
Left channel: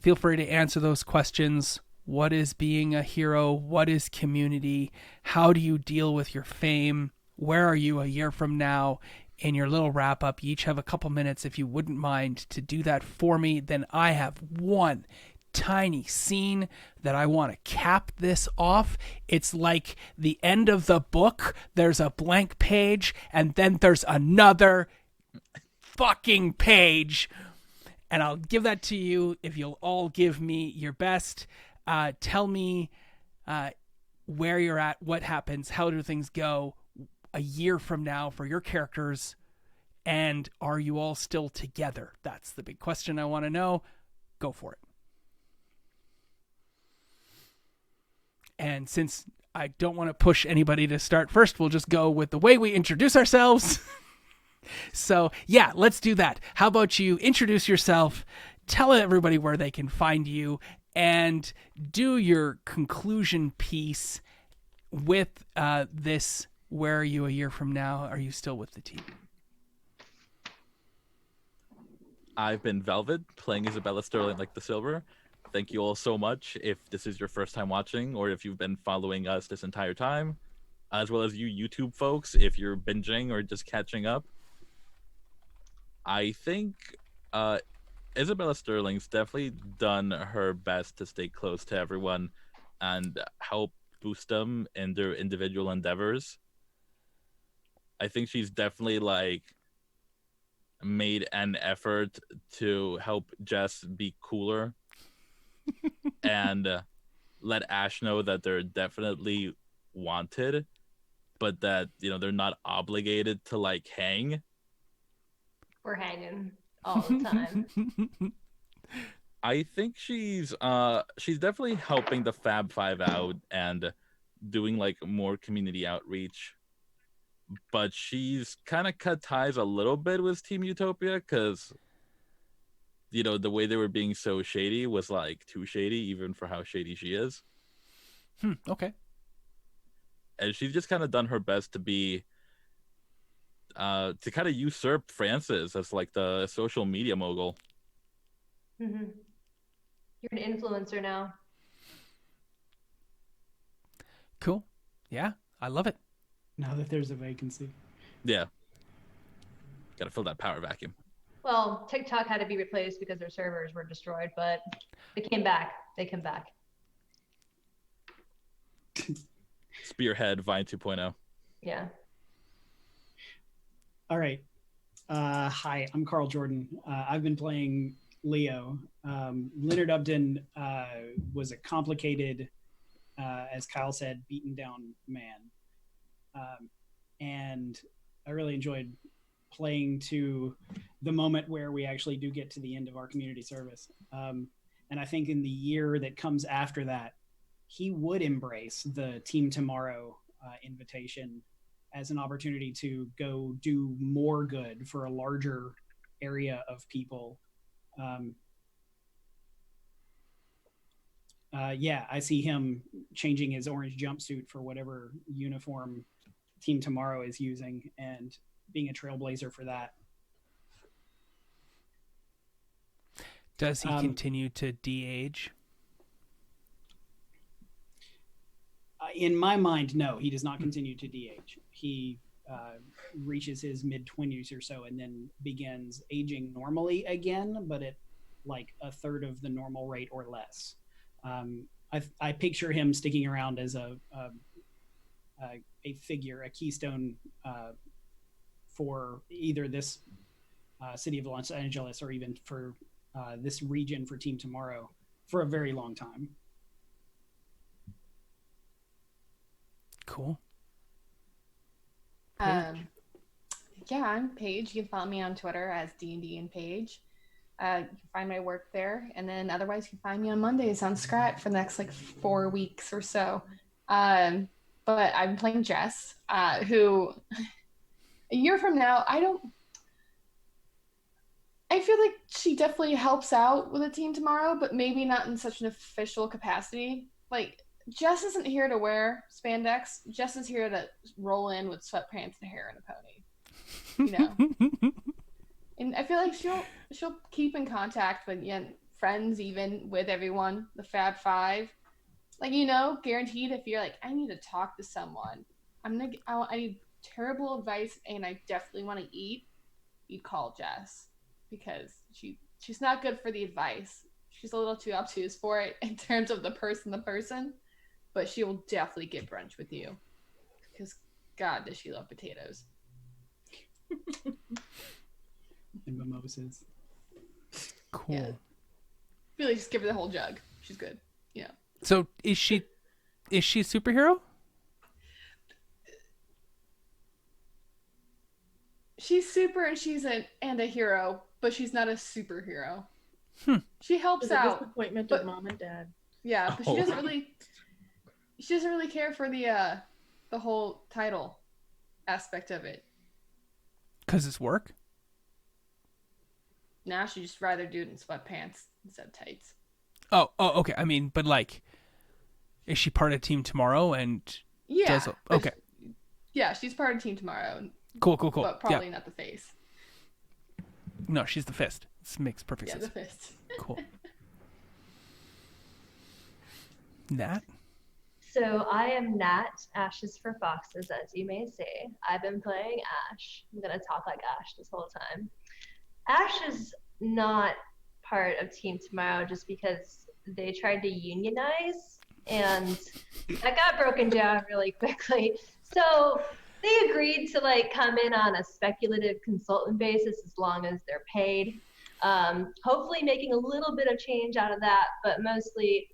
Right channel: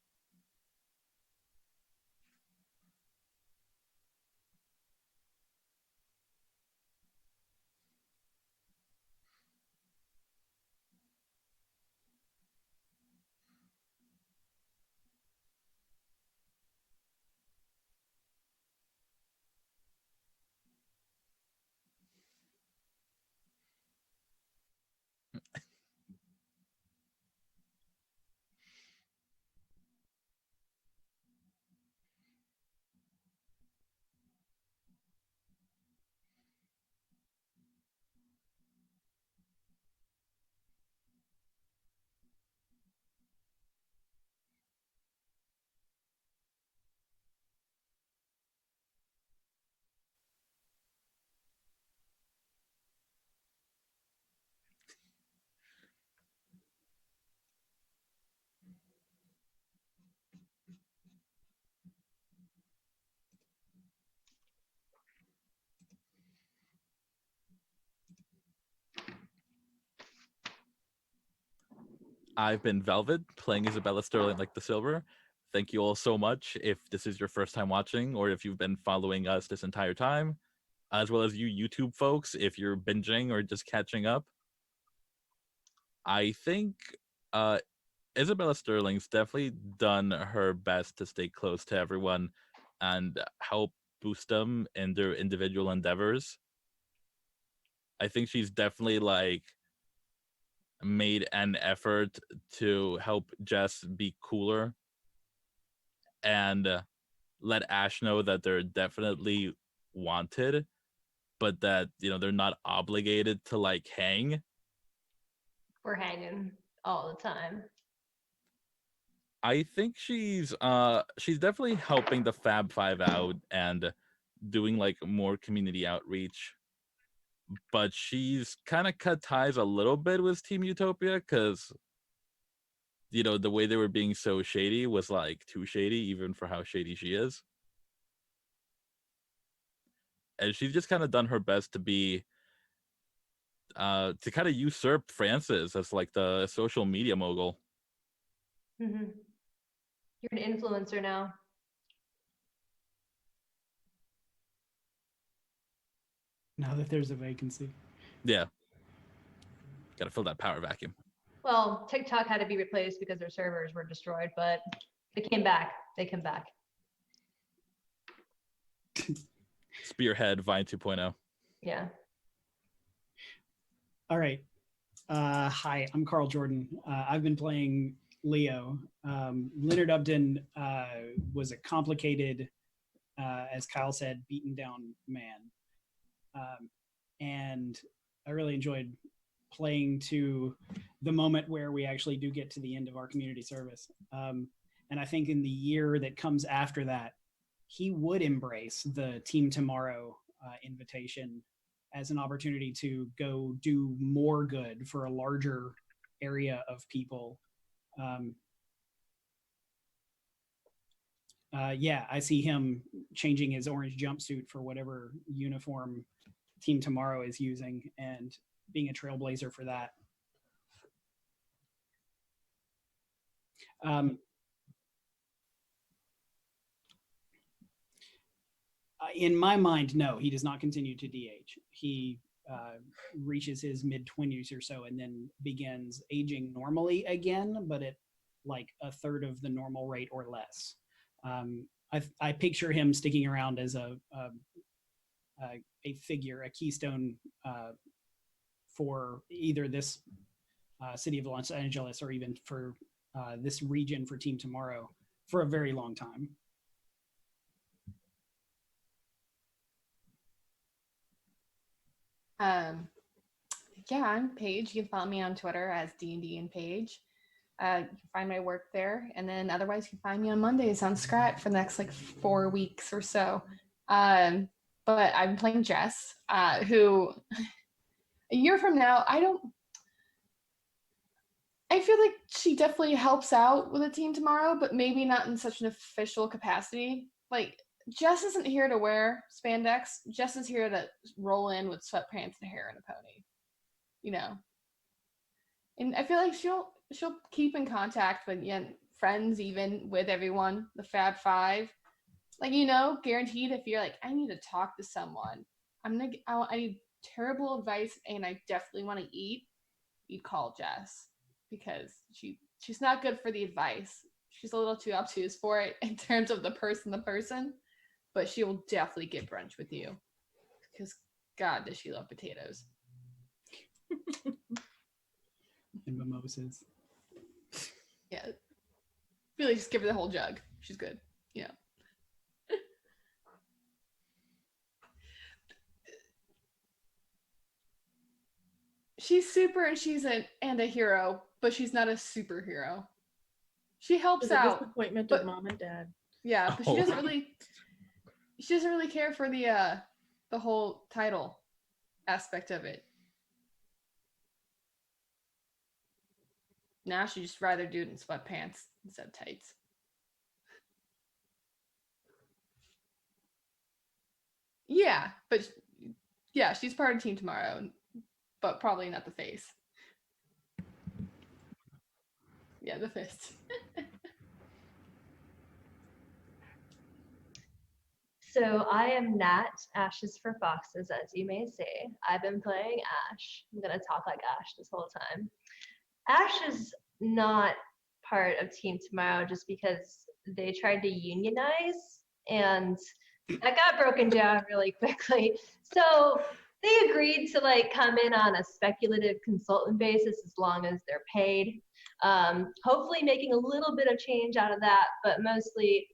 Feel free to answer those questions. What is being a hero? What is community? How do you deal with your fame? Where are you a year from now? In your little wrap up, you each have a couple minutes if you wouldn't mind to do that for me. Then I have one tiny scene that I want to cap this off. It's like the end of the book. There's a blank page and then there's another fucking page, and I'll give that to you if you'll all give me your best. Tell me where you're at, what happens, how do things go a year from now for your characters, and are you all still together? That's the big question I want to know. Go for it. And since I don't want to push anybody to start first, we'll just go with the way we introduce ourselves. So, yeah, let's do that. How about you introduce yourself, tell everybody where they can find you, and do your conclusion piece with this. Where are you a year from now? Are you still with the team? I've been Velvet, playing Isabella Sterling like the Silver. Thank you all so much if this is your first time watching, or if you've been following us this entire time, as well as you YouTube folks, if you're binging or just catching up. I think Isabella Sterling's definitely done her best to stay close to everyone and help boost them in their individual endeavors. I think she's definitely made an effort to help Jess be cooler and let Ash know that they're definitely wanted, but that they're not obligated to hang. We're hanging all the time. I think she's definitely helping the Fab Five out and doing more community outreach. But she's kind of cut ties a little bit with Team Utopia because the way they were being so shady was too shady even for how shady she is. Okay. And she's just kind of done her best to be to kind of usurp Francis as the social media mogul. Mm-hmm. You're an influencer now. Cool. Yeah, I love it. Now that there's a vacancy. Yeah. Gotta fill that power vacuum. Well, TikTok had to be replaced because their servers were destroyed, but they came back. They come back. Spearhead Vine 2.0. Yeah. All right. Hi, I'm Carl Jordan. I've been playing Leo. Leonard Upton was a complicated, as Kyle said, beaten down man. And I really enjoyed playing to the moment where we actually do get to the end of our community service. And I think in the year that comes after that, he would embrace the Team Tomorrow invitation as an opportunity to go do more good for a larger area of people. Yeah, I see him changing his orange jumpsuit for whatever uniform Team Tomorrow is using and being a trailblazer for that. Does he continue to de-age? In my mind, no, he does not continue to de-age. He reaches his mid-20s or so and then begins aging normally again, but at like a third of the normal rate or less. I picture him sticking around as a figure, a keystone for either this city of Los Angeles or even for this region for Team Tomorrow for a very long time. Cool. Yeah, I'm Paige. You can follow me on Twitter as D&D and Paige. You can find my work there, and then otherwise you can find me on Mondays on Scrat for the next like 4 weeks or so. But I'm playing Jess, who a year from now, I feel like she definitely helps out with the team tomorrow, but maybe not in such an official capacity. Like, Jess isn't here to wear spandex. Jess is here to roll in with sweatpants and hair and a pony. You know? And I feel like she'll keep in contact with friends, even with everyone, the Fab Five. Like, guaranteed if you're like, I need to talk to someone. I need terrible advice and I definitely want to eat. You'd call Jess because she's not good for the advice. She's a little too obtuse for it in terms of the person, but she will definitely get brunch with you because God, does she love potatoes. And mimosas. Cool. Yeah. Really, just give her the whole jug. She's good. Yeah. So is she a superhero? She's super and she's a hero, but she's not a superhero. She helps out. Disappointment of mom and dad. Yeah, but she doesn't really care for the whole title aspect of it. 'Cause it's work? Now she'd just rather do it in sweatpants instead of tights. Oh, okay. I mean, but like, is she part of Team Tomorrow? And yeah, okay. Yeah, she's part of Team Tomorrow. Cool. But probably not the face. No, she's the fist. This makes perfect sense. Yeah, the fist. Cool. Nat? So I am Nat, Ashes for Foxes, as you may say. I've been playing Ash. I'm going to talk like Ash this whole time. Ash is not part of Team Tomorrow just because they tried to unionize, and that got broken down really quickly. So they agreed to come in on a speculative consultant basis as long as they're paid. Hopefully making a little bit of change out of that, but mostly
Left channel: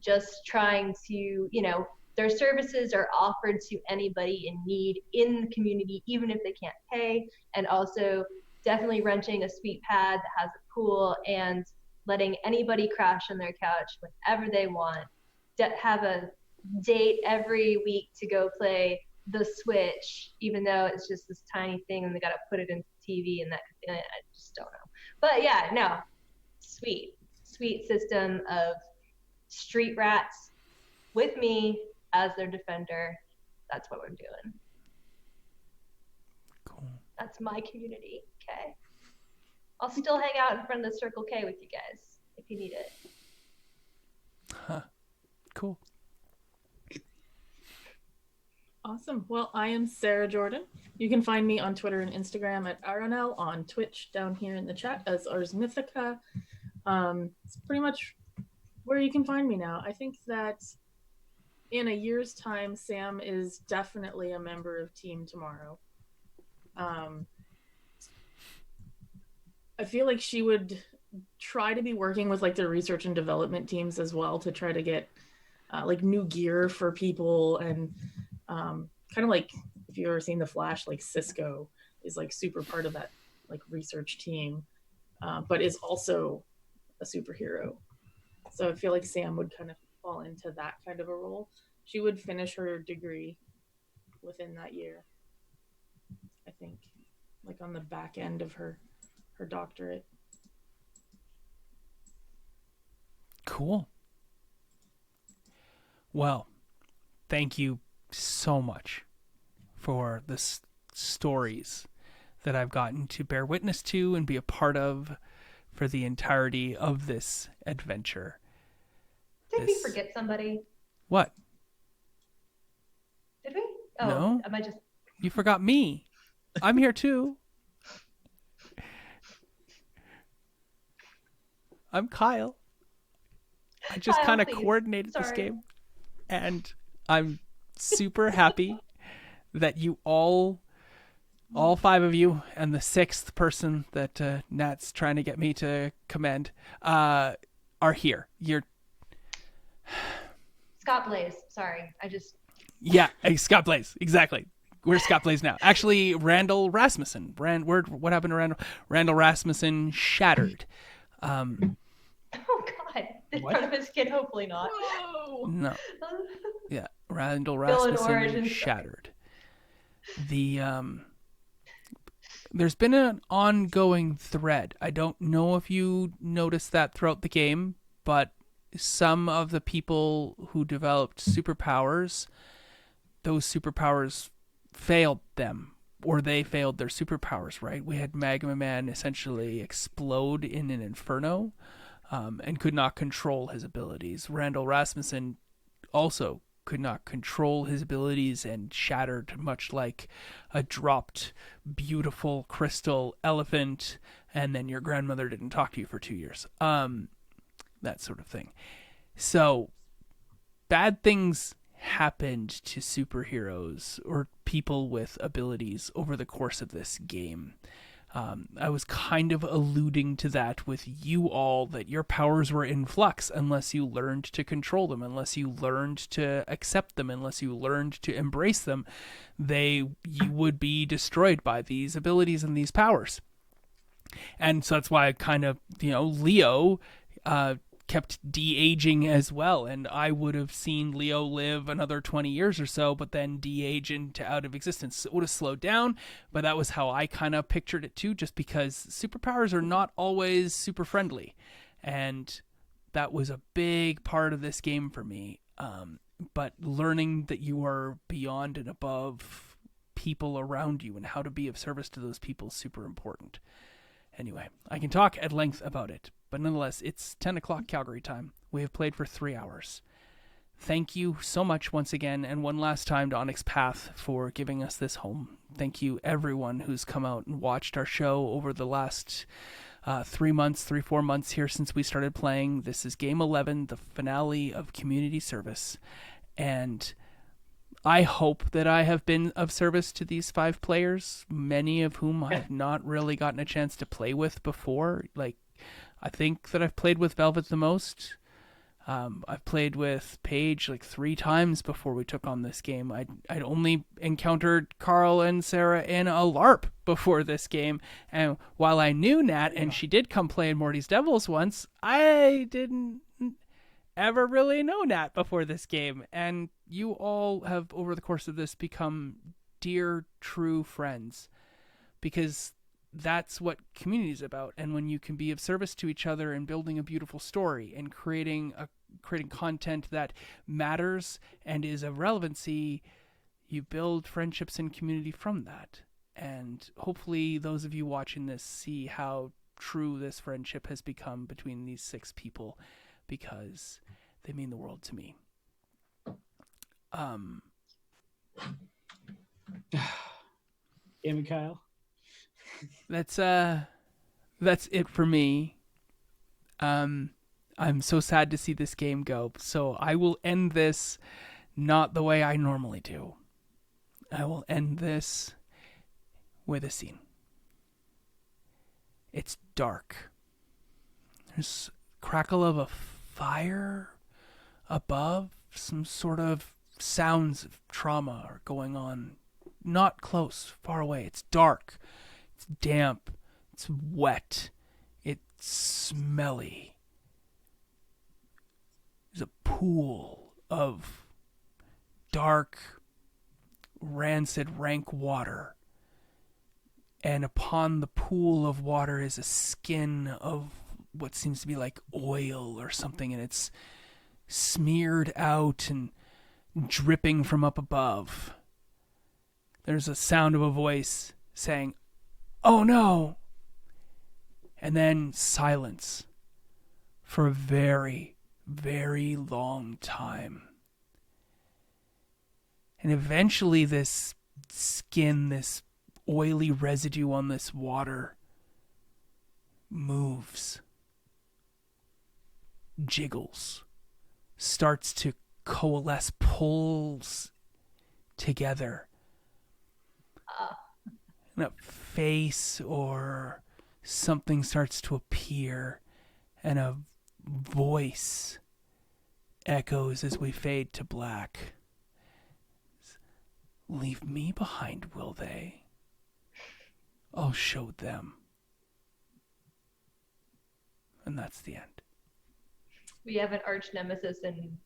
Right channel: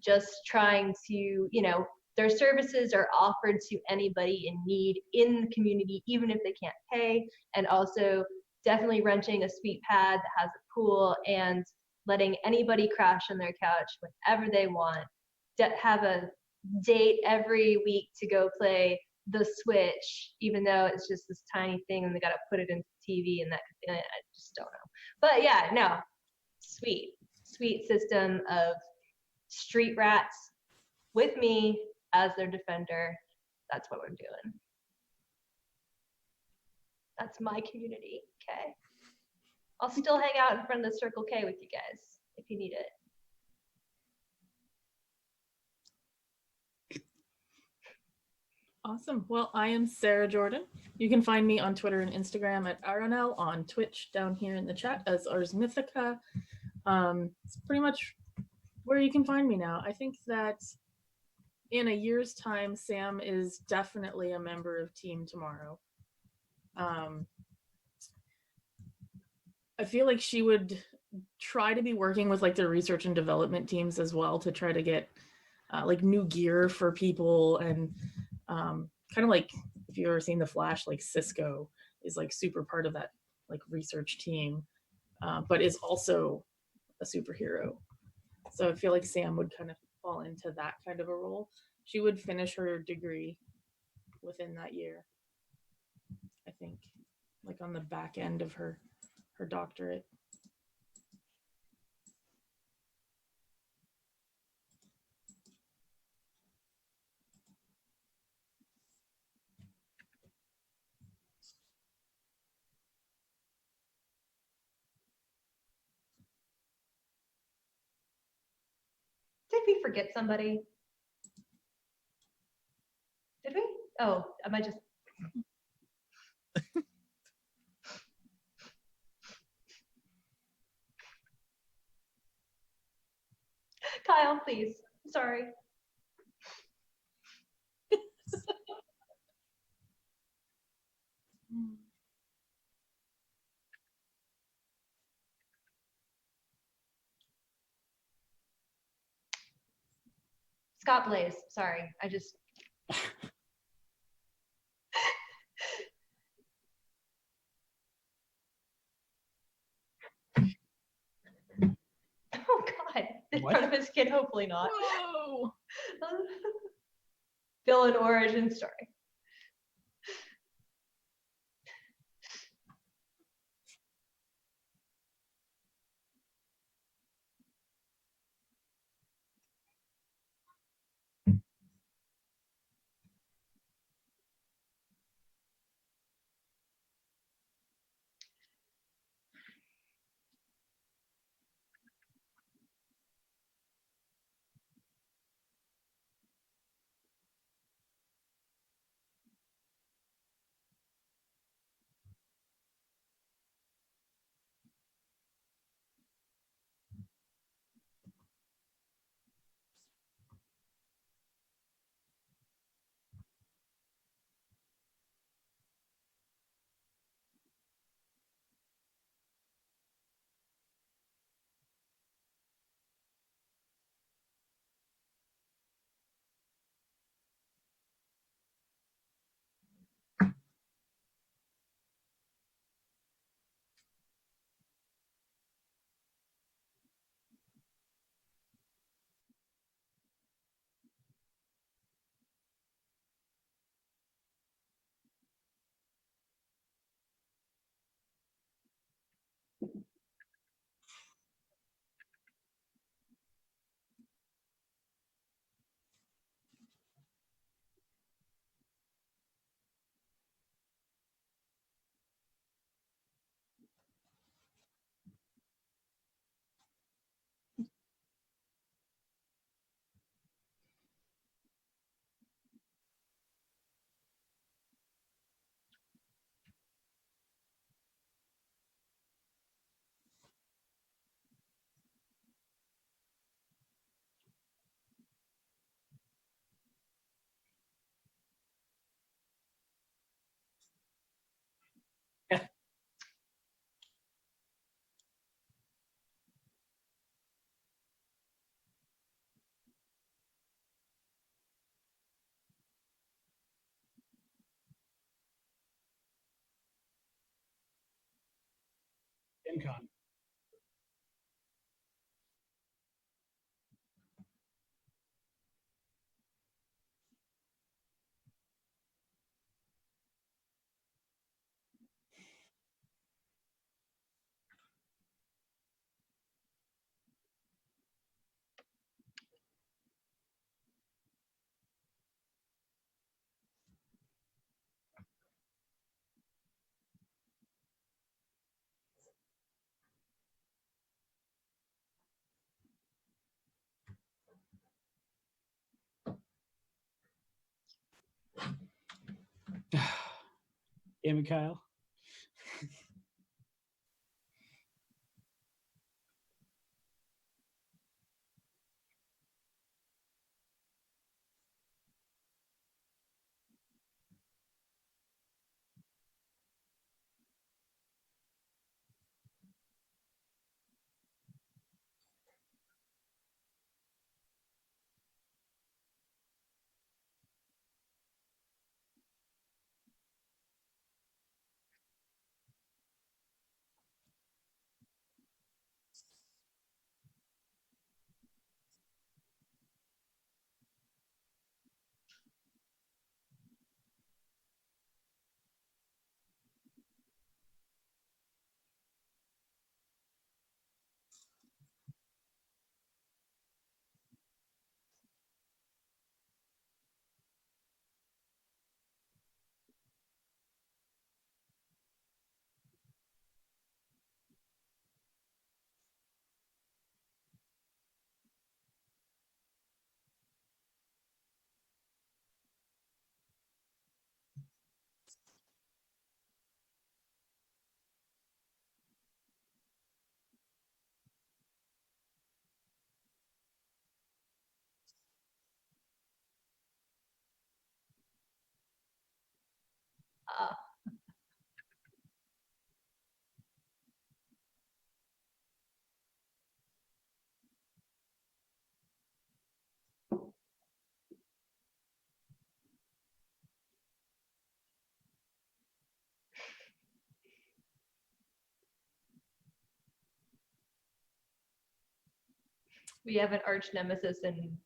just trying to, their services are offered to anybody in need in the community, even if they can't pay, and also definitely renting a sweet pad that has a pool and letting anybody crash on their couch whenever they want, have a date every week to go play the Switch, even though it's just this tiny thing and they got to put it into TV and I just don't know. But yeah, no, sweet system of street rats with me as their defender. That's what we're doing. Cool. That's my community. Okay. I'll still hang out in front of the Circle K with you guys if you need it. Huh. Cool. Awesome. Well, I am Sarah Jordan. You can find me on Twitter and Instagram at Aronel, on Twitch down here in the chat as Ars Mythica. It's pretty much where you can find me now. I think that in a year's time, Sam is definitely a member of Team Tomorrow. I feel like she would try to be working with the research and development teams as well to try to get new gear for people, and kind of like if you've ever seen The Flash, Cisco is super part of that research team, but is also a superhero. So I feel like Sam would kind of fall into that kind of a role. She would finish her degree within that year. I think, like on the back end of her doctorate. Cool. Well, thank you so much for the stories that I've gotten to bear witness to and be a part of for the entirety of this adventure. Did we forget somebody? What? Did we? Oh, no. Am I just... You forgot me. I'm here too. I'm Kyle. I just kind of coordinated this game. And I'm super happy that you all 5 of you, and the 6th person that Nat's trying to get me to commend, are here. You're Scott Blaze. Sorry, Yeah, Scott Blaze. Exactly. Where's Scott Blaze now? Actually, Randall Rasmussen. What happened to Randall? Randall Rasmussen shattered. Oh God! In front of his kid, hopefully not. No. Yeah, Randall Bill and Rasmussen Orange shattered. There's been an ongoing thread. I don't know if you noticed that throughout the game, but some of the people who developed superpowers, those superpowers failed them, or they failed their superpowers, right? We had Magma Man essentially explode in an inferno and could not control his abilities. Randall Rasmussen also could not control his abilities and shattered, much like a dropped beautiful crystal elephant, and then your grandmother didn't talk to you for 2 years. That sort of thing. So bad things happened to superheroes or people with abilities over the course of this game. I was kind of alluding to that with you all, that your powers were in flux unless you learned to control them, unless you learned to accept them, unless you learned to embrace them. You would be destroyed by these abilities and these powers. And so that's why I kind of, Leo kept de-aging as well, and I would have seen Leo live another 20 years or so, but then de-age into out of existence. It would have slowed down, but that was how I kind of pictured it too, just because superpowers are not always super friendly, and that was a big part of this game for me. But learning that you are beyond and above people around you and how to be of service to those people is super important. Anyway, I can talk at length about it, but nonetheless, it's 10 o'clock Calgary time. We have played for 3 hours. Thank you so much once again, and one last time to Onyx Path for giving us this home. Thank you everyone who's come out and watched our show over the last 4 months here since we started playing. This is Game 11, the finale of Community Service, and I hope that I have been of service to these 5 players, many of whom I have not really gotten a chance to play with before. Like, I think that I've played with Velvet the most. I've played with Paige like 3 times before we took on this game. I'd only encountered Carl and Sarah in a LARP before this game. And while I knew Nat and she did come play in Morty's Devils once, I didn't ever really know Nat before this game. And you all have, over the course of this, become dear, true friends. Because that's what community is about. And when you can be of service to each other and building a beautiful story and creating content that matters and is of relevancy, you build friendships and community from that. And hopefully those of you watching this see how true this friendship has become between these 6 people, because they mean the world to me. Yeah, Mikhail. That's it for me. I'm so sad to see this game go, so I will end this not the way I normally do. I will end this with a scene. It's dark. There's a crackle of a fire above. Some sort of sounds of trauma are going on. Not close, far away. It's dark. It's damp. It's wet. It's smelly. There's a pool of dark rancid, rank water. And upon the pool of water is a skin of what seems to be like oil or something, and it's smeared out and dripping from up above. There's a sound of a voice saying, "Oh no!" And then silence for a very, very long time. And eventually this skin, this oily residue on this water moves, jiggles, starts to coalesce, pulls together. And a face or something starts to appear, and a voice echoes as we fade to black. Leave me behind, will they? I'll show them. And that's the end. We have an arch nemesis in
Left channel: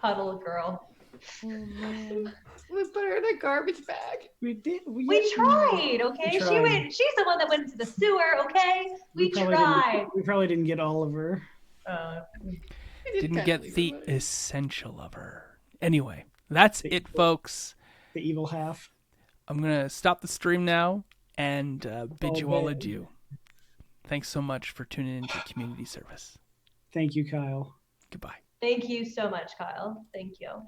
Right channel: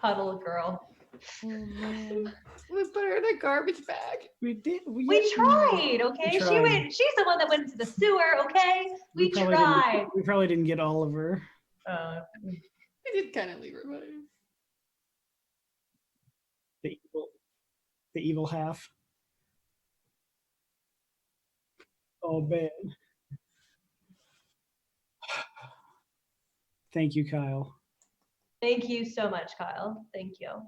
Puddle Girl. Oh man. We put her in a garbage bag. We did. We tried, okay? We tried. She's the one that went into the sewer, okay? We tried. We probably didn't get all of her. We Didn't kinda get leave the her, but- essential of her. Anyway, that's it, folks. The evil half. I'm going to stop the stream now and bid Oh, you all man. adieu. Thanks so much for tuning into community service. Thank you, Kyle. Goodbye. Thank you so much, Kyle. Thank you.